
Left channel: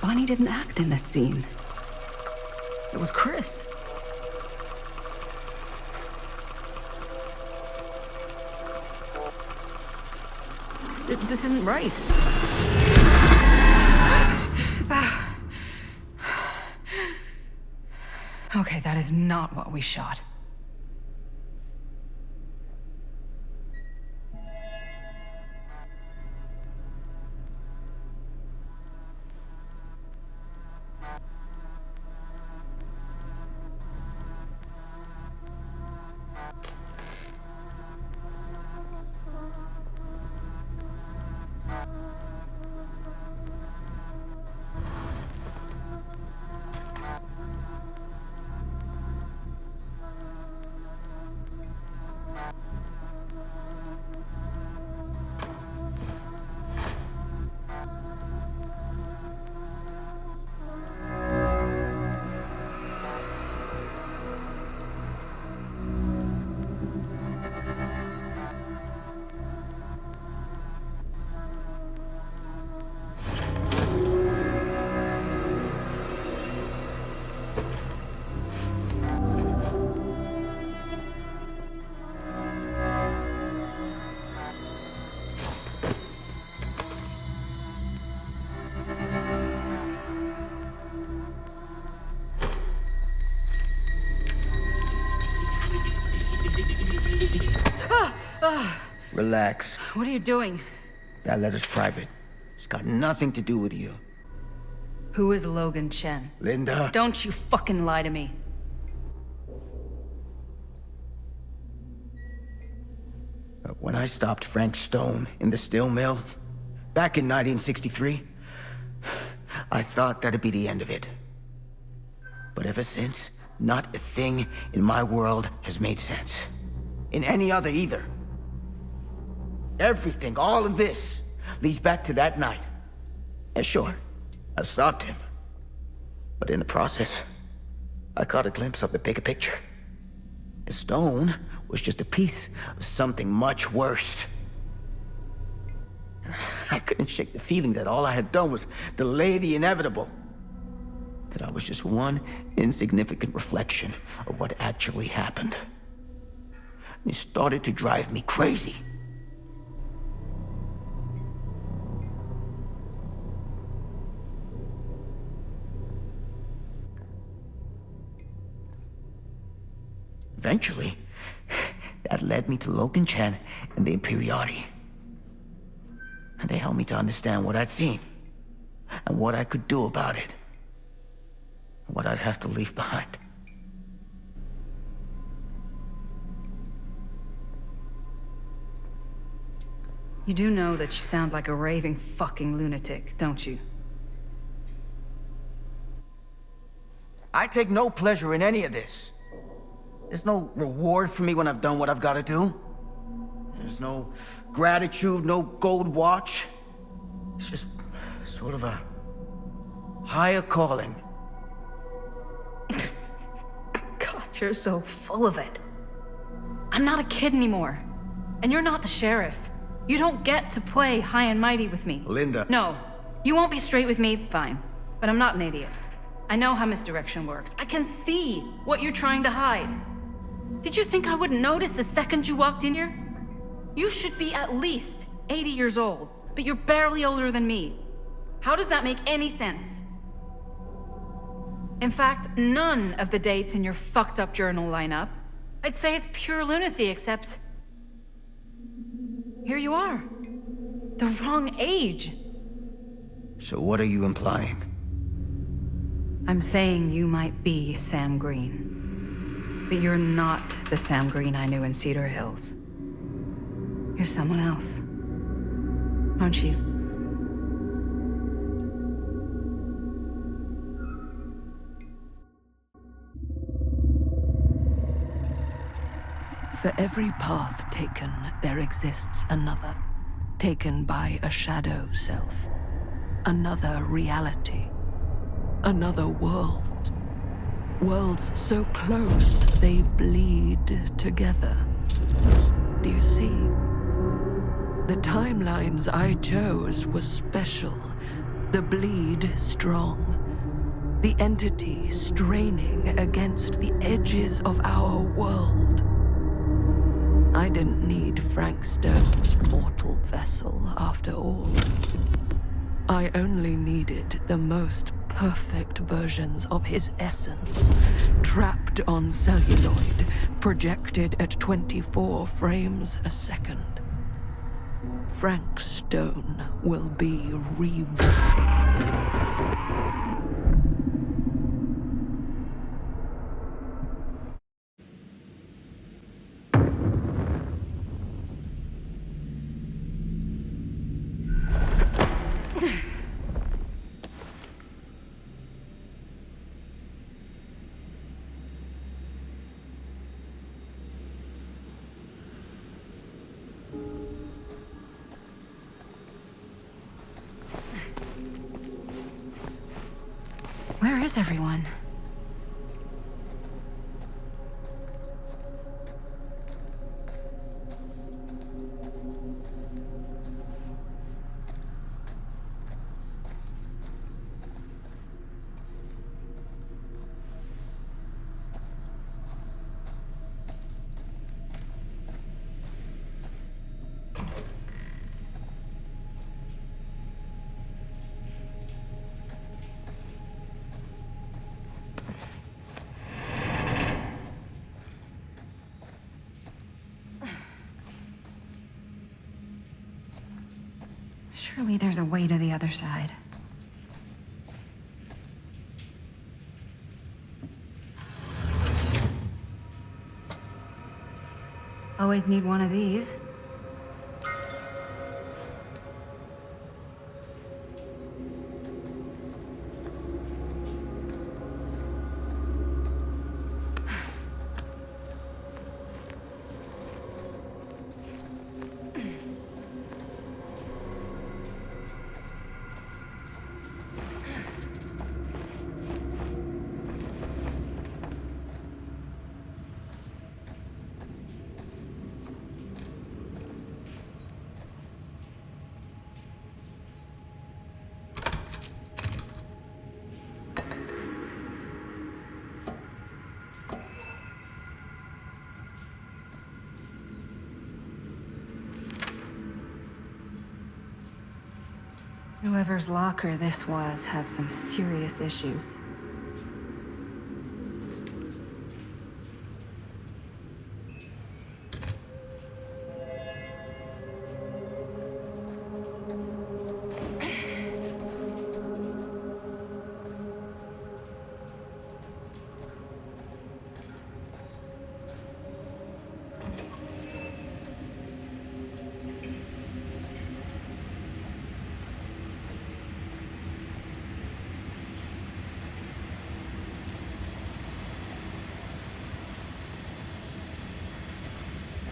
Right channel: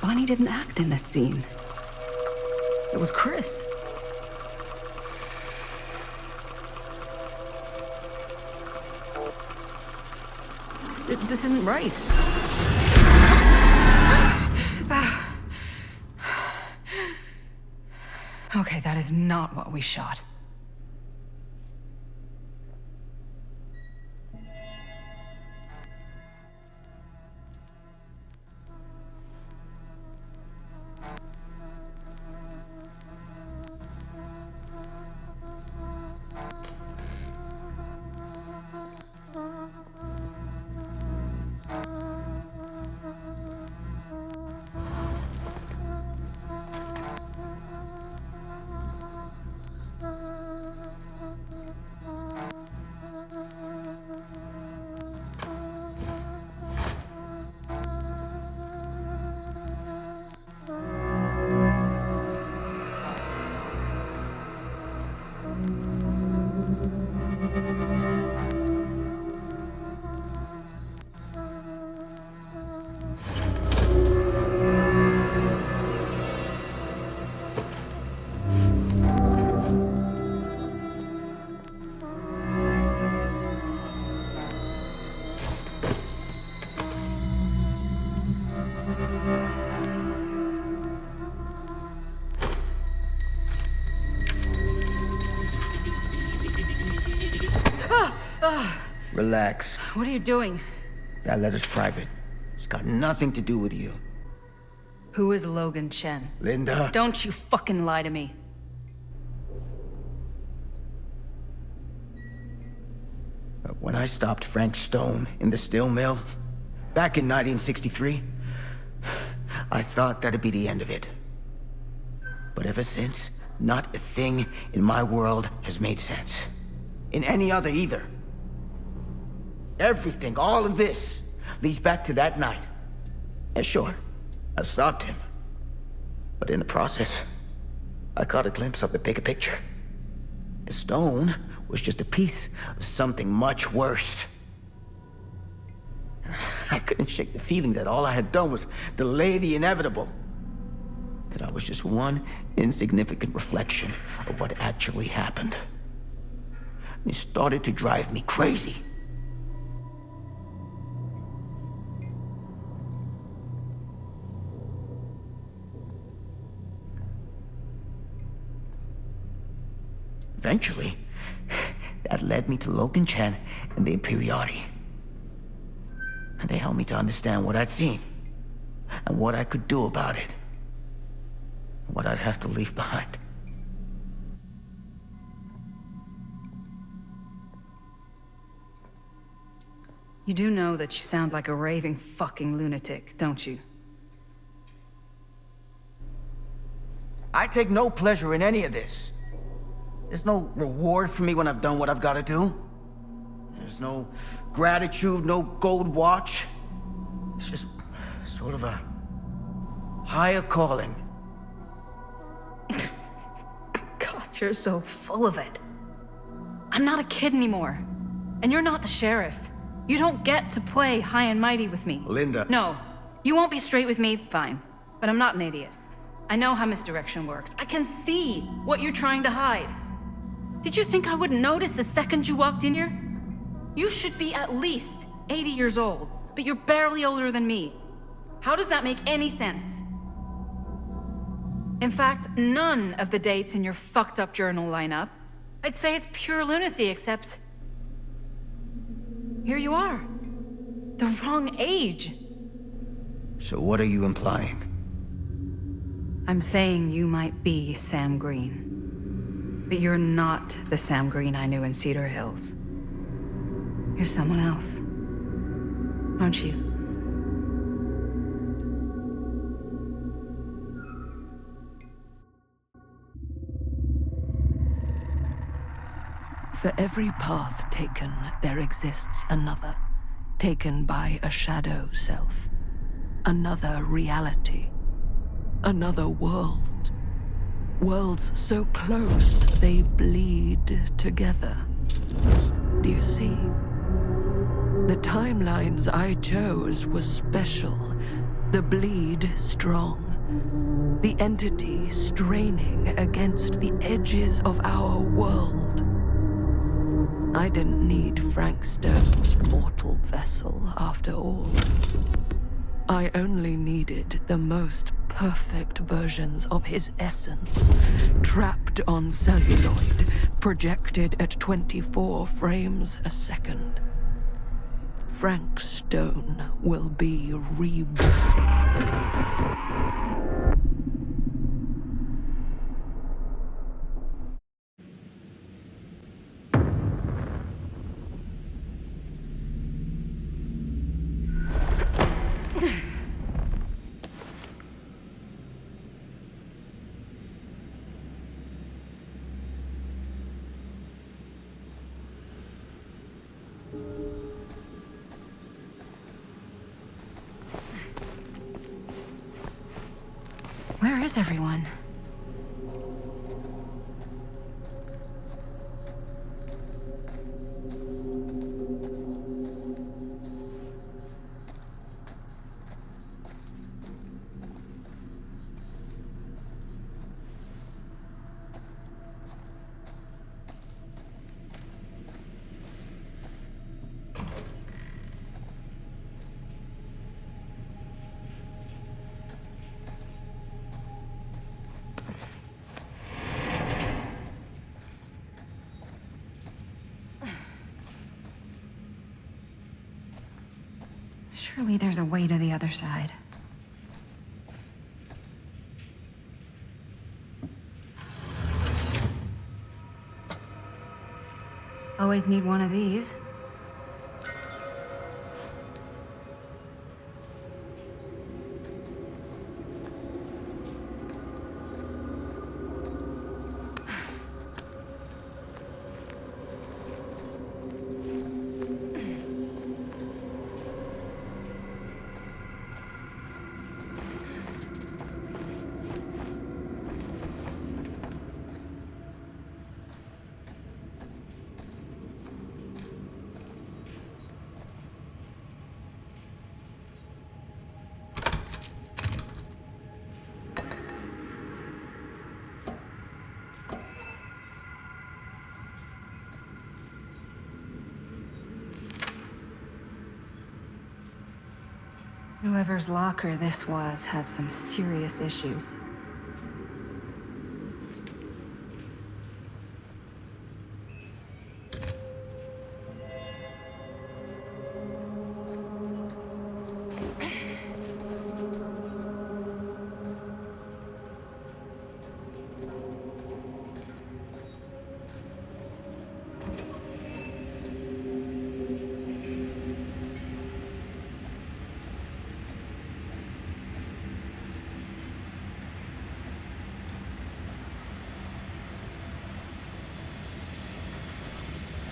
Bonnie didn't act in this scene. It was Chris. This isn't right. Okay, that is not what we shot. Relax. What are you doing? That letter's private. It's got nothing to do with you. Who is Logan Chen? Linda. Don't you fucking lie to me. When I stopped Frank Stone in the steel mill, back in 1963, I thought that'd be the end of it. But ever since, not a thing in my world has made sense. In any other either. Everything, all of this, leads back to that night. And sure, I stopped him. But in the process, I caught a glimpse of the bigger picture. Stone was just a piece of something much worse. I couldn't shake the feeling that all I had done was delay the inevitable. That I was just one insignificant reflection of what actually happened. It started to drive me crazy. Eventually, that led me to Logan Chen and the Imperiati. And they helped me to understand what I'd seen, and what I could do about it, and what I'd have to leave behind. You do know that you sound like a raving fucking lunatic, don't you? I take no pleasure in any of this. There's no reward for me when I've done what I've got to do. There's no gratitude, no gold watch. It's just sort of a higher calling. God, you're so full of it. I'm not a kid anymore. And you're not the sheriff. You don't get to play high and mighty with me. Linda. No. You won't be straight with me, fine. But I'm not an idiot. I know how misdirection works. I can see what you're trying to hide. Did you think I wouldn't notice the second you walked in here? You should be at least 80 years old, but you're barely older than me. How does that make any sense? In fact, none of the dates in your fucked up journal line up. I'd say it's pure lunacy, except here you are. The wrong age. So what are you implying? I'm saying you might be Sam Green. But you're not the Sam Green I knew in Cedar Hills. You're someone else. Aren't you? For every path taken, there exists another, taken by a shadow self. Another reality. Another world. Worlds so close, they bleed together. Do you see? The timelines I chose were special. The bleed strong. The entity straining against the edges of our world. I didn't need Frank Stone's mortal vessel, after all. I only needed the most perfect versions of his essence, trapped on celluloid, projected at 24 frames a second. Frank Stone will be reborn. Where is everyone? Surely there's a way to the other side. Always need one of these. Whoever's locker this was had some serious issues.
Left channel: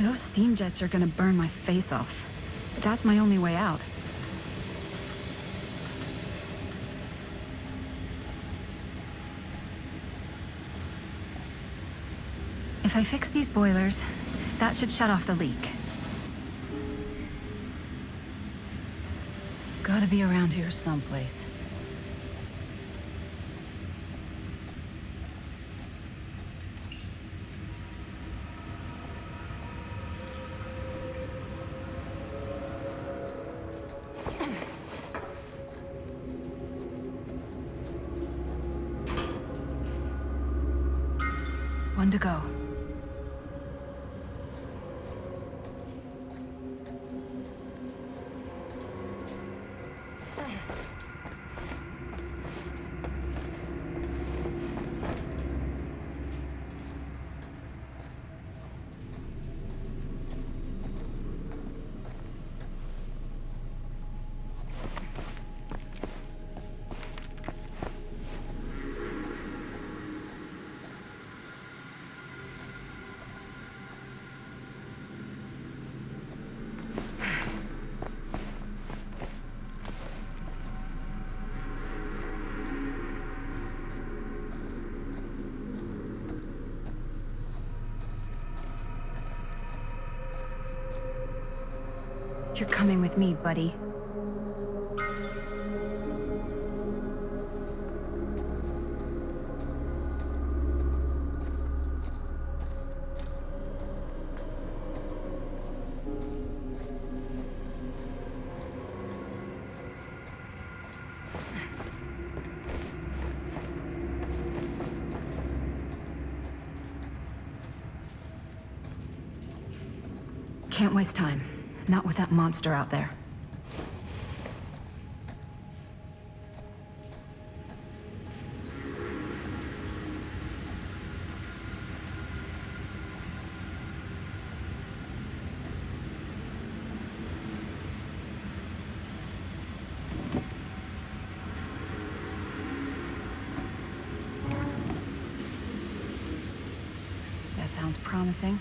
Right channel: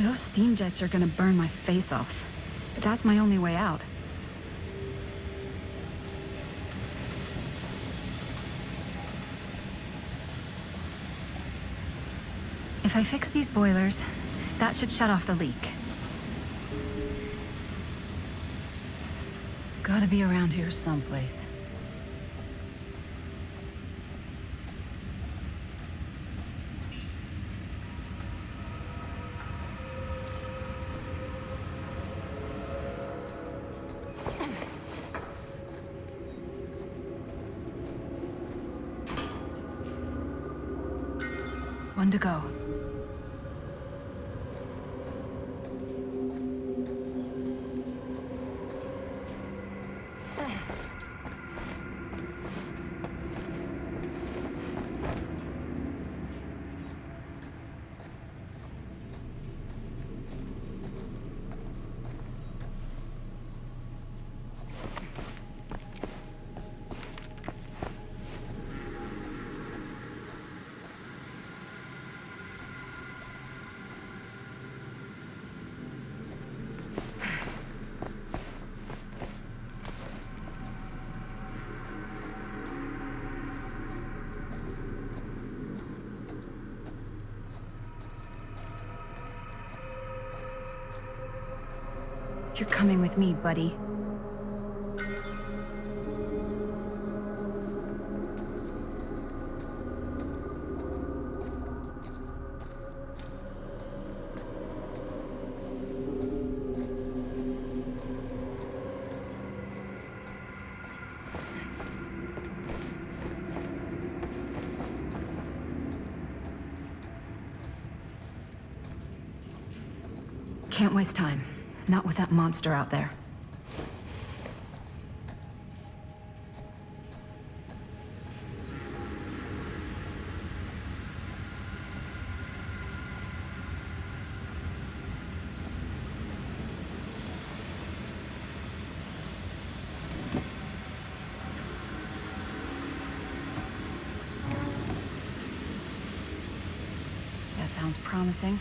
Those steam jets are gonna burn my face off. But that's my only way out. If I fix these boilers, that should shut off the leak. Gotta be around here someplace. One to go. You're coming with me, buddy. Can't waste time. Not with that monster out there. That sounds promising.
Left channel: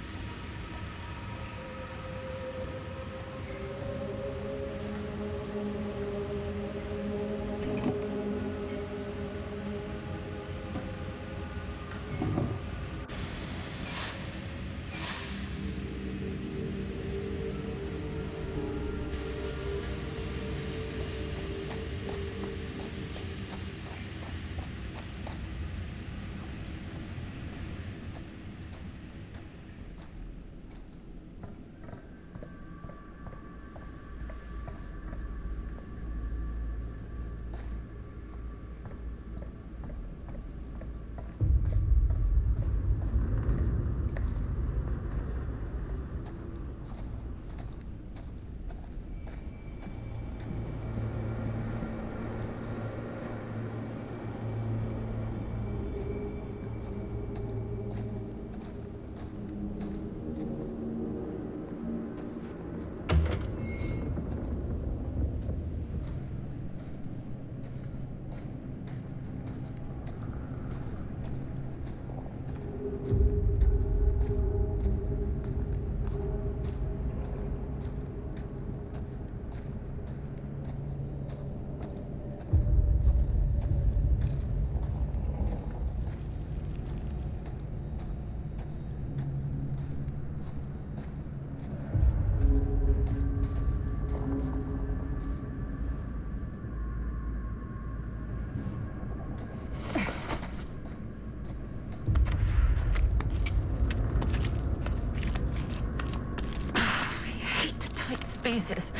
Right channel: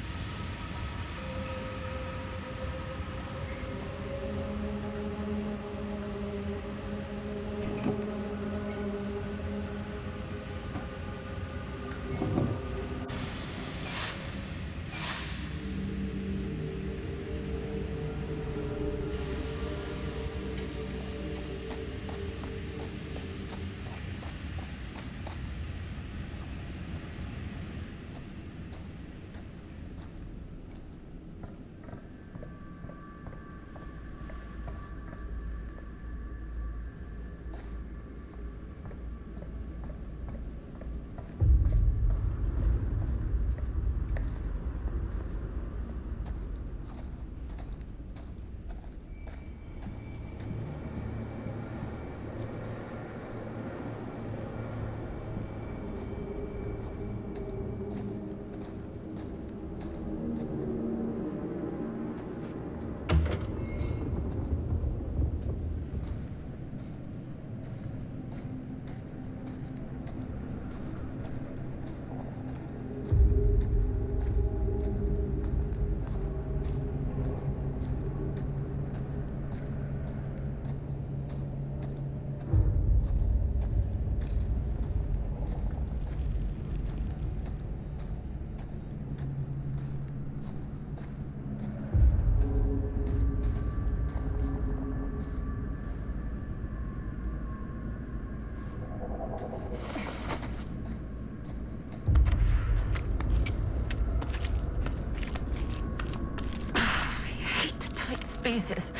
Spaces.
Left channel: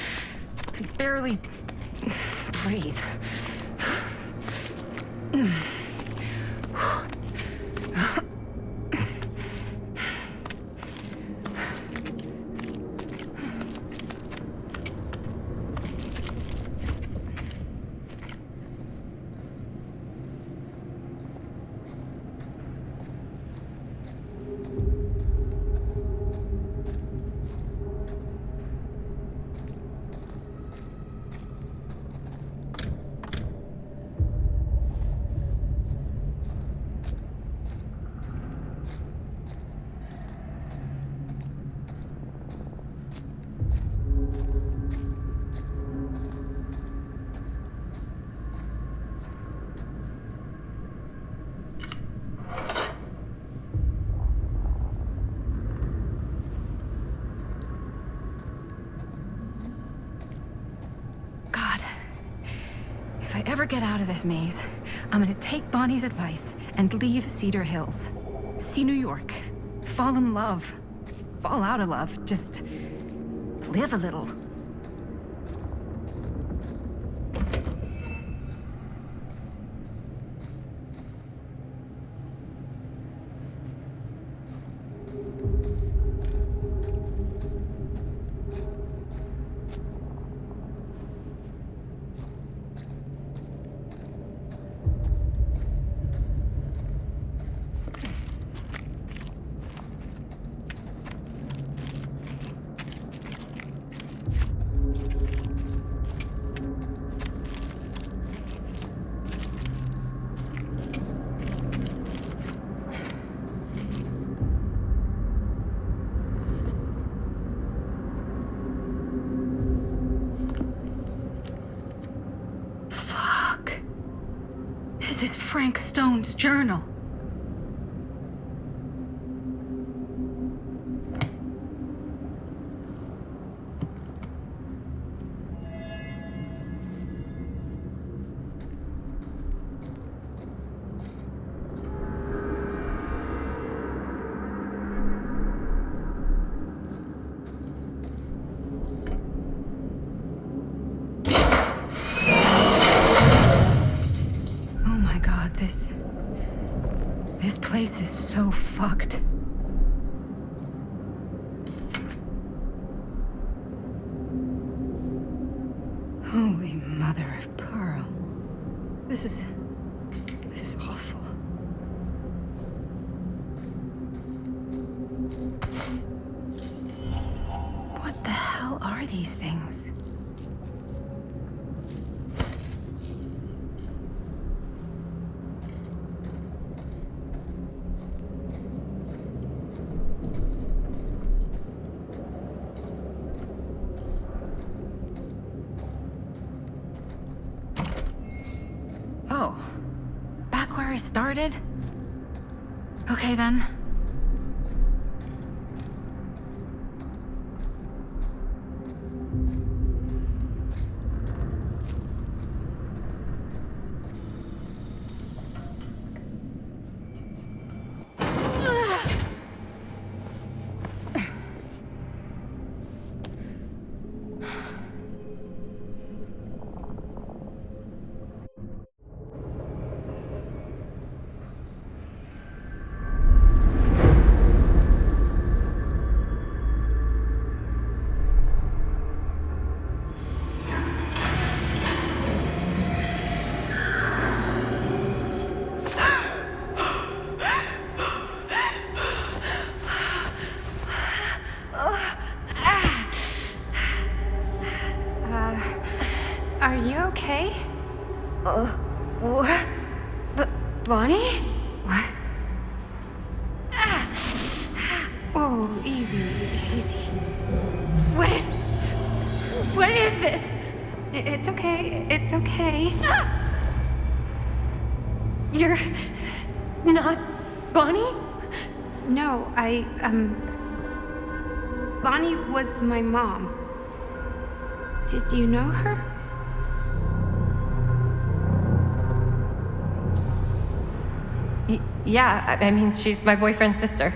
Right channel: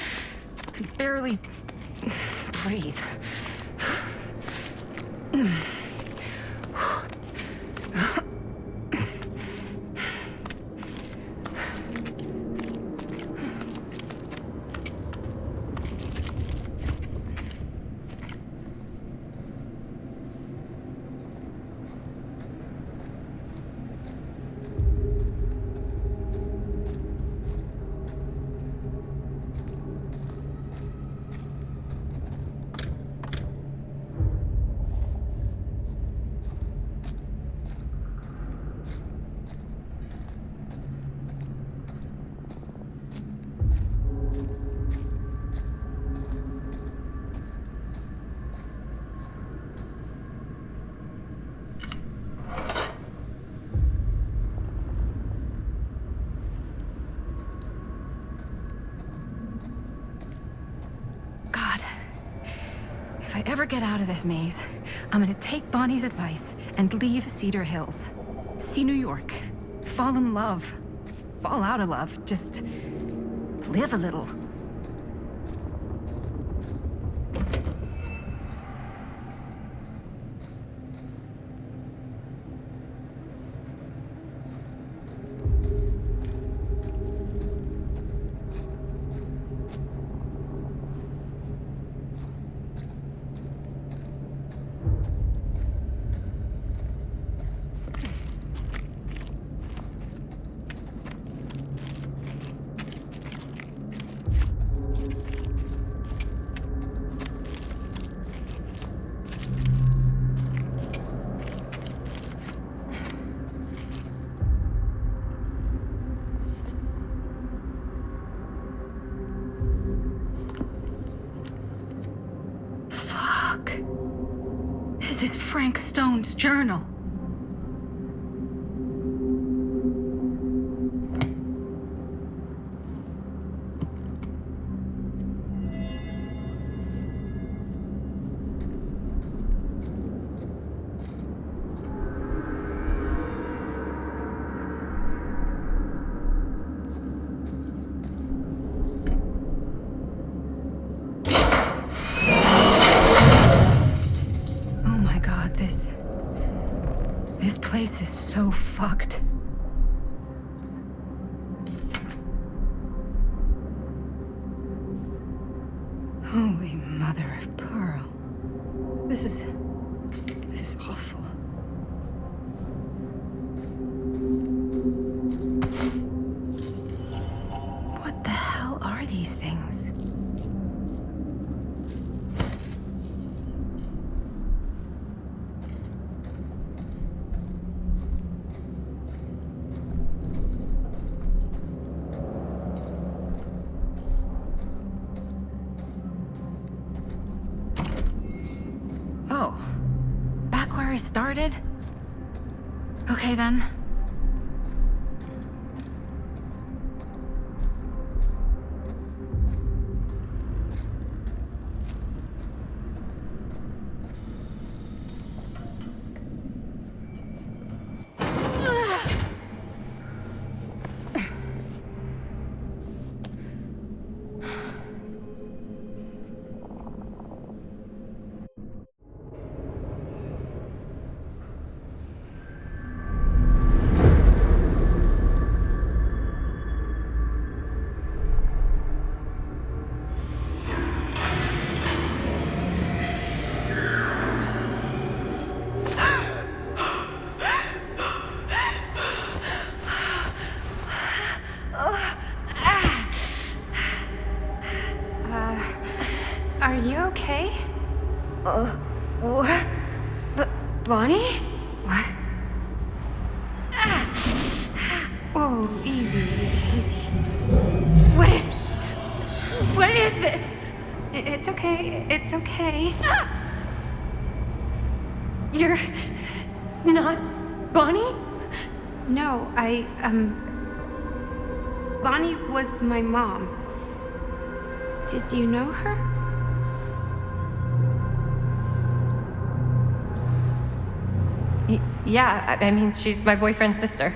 I can barely breathe. If I ever get out of this maze, I'm gonna take Bonnie's advice and leave Cedar Hills. See New York. Fall in love. Fall out of love. Just live a little. This is Frank Stone's journal. place is so fucked. Holy mother of pearl. This is awful. What the hell are these things? Oh, back where I started? Okay then. Are you okay? What? Bonnie? What? Oh, easy, easy. What is this? It's okay, it's okay. You're not Bonnie? No, Bonnie was my mom. Did you know her? Yeah, I mean, she's my boyfriend's sister.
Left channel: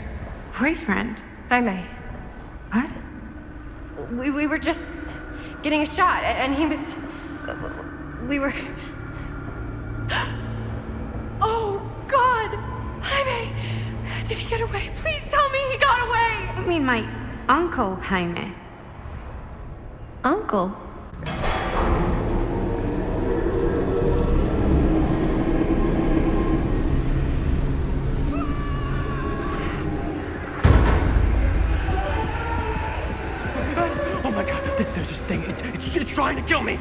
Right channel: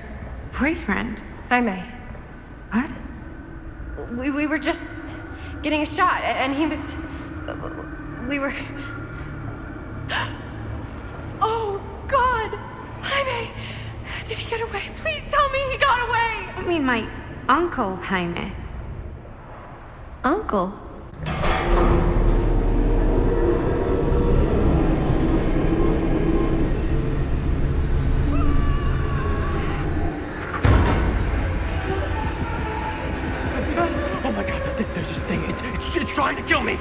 Boyfriend? Jaime. What? We were just getting a shot, and he was... We were... Oh, God! Jaime! Did he get away? Please tell me he got away! I mean, my uncle, Jaime. Uncle? Oh my God, there's this thing. It's trying to kill me.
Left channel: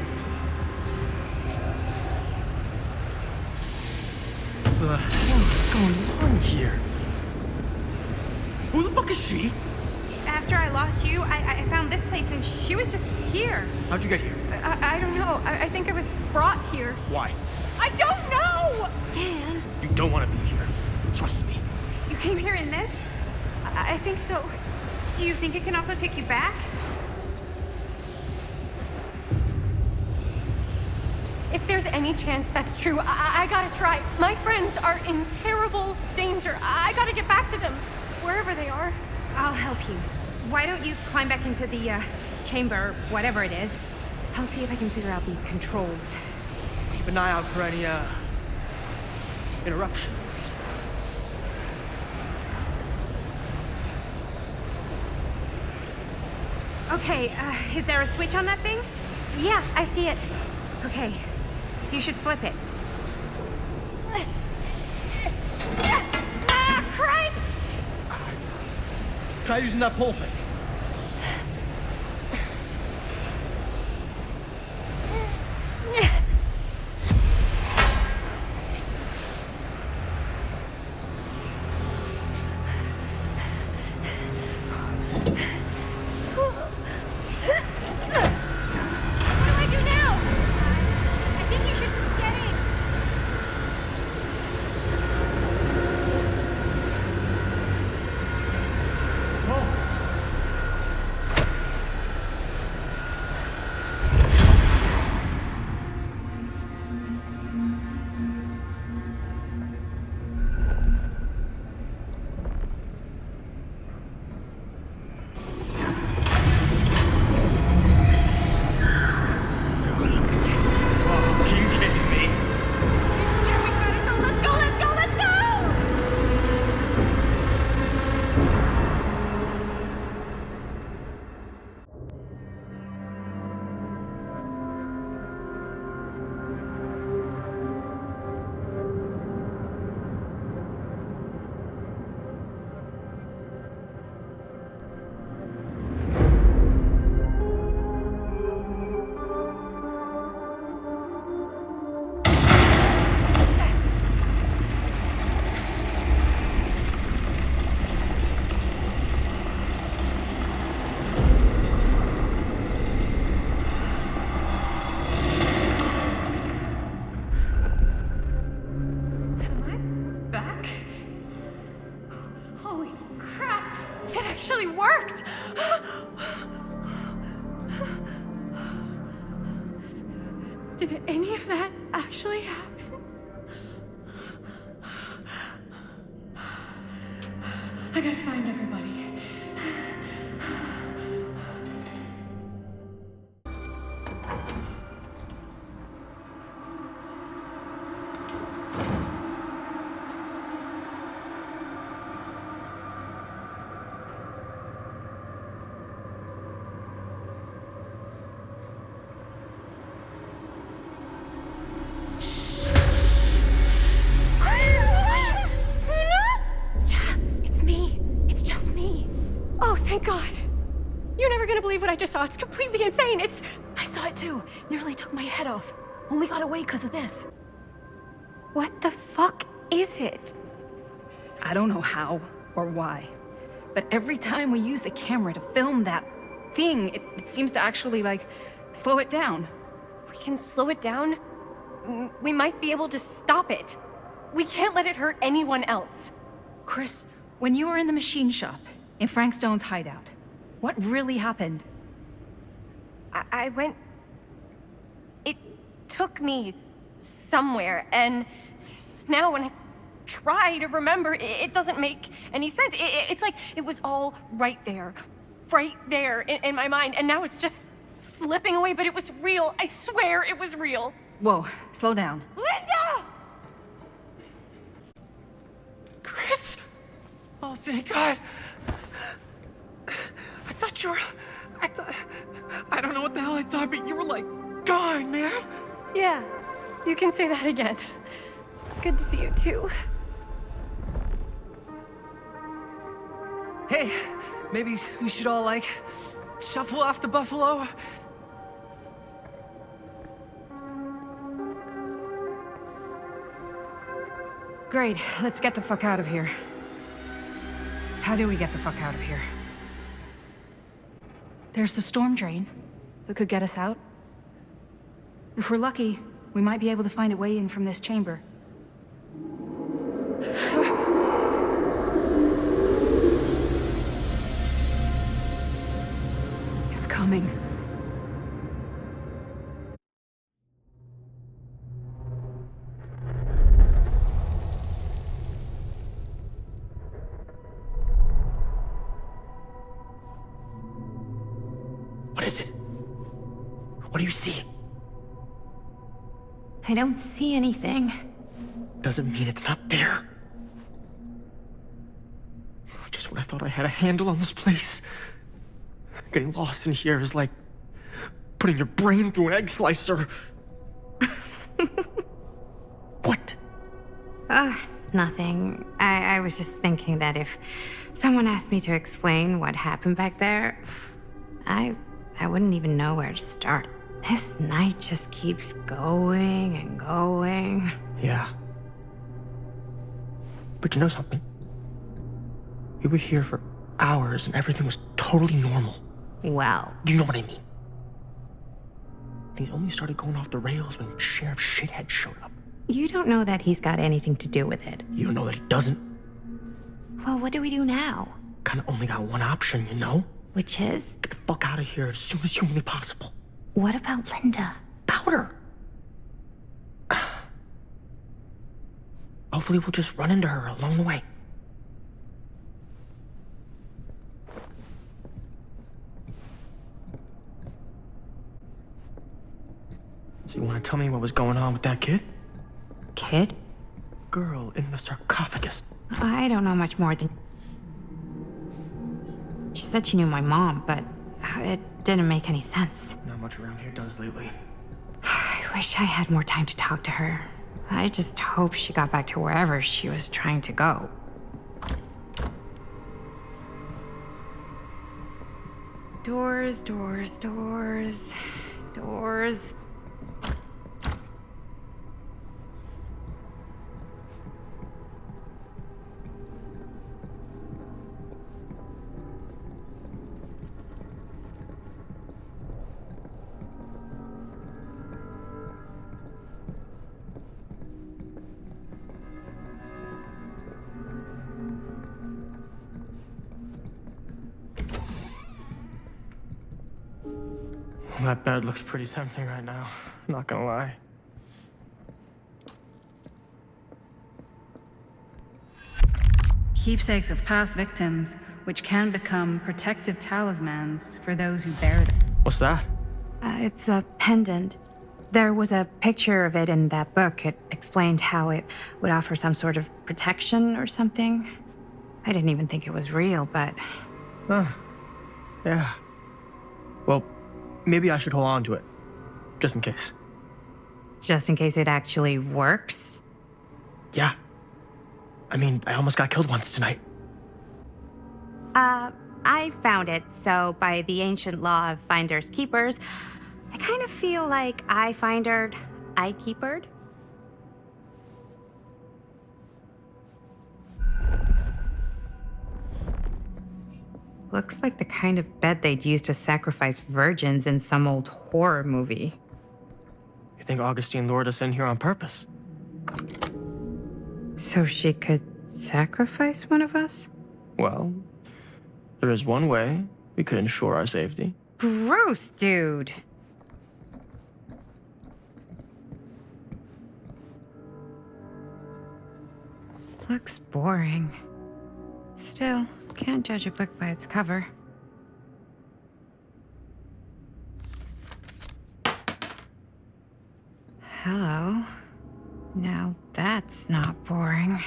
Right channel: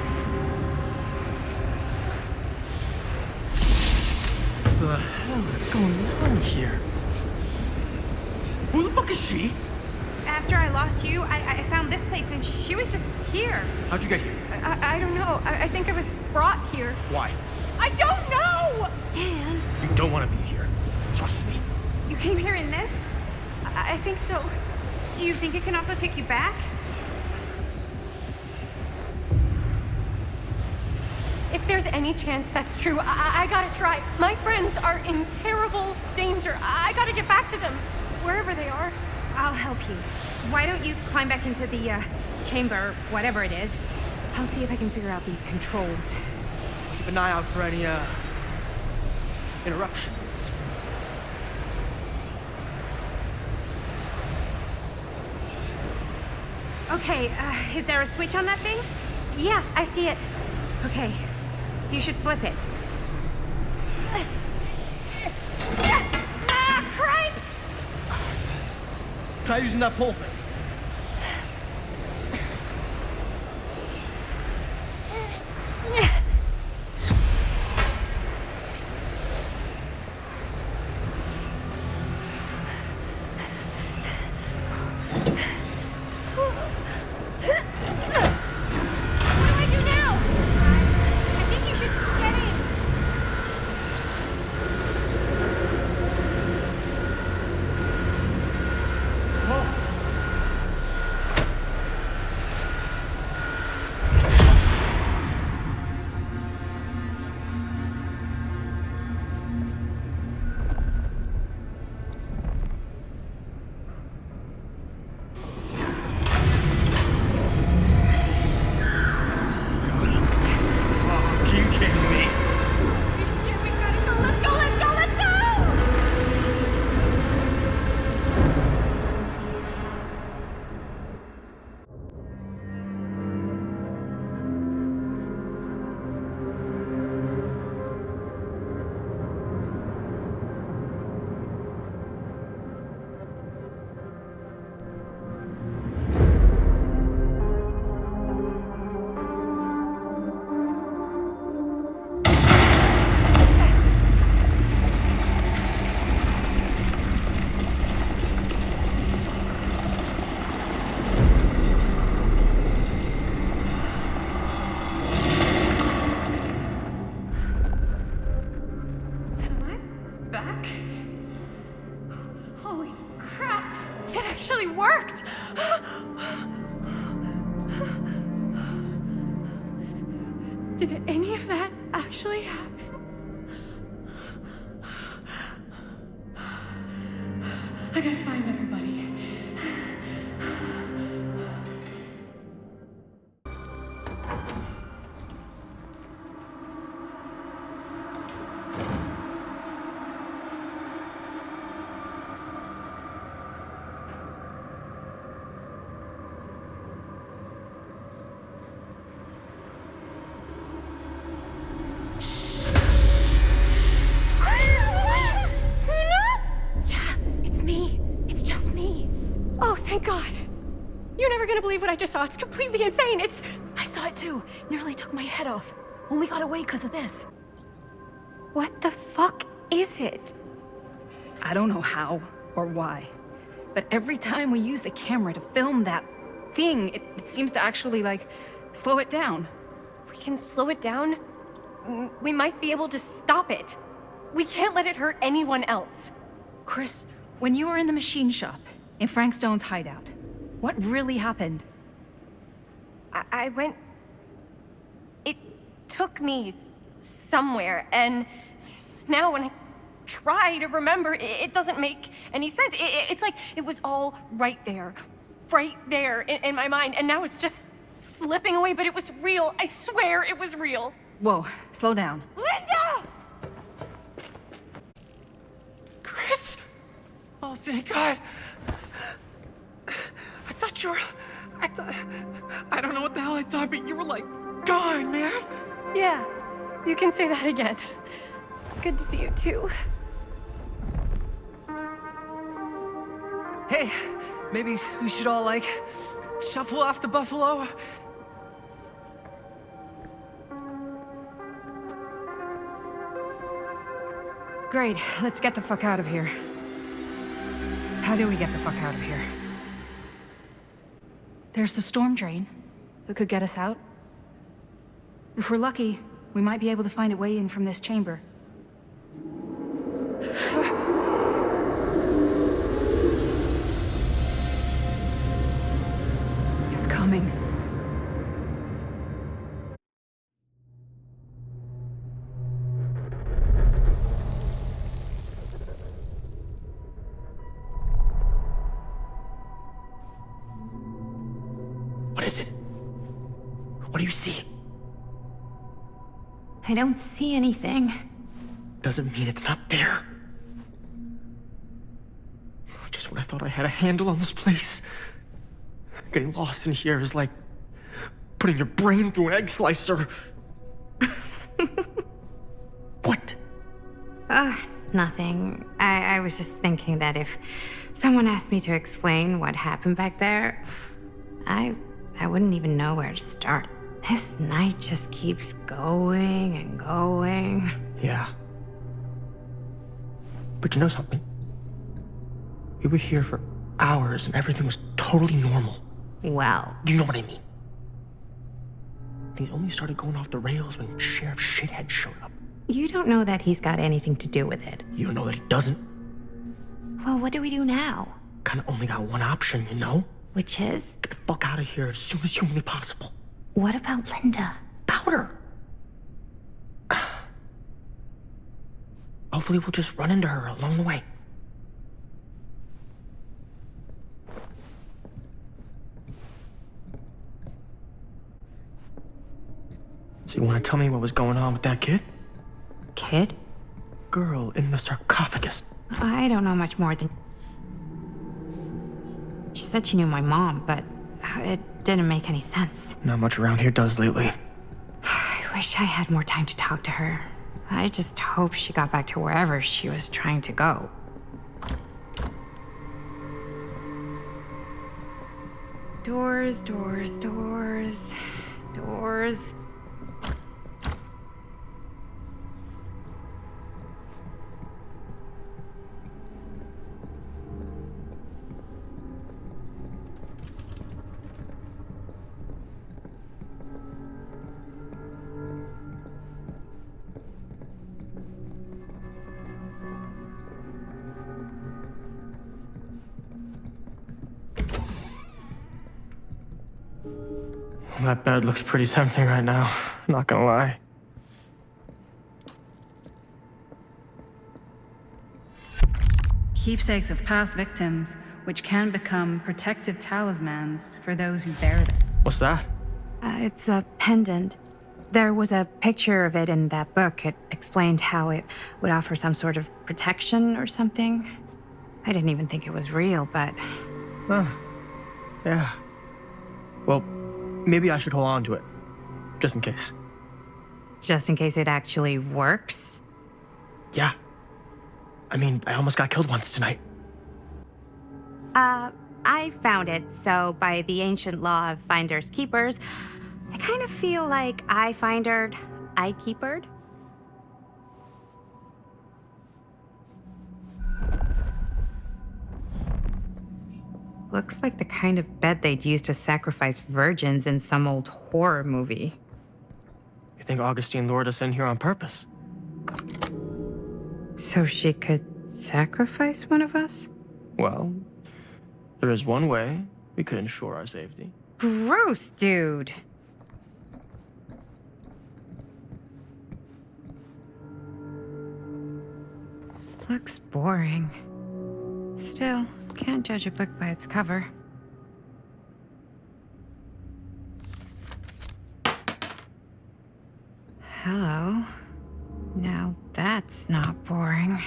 The hell is going on here? Who the fuck is she? After I lost you, I found this place and she was just here. How'd you get here? I don't know. I think I was brought here. Why? I don't know! Dan. You don't want to be here. Trust me. You came here in this? I think so. Do you think it can also take you back? If there's any chance that's true, I gotta try. My friends are in terrible danger. I gotta get back to them, wherever they are. I'll help you. Why don't you climb back into the chamber, whatever it is? I'll see if I can figure out these controls. Keep an eye out for any interruptions. Okay, is there a switch on that thing? Yeah, I see it. Okay, you should flip it. Cripes! Try using that pole thing. Did any of that actually happen? I gotta find everybody. I just saw. It's completely insane. I saw it too. Nearly took my head off. Only got away because of this. What the fuck is it? I don't know how or why, but every time we use the camera to film that thing, it seems to actually, like, slow it down. If we can slow it down, we might be able to stop it. We can't let it hurt anyone else. Chris, when you were in the machine shop, in Frank Stone's hideout, what really happened? I went... It took me somewhere, and now when I try to remember, it doesn't make any sense. It's like it was all right there in my mind, and now it's just slipping away, but it was real. I swear it was real. Whoa, slow down. Linda! Chris! Oh, thank God. I thought you were... I don't know what the hell I thought, but you were, like, gone, man. Yeah, you can say that again. It's good to see you, too. Hey, maybe we should all, like, shuffle off the buffalo. Great, let's get the fuck out of here. How do we get the fuck out of here? There's the storm drain that could get us out. If we're lucky, we might be able to find a way in from this chamber. It's coming. What is it? What do you see? I don't see anything. Doesn't mean it's not there. Just when I thought I had a handle on this place. Getting lost in here is like putting your brain through an egg slicer. What? Nothing. I was just thinking that if someone asked me to explain what happened back there, I wouldn't even know where to start. This night just keeps going and going. Yeah. But you know something? We were here for hours and everything was totally normal. Well. You know what I mean? Things only started going off the rails when Sheriff Shithead showed up. You don't know that he's got anything to do with it. You don't know that he doesn't? Well, what do we do now? Kinda only got one option, you know? Which is? Get the fuck out of here as soon as humanly possible. What about Linda? Powder! Hopefully we'll just run into her along the way. So you want to tell me what was going on with that kid? Kid? Girl in the sarcophagus. I don't know much more than... She said she knew my mom, but it didn't make any sense. Not much around here does lately. I wish I had more time to talk to her. I just hope she got back to wherever she was trying to go. Doors, doors, doors, doors. Well, that bed looks pretty tempting right now. Not gonna lie. Keepsakes of past victims, which can become protective talismans for those who bear them. What's that? It's a pendant. There was a picture of it in that book. It explained how it would offer some sort of protection or something. I didn't even think it was real, but... Huh. Yeah. Well, maybe I should hold on to it. Just in case. Just in case it actually works? Yeah. I mean, I almost got killed once tonight. I found it, so by the ancient law of finders keepers, I kind of feel like I findered, I keepered. Looks like the kind of bed they'd use to sacrifice virgins in some old horror movie. You think Augustine lured us in here on purpose? So she could sacrifice one of us? Well, there is one way we could ensure our safety. Gross, dude. Looks boring. Still, can't judge a book by its cover. Hello. Now that's not boring.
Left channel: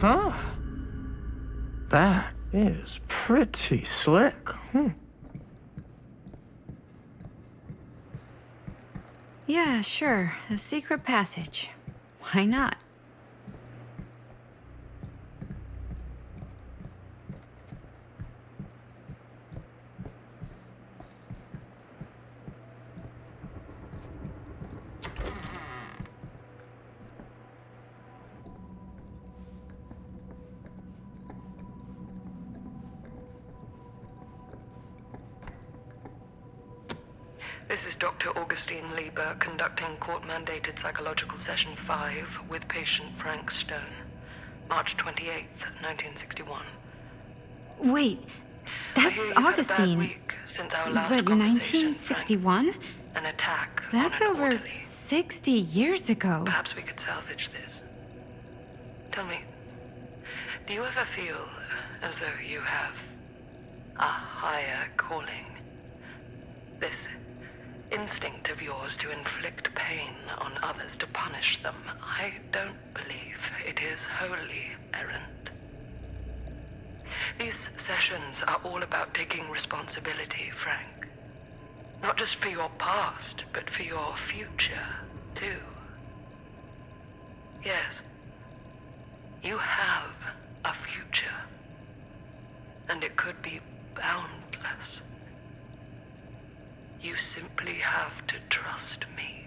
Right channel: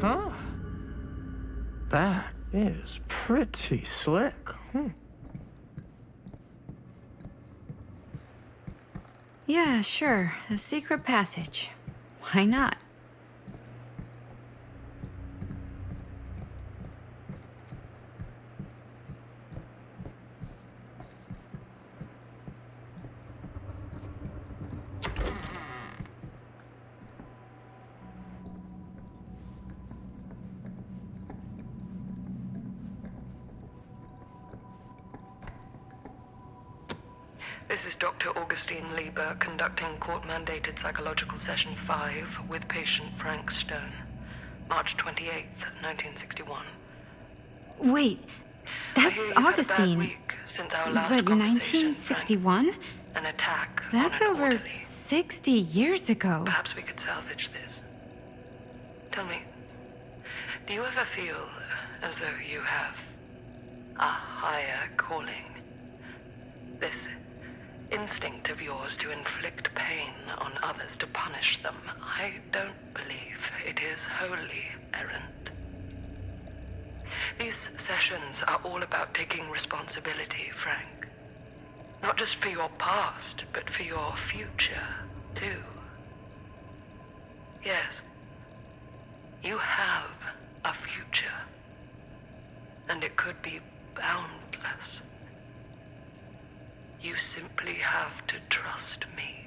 Huh? That is pretty slick. Yeah, sure. A secret passage. Why not? This is Dr. Augustine Lieber conducting court-mandated psychological session 5 with patient Frank Stone. March 28th, 1961. Wait, that's Augustine. Since our last But conversation, 1961? an attack. That's over 60 years ago. Perhaps we could salvage this. Tell me, do you ever feel as though you have a higher calling? This instinct of yours to inflict pain on others, to punish them, I don't believe it is wholly errant. These sessions are all about taking responsibility, Frank. Not just for your past, but for your future, too. Yes, you have a future, and it could be boundless. You simply have to trust me.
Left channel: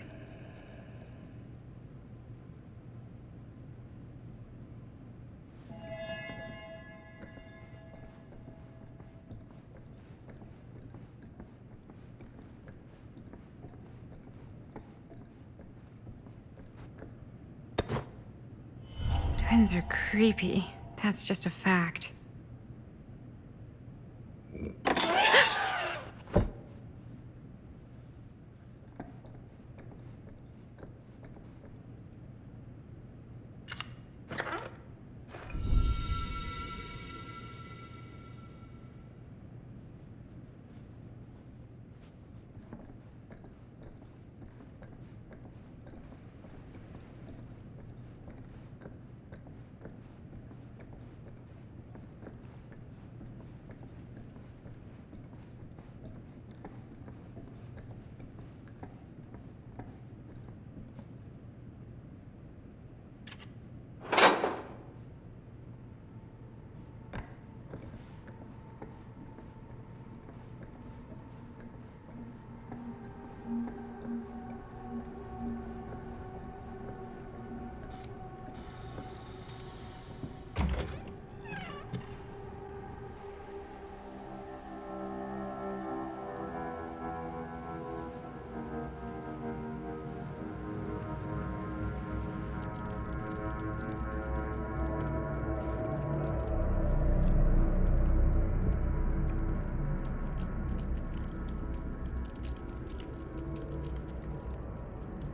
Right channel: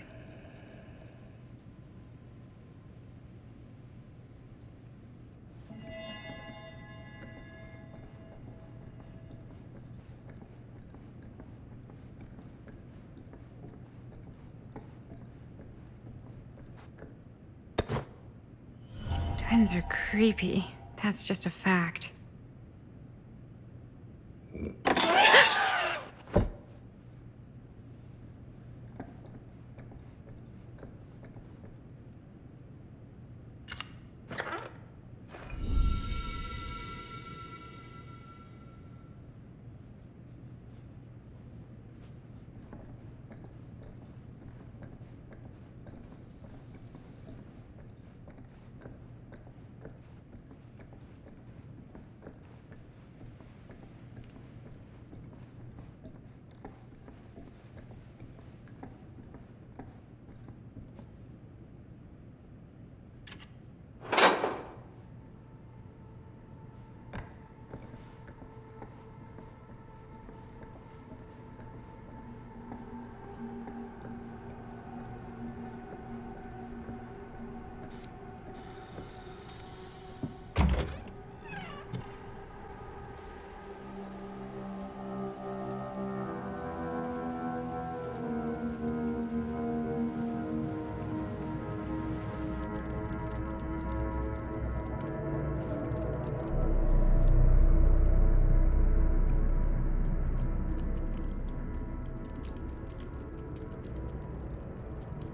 Twins are creepy. That's just a fact.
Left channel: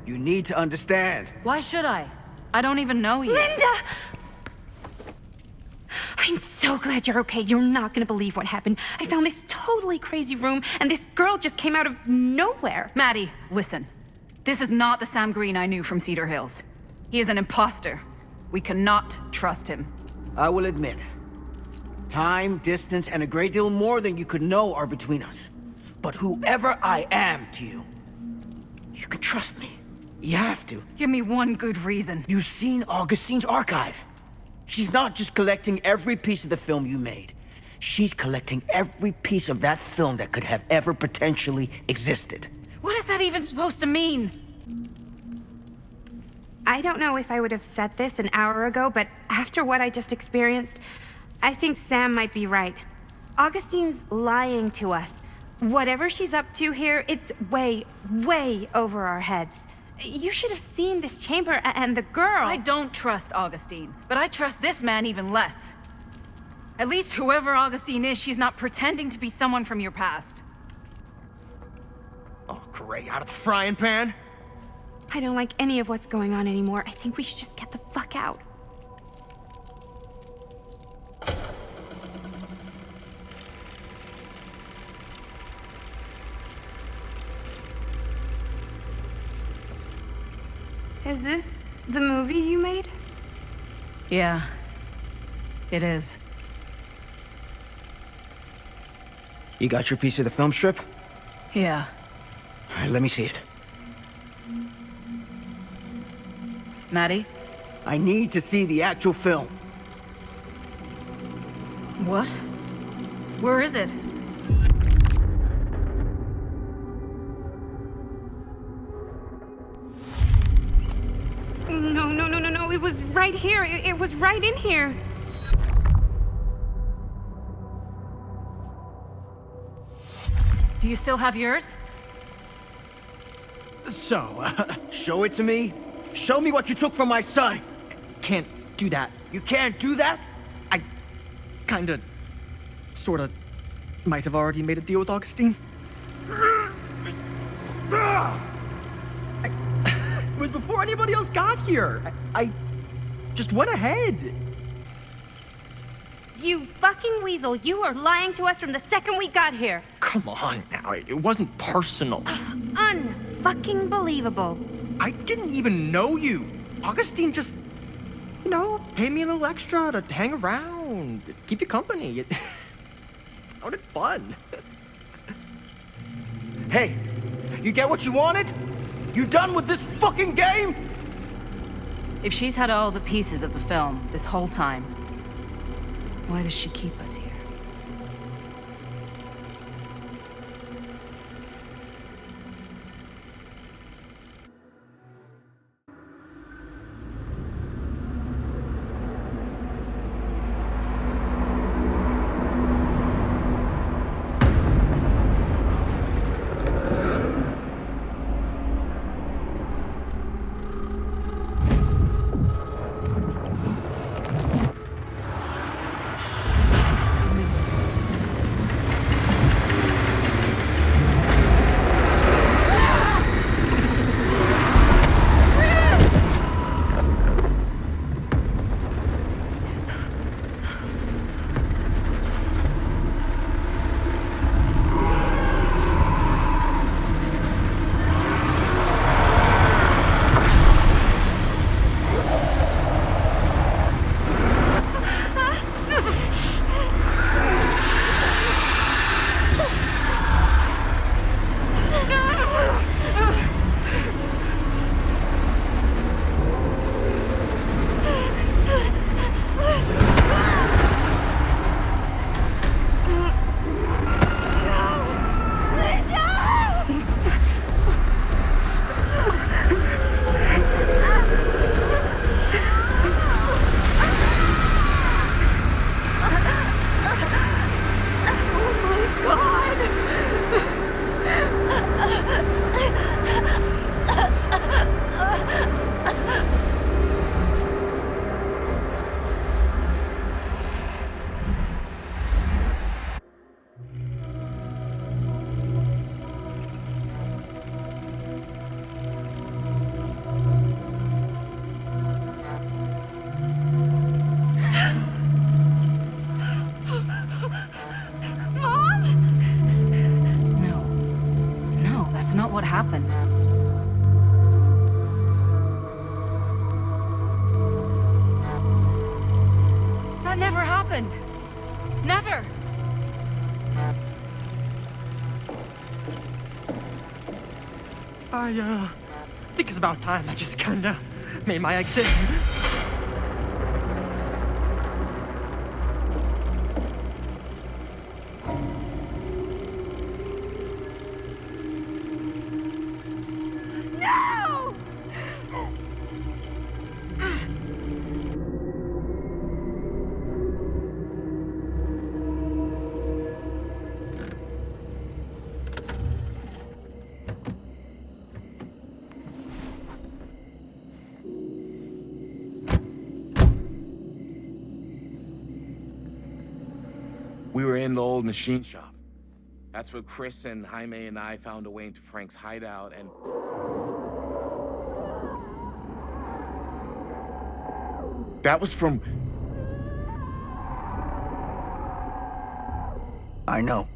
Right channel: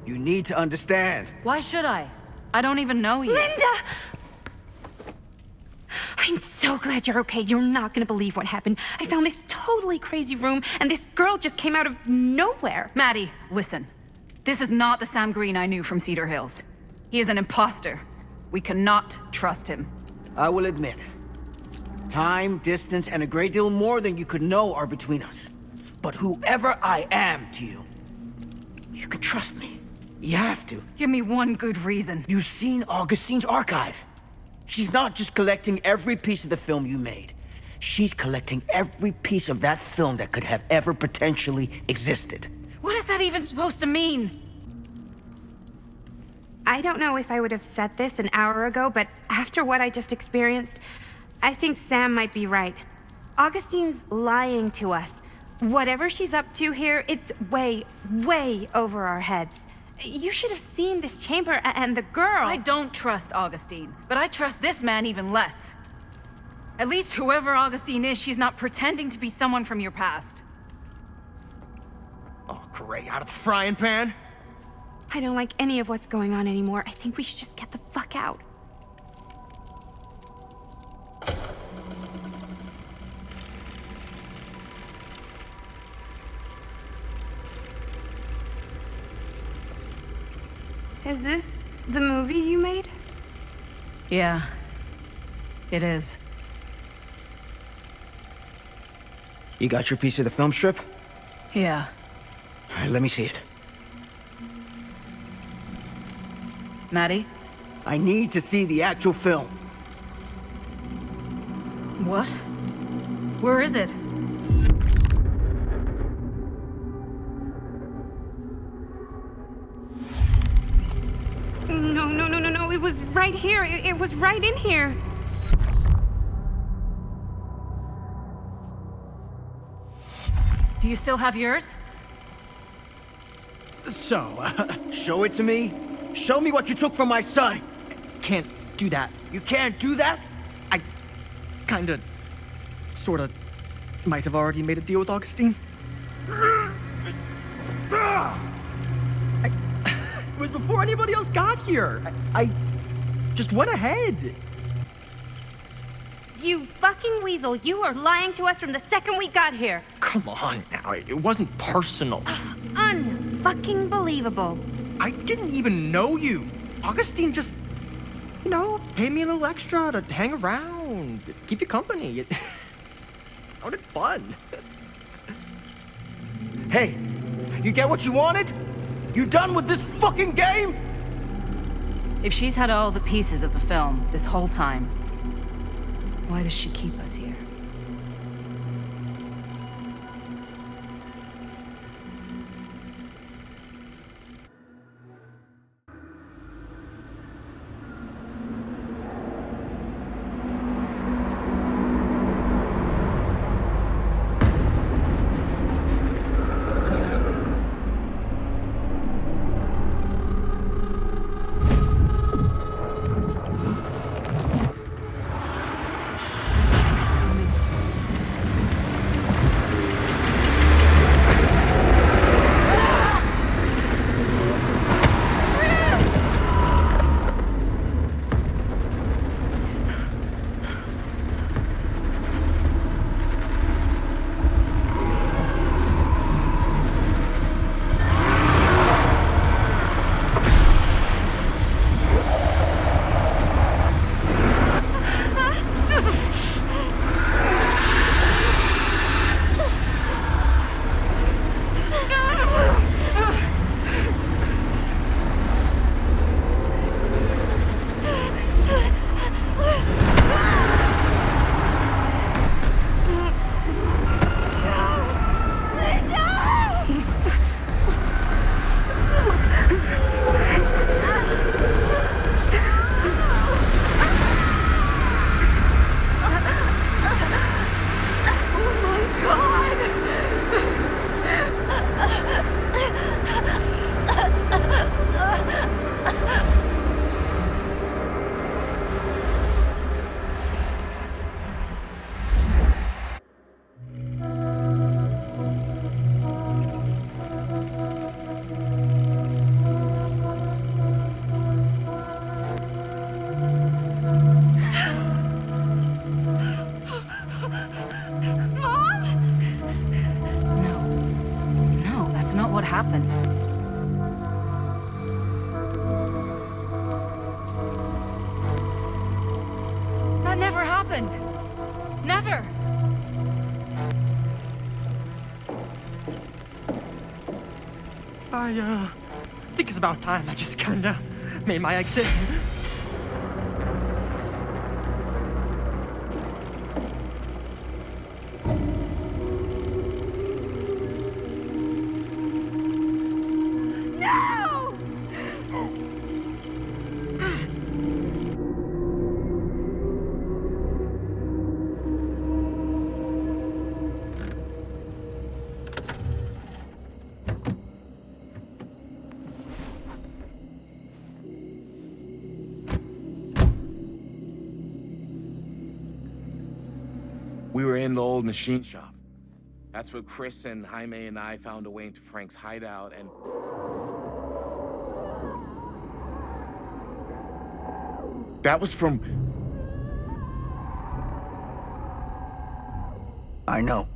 You need to understand. Why should I? I don't even know you. Linda! I'm so glad you're okay. You're not gonna believe what happened. I found this totally crazy room, and this girl just came out of nowhere. Maddie, listen. This is not the Sam Green I knew from Cedar Hills. He is an imposter. We cannot trust him. I will admit, time, distance, and a great deal more than you could know are between us. But whoever I am to you, you can trust me. You have to. Give me one good reason. You've seen Augustine's archive. She's not just collecting every piece of the film you made. She's collecting every piece of that film that could have ever potentially existed. What is that even supposed to mean? I don't know if I would have said this an hour ago, but after what I just experienced, I think Sam might be right. Augustine's lying to us. Whatever she's up to here, it's way, way over our heads. You should have seen this chamber and the girl. I don't trust Augustine, but I trust this man even less. At least whoever Augustine is, she's not pretending to be someone from your past. Oh, great. Out of the frying pan? I don't like any of what's going on anymore. I think we should just get the fuck out. Is this the movie you made? Yeah, it is. You got your piece of the film strip? Yeah. All right, let me see it. Maddie? I need to see the actual film. What? Where is it? No. It was right here. It was right in here. Do you still have yours? So, show it to me. Show me what you took from my son. Can't do that. You can't do that? I kinda, sorta, might have already made a deal with Augustine. It was before anybody else got here. I just went ahead. You fucking weasel. You are lying to us from the second we got here. Come on now, it wasn't personal. Unfucking believable. I didn't even know you. Augustine just, you know, paid me a little extra to hang around, keep you company. It sounded fun. Hey, you get what you wanted? You done with this fucking game? If she's had all the pieces of the film this whole time, why does she keep us here? what happened. That never happened. Never. I think it's about time I just kinda made my exit. No! We were in the old machine shop. That's where Chris and Jaime and I found a way into Frank's hideout and... That was from... I know.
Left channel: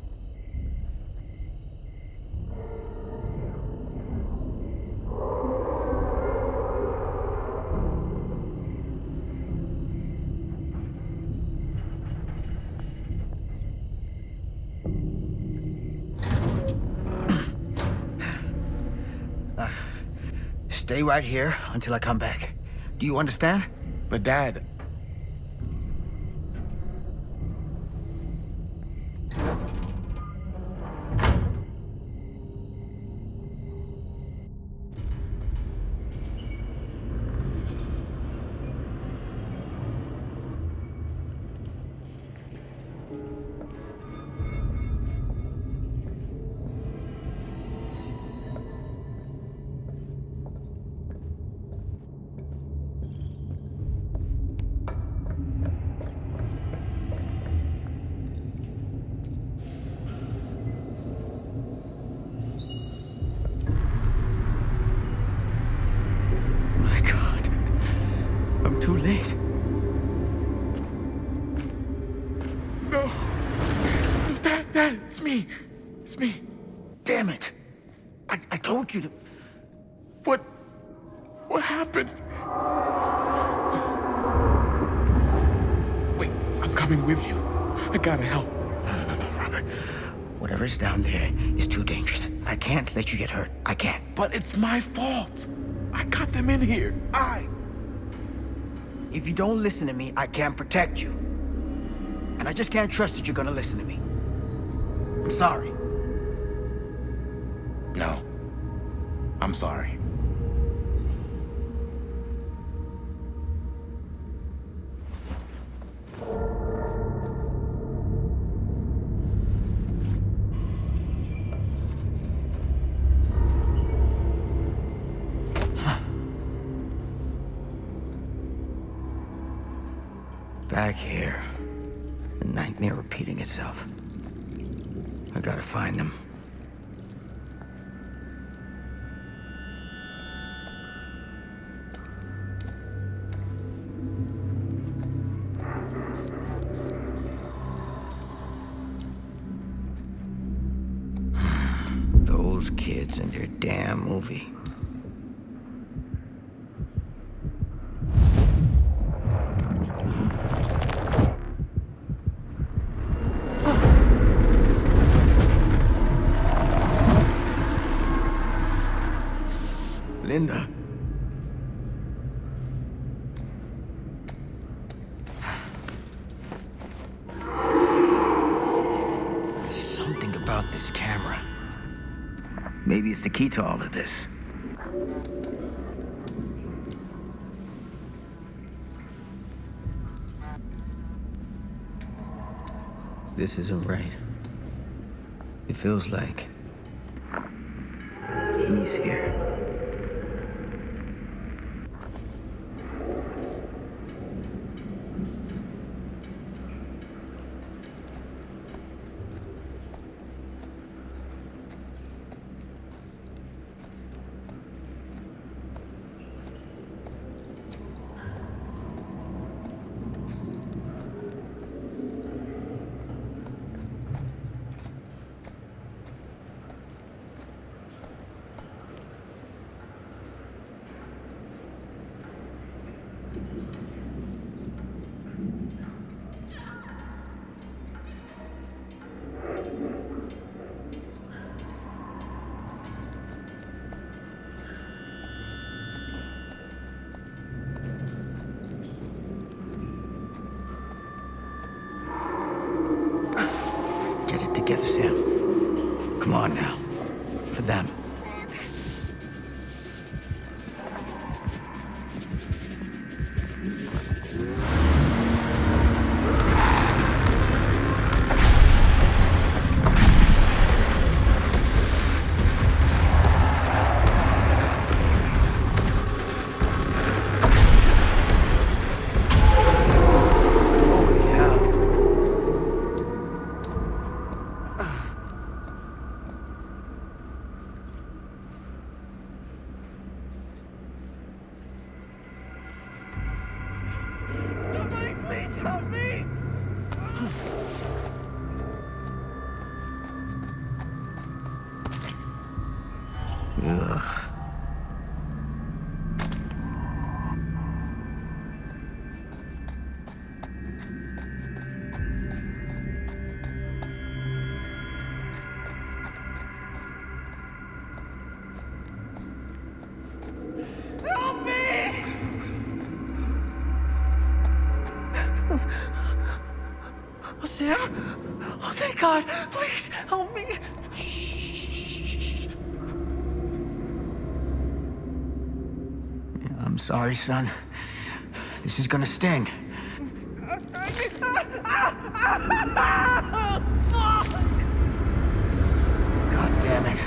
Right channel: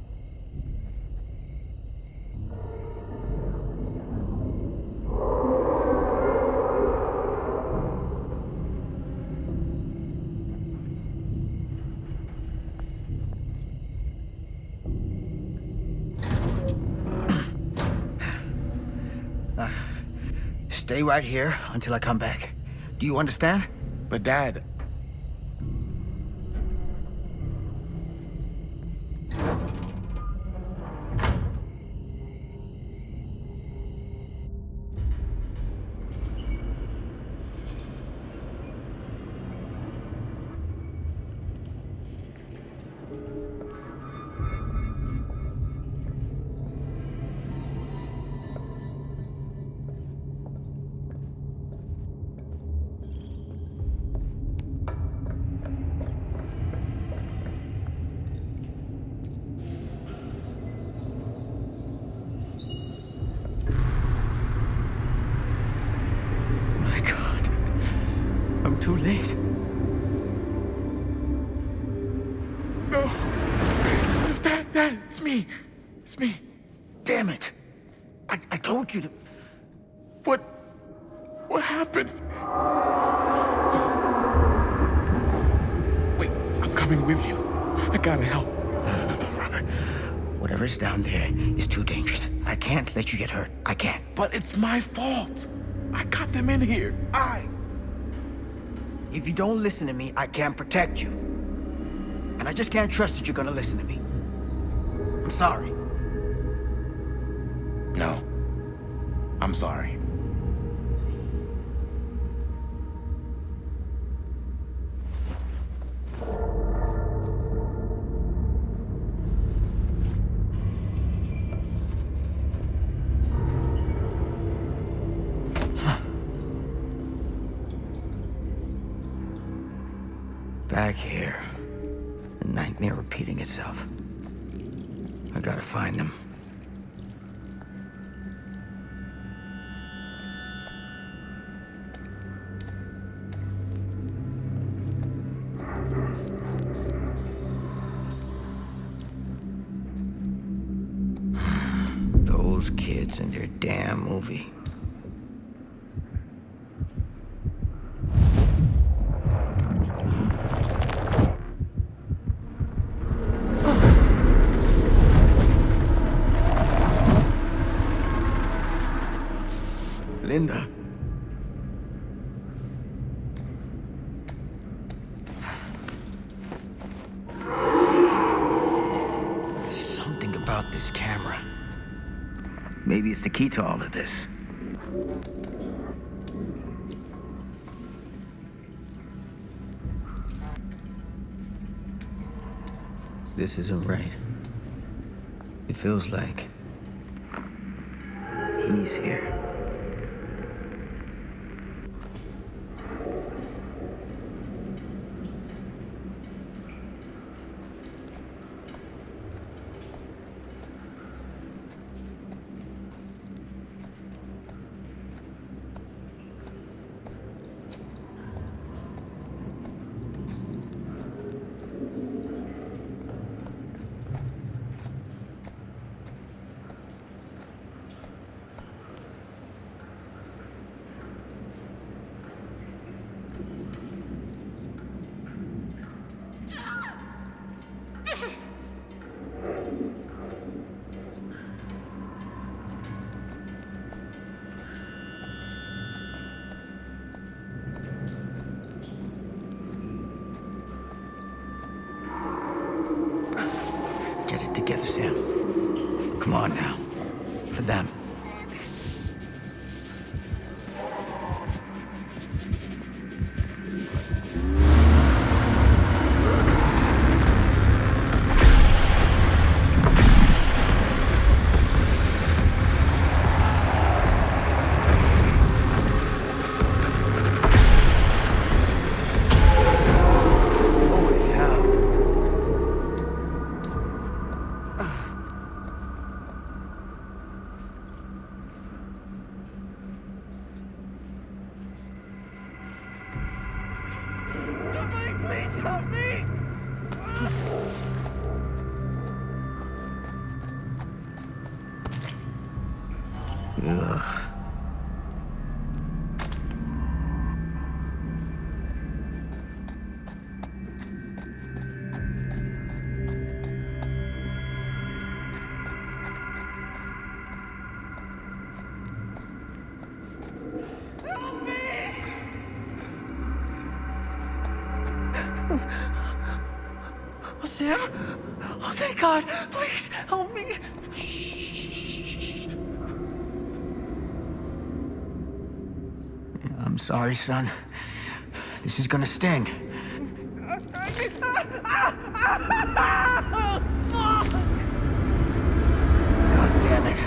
Stay right here until I come back. Do you understand? But Dad... My God. I'm too late. No. No, Dad, it's me. It's me. Damn it. I told you to... What happened? Wait, I'm coming with you. I gotta help. No, Robert. Whatever's down there is too dangerous. I can't let you get hurt. I can't. But it's my fault. I got them in here. If you don't listen to me, I can't protect you. And I just can't trust that you're gonna listen to me. I'm sorry. No. I'm sorry. Back here. The nightmare repeating itself. I gotta find them. Those kids and their damn movie. Linda. There's something about this camera. Maybe it's the key to all of this. This isn't right. It feels like he's here. it together, Sam. Come on now. For them. Ugh. Help me! Oh, Sam? Oh, thank God! Please, help me! I'm sorry, son. This is gonna sting. God damn it.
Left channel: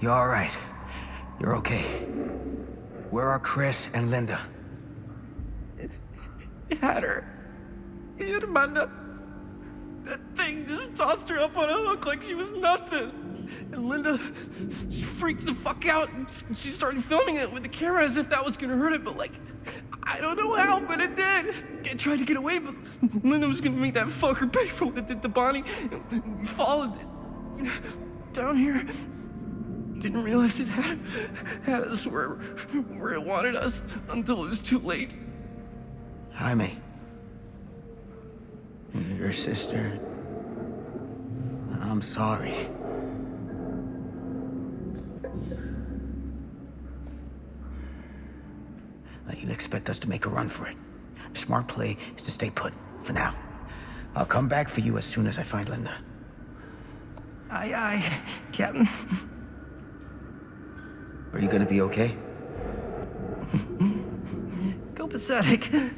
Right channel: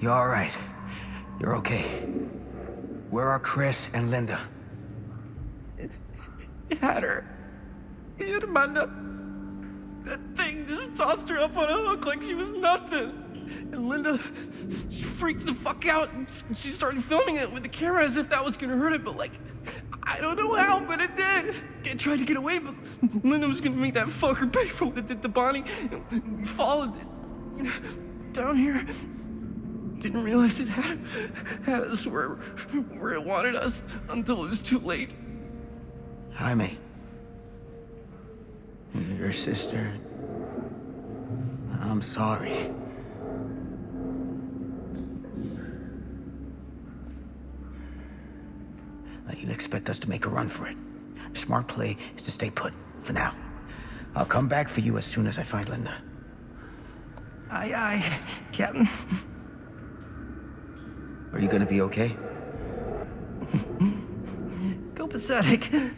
You're all right. You're okay. Where are Chris and Linda? He had her. He had Amanda. That thing just tossed her up on a hook like she was nothing. And Linda, she freaked the fuck out. And she started filming it with the camera as if that was gonna hurt it, but like, I don't know how, but it did. It tried to get away, but Linda was gonna make that fucker pay for what it did to Bonnie. We followed it down here. Didn't realize it had us where it wanted us until it was too late. Jaime. Your sister. I'm sorry. You'll expect us to make a run for it. The smart play is to stay put, for now. I'll come back for you as soon as I find Linda. Aye, aye, Captain. Are you gonna be okay? Copacetic.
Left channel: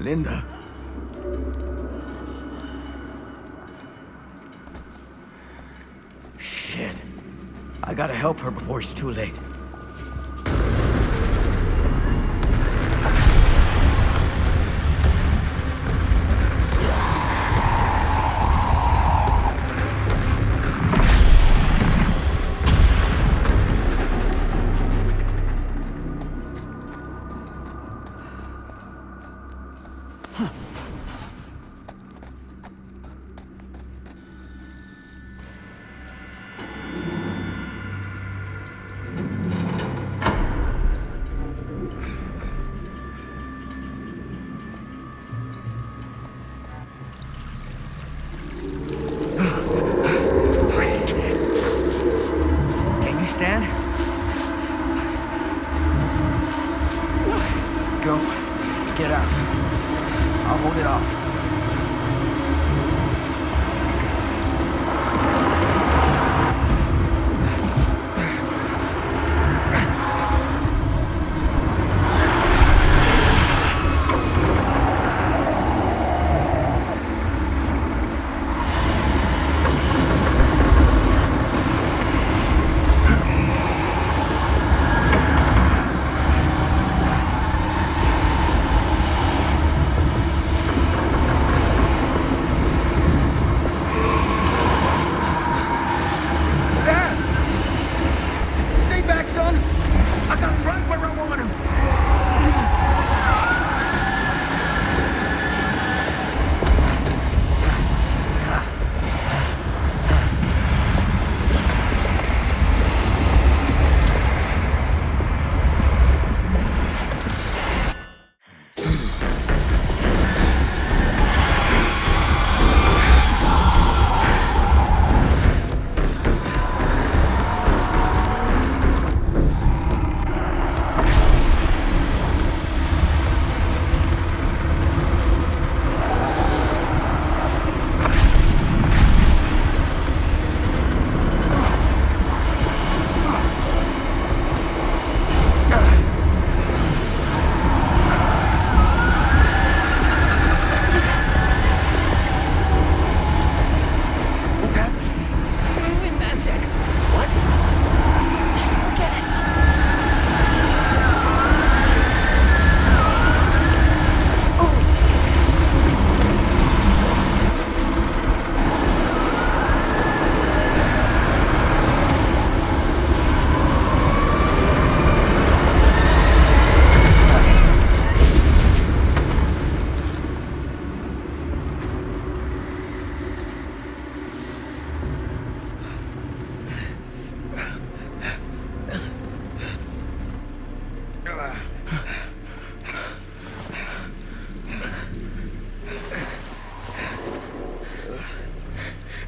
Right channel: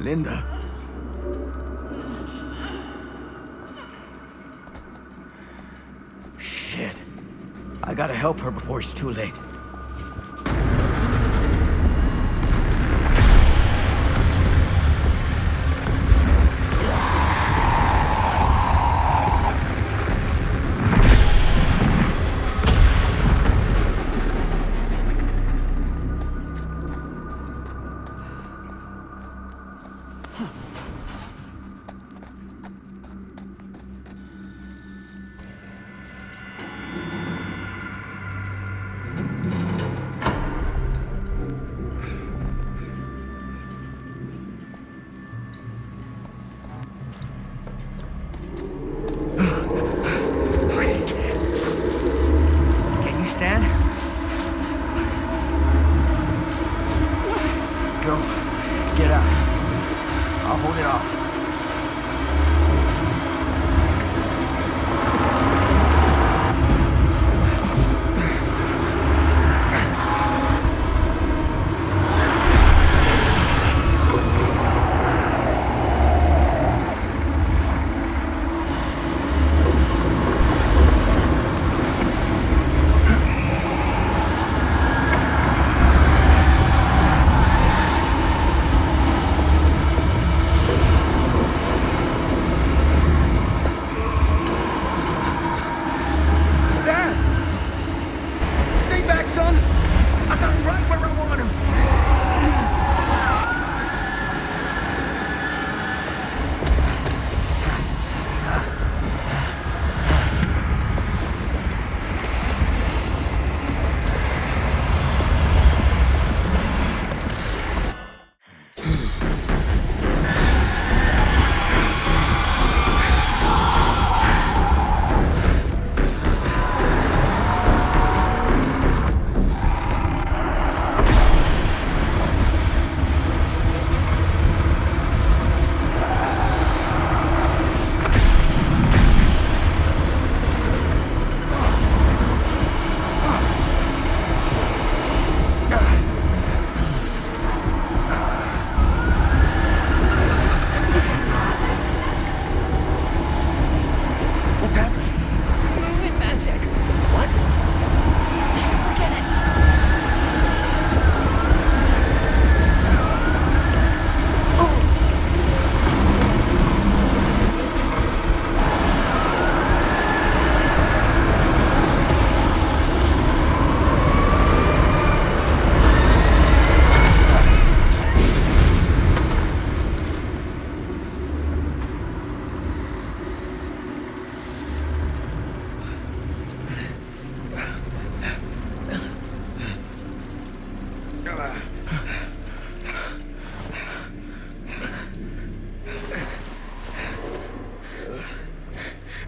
Linda. Shit. I gotta help her before it's too late. understand? Go. Get out. I'll hold it off.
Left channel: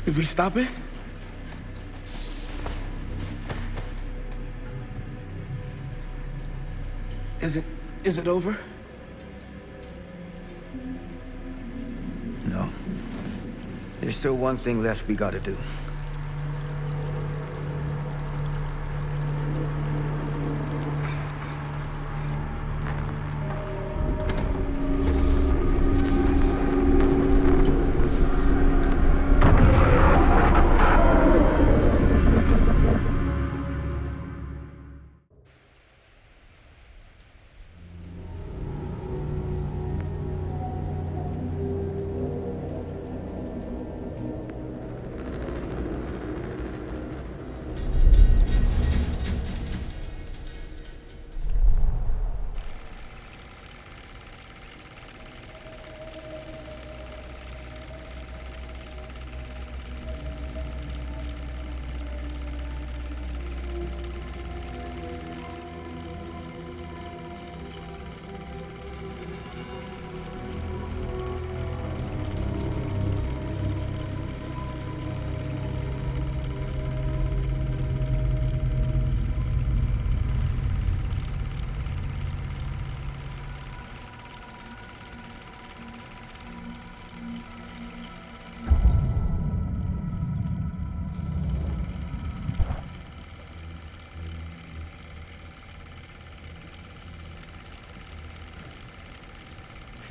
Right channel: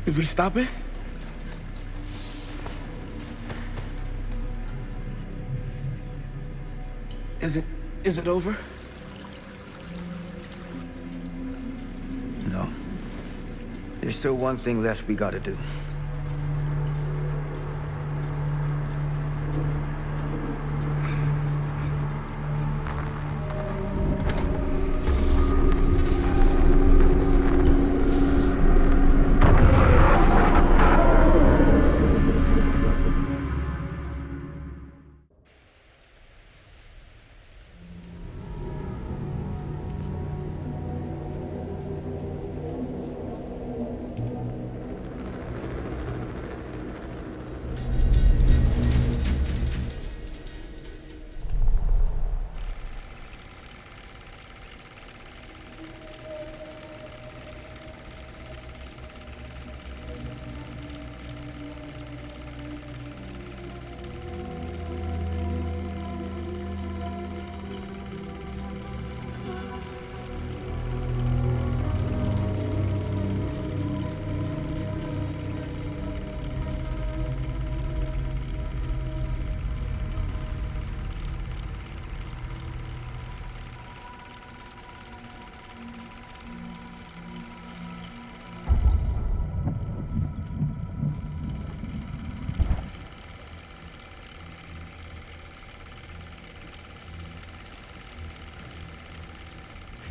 Did we stop it? Is it over? No. There's still one thing left we gotta do.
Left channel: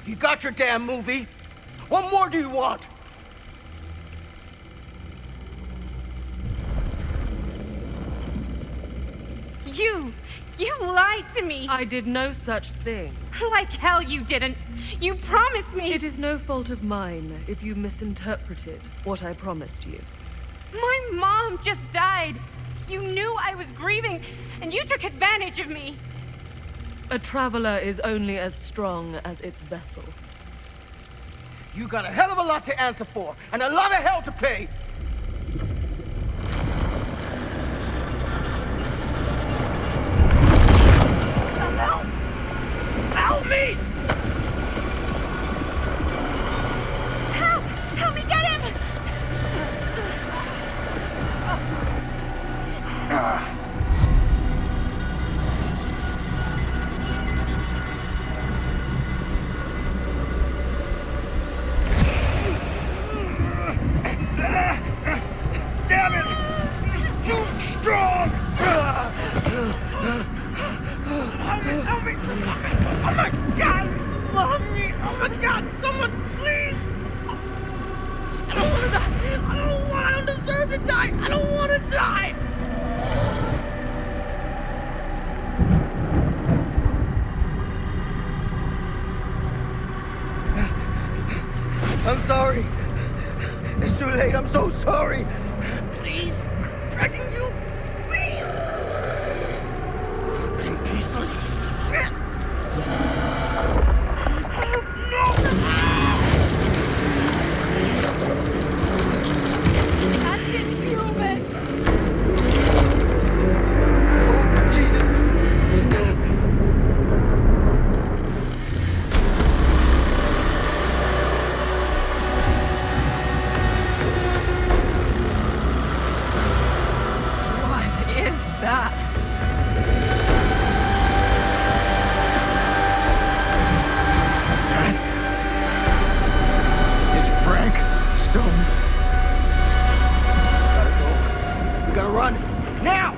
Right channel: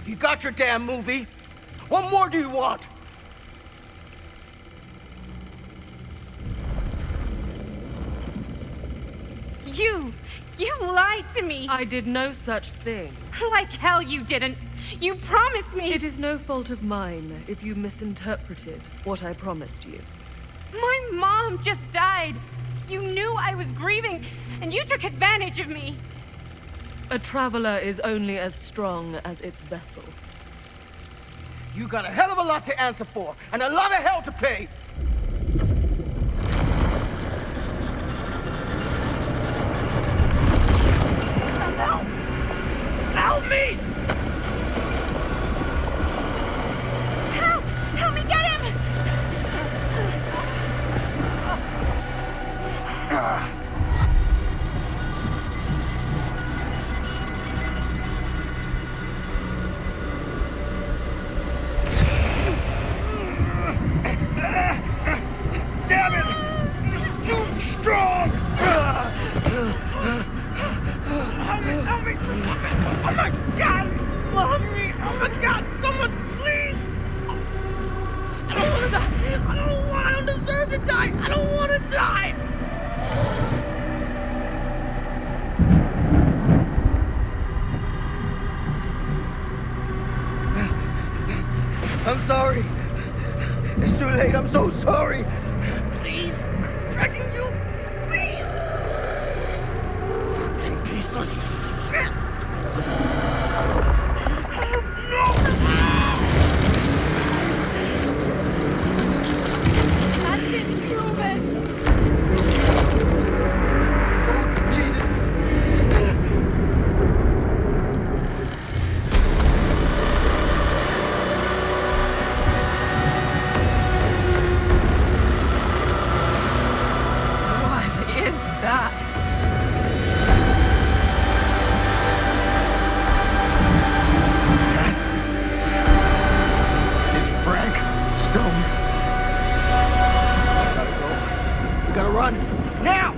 You got your damn movie. What more do you want? You lied to me. I did no such thing. Like hell you didn't. You promised me. It is no fault of mine if you misinterpreted what I promised you. My mom just died. You knew I was grieving, and you took advantage of me. A traveler is only as strong as its vessel. You got a hell of a lot to answer for, and a lot of hell to pay. Help! Help me! Help! Help me get him! Damn it! It's too strong! Help me! Oh my God! Help me! Oh my God! Someone, please! I don't want to die! I don't deserve to die! I don't want to die! I'm sorry. It's too late. I'm so sorry. Please! Begging you! Please! Fucking piece of shit! No! That's inhuman! Oh, Jesus! What is that? It's Frank Stone. Gotta go. We gotta run. Now!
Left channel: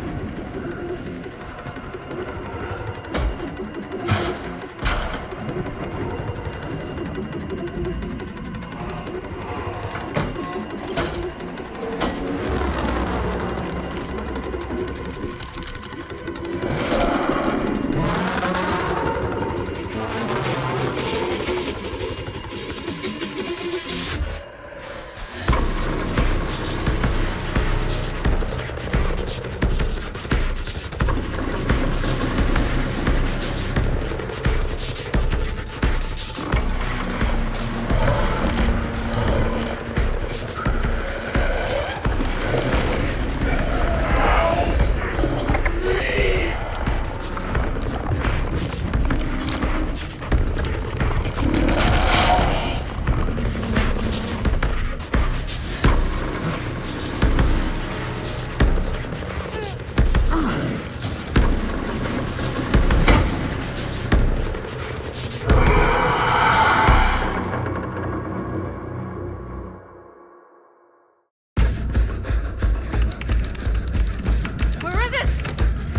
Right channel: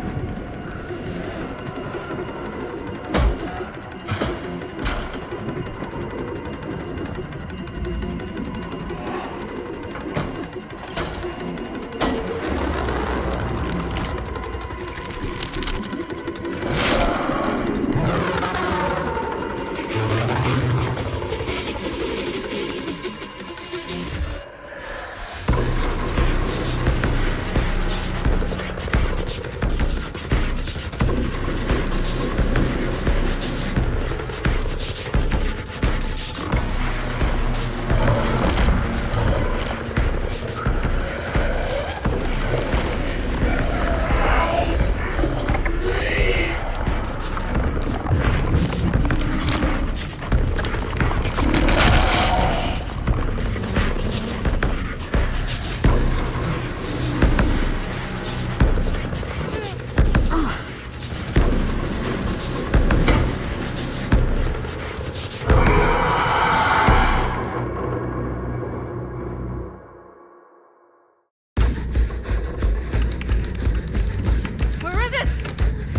Where is it?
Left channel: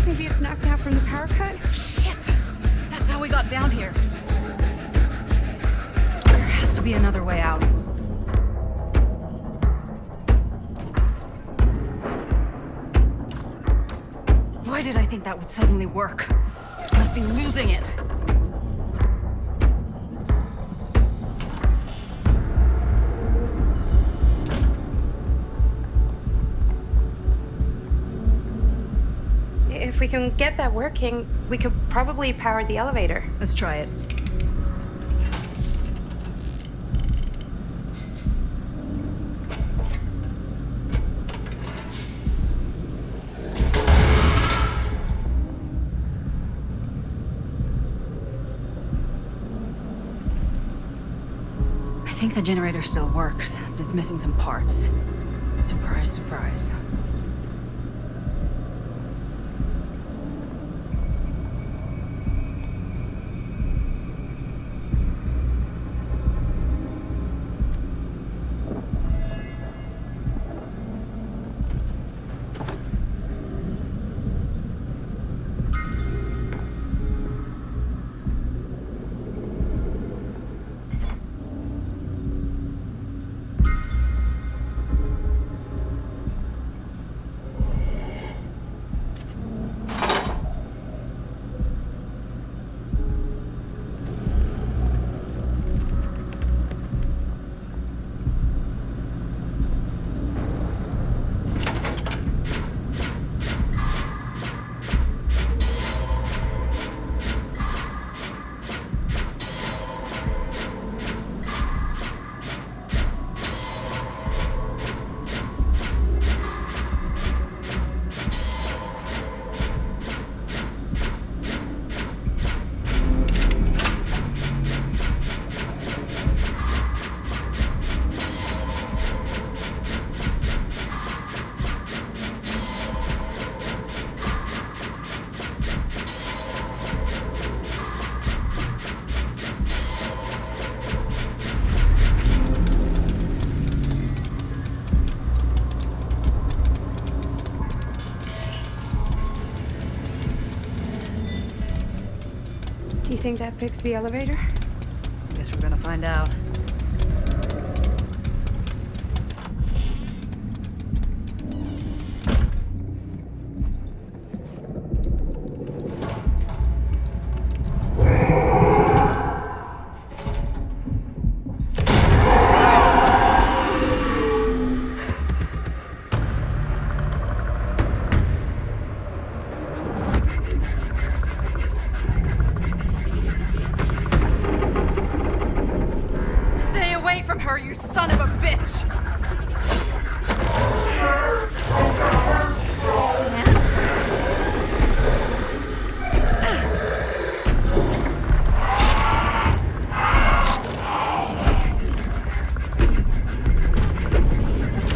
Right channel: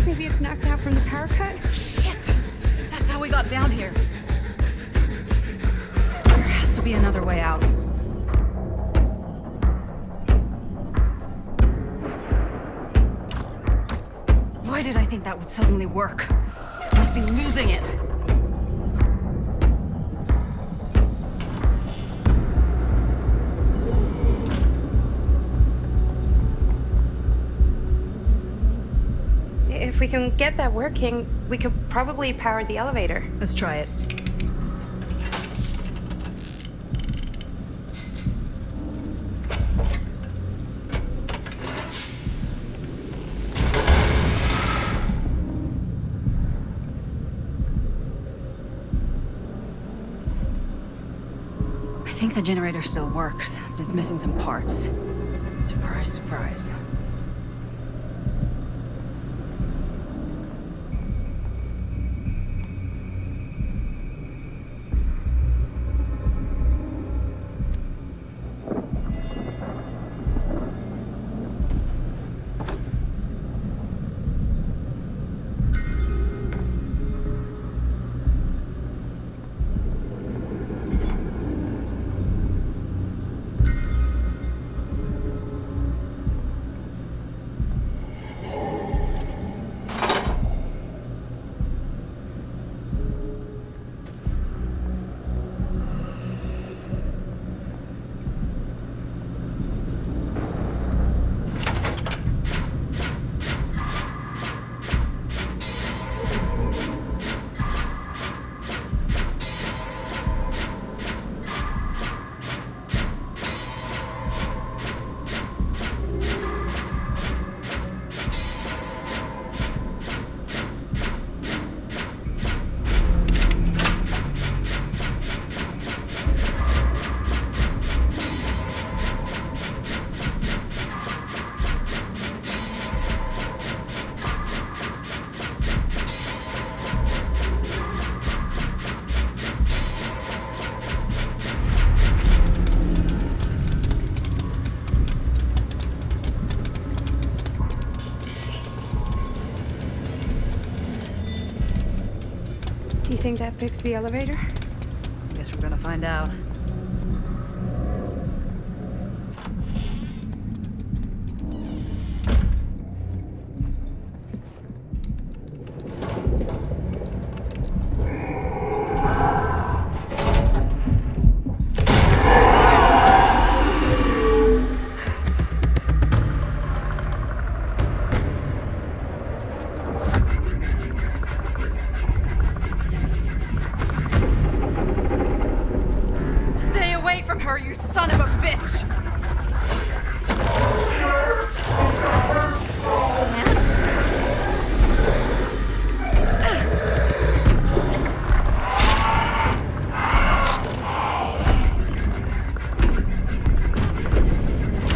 Maybe it's knocked out from the power cut? Shit! That's how we got down here. There has to be another way out. Why did I think that would suddenly work? Must be losing it. If we can get that working, we could probably power the elevator. Let's try it. I think the generator still works, but it's missing some parts. Surprise, surprise. think that fixed the elevator? Guess we're gonna find out. Stay away from her, you son of a bitch!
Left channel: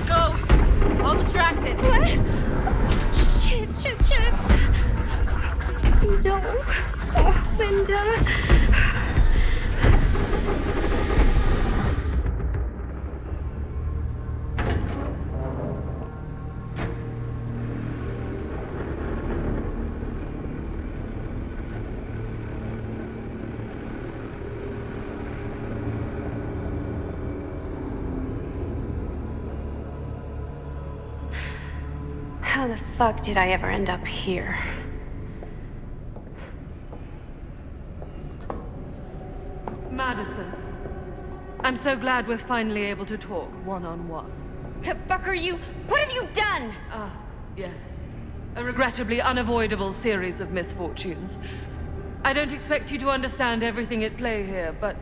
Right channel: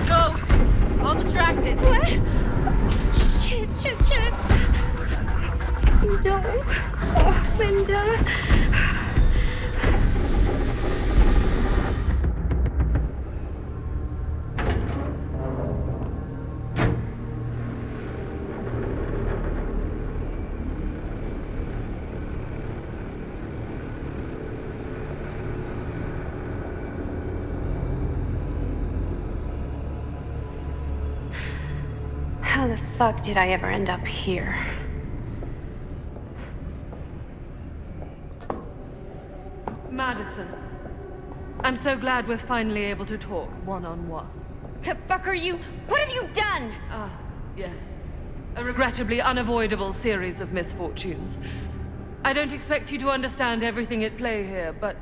Go! All distracted. What? Shit. No. Oh, Linda. How the fuck did I ever end up here? Madison, I'm so glad we're finally able to talk one-on-one. The fuck are you? What have you done? Ah, yes. A regrettably unavoidable series of misfortunes. I don't expect you to understand everything at play here, but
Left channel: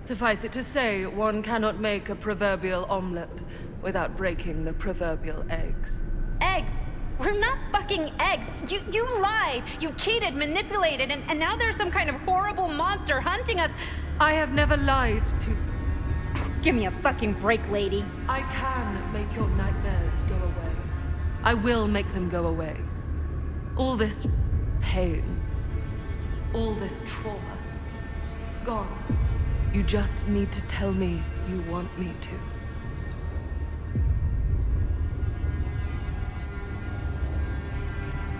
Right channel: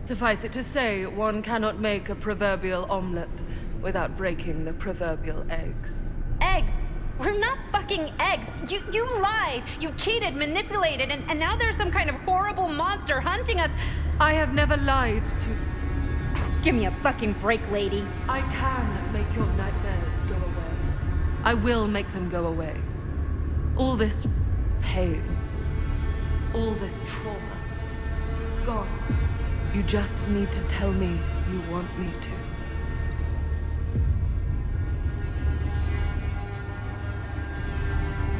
suffice it to say, one cannot make a proverbial omelet without breaking the proverbial eggs. Eggs? We're not fucking eggs. You lied. You cheated, manipulated, and now there's some kind of horrible monster hunting us. I have never lied to... Oh, give me a fucking break, lady. I can make your nightmares go away. I will make them go away. All this pain, all this trauma, gone. You just need to tell me you want me to.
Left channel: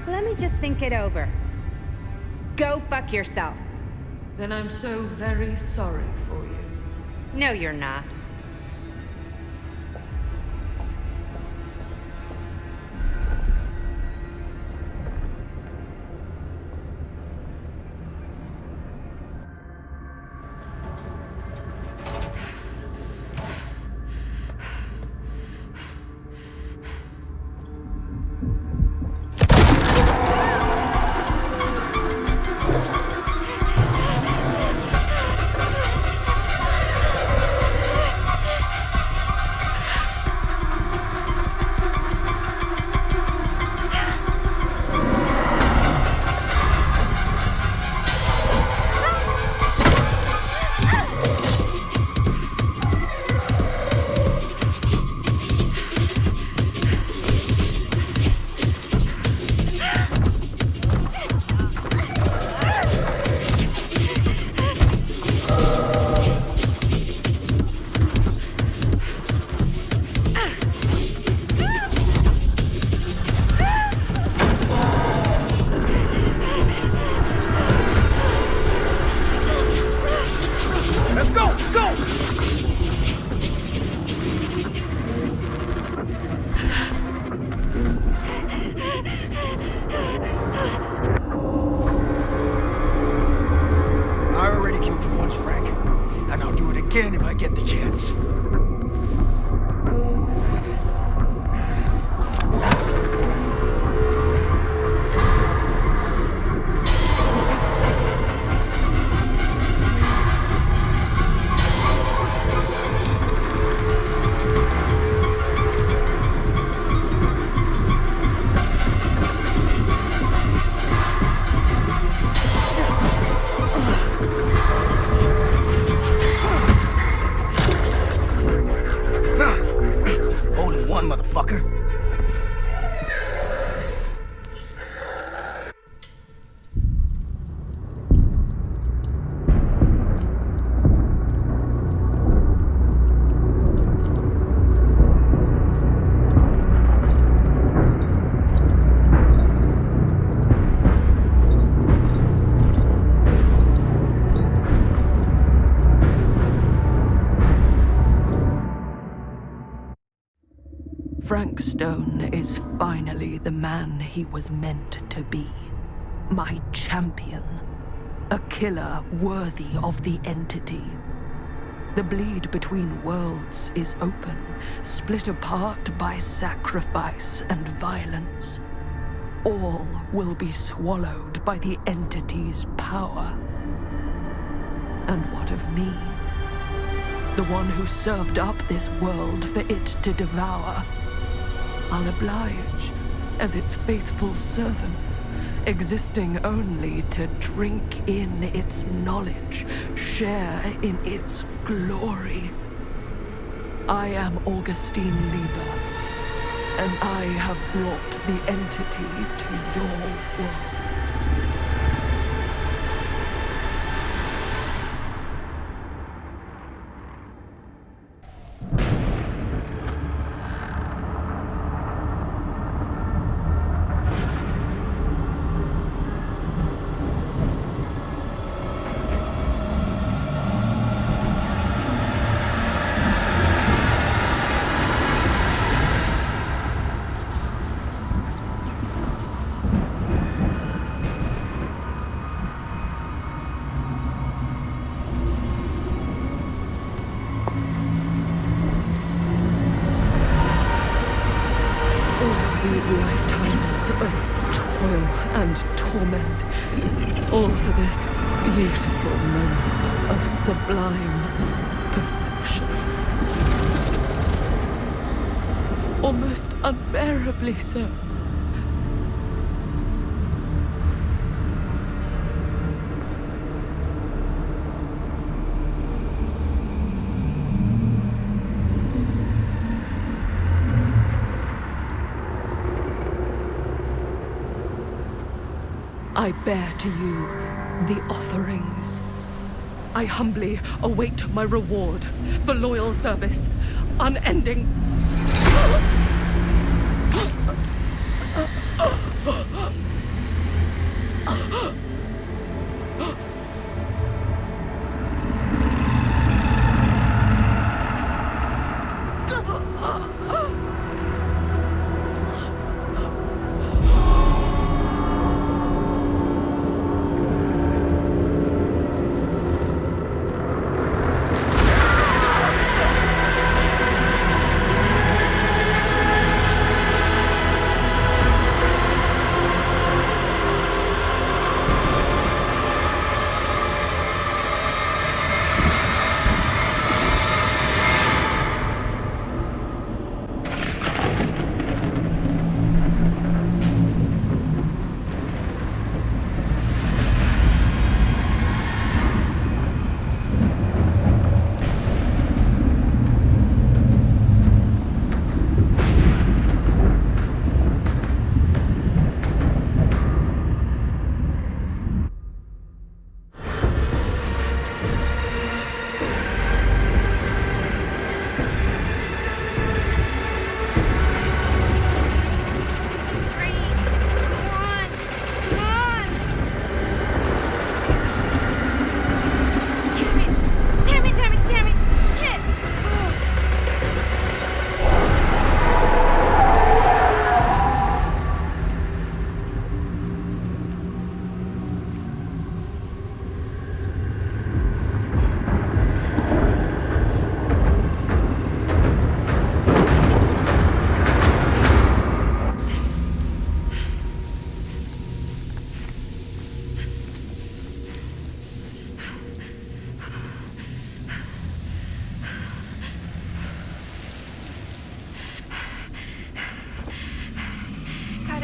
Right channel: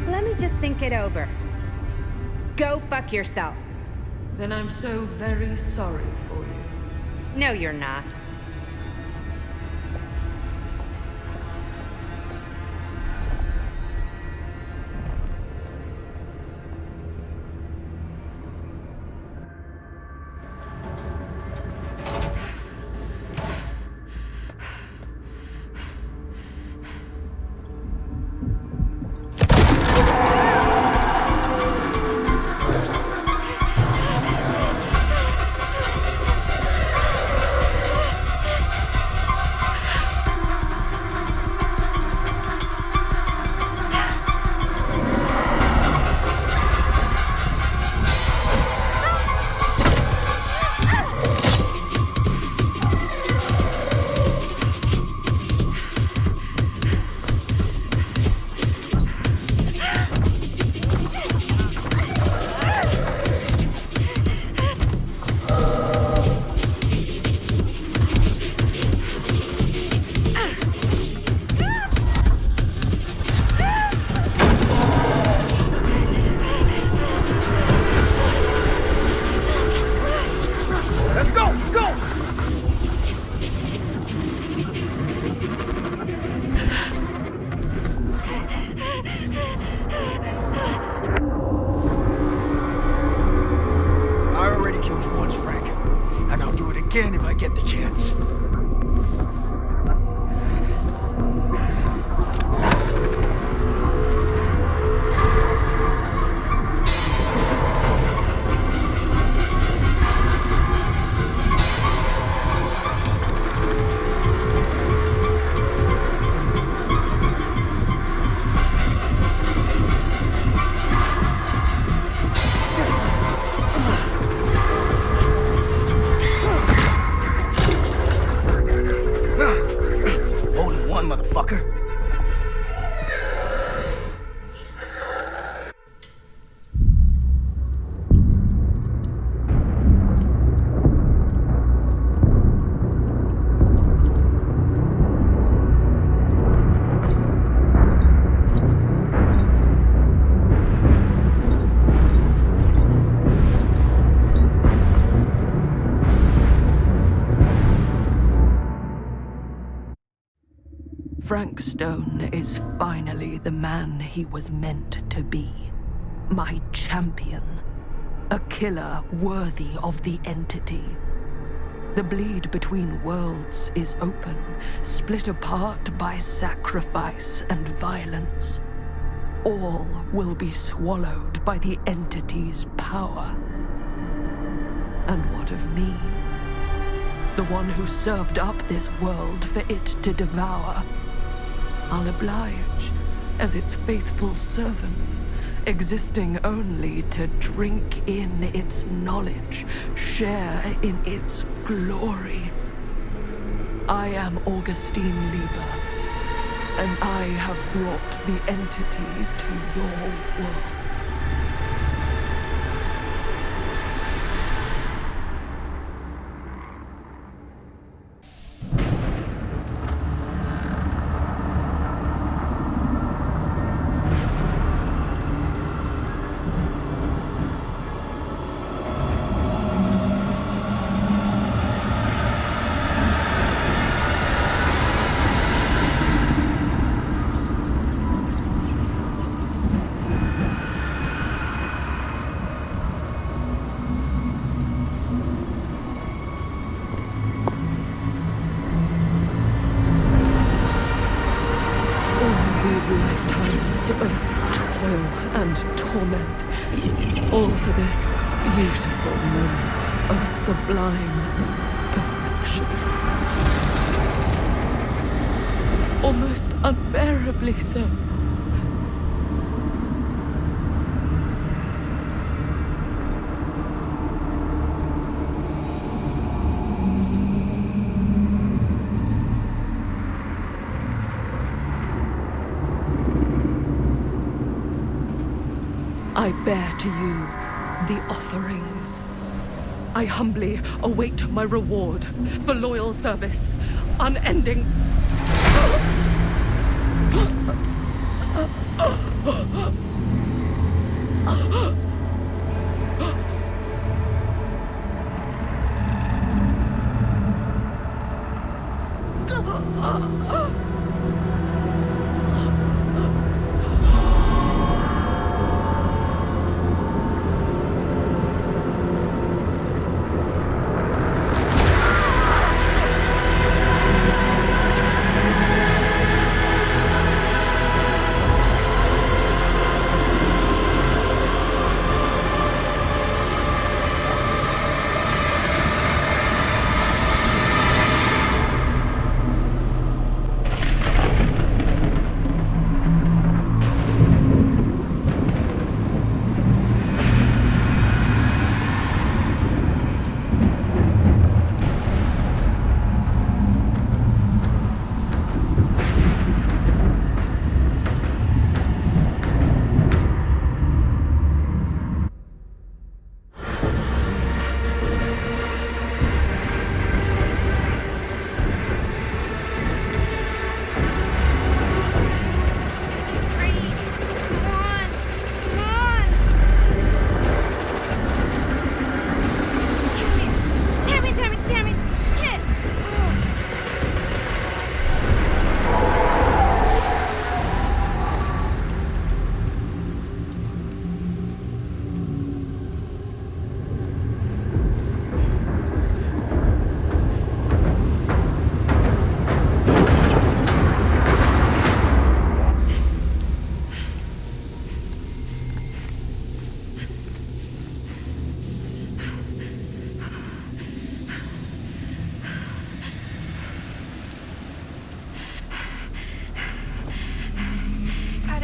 Let me just think it over. Go fuck yourself. Then I'm so very sorry for you. No, you're not. Again if I get the chance. Motherfucker. Frank Stone is finally the man he was meant to be. My champion. A killer worthy of the entity. The bleed between worlds is open, split apart by sacrifice and violence. All will be swallowed by the entity's power. And what of me? The one who served up this world for it to devour. I'll oblige as its faithful servant, existing only to drink in its knowledge, share in its glory. I am Augustine Lieber, and I have brought the entity to your world. These lifetimes of toil and torment, all for this beautiful moment of sublime perfection. Almost unbearably so. I bear to you the offerings. I humbly await my reward for loyal service, unending.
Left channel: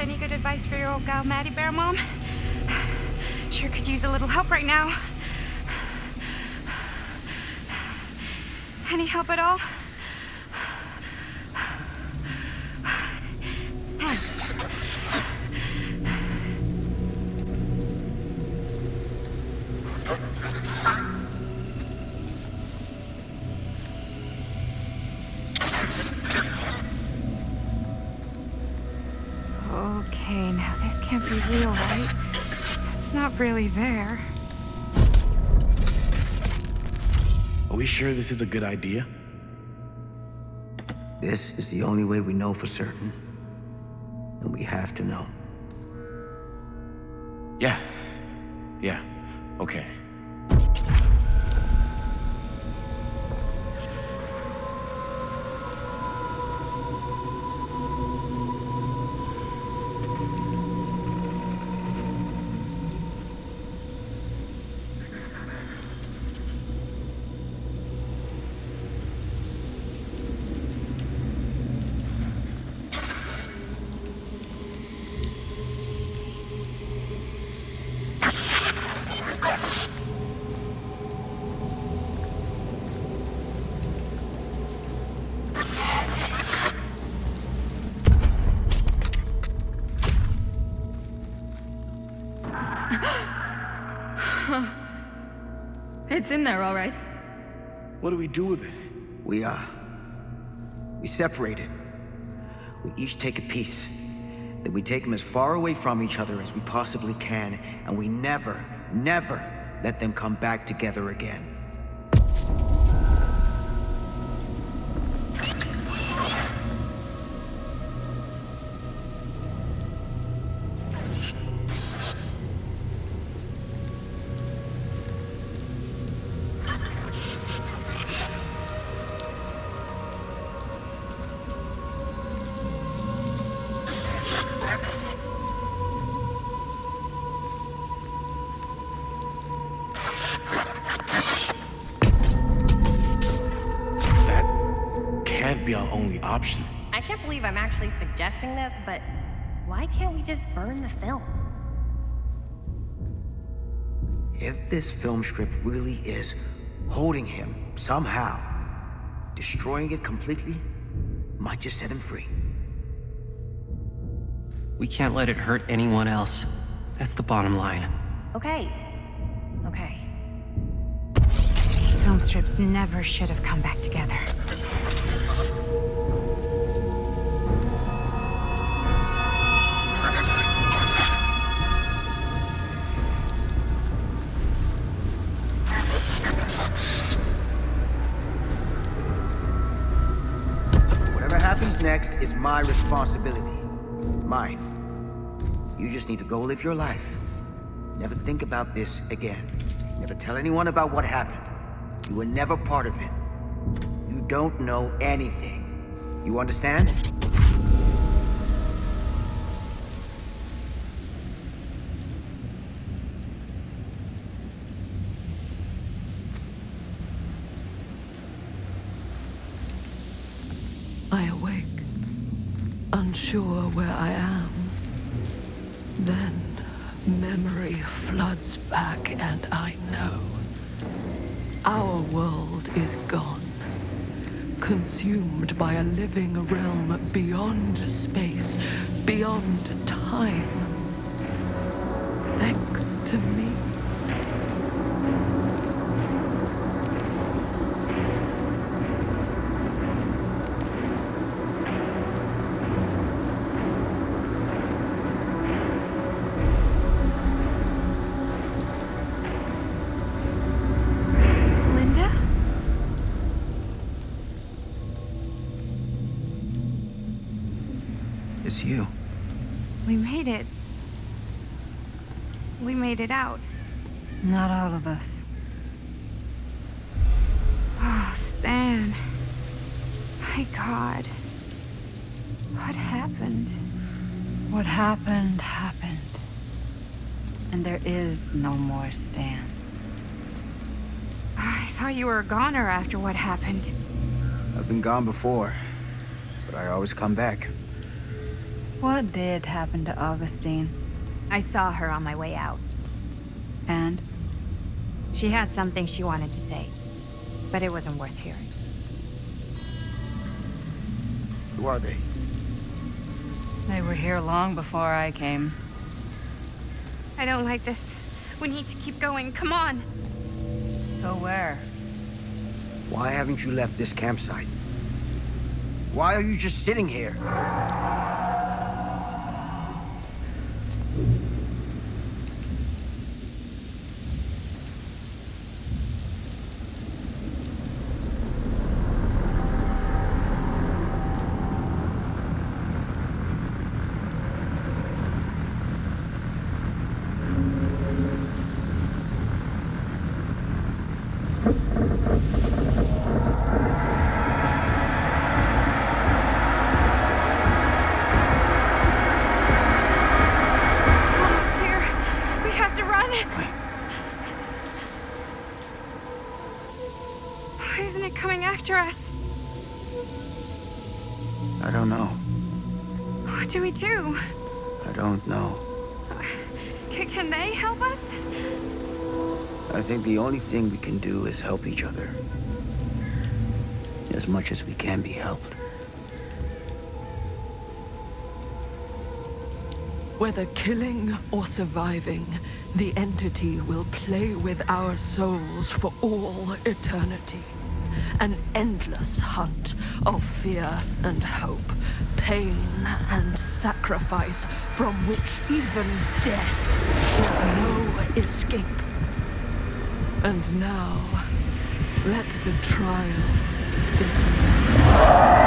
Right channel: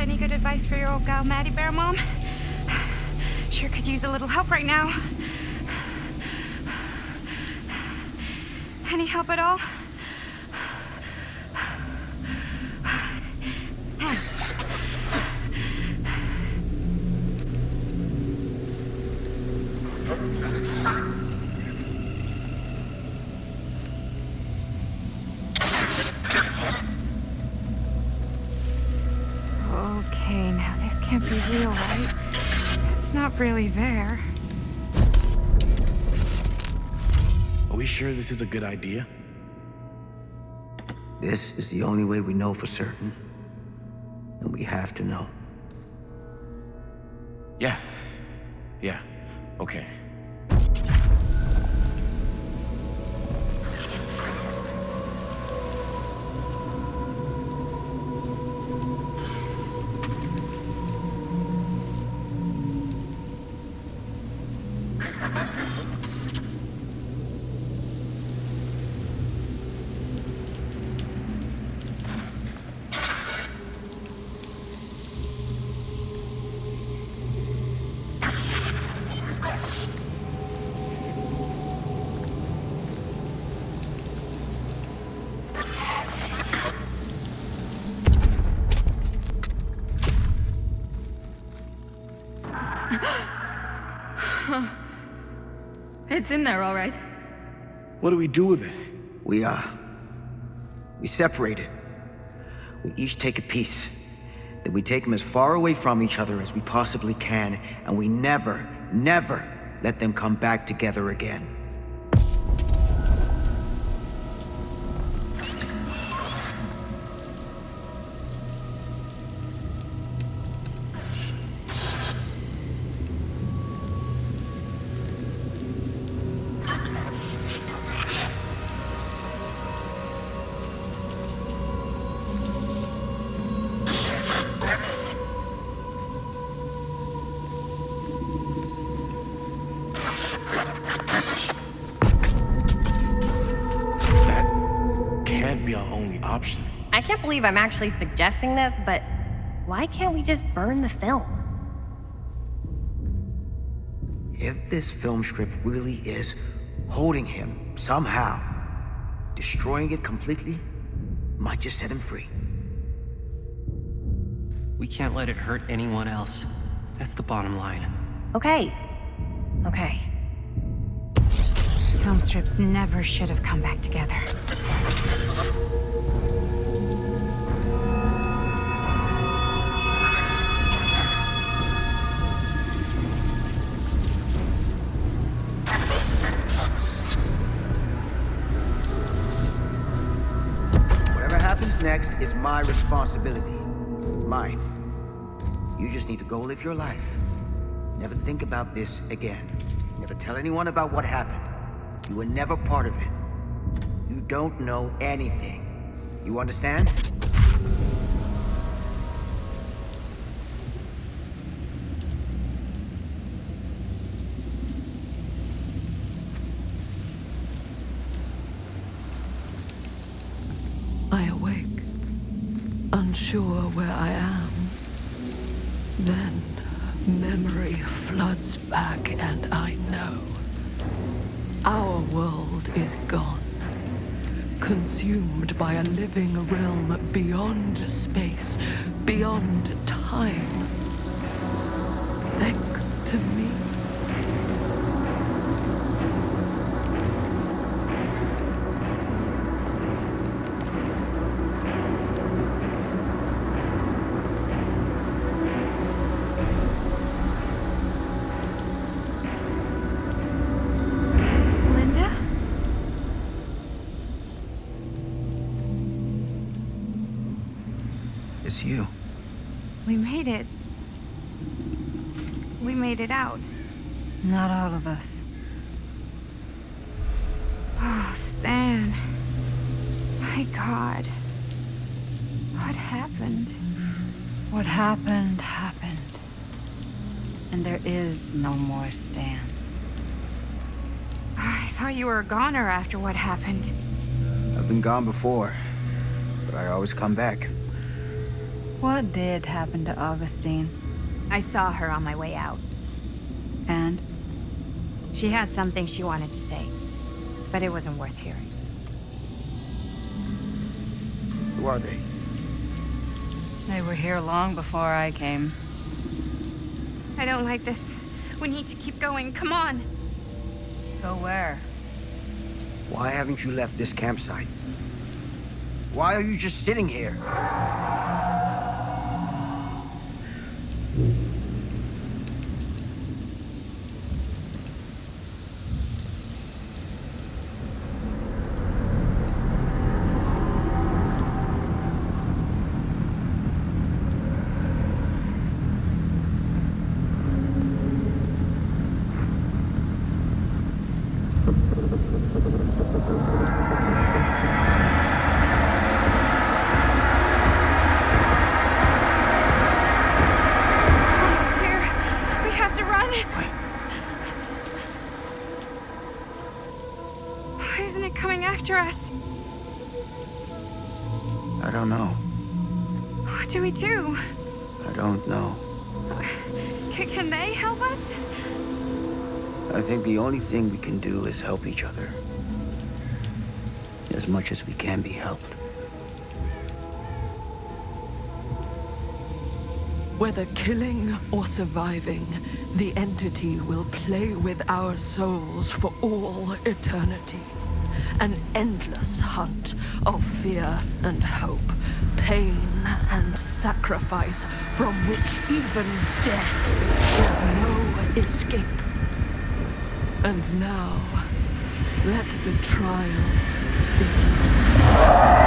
Any good advice for your old gal, Maddie Bear Mom? Sure could use a little help right now. Any help at all? Thanks. Okay, now this can't be real, right? It's not really there. Are we sure this is a good idea? This is the only way we know for certain. And we have to know. Yeah, okay. It's in there, all right. What do we do with it? We separate it. We each take a piece. Then we take them as far away from each other as we possibly can, and we never, never let them come back together again. Can't be our only option. I can't believe I'm actually suggesting this, but why can't we just burn the film? If this film strip really is holding him somehow, destroying it completely might just set him free. We can't let it hurt anyone else. That's the bottom line. Okay. Film strips never should have come back together. Whatever happens next is my responsibility. Mine. You just need to go live your life. Never think about this again. Never tell anyone about what happened. You were never part of it. You don't know anything. You understand? I awake, unsure where I am. Then memory floods back, and I know. Our world is gone, consumed by a living realm beyond space, beyond time. Thanks to me. It's you. We made it. We made it out. Not all of us. Oh, Stan. My God. What happened? What happened, happened. And there is no more Stan. I thought you were a goner after what happened. I've been gone before, but I always come back. What did happen to Augustine? I saw her on my way out. And? She had something she wanted to say, but it wasn't worth hearing. Who are they? They were here long before I came. I don't like this. We need to keep going. Come on. Go where? Why haven't you left this campsite? Why are you just sitting here? after us? I don't know. What do we do? I don't know. Can they help us? I think the only thing we can do is help each other. As much as we can be helped. Whether killing or surviving, the entity will play with our souls for all eternity. An endless hunt of fear and hope, pain and sacrifice, from which even death is no escape. And now, let the trial begin.